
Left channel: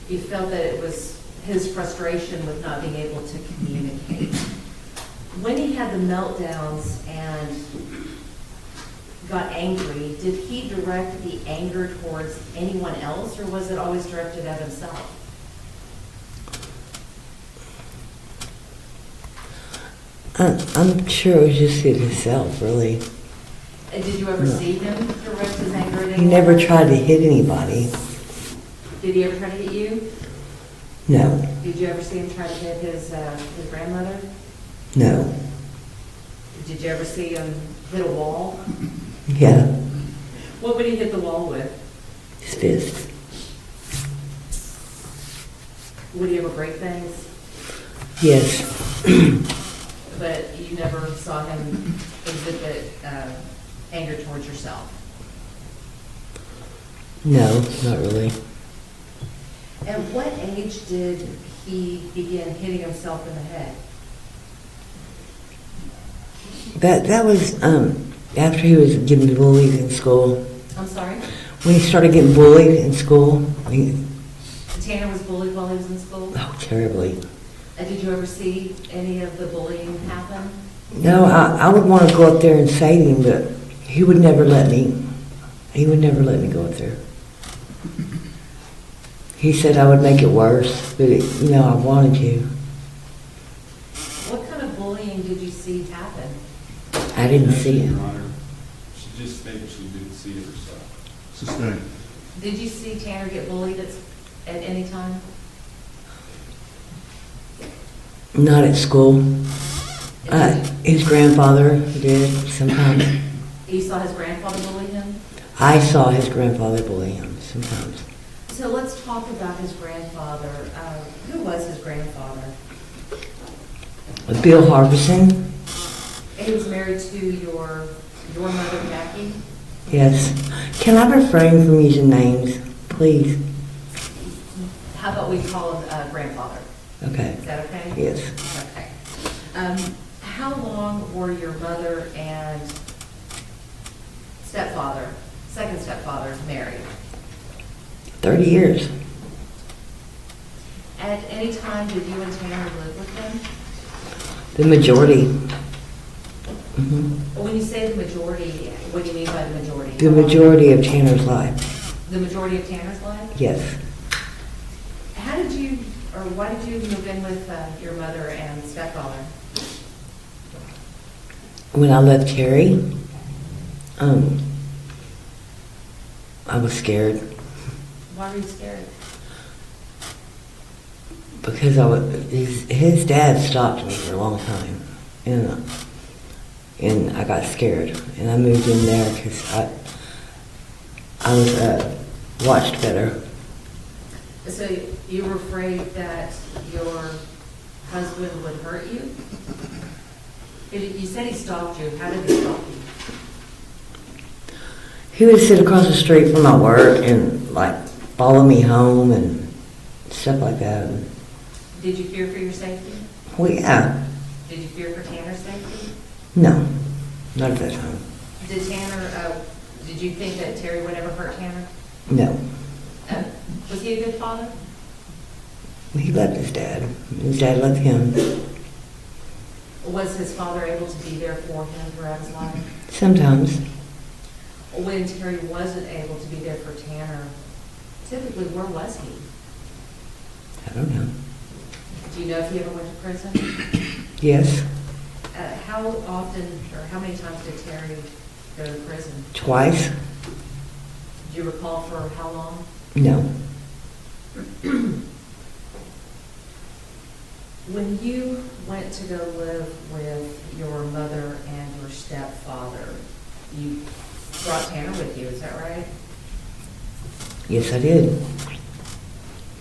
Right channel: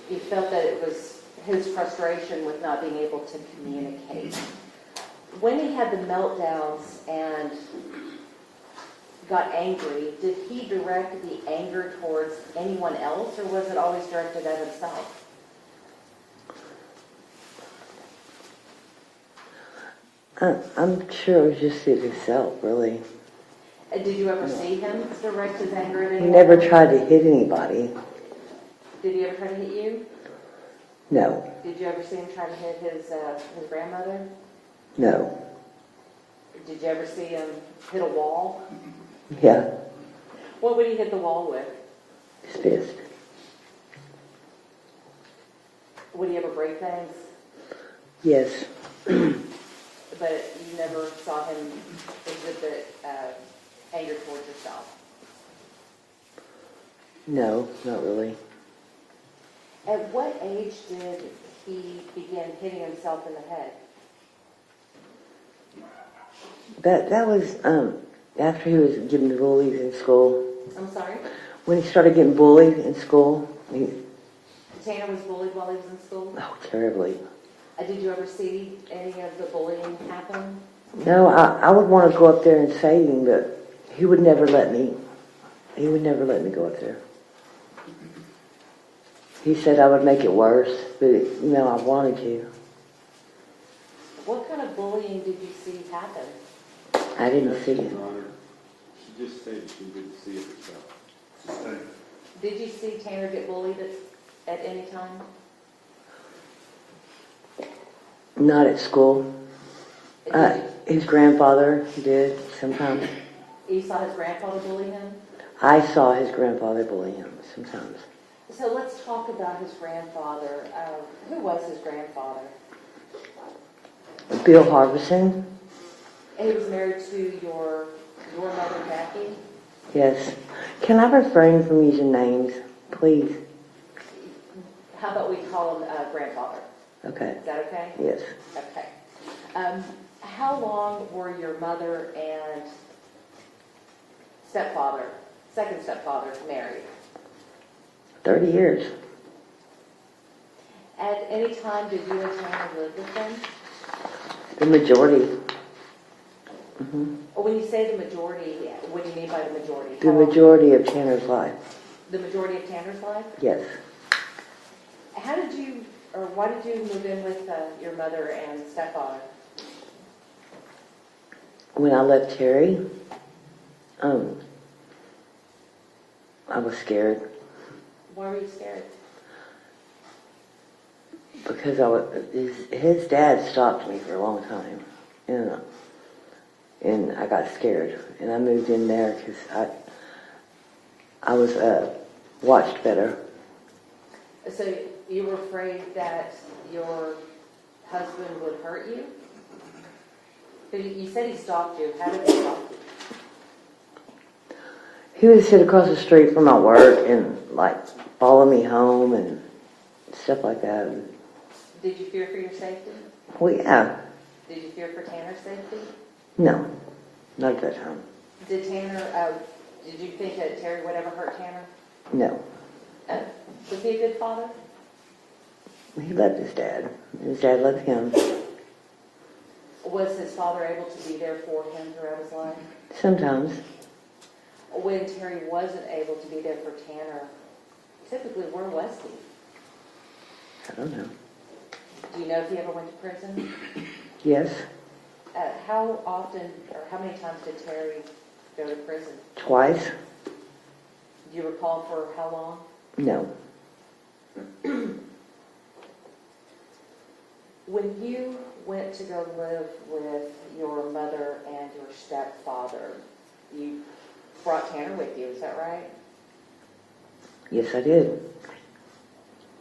you felt that it was his frustration with not being able to communicate. When he had the meltdowns and got angry, did he direct the anger towards anyone else, or was it always directed at himself? I'm sure it was just at himself, really. And did you ever see him direct his anger at anyone? He never else? tried to hit anybody. Did he ever try to hit you? No, Did you ever see him try to hit his grandmother? no, Did you ever see him hit a wall? yeah, What would he hit the wall with? his fist. Would he ever break things? Yes, But you never saw him exhibit anger towards yourself? no, not really. At what age did he begin hitting himself in the head? That was after he was getting bullied in school. I'm sorry? When he started getting bullied in school, Tanner was bullied while he was in school? oh, terribly. Did you ever see any of the bullying happen? No, I would want to go up there and say to him, but he would never let me. He would never let me go up there. He said I would make it worse, but I wanted to. What kind of bullying did you see happen? I didn't see it. Your Honor, she just stated she didn't see it herself. Sustained. Did you see Tanner get bullied at any time? Not at school. His grandfather did sometimes. You saw his grandfather bully him? I saw his grandfather bully him sometimes. So let's talk about his grandfather. Who was his grandfather? Bill Harbison, And he was married to your mother, Jackie? yes. Can I refrain from using names, please? How about we call him grandfather? Okay, Is that okay? yes. Okay. How long were your mother and second stepfather, married? 30 years. At any time did you and Tanner live with them? The majority. Mhm. Or when you say the majority, what do you mean by the majority? The How long- majority of Tanner's life, The majority of Tanner's life? yes. How did you, or why did you move in with your mother and stepfather? When I left Terry, I was scared Why were you scared? because his dad stopped me for a long time. And and I got scared, and I moved in there because I was watched better. So you were afraid that your husband would hurt you? You said he stalked you. How did he stalk you? He would sit across the street from my work and like follow me home and stuff like that. Did you fear for your safety? Well, yeah. Did you fear for Tanner's safety? No, not at that time. Did did you think that Terry would ever hurt Tanner? No. Was he a good father? He loved his dad. His dad loved him. Was his father able to be there for him throughout his life? Sometimes. When Terry wasn't able to be there for Tanner, typically where was he? I don't know. Do you know if he ever went to prison? Yes, How often or how many times did Terry go to prison? twice. Do you recall for how long? No. When you went to go live with your mother and your stepfather, you brought Tanner with you, is that right? Yes, I did.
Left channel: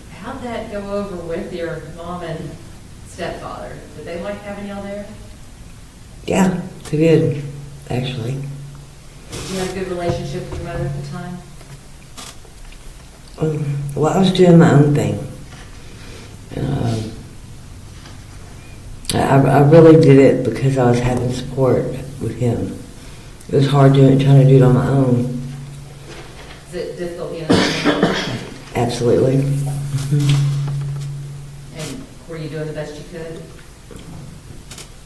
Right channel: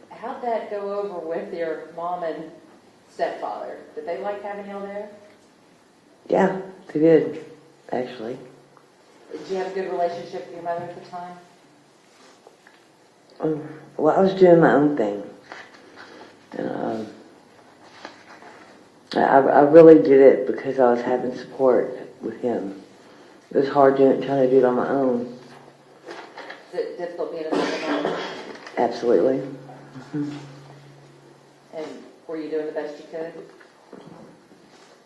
How'd that go over with your mom and stepfather? Did they like having y'all there? Yeah, they did, actually. Did you have a good relationship with your mother at the time? Well, I was doing my own thing. I really did it because I was having support with him. It was hard trying to do it on my own. Is it difficult being a single mom? Absolutely. And were you doing the best you could?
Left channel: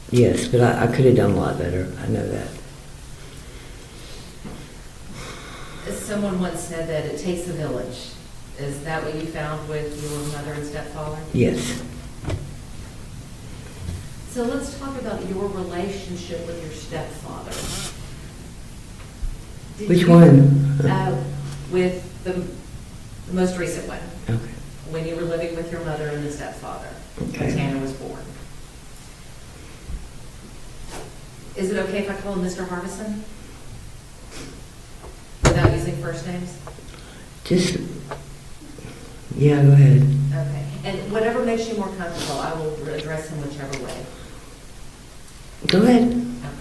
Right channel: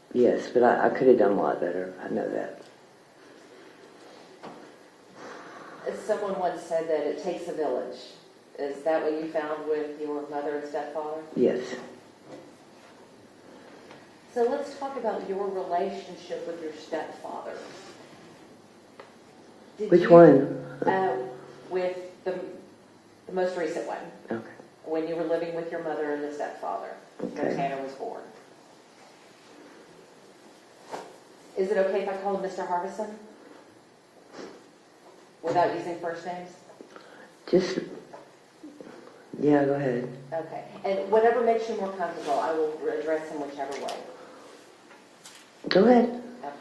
Yes, but I could have done a lot better. I know that. Someone once said that it takes a village. Is that what you found with your mother and stepfather? Yes. So let's talk about your relationship with your stepfather. Did Which you- one? With the most recent one, Okay. when you were living with your mother and the stepfather, when Okay. Tanner was born. Is it okay if I call him Mr. Harbison? Without using first names? Just, yeah, go ahead. Okay. And whatever makes you more comfortable, I will address him whichever way. Go ahead. Okay.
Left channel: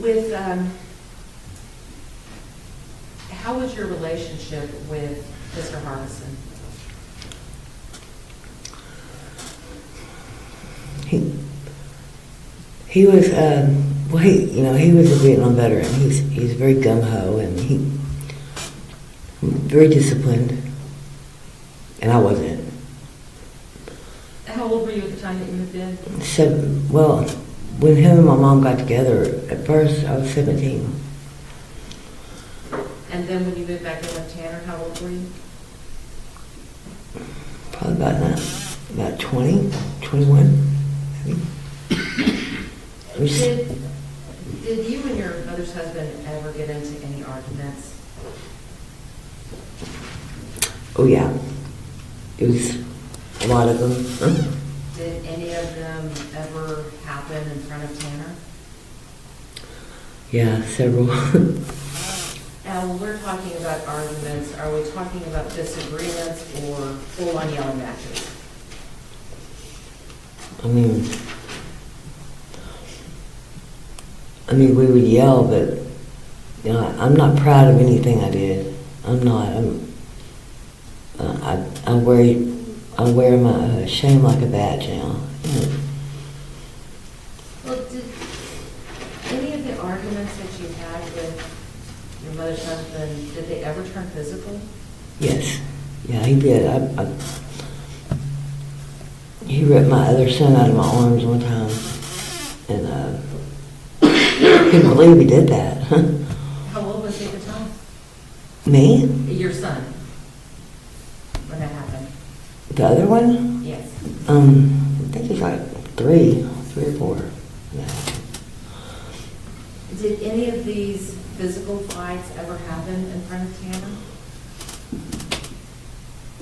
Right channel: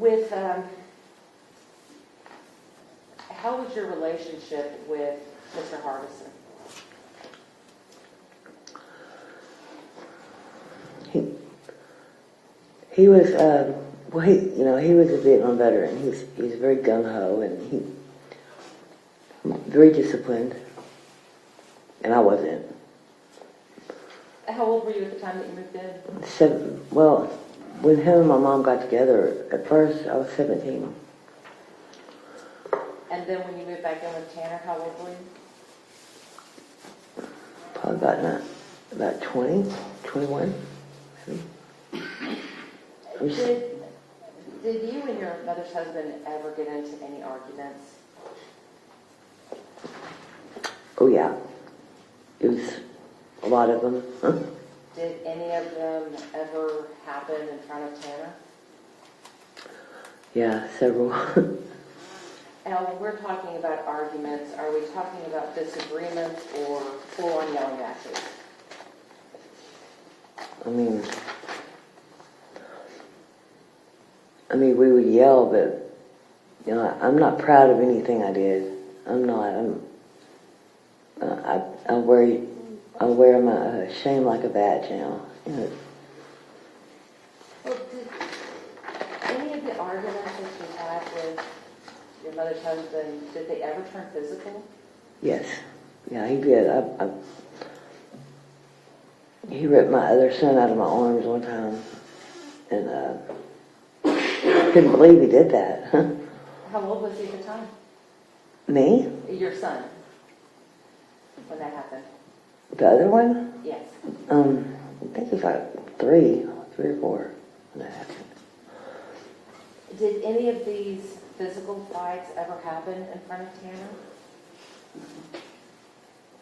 With, how was your relationship with Mr. Harbison? He was, well, he was a Vietnam veteran. He's very gung-ho and he very disciplined, and I wasn't. How old were you at the time that you moved in? Well, when him and my mom got together, at first I was 17. And then when you moved back in with Tanner, how old were you? Probably about 20, 21, maybe. Did you and your mother's husband ever get into any arguments? Oh, yeah. It was a lot of them. Did any of them ever happen in front of Tanner? Yeah, several. Now, when we're talking about arguments, are we talking about disagreements or full-on yelling matches? I mean, we would yell, but, I'm not proud of anything I did. I'm not. I wear my shame like a badge now. Well, did any of the arguments that you had with your mother's husband, did they ever turn physical? Yes. Yeah, he did. He ripped my other son out of my arms one time. And couldn't believe he did that. How old was he at the time? Me? Your son, when that happened? The other one? Yes. I think he's like 3 or 4. when that happened. Did any of these physical fights ever happen in front of Tanner?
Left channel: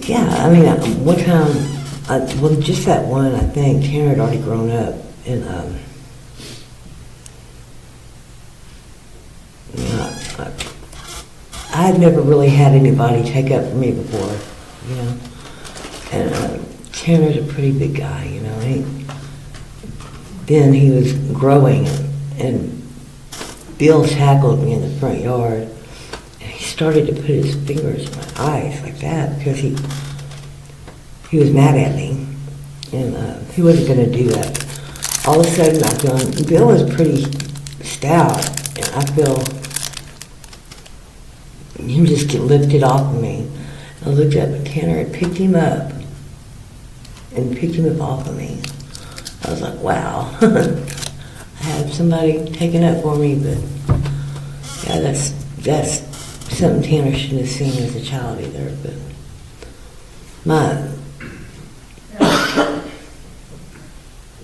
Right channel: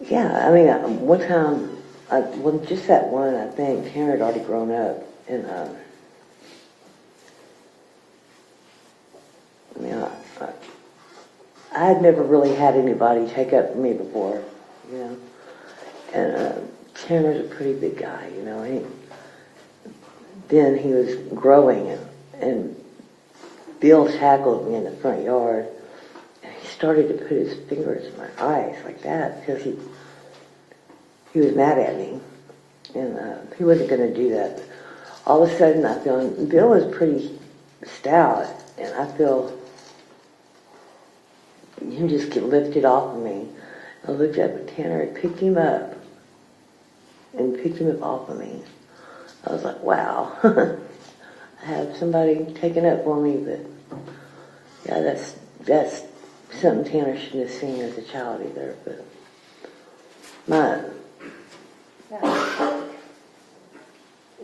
Yeah, I mean, one time, well, just that one, I think, Tanner had already grown up, and I'd never really had anybody take up for me before, you know. And Tanner's a pretty big guy, you know. Then he was growing, and Bill tackled me in the front yard. And he started to put his fingers in my eyes like that because he was mad at me, and he wasn't going to do that. All of a sudden, I feel Bill is pretty stout, and I feel him just get lifted off of me. I looked up, and Tanner had picked him up and picked him up off of me. I was like, wow. I have somebody taking up for me, but yeah, that's something Tanner shouldn't have seen as a child either. But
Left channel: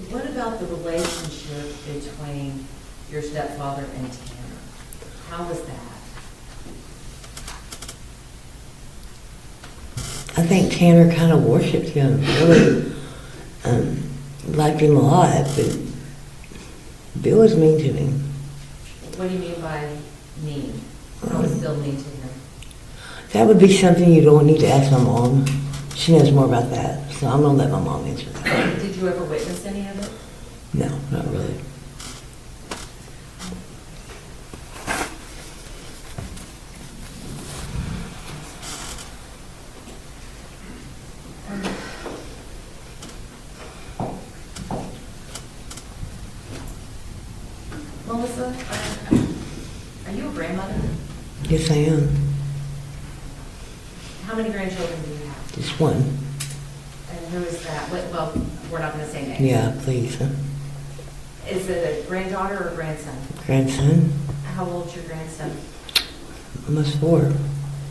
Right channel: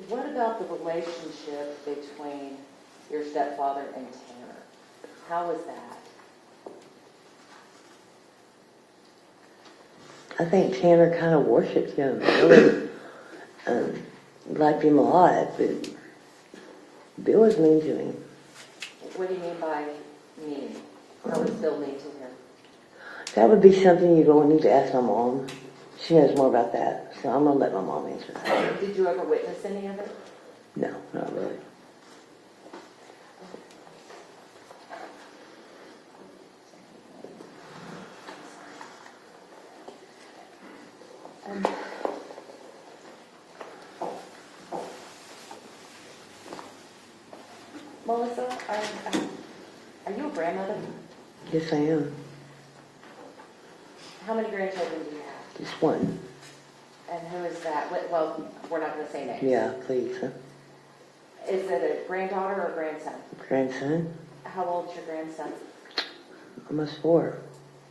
What about the relationship between your stepfather and Tanner? How was that? I think Tanner kind of worshipped him, really. Liked him a lot, but Bill was mean to him. What do you mean by mean? How was Bill mean to him? That would be something you don't need to ask my mom. She knows more about that, so I'm gonna let my mom answer that. Did you ever witness any of it? No, not really. Melissa, are you a grandmother? Yes, I am. How many grandchildren do you have? Just one. And who is that? Well, we're not going to say names. Yeah, please. Is it a granddaughter or a grandson? Grandson, How old's your grandson? almost 4.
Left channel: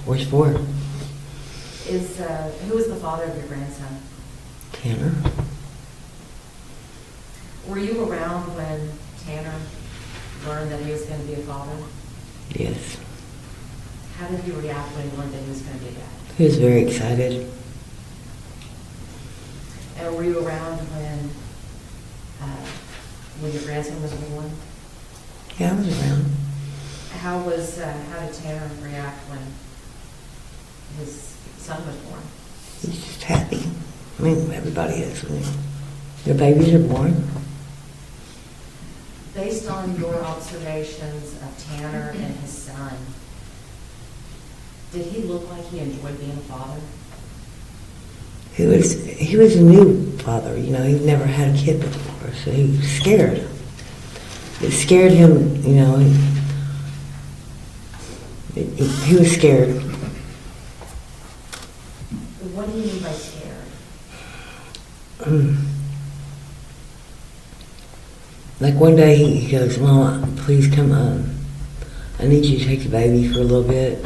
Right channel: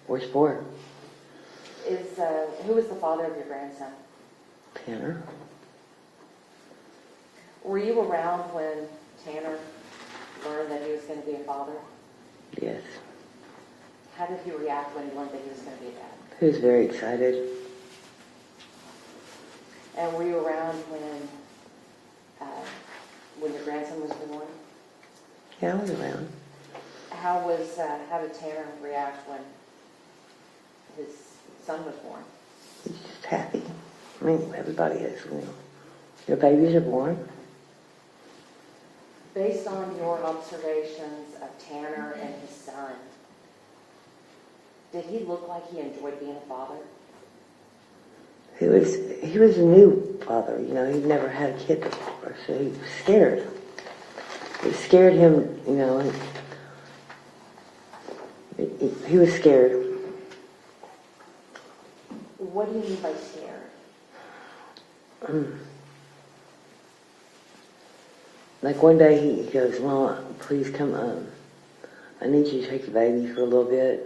Where's 4? Who is the father of your grandson? Tanner. Were you around when Tanner learned that he was going to be a father? Yes. How did he react when he learned that he was going to be a dad? He was very excited. And were you around when your grandson was born? Yeah, I was around. How did Tanner react when his son was born? He's just happy. I mean, everybody is when their babies are born. Based on your observations of Tanner and his son, did he look like he enjoyed being a father? He was a new father, you know, he'd never had a kid before, so he was scared. It scared him, you know, he was scared. What do you mean by scared? Like one day he goes, Mama, please come on. I need you to take the baby for a little bit.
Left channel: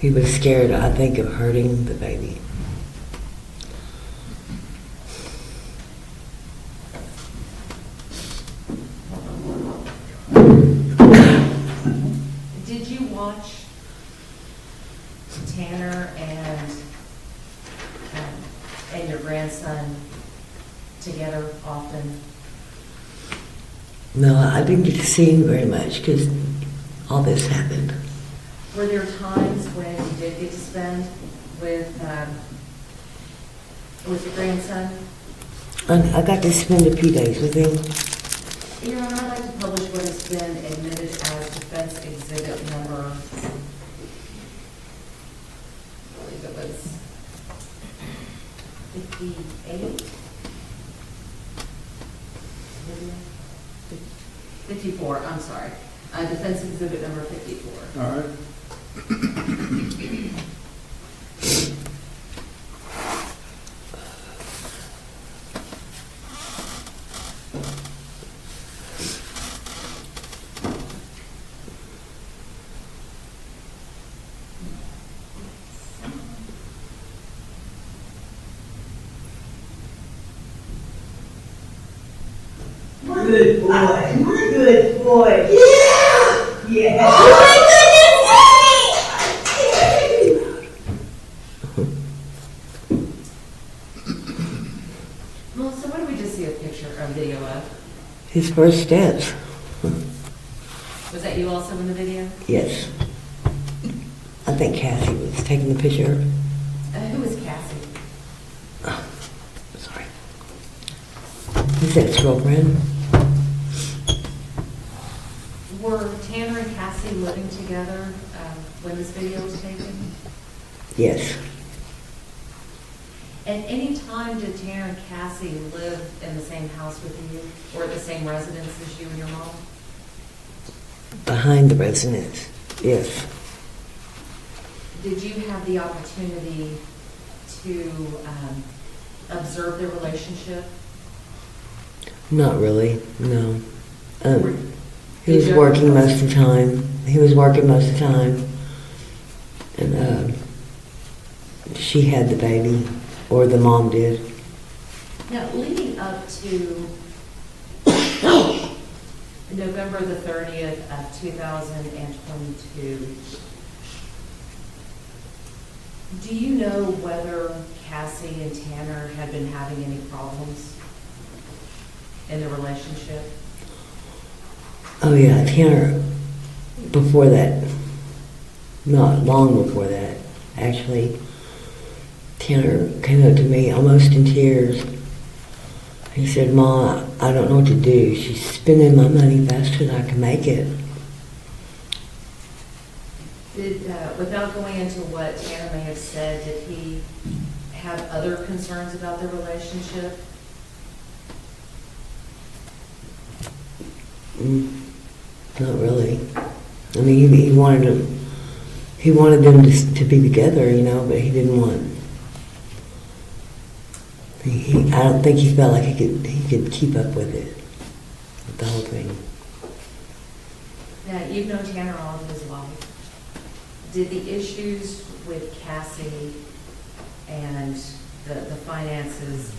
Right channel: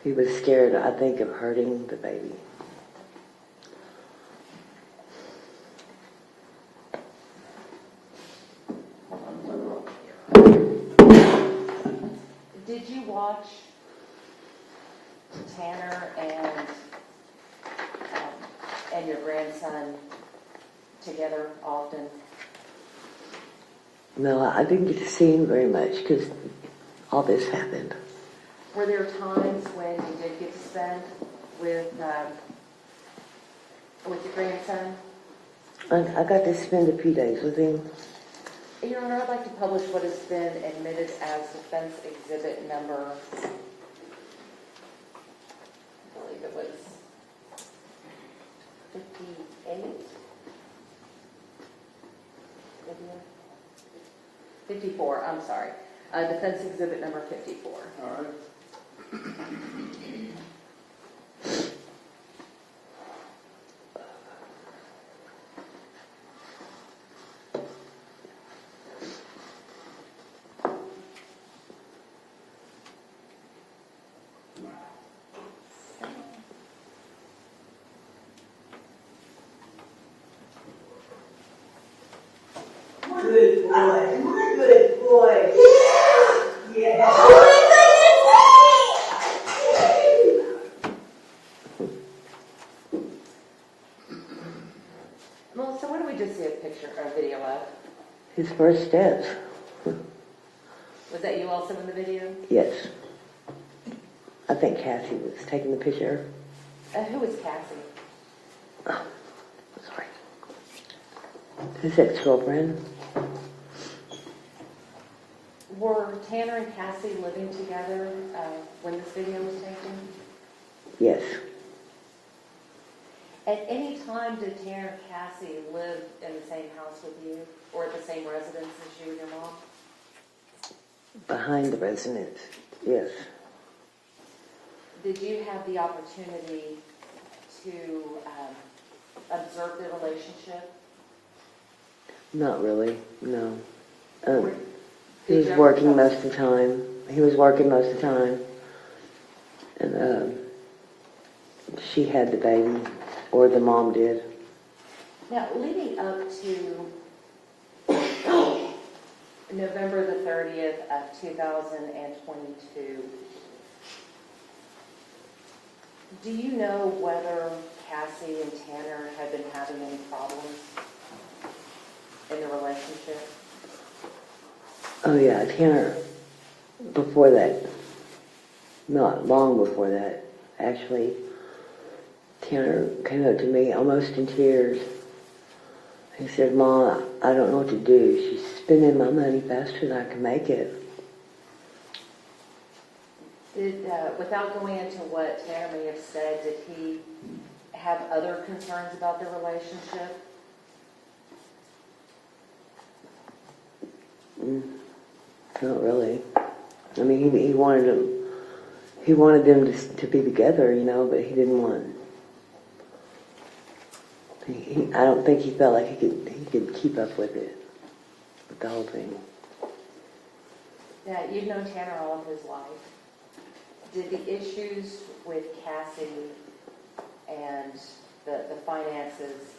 He was scared, I think, of hurting the baby. Did you watch Tanner and your grandson together often? No, I didn't get to see him very much because all this happened. Were there times when you did get to spend with your grandson? I got to spend a few days with him. Your Honor, I'd like to publish what has been admitted as defense exhibit number, I believe it was 58? 54, I'm sorry. Defense exhibit number 54. All right. Good boy. Good boy. Yeah. Yeah. Melissa, what did we just see a picture or video of? His first steps. Was that you also in the video? Yes. I think Cassie was taking the picture. Who was Cassie? Sorry. Is that his girlfriend? Were Tanner and Cassie living together when this video was taken? Yes. At any time did Tanner and Cassie live in the same house with you or the same residence as you and your mom? Behind the residence. Yes. Did you have the opportunity to observe their relationship? Not really, no. He Did was you working ever- most of the time. He was working most of the time. And she had the baby, or the mom did. Now, leading up to November the 30th of 2022, do you know whether Cassie and Tanner had been having any problems in the relationship? Oh yeah, Tanner, before that, not long before that, actually, Tanner came up to me almost in tears. He said, "Ma, I don't know what to do. She's spending my money faster than I can make it." Did, without going into what Tanner may have said, did he have other concerns about their relationship? Not really. I mean, he wanted them to be together, you know, but he didn't want. I don't think he felt like he could keep up with it, with the whole thing. Now, you've known Tanner all of his life. Did the issues with Cassie and the finances,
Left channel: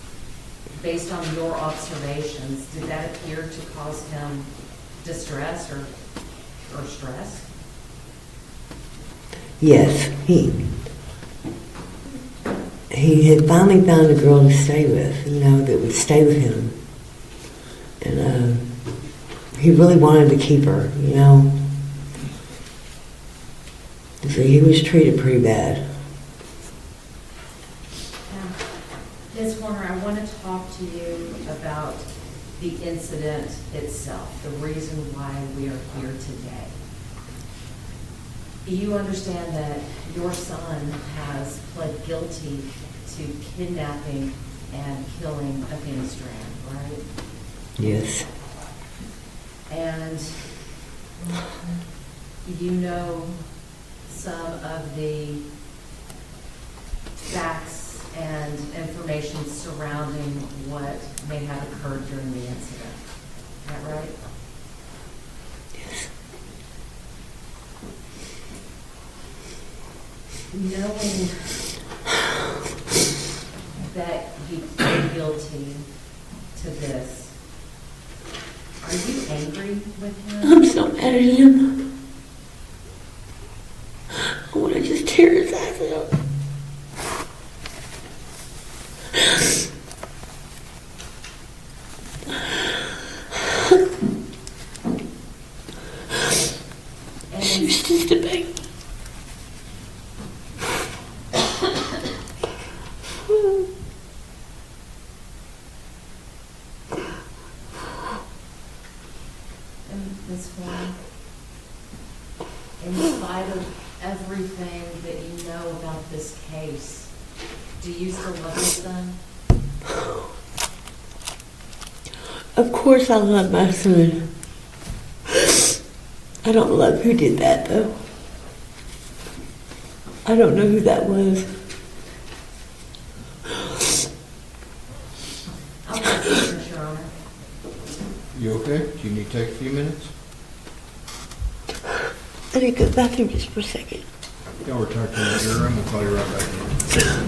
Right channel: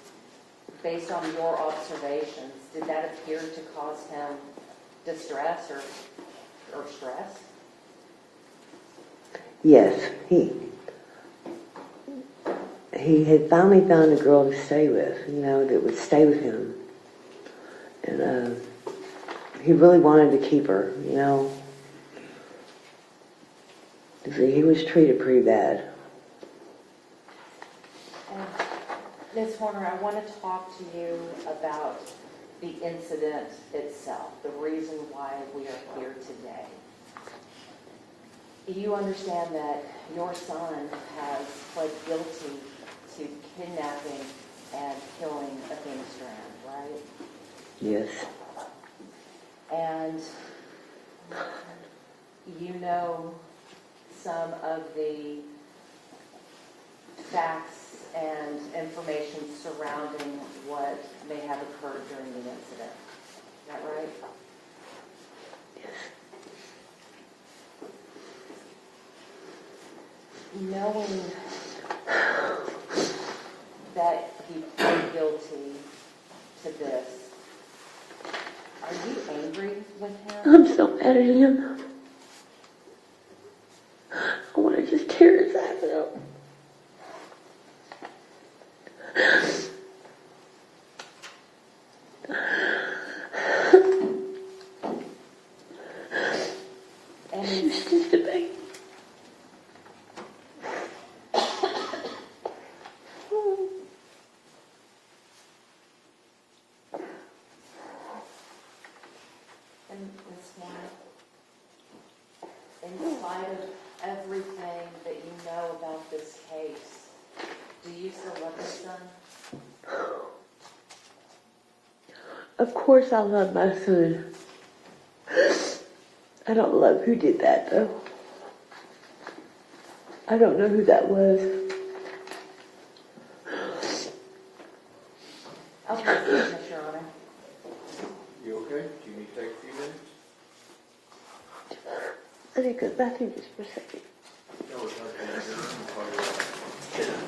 based on your observations, did that appear to cause him distress or stress? Yes, he had finally found a girl to stay with, you know, that would stay with him. And he really wanted to keep her, you know. So he was treated pretty bad. Ms. Horner, I want to talk to you about the incident itself, the reason why we are here today. You understand that your son has pled guilty to kidnapping and killing Athena Strand, right? Yes. And you know some of the facts and information surrounding what may have occurred during the incident. Is that right? Yes. Knowing that he pled guilty to this, are you angry with him? I'm so mad at him. I want to just tear his ass out. And She was just a baby. Ms. Horner, in spite of everything that you know about this case, do you still love your son? Of course I love my son. I don't love who did that, though. I don't know who that was. Okay, Your Honor. You okay? Do you need to take a few minutes? I need to go bathroom just for a second. Y'all return to your room, we'll call you right back.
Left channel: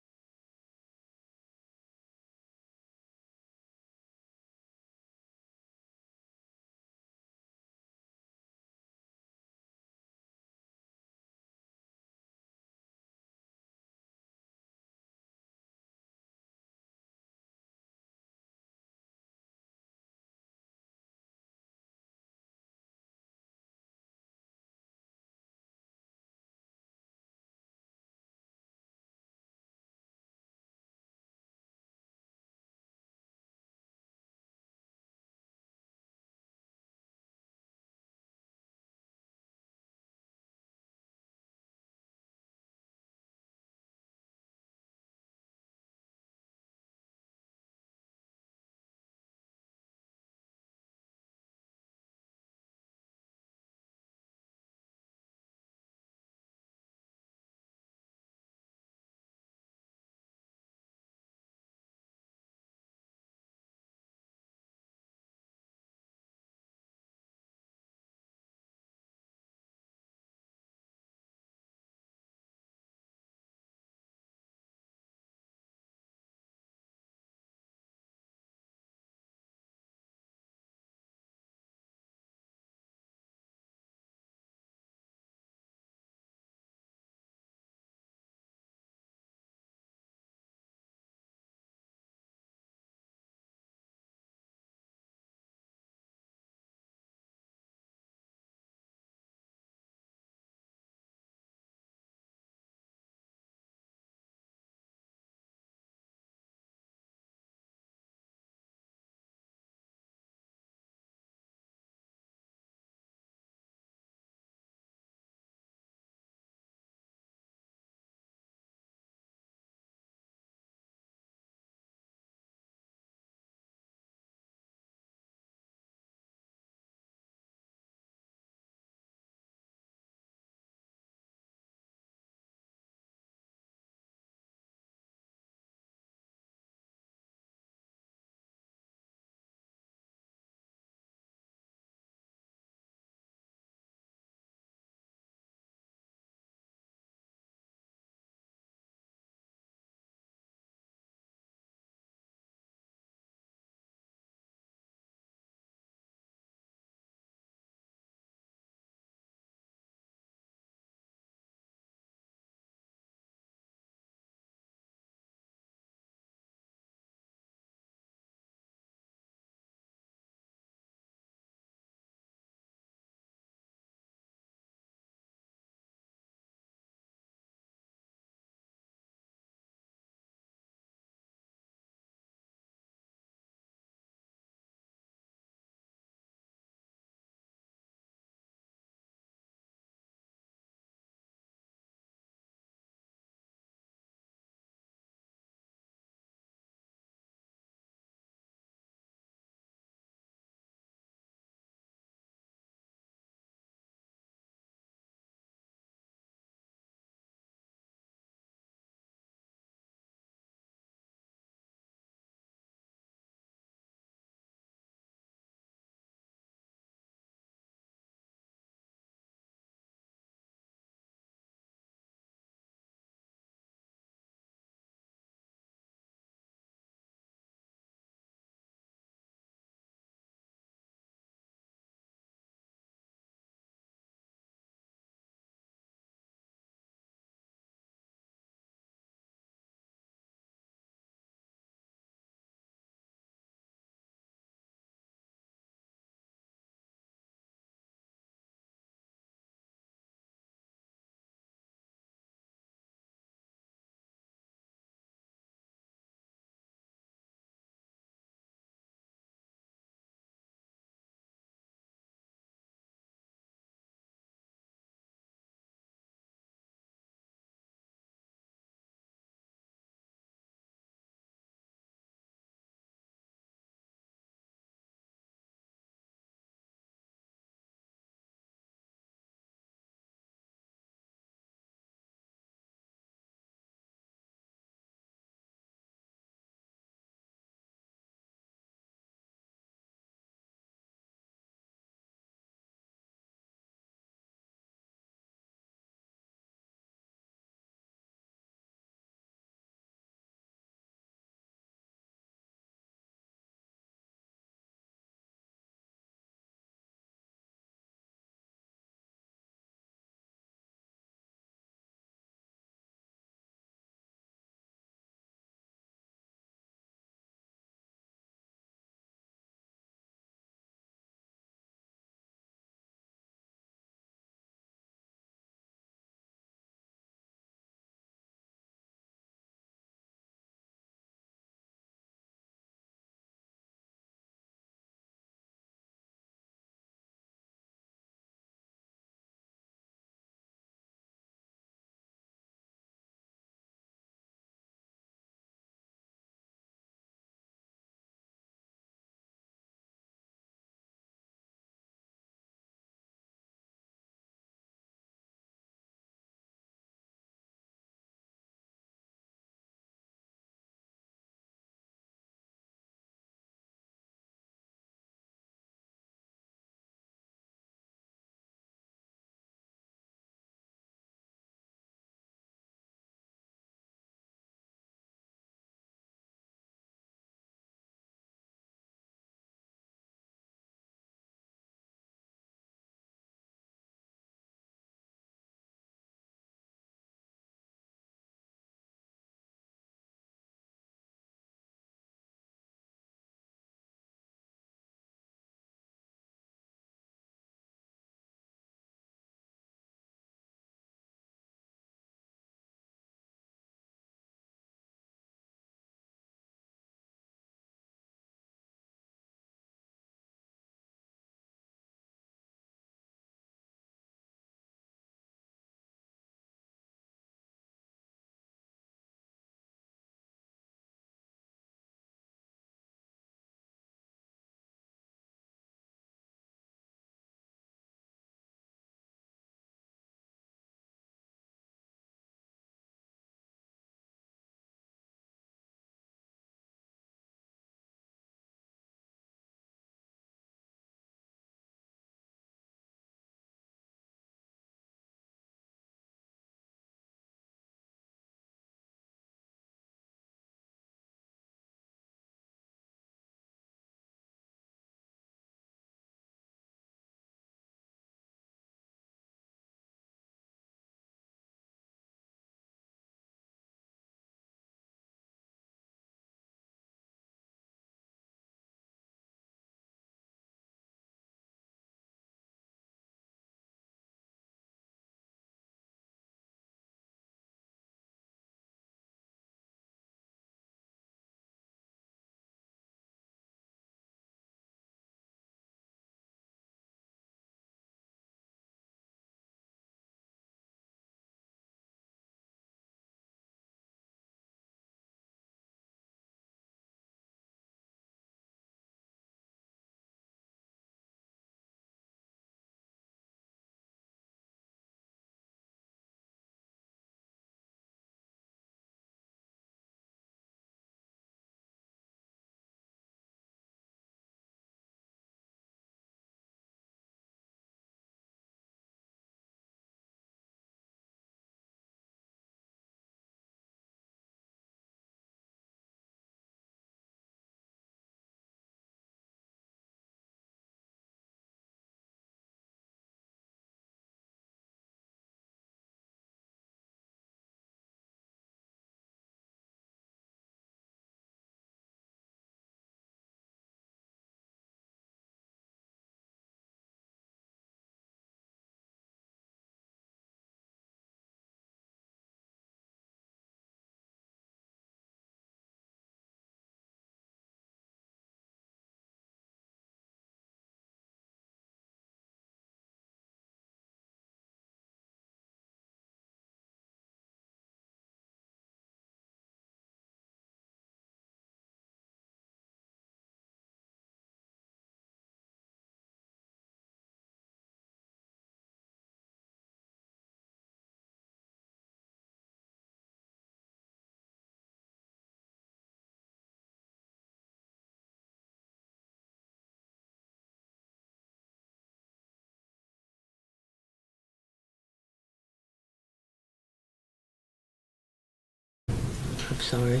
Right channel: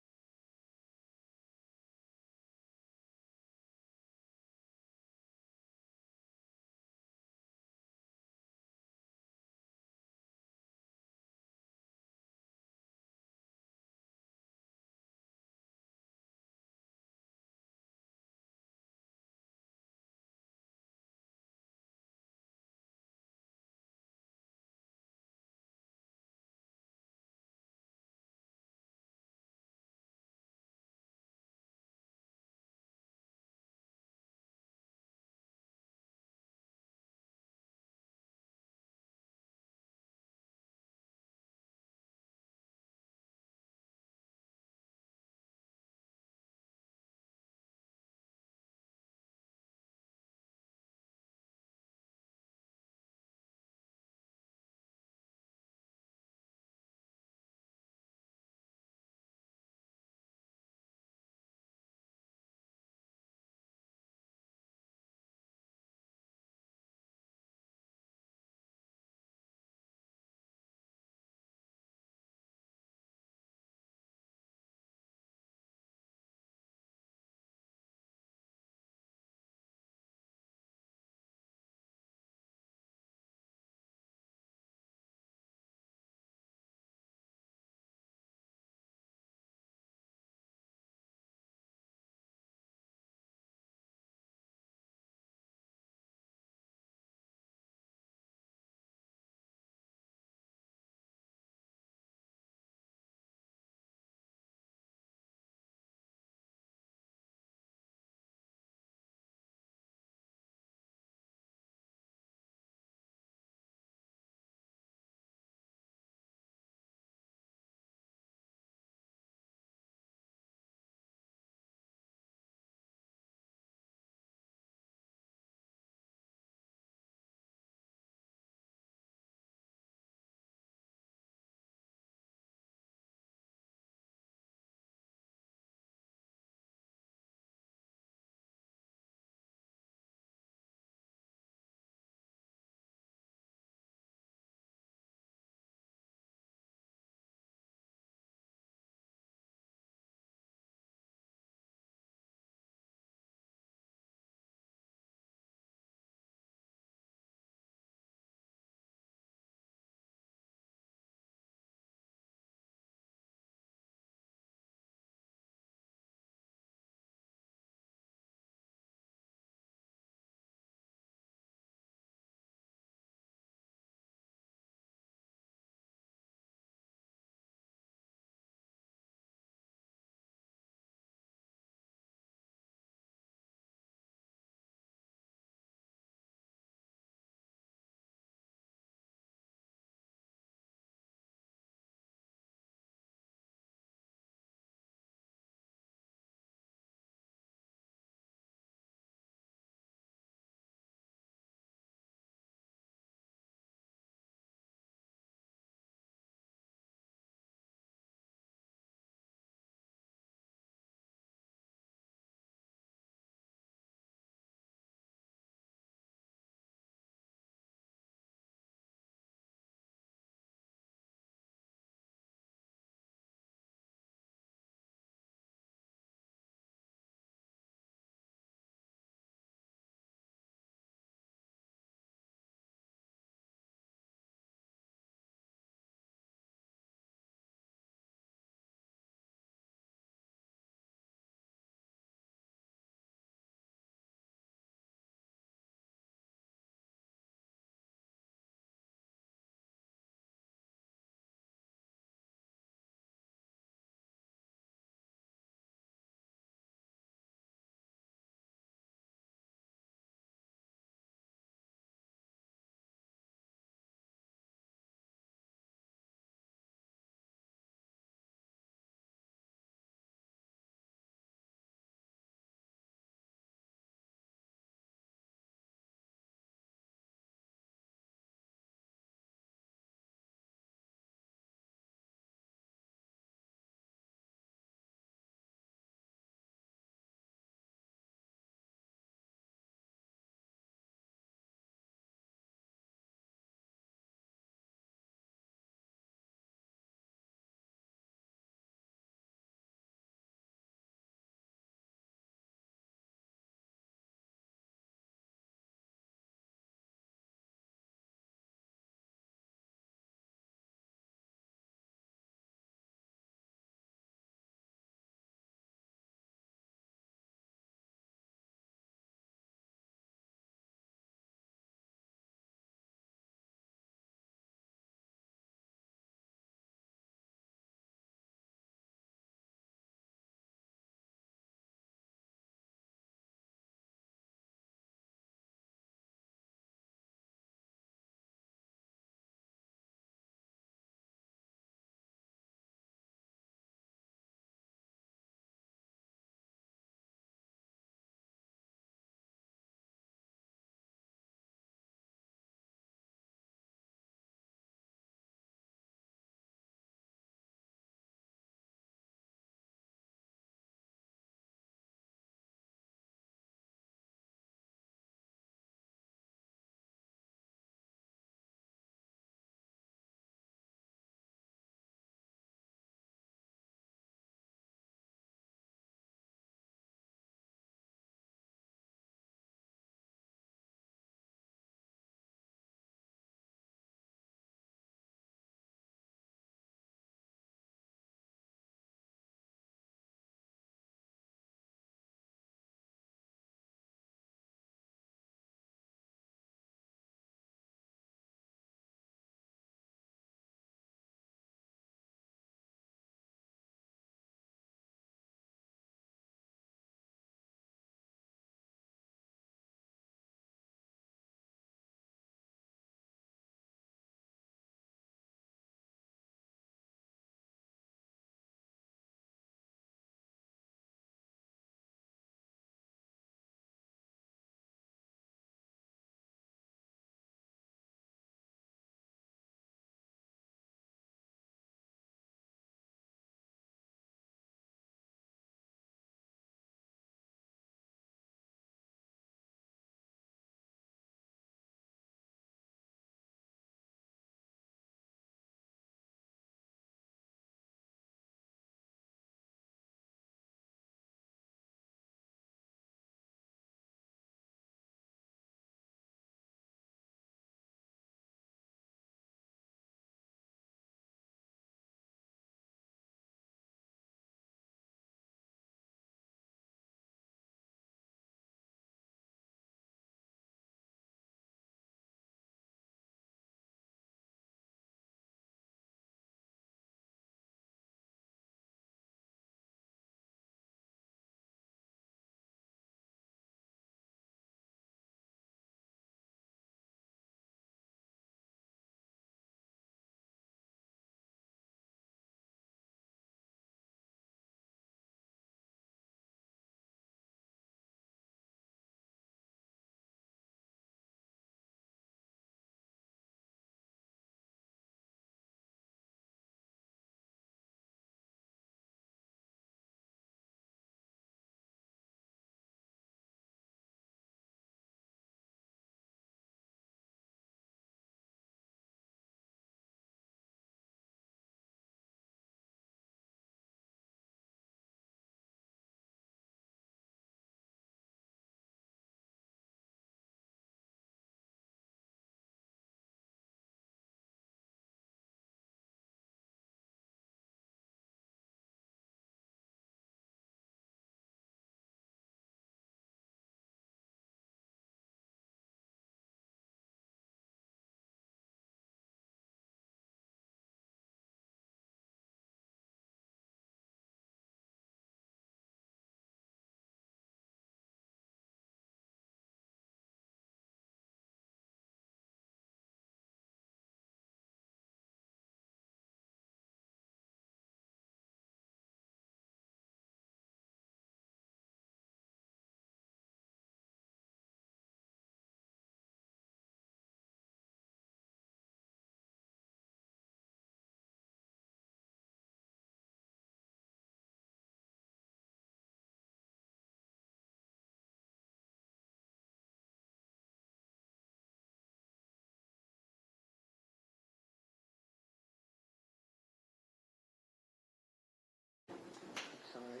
I'm sorry.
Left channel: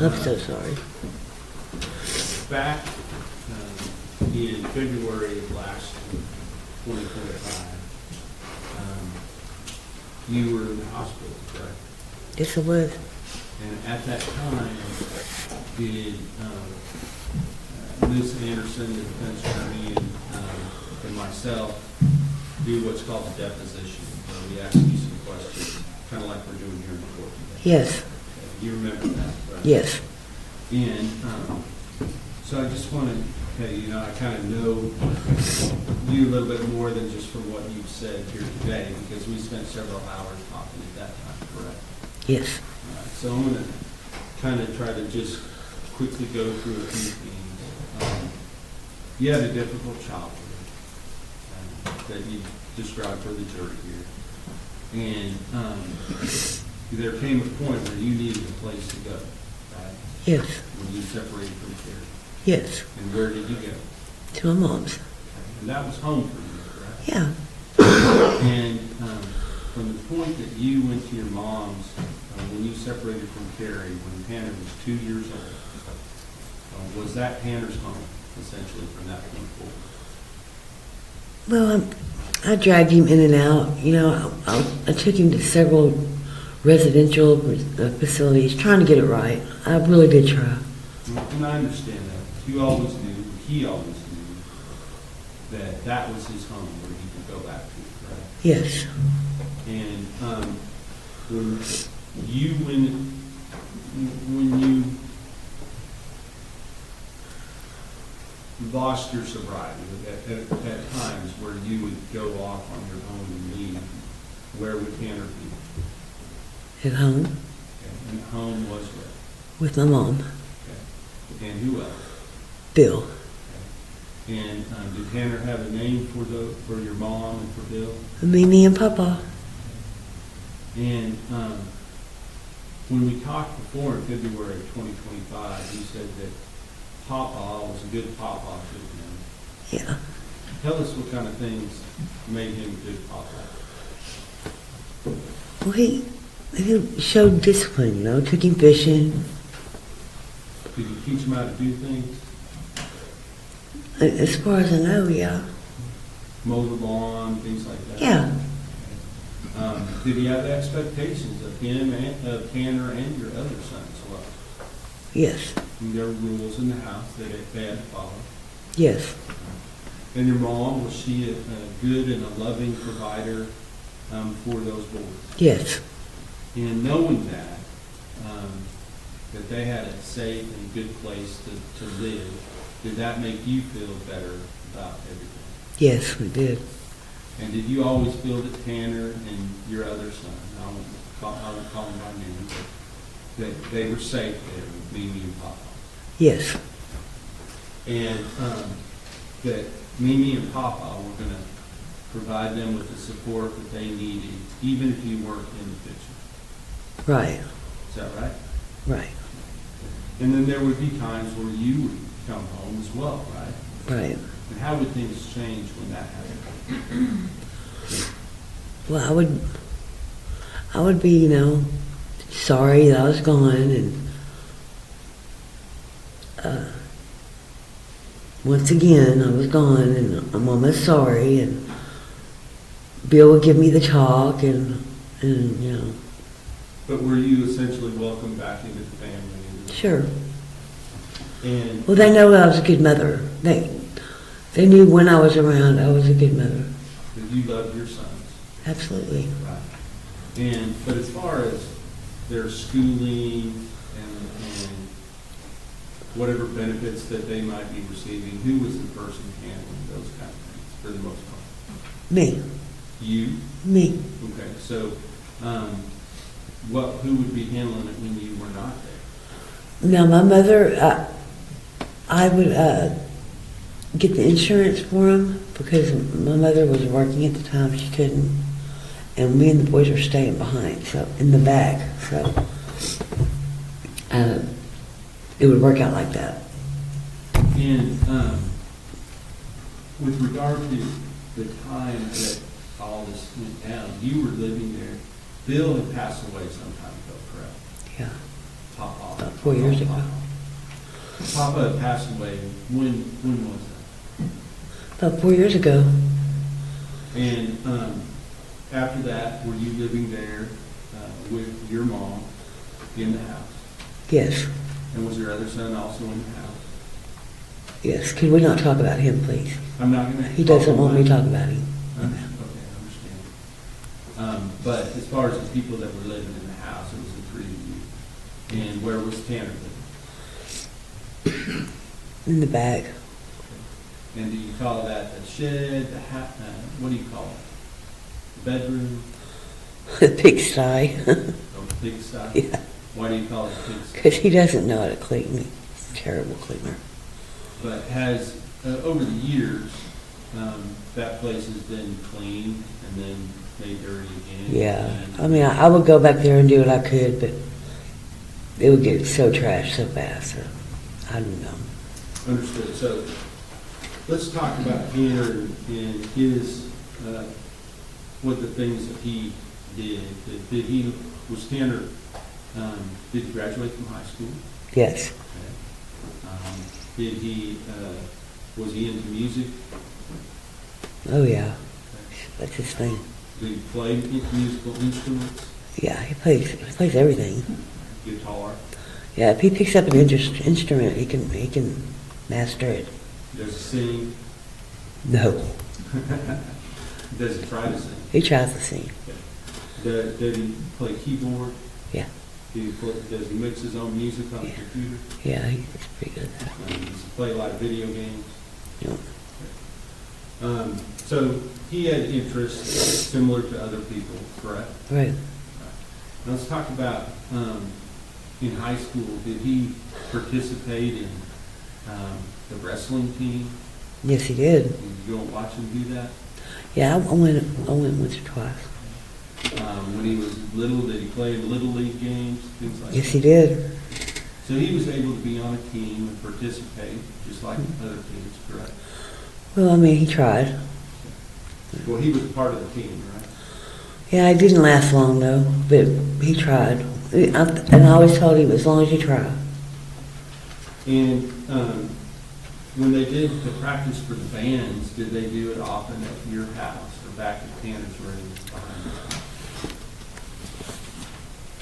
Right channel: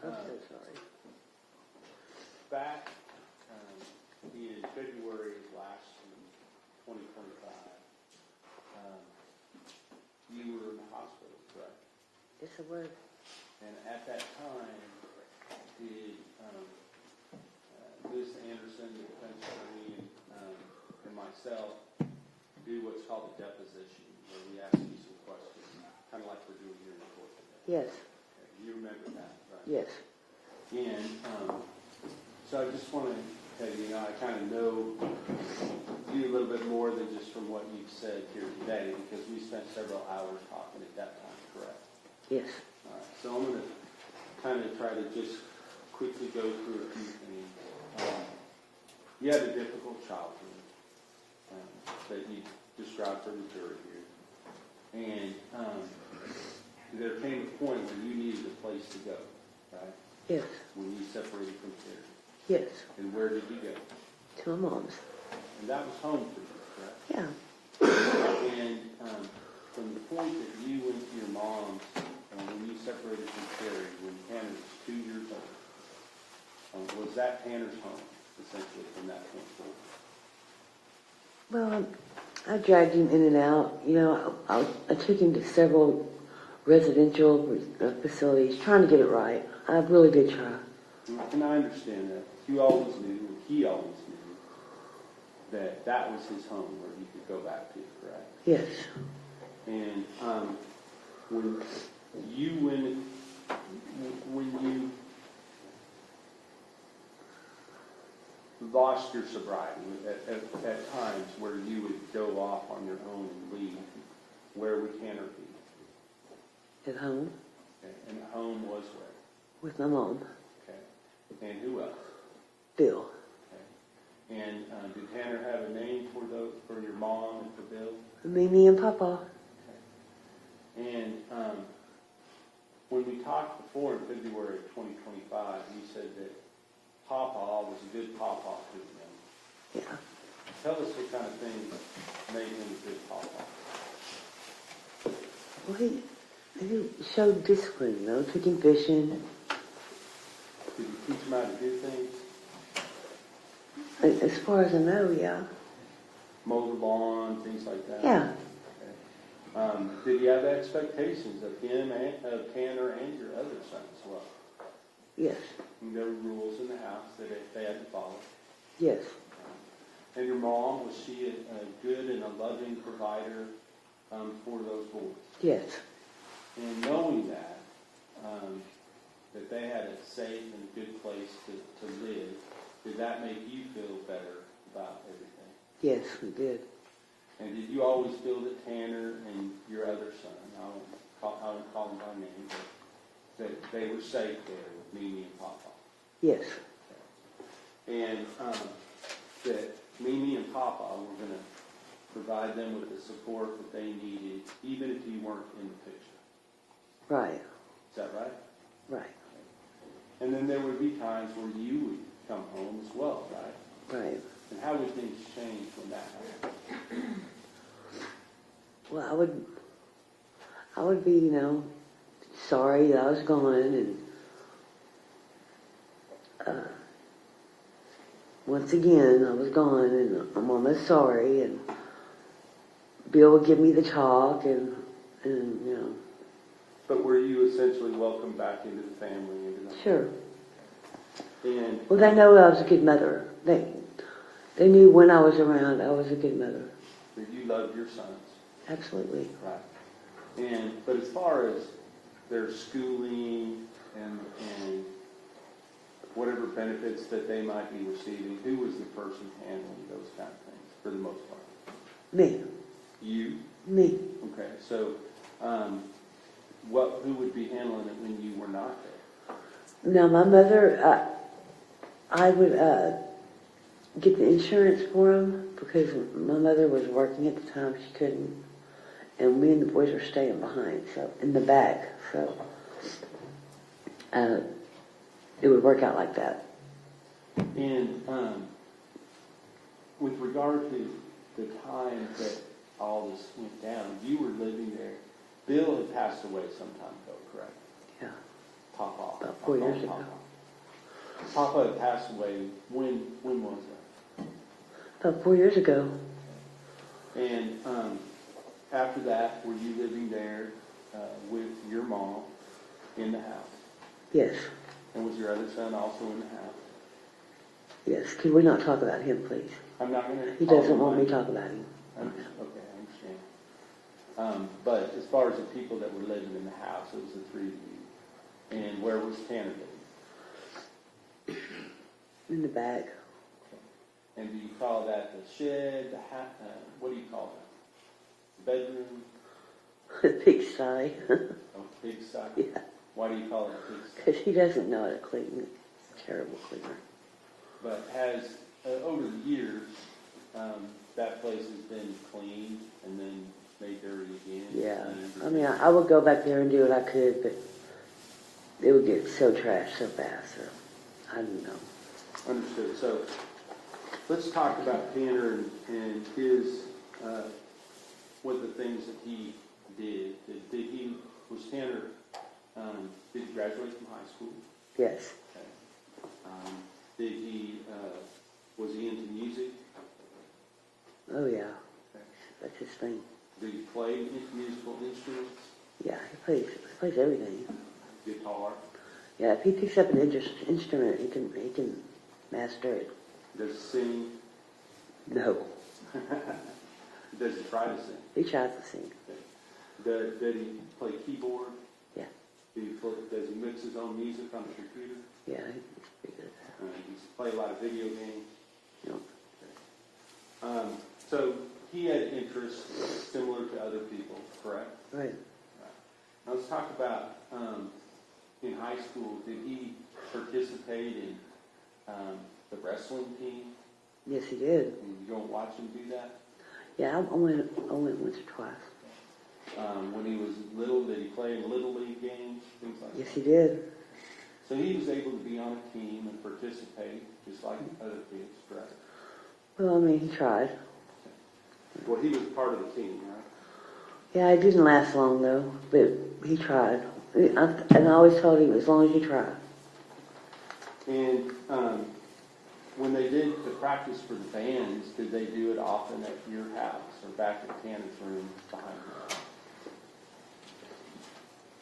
I'm so sorry. Back in February of last 2025, you were in the hospital, correct? Yes, it was. And at that time, did Ms. Anderson, the defense attorney, and myself do what's called a deposition, where we ask you some questions, kind of like we're doing here in the court today? Yes, You remember that, right? yes. And so I just want to tell you, I kind of know you a little bit more than just from what you've said here today, because we spent several hours talking at that time, correct? Yes. So I'm going to kind of try to just quickly go through a few things. You had a difficult childhood that you described for the jury here. And there came a point where you needed a place to go, right? Yes. When you separated from Carrie. Yes. And where did you go? To my mom's. And that was home for you, correct? Yeah. And from the point that you went to your mom's, when you separated from Carrie, when Tanner was 2 years old, was that Tanner's home, essentially, from that point forward? Well, I dragged him in and out. You know, I took him to several residential facilities, trying to get it right. I really did try. And I understand that. You always knew, he always knew, that that was his home where he could go back to, correct? Yes. And when you lost your sobriety, at times where you would go off on your own and leave, where would Tanner be? At home Okay. And home was where? with my mom, Okay. And who else? Bill. Okay. And did Tanner have a name for your mom and for Bill? Mimi and Papa. And when we talked before in February of 2025, you said that Papa was a good Papa to you. Yeah. Tell us what kind of things made him a good Papa. Well, he showed discipline, you know, took him fishing. Did you teach him how to do things? As far as I know, yeah. Mow the lawn, things like that? Yeah. Okay. Did he have expectations of him and of Tanner and your other son as well? Yes. And there were rules in the house that they had to follow. Yes. And your mom, was she a good and a loving provider for those boys? Yes. And knowing that, that they had a safe and good place to live, did that make you feel better about everything? Yes, we did. And did you always feel that Tanner and your other son, I won't call them by name, but that they were safe there with Mimi and Papa? Yes. And that Mimi and Papa were going to provide them with the support that they needed, even if you weren't in the picture. Right. Is that right? Right. And then there would be times where you would come home as well, right? Right. And how would things change when that happened? Well, I would be, you know, sorry that I was gone, and once again I was gone, and I'm almost sorry, and Bill would give me the talk, and you know. But were you essentially welcomed back into the family? Sure. And Well, they know I was a good mother. They knew when I was around I was a good mother. that you loved your sons? Absolutely. Right. But as far as their schooling and whatever benefits that they might be receiving, who was the person handling those kind of things for the most part? Me. You? Me. Okay, so who would be handling it when you were not there? Now, my mother, I would get the insurance for him because my mother was working at the time. She couldn't. And me and the boys were staying behind, so in the back. So it would work out like that. And with regard to the time that all this went down, you were living there. Bill had passed away some time ago, correct? Yeah. 4 years ago. Papa passed away, when was that? About 4 years ago. And after that, were you living there with your mom in the house? Yes, And was your other son also in the house? yes. Can we not talk about him, please? I'm not gonna. He doesn't want me to talk about him. Okay, I understand. But as far as the people that were living in the house, it was the three of you. And where was Tanner living? In the back. And do you call that the shed, what do you call it? Bedroom, The pigsty. or pigsty? Yeah, Why do you call it a pigsty? because he doesn't know how to clean. He's a terrible cleaner. But has, over the years, that place has been cleaned and then made dirty again? Yeah, and- I mean, I would go back there and do what I could, but it would get so trashed so fast. So I don't know. Understood. So let's talk about Tanner and his, what the things that he did. Was Tanner, did he graduate from high school? Yes, Okay. Was he into music? oh yeah, that's his thing. Did he play musical instruments? Yeah, he plays everything. Guitar? Yeah, if he picks up an instrument, he can master it. Does he sing? No, Does he try to sing? he tries to sing. Did he play keyboard? Yeah, Does he mix his own music on the computer? yeah, he's pretty good. Does he play a lot of video games? You know, So he had interests similar to other people, correct? right. Now let's talk about, in high school, did he participate in the wrestling team? Yes, he did. Did you go and watch him do that? Yeah, I went once or twice. When he was little, did he play in Little League games, things like that? Yes, he did. So he was able to be on a team and participate, just like other kids, correct? Well, I mean, he tried. Well, he was a part of the team, right? Yeah, it didn't last long though, but he tried. And I always told him, as long as you try. And when they did the practice for the bands, did they do it often at your house or back at Tanner's room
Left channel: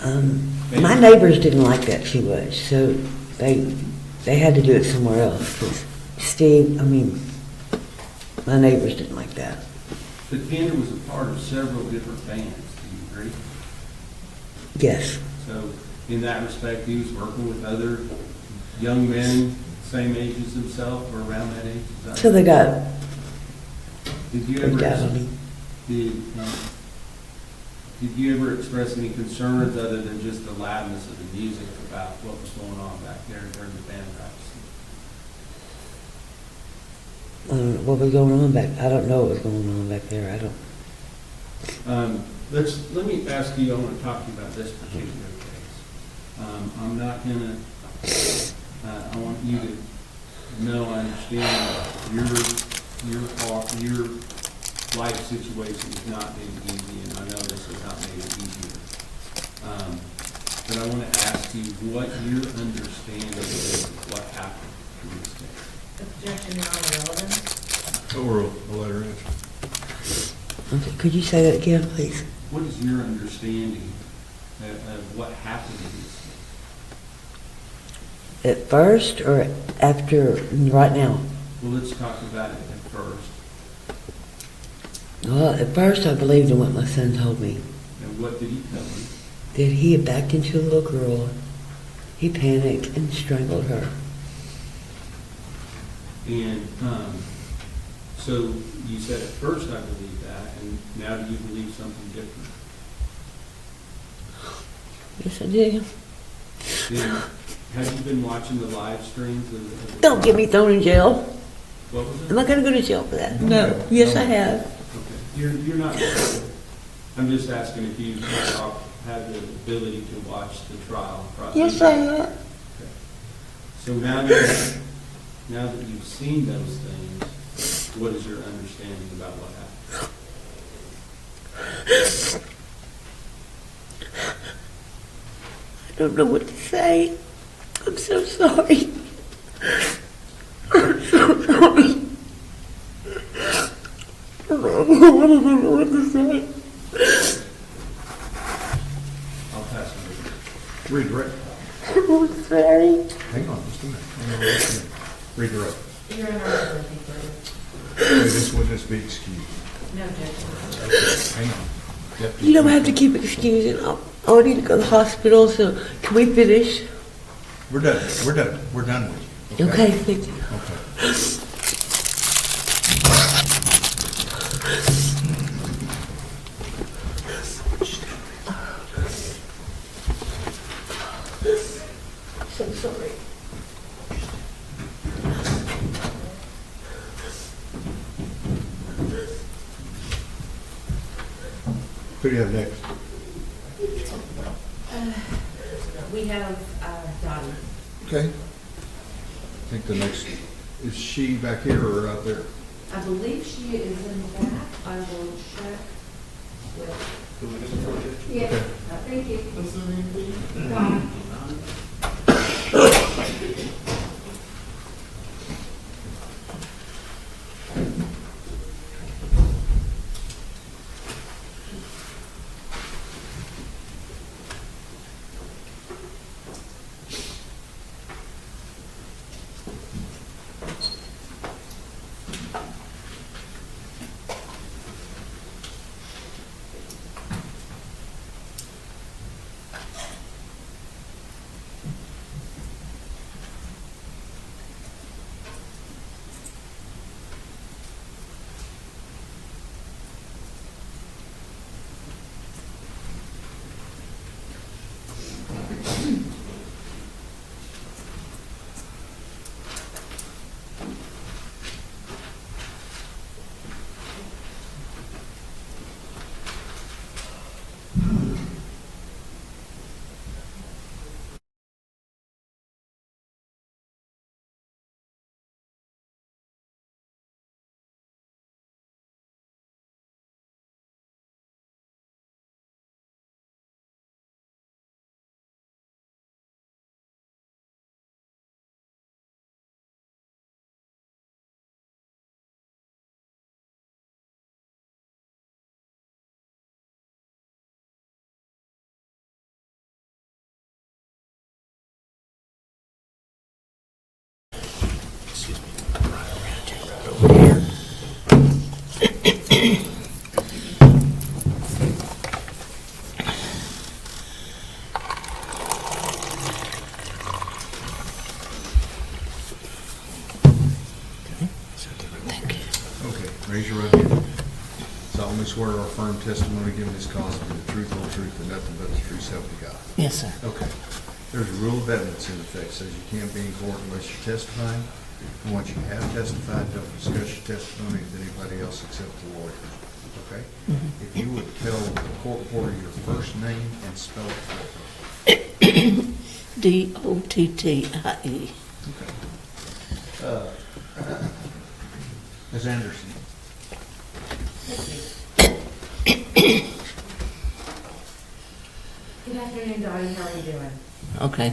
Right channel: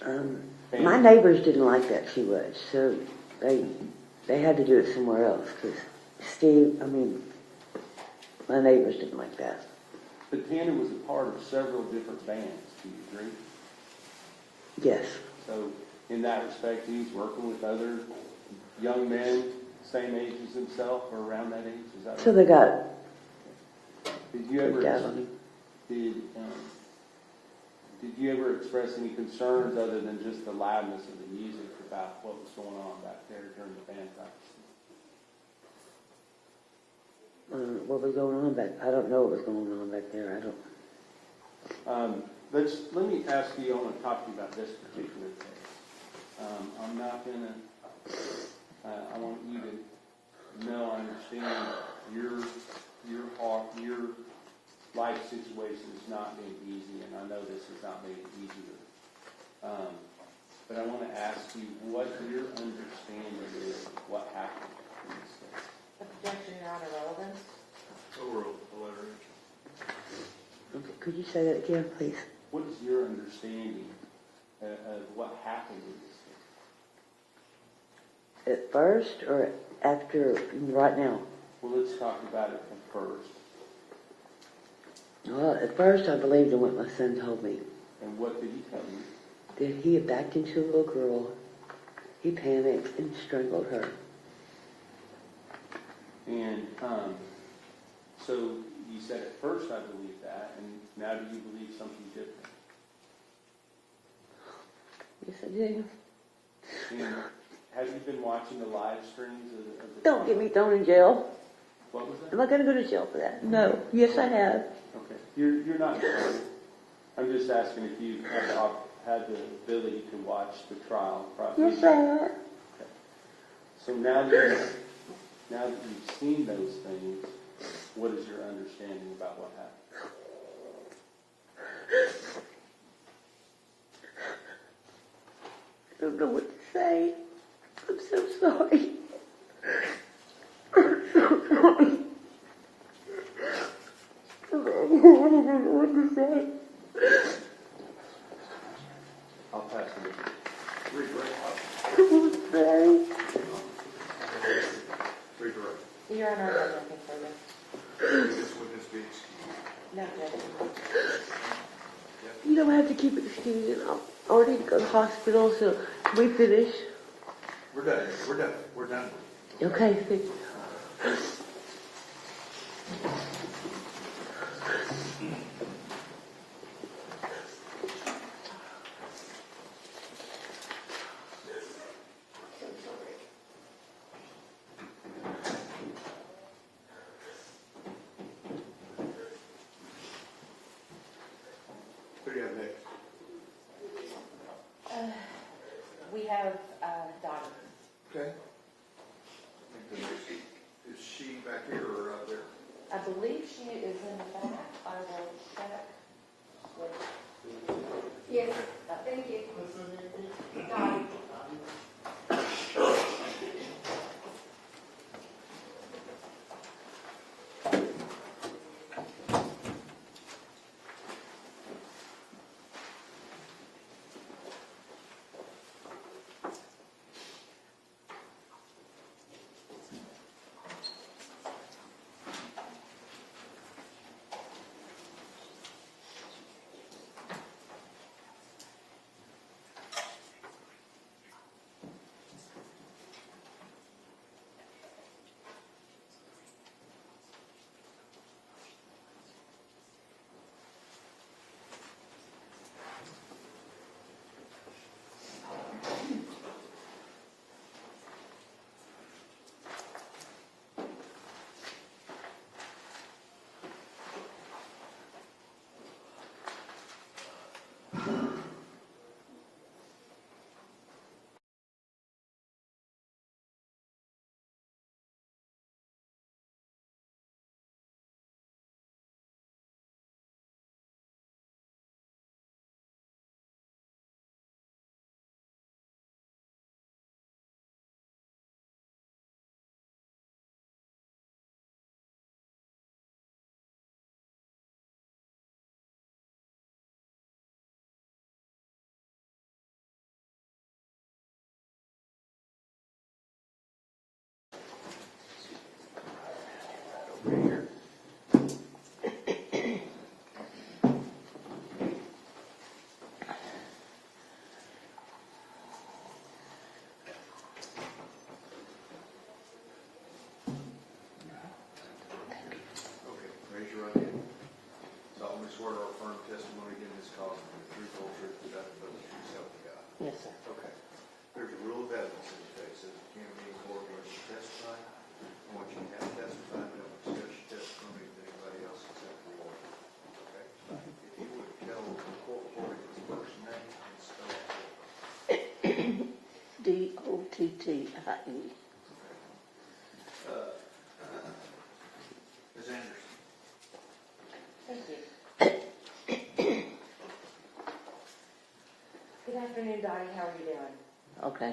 behind My neighbors didn't like that too much, so they had to do it somewhere else. 'Cause my neighbors didn't like that. But Tanner was a part of several different bands, do you agree? Yes, So in that respect, he was working with other young men, same age as himself or around that age? Is that so they got Did you freaked out on ever, him. did you ever express any concerns other than just the loudness of the music about what was going on back there during the band practice? What was going on back? I don't know what was going on back there. I don't. Let me ask you, I want to talk to you about this particular case. I'm not gonna, I want you to know, I understand your life situation has not been easy, and I know this has not made it easier. But I want to ask you what your understanding is of what happened in this case. Objection, non-relevant. Oral, a letter answer. Okay, could you say that again, please? What is your understanding of what happened in this case? At first or after? Right now? Well, let's talk about it at first. Well, at first I believed in what my son told me. And what did he tell you? That he had backed into a little girl. He panicked and strangled her. And so you said at first I believed that, and now do you believe something different? Yes, I do. And have you been watching the live streams of the Don't get me thrown in jail. What was Am it? I going to go to jail for that? No. Yes, I have. Okay, you're not. I'm just asking if you had the ability to watch the trial process. Yes, I have. Okay. So now that you've seen those things, what is your understanding about what happened? I don't know what to say. I'm so sorry. I'm so sorry. I don't know what to say. I'll pass it. Redirect. I'm sorry. Hang on just a minute. Redirect. Your Honor, I think This will just be excused. no, Judge. Hang on. You don't have to keep excusing. I need to go to the hospital, so can we finish? We're done. We're done. We're done with you. Okay, thank you. Okay. So sorry. Who do you have next? We have Dottie. Okay. I think the next, is she back here or out there? I believe she is in the back. I will check with. Yes, thank you. Okay, raise your right hand. Solemnly swear or affirm testimony given this cause to be the truth, whole truth, and nothing but the truth, so help you God. Yes, sir. Okay. There's a rule of evidence in effect, says you can't be in court unless you're testifying. And once you have testified, don't discuss your testimony with anybody else except the lawyer. Okay? If you would tell the court reporter your first name and spell it for me. Dottie. Okay. Ms. Anderson. Good afternoon, Dottie. How are you doing? Okay.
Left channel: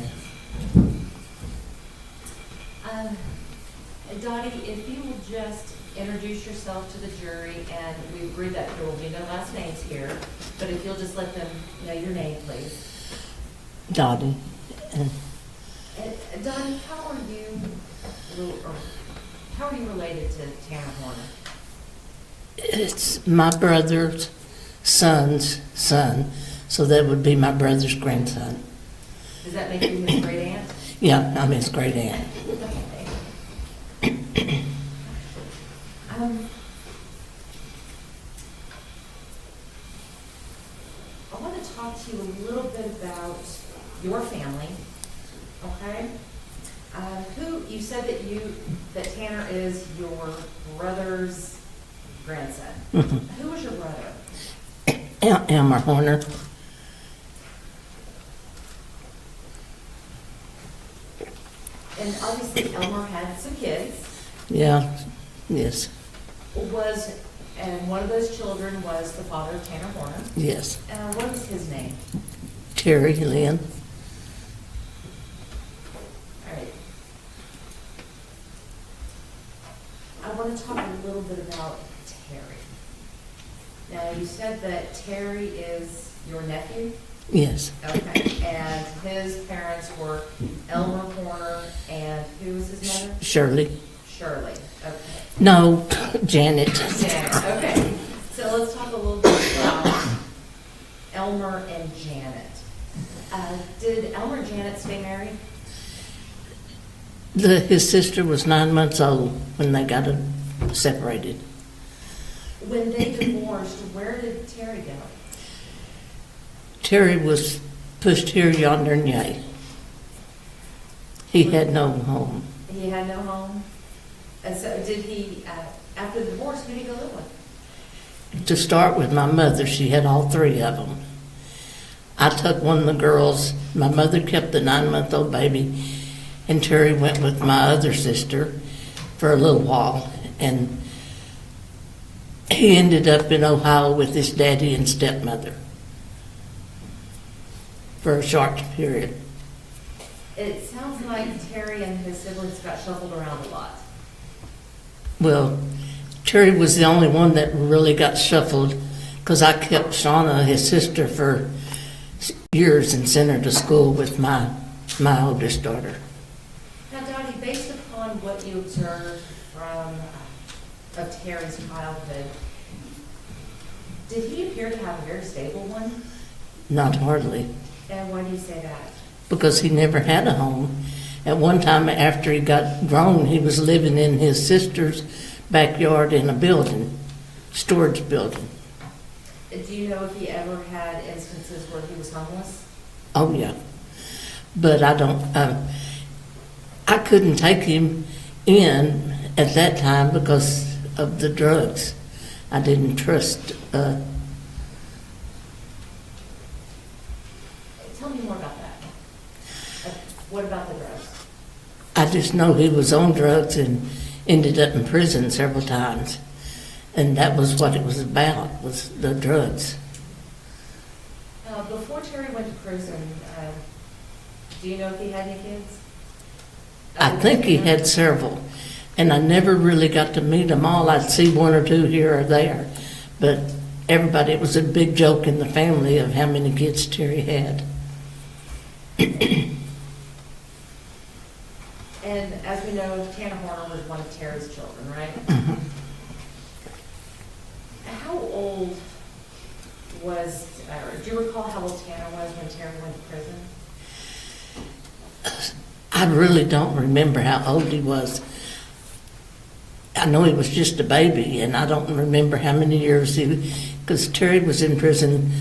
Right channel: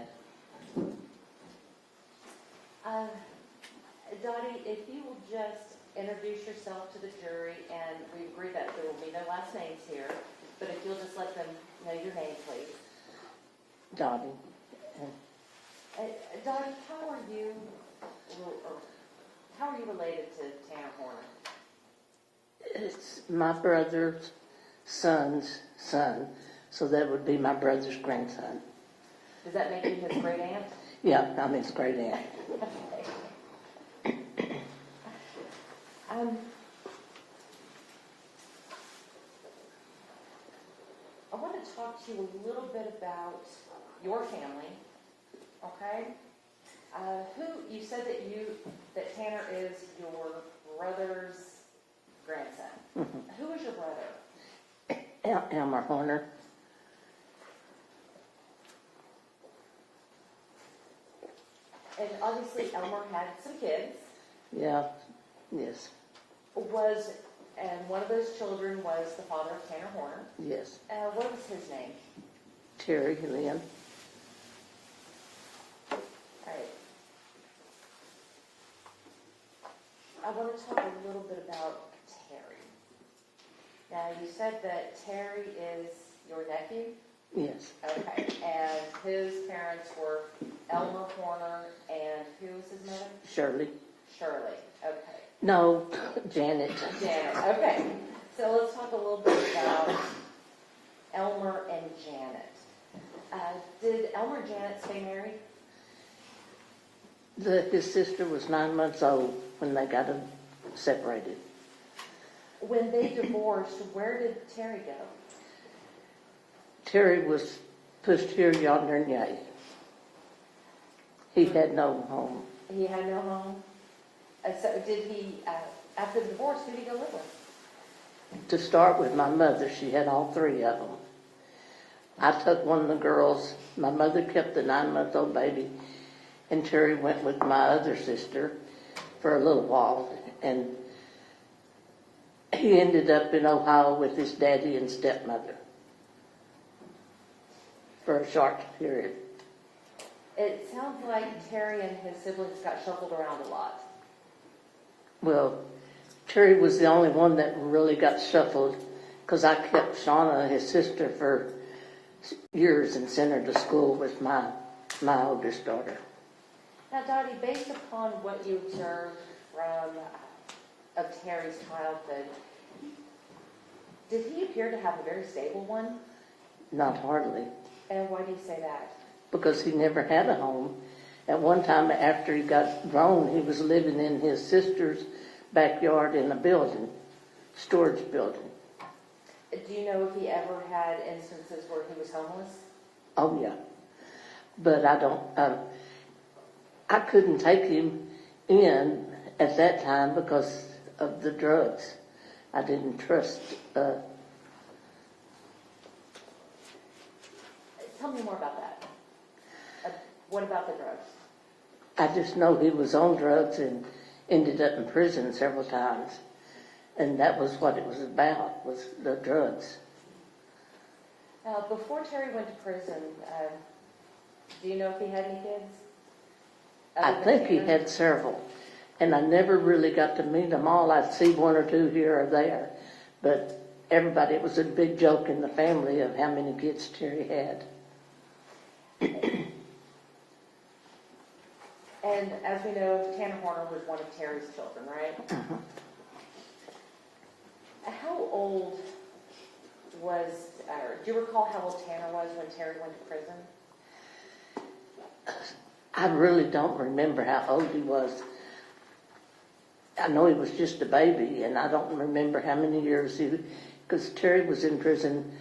Dottie, if you will just introduce yourself to the jury, and we agree that there will be no last names here, but if you'll just let them know your name, please. Dottie. Dottie, how are you related to Tanner Horner? It's my brother's son's son, so that would be my brother's grandson. Does that make you his great aunt? Yeah, I'm his great aunt. I want to talk to you a little bit about your family, okay? You said that Tanner is your brother's grandson. Who was your brother? Elmer Horner. And obviously Elmer had some kids. Yeah, yes, And one of those children was the father of Tanner Horner. yes. What was his name? Terry Lynn. said that Terry is your nephew? Yes. Okay, and his parents were Elmer Horner, and who was his mother? Shirley. Shirley, okay. No, Janet. Janet, okay. So let's talk a little bit about Elmer and Janet. Did Elmer and Janet stay married? His sister was 9 months old when they got separated. When they divorced, where did Terry go? Terry was pushed here, yonder, and yay. He had no home. He had no home? And so did he, after the divorce, who did he go live with? To start with my mother, she had all three of them. I took one of the girls. My mother kept the 9-month-old baby, and Terry went with my other sister for a little while, and he ended up in Ohio with his daddy and stepmother for a short period. It sounds like Terry and his siblings got shuffled around a lot. Well, Terry was the only one that really got shuffled because I kept Shauna, his sister, for years and sent her to school with my oldest daughter. Now, Dottie, based upon what you observed of Terry's childhood, did he appear to have a very stable one? Not hardly, And why do you say that? because he never had a home. At one time after he got grown, he was living in his sister's backyard in a building, storage building. Do you know if he ever had instances where he was homeless? Oh, yeah. But I don't, I couldn't take him in at that time because of the drugs. I didn't trust, Tell me more about that. What about the drugs? I just know he was on drugs and ended up in prison several times. And that was what it was about, was the drugs. Before Terry went to prison, do you know if he had any kids? I think he had several, and I never really got to meet them all. I'd see one or two here or there. But everybody, it was a big joke in the family of how many kids Terry had. And as we know, Tanner Horner was one of Terry's children, right? How old was, do you recall how old Tanner was when Terry went to prison? I really don't remember how old he was. I know he was just a baby, and I don't remember how many years because Terry was in prison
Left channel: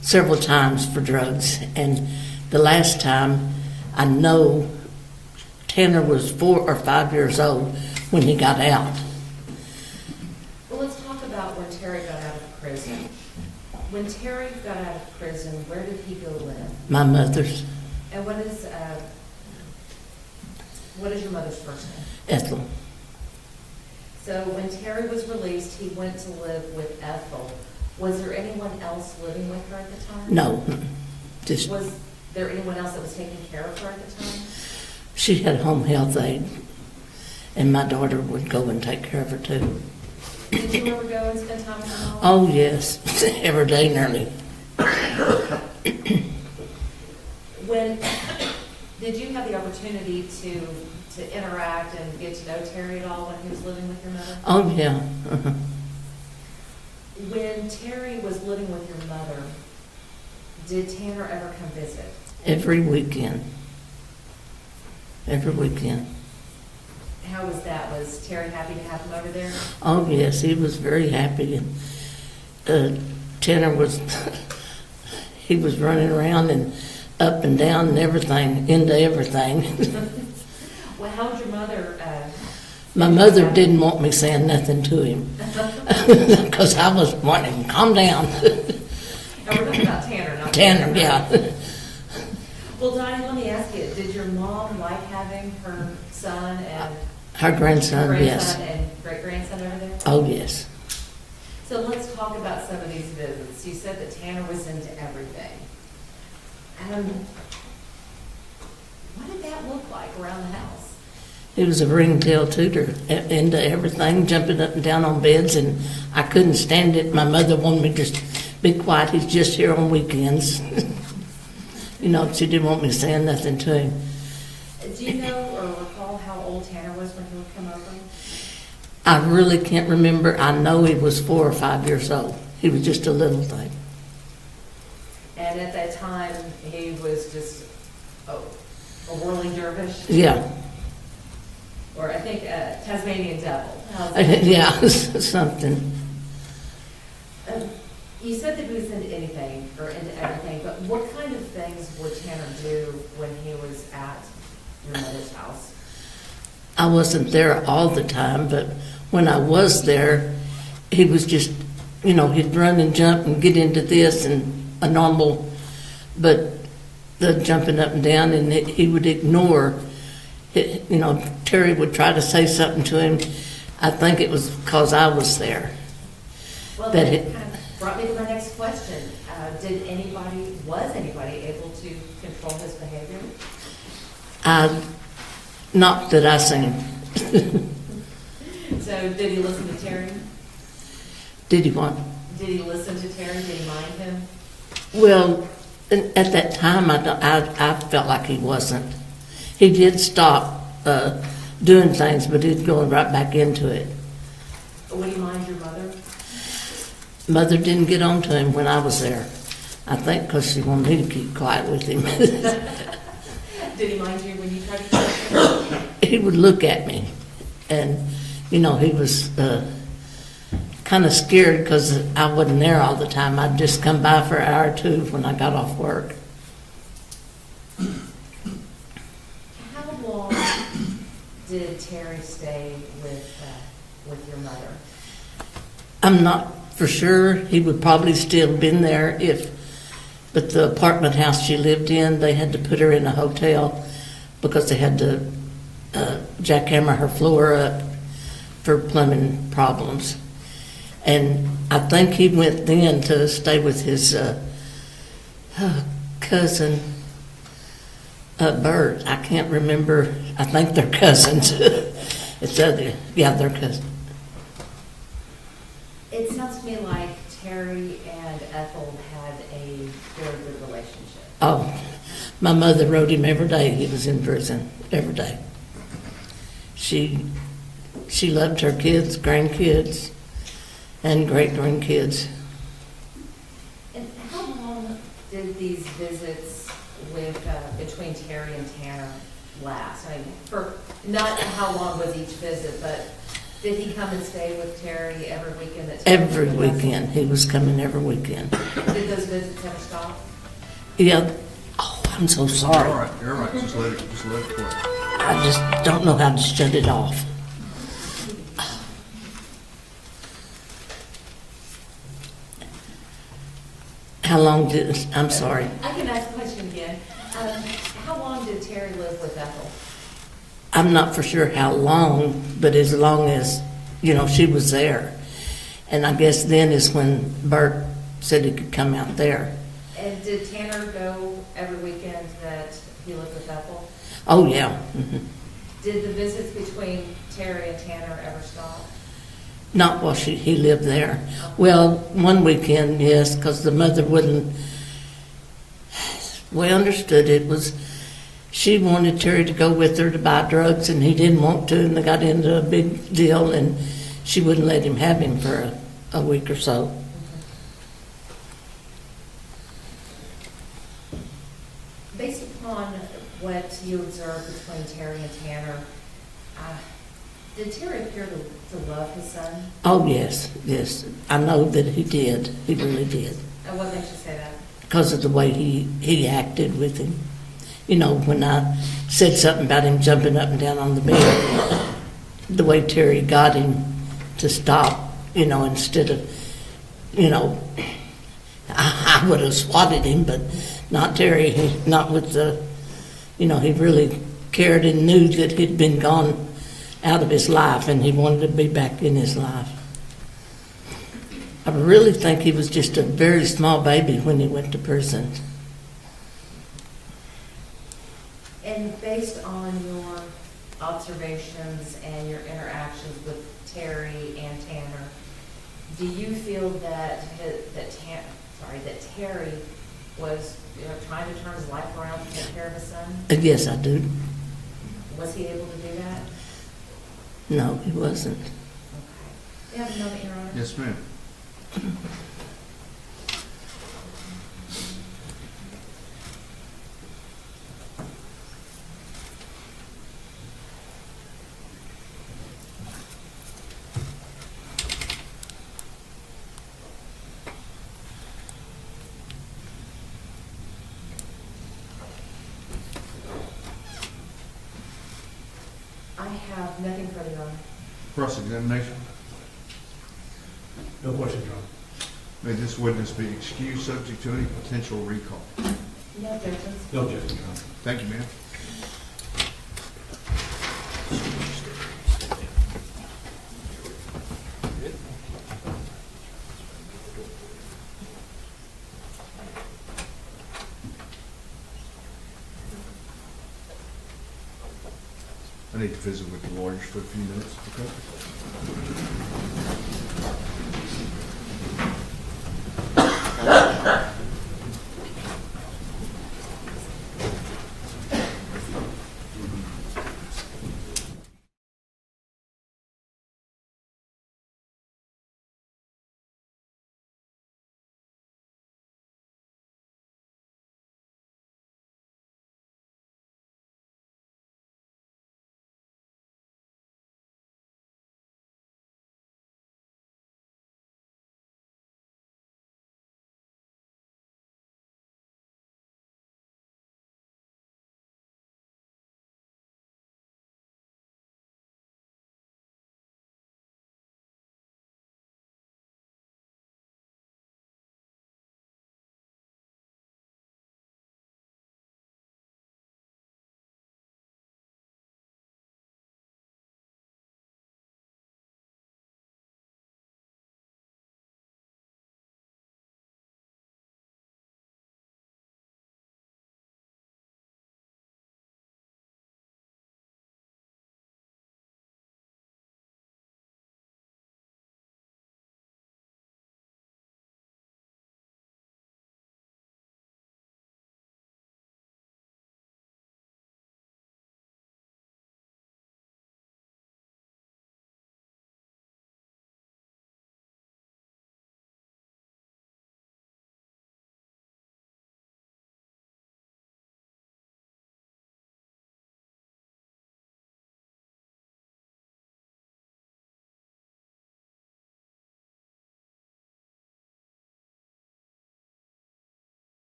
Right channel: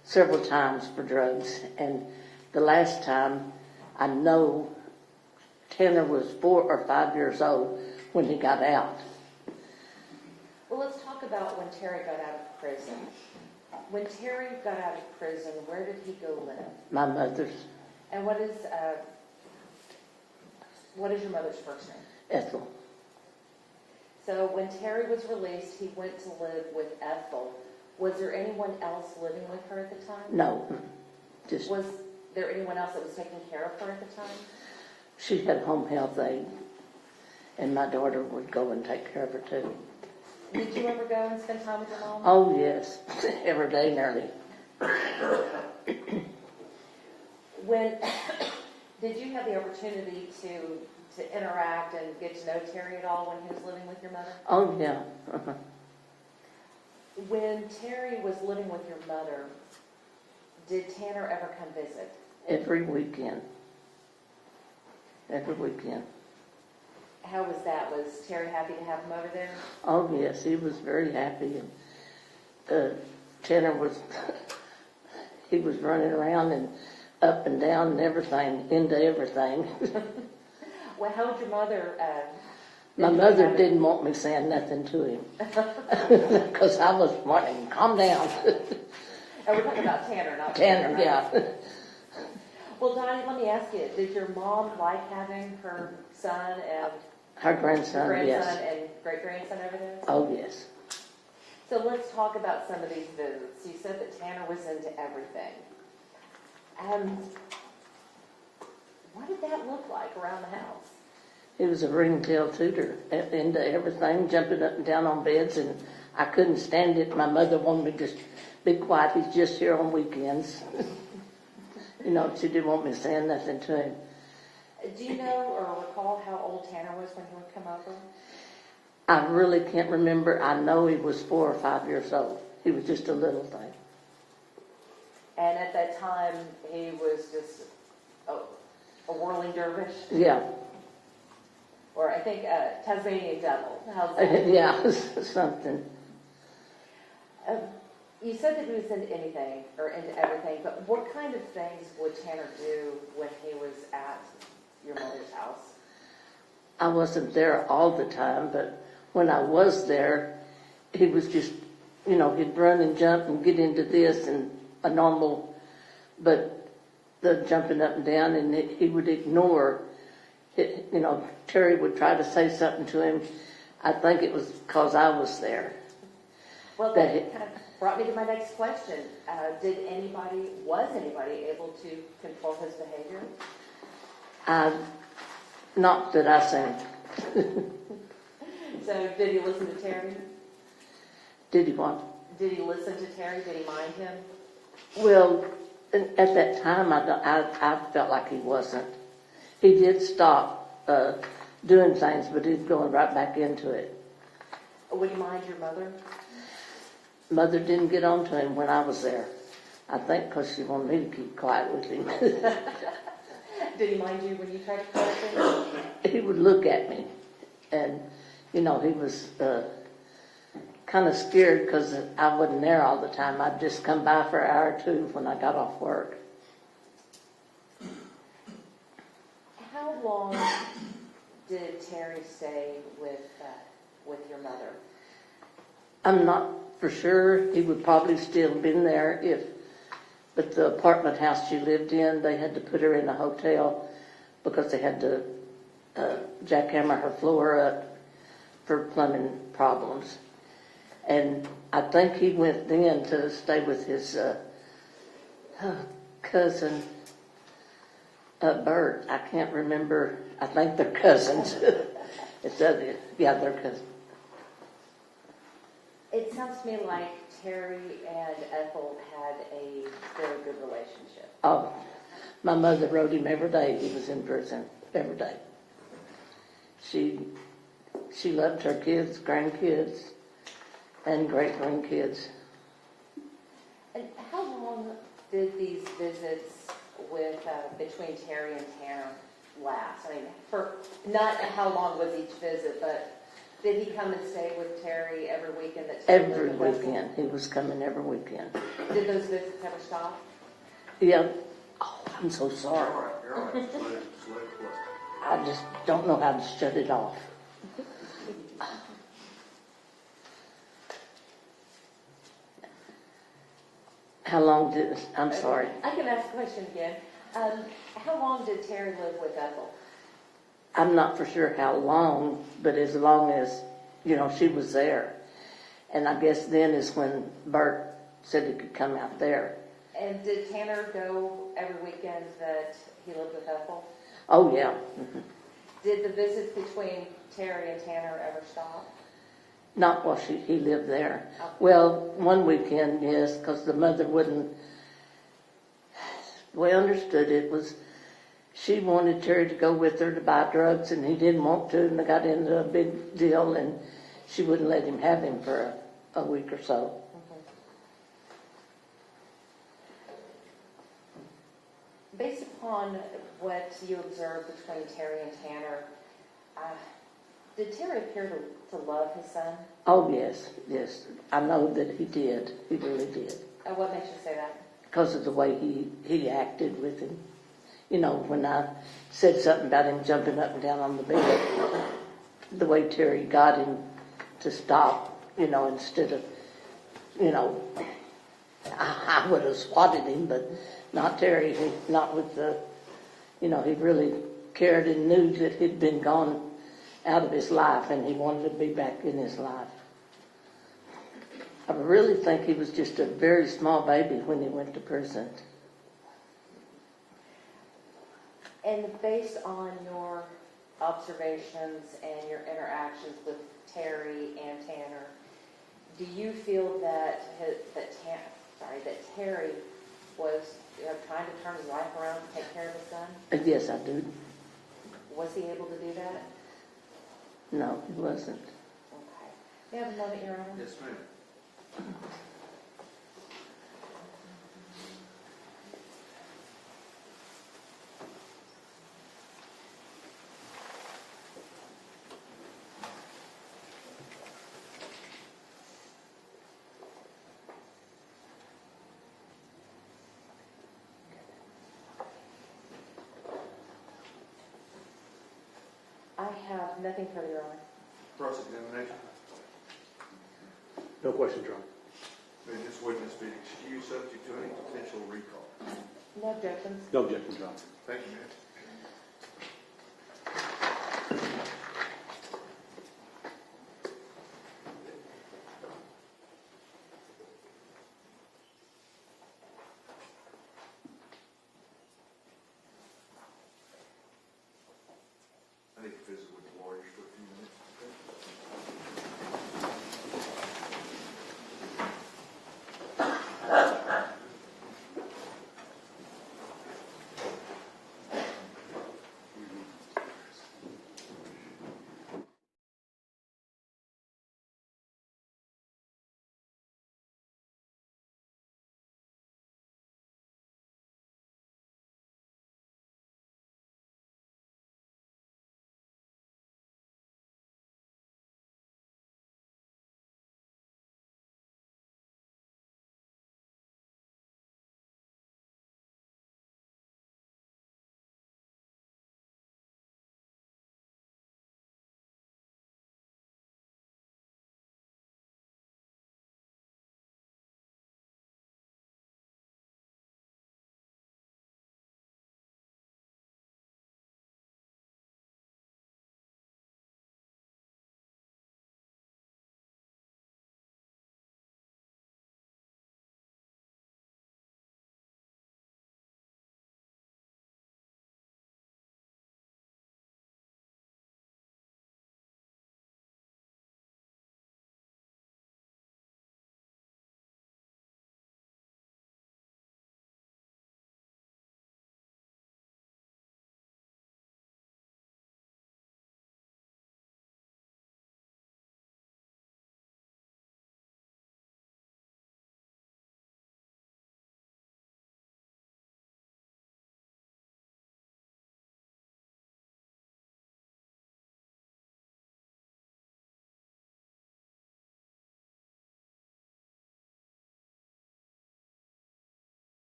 several times for drugs, and the last time I know Tanner was 4 or 5 years old when he got out. Well, let's talk about when Terry got out of prison. When Terry got out of prison, where did he go live? My mother's, And what is your mother's first name? Ethel. So when Terry was released, he went to live with Ethel. Was there anyone else living with her at the time? No, just Was there anyone else that was taking care of her at the time? she had home health aid, and my daughter would go and take care of her too. Did you ever go and spend time with your mom? Oh, yes, every day nearly. Did you have the opportunity to interact and get to know Terry at all when he was living with your mother? Oh, yeah. Uh-huh. When Terry was living with your mother, did Tanner ever come visit? Every weekend. Every weekend. How was that? Was Terry happy to have him over there? Oh, yes, he was very happy. And Tanner was, he was running around and up and down and everything, into everything. Well, how was your mother? My mother didn't want me saying nothing to him because I was wanting him to calm down. And we're talking about Tanner, not Tanner, right? yeah. Well, Donnie, let me ask you, did your mom like having her son and Her grandson, yes. and great-grandson over there? Oh, yes. So let's talk about some of these visits. You said that Tanner was into everything. What did that look like around the house? He was a ringtail tutor, into everything, jumping up and down on beds, and I couldn't stand it. My mother wanted me to just be quiet, he's just here on weekends. You know, she didn't want me saying nothing to him. Do you know or recall how old Tanner was when he would come over? I really can't remember. I know he was 4 or 5 years old. He was just a little thing. And at that time, he was just a whirling dervish, Yeah, or I think Tasmanian devil. How's that? yeah, something. You said that he was into anything or into everything, but what kind of things would Tanner do when he was at your mother's house? I wasn't there all the time, but when I was there, he was just, you know, he'd run and jump and get into this and a normal, but the jumping up and down, and he would ignore it. You know, Terry would try to say something to him. I think it was because I was there. Well, That that it- kind of brought me to my next question. Was anybody able to control his behavior? Not that I seen him. So did he listen to Terry? Did he want? Did he listen to Terry? Did he mind him? Well, at that time, I felt like he wasn't. He did stop doing things, but he's going right back into it. Would he mind your mother? Mother didn't get on to him when I was there. I think because she wanted me to keep quiet with him. Did he mind you when you tried to talk to him? He would look at me, and, you know, he was kind of scared because I wasn't there all the time. I'd just come by for an hour or two when I got off work. How long did Terry stay with your mother? I'm not for sure. He would probably still been there but the apartment house she lived in, they had to put her in a hotel because they had to jackhammer her floor up for plumbing problems. And I think he went then to stay with his cousin, Bert. I can't remember. I think they're cousins. Yeah, they're cousins. It sounds to me like Terry and Ethel had a very good relationship. Oh, my mother wrote him every day he was in prison, every day. She loved her kids, grandkids, and great-grandkids. And how long did these visits between Terry and Tanner last? I mean, not how long was each visit, but did he come and stay with Terry every weekend? Every weekend. He was coming every weekend. Did those visits ever stop? Yeah. Oh, I'm so All sorry. right, you're all right, just let it play. I just don't know how to shut it off. How long I'm sorry. I can ask the question again. How long did Terry live with Ethel? I'm not for sure how long, but as long as, you know, she was there. And I guess then is when Bert said he could come out there. And did Tanner go every weekend that he lived with Ethel? Oh, yeah. Mhm. Did the visits between Terry and Tanner ever stop? Not while he lived there. Well, one weekend, yes, because the mother wouldn't. We understood it was. She wanted Terry to go with her to buy drugs, and he didn't want to, and they got into a big deal, and she wouldn't let him have him for a week or so. Based upon what you observed between Terry and Tanner, did Terry appear to love his son? Oh, yes, yes. I know that he did. He really did. And what makes you say that? Because of the way he acted with him. You know, when I said something about him jumping up and down on the bed, the way Terry got him to stop, you know, instead of, you know, I would have swatted him, but not Terry, not with the, you know, he really cared and knew that he'd been gone out of his life and he wanted to be back in his life. I really think he was just a very small baby when he went to prison. And based on your observations and your interactions with Terry and Tanner, do you feel that sorry, that Terry was, trying to turn his life around to take care of his son? Yes, I do. Was he able to do that? No, he wasn't. Okay. Yeah, no, Your Honor. Yes, ma'am. I have nothing further, Your Honor. Cross-examination. No questions, Your Honor. May this witness be excused subject to any potential recall. No objections. No objections, Your Honor. Thank you, ma'am. I need to visit with the lawyers for a few minutes, okay?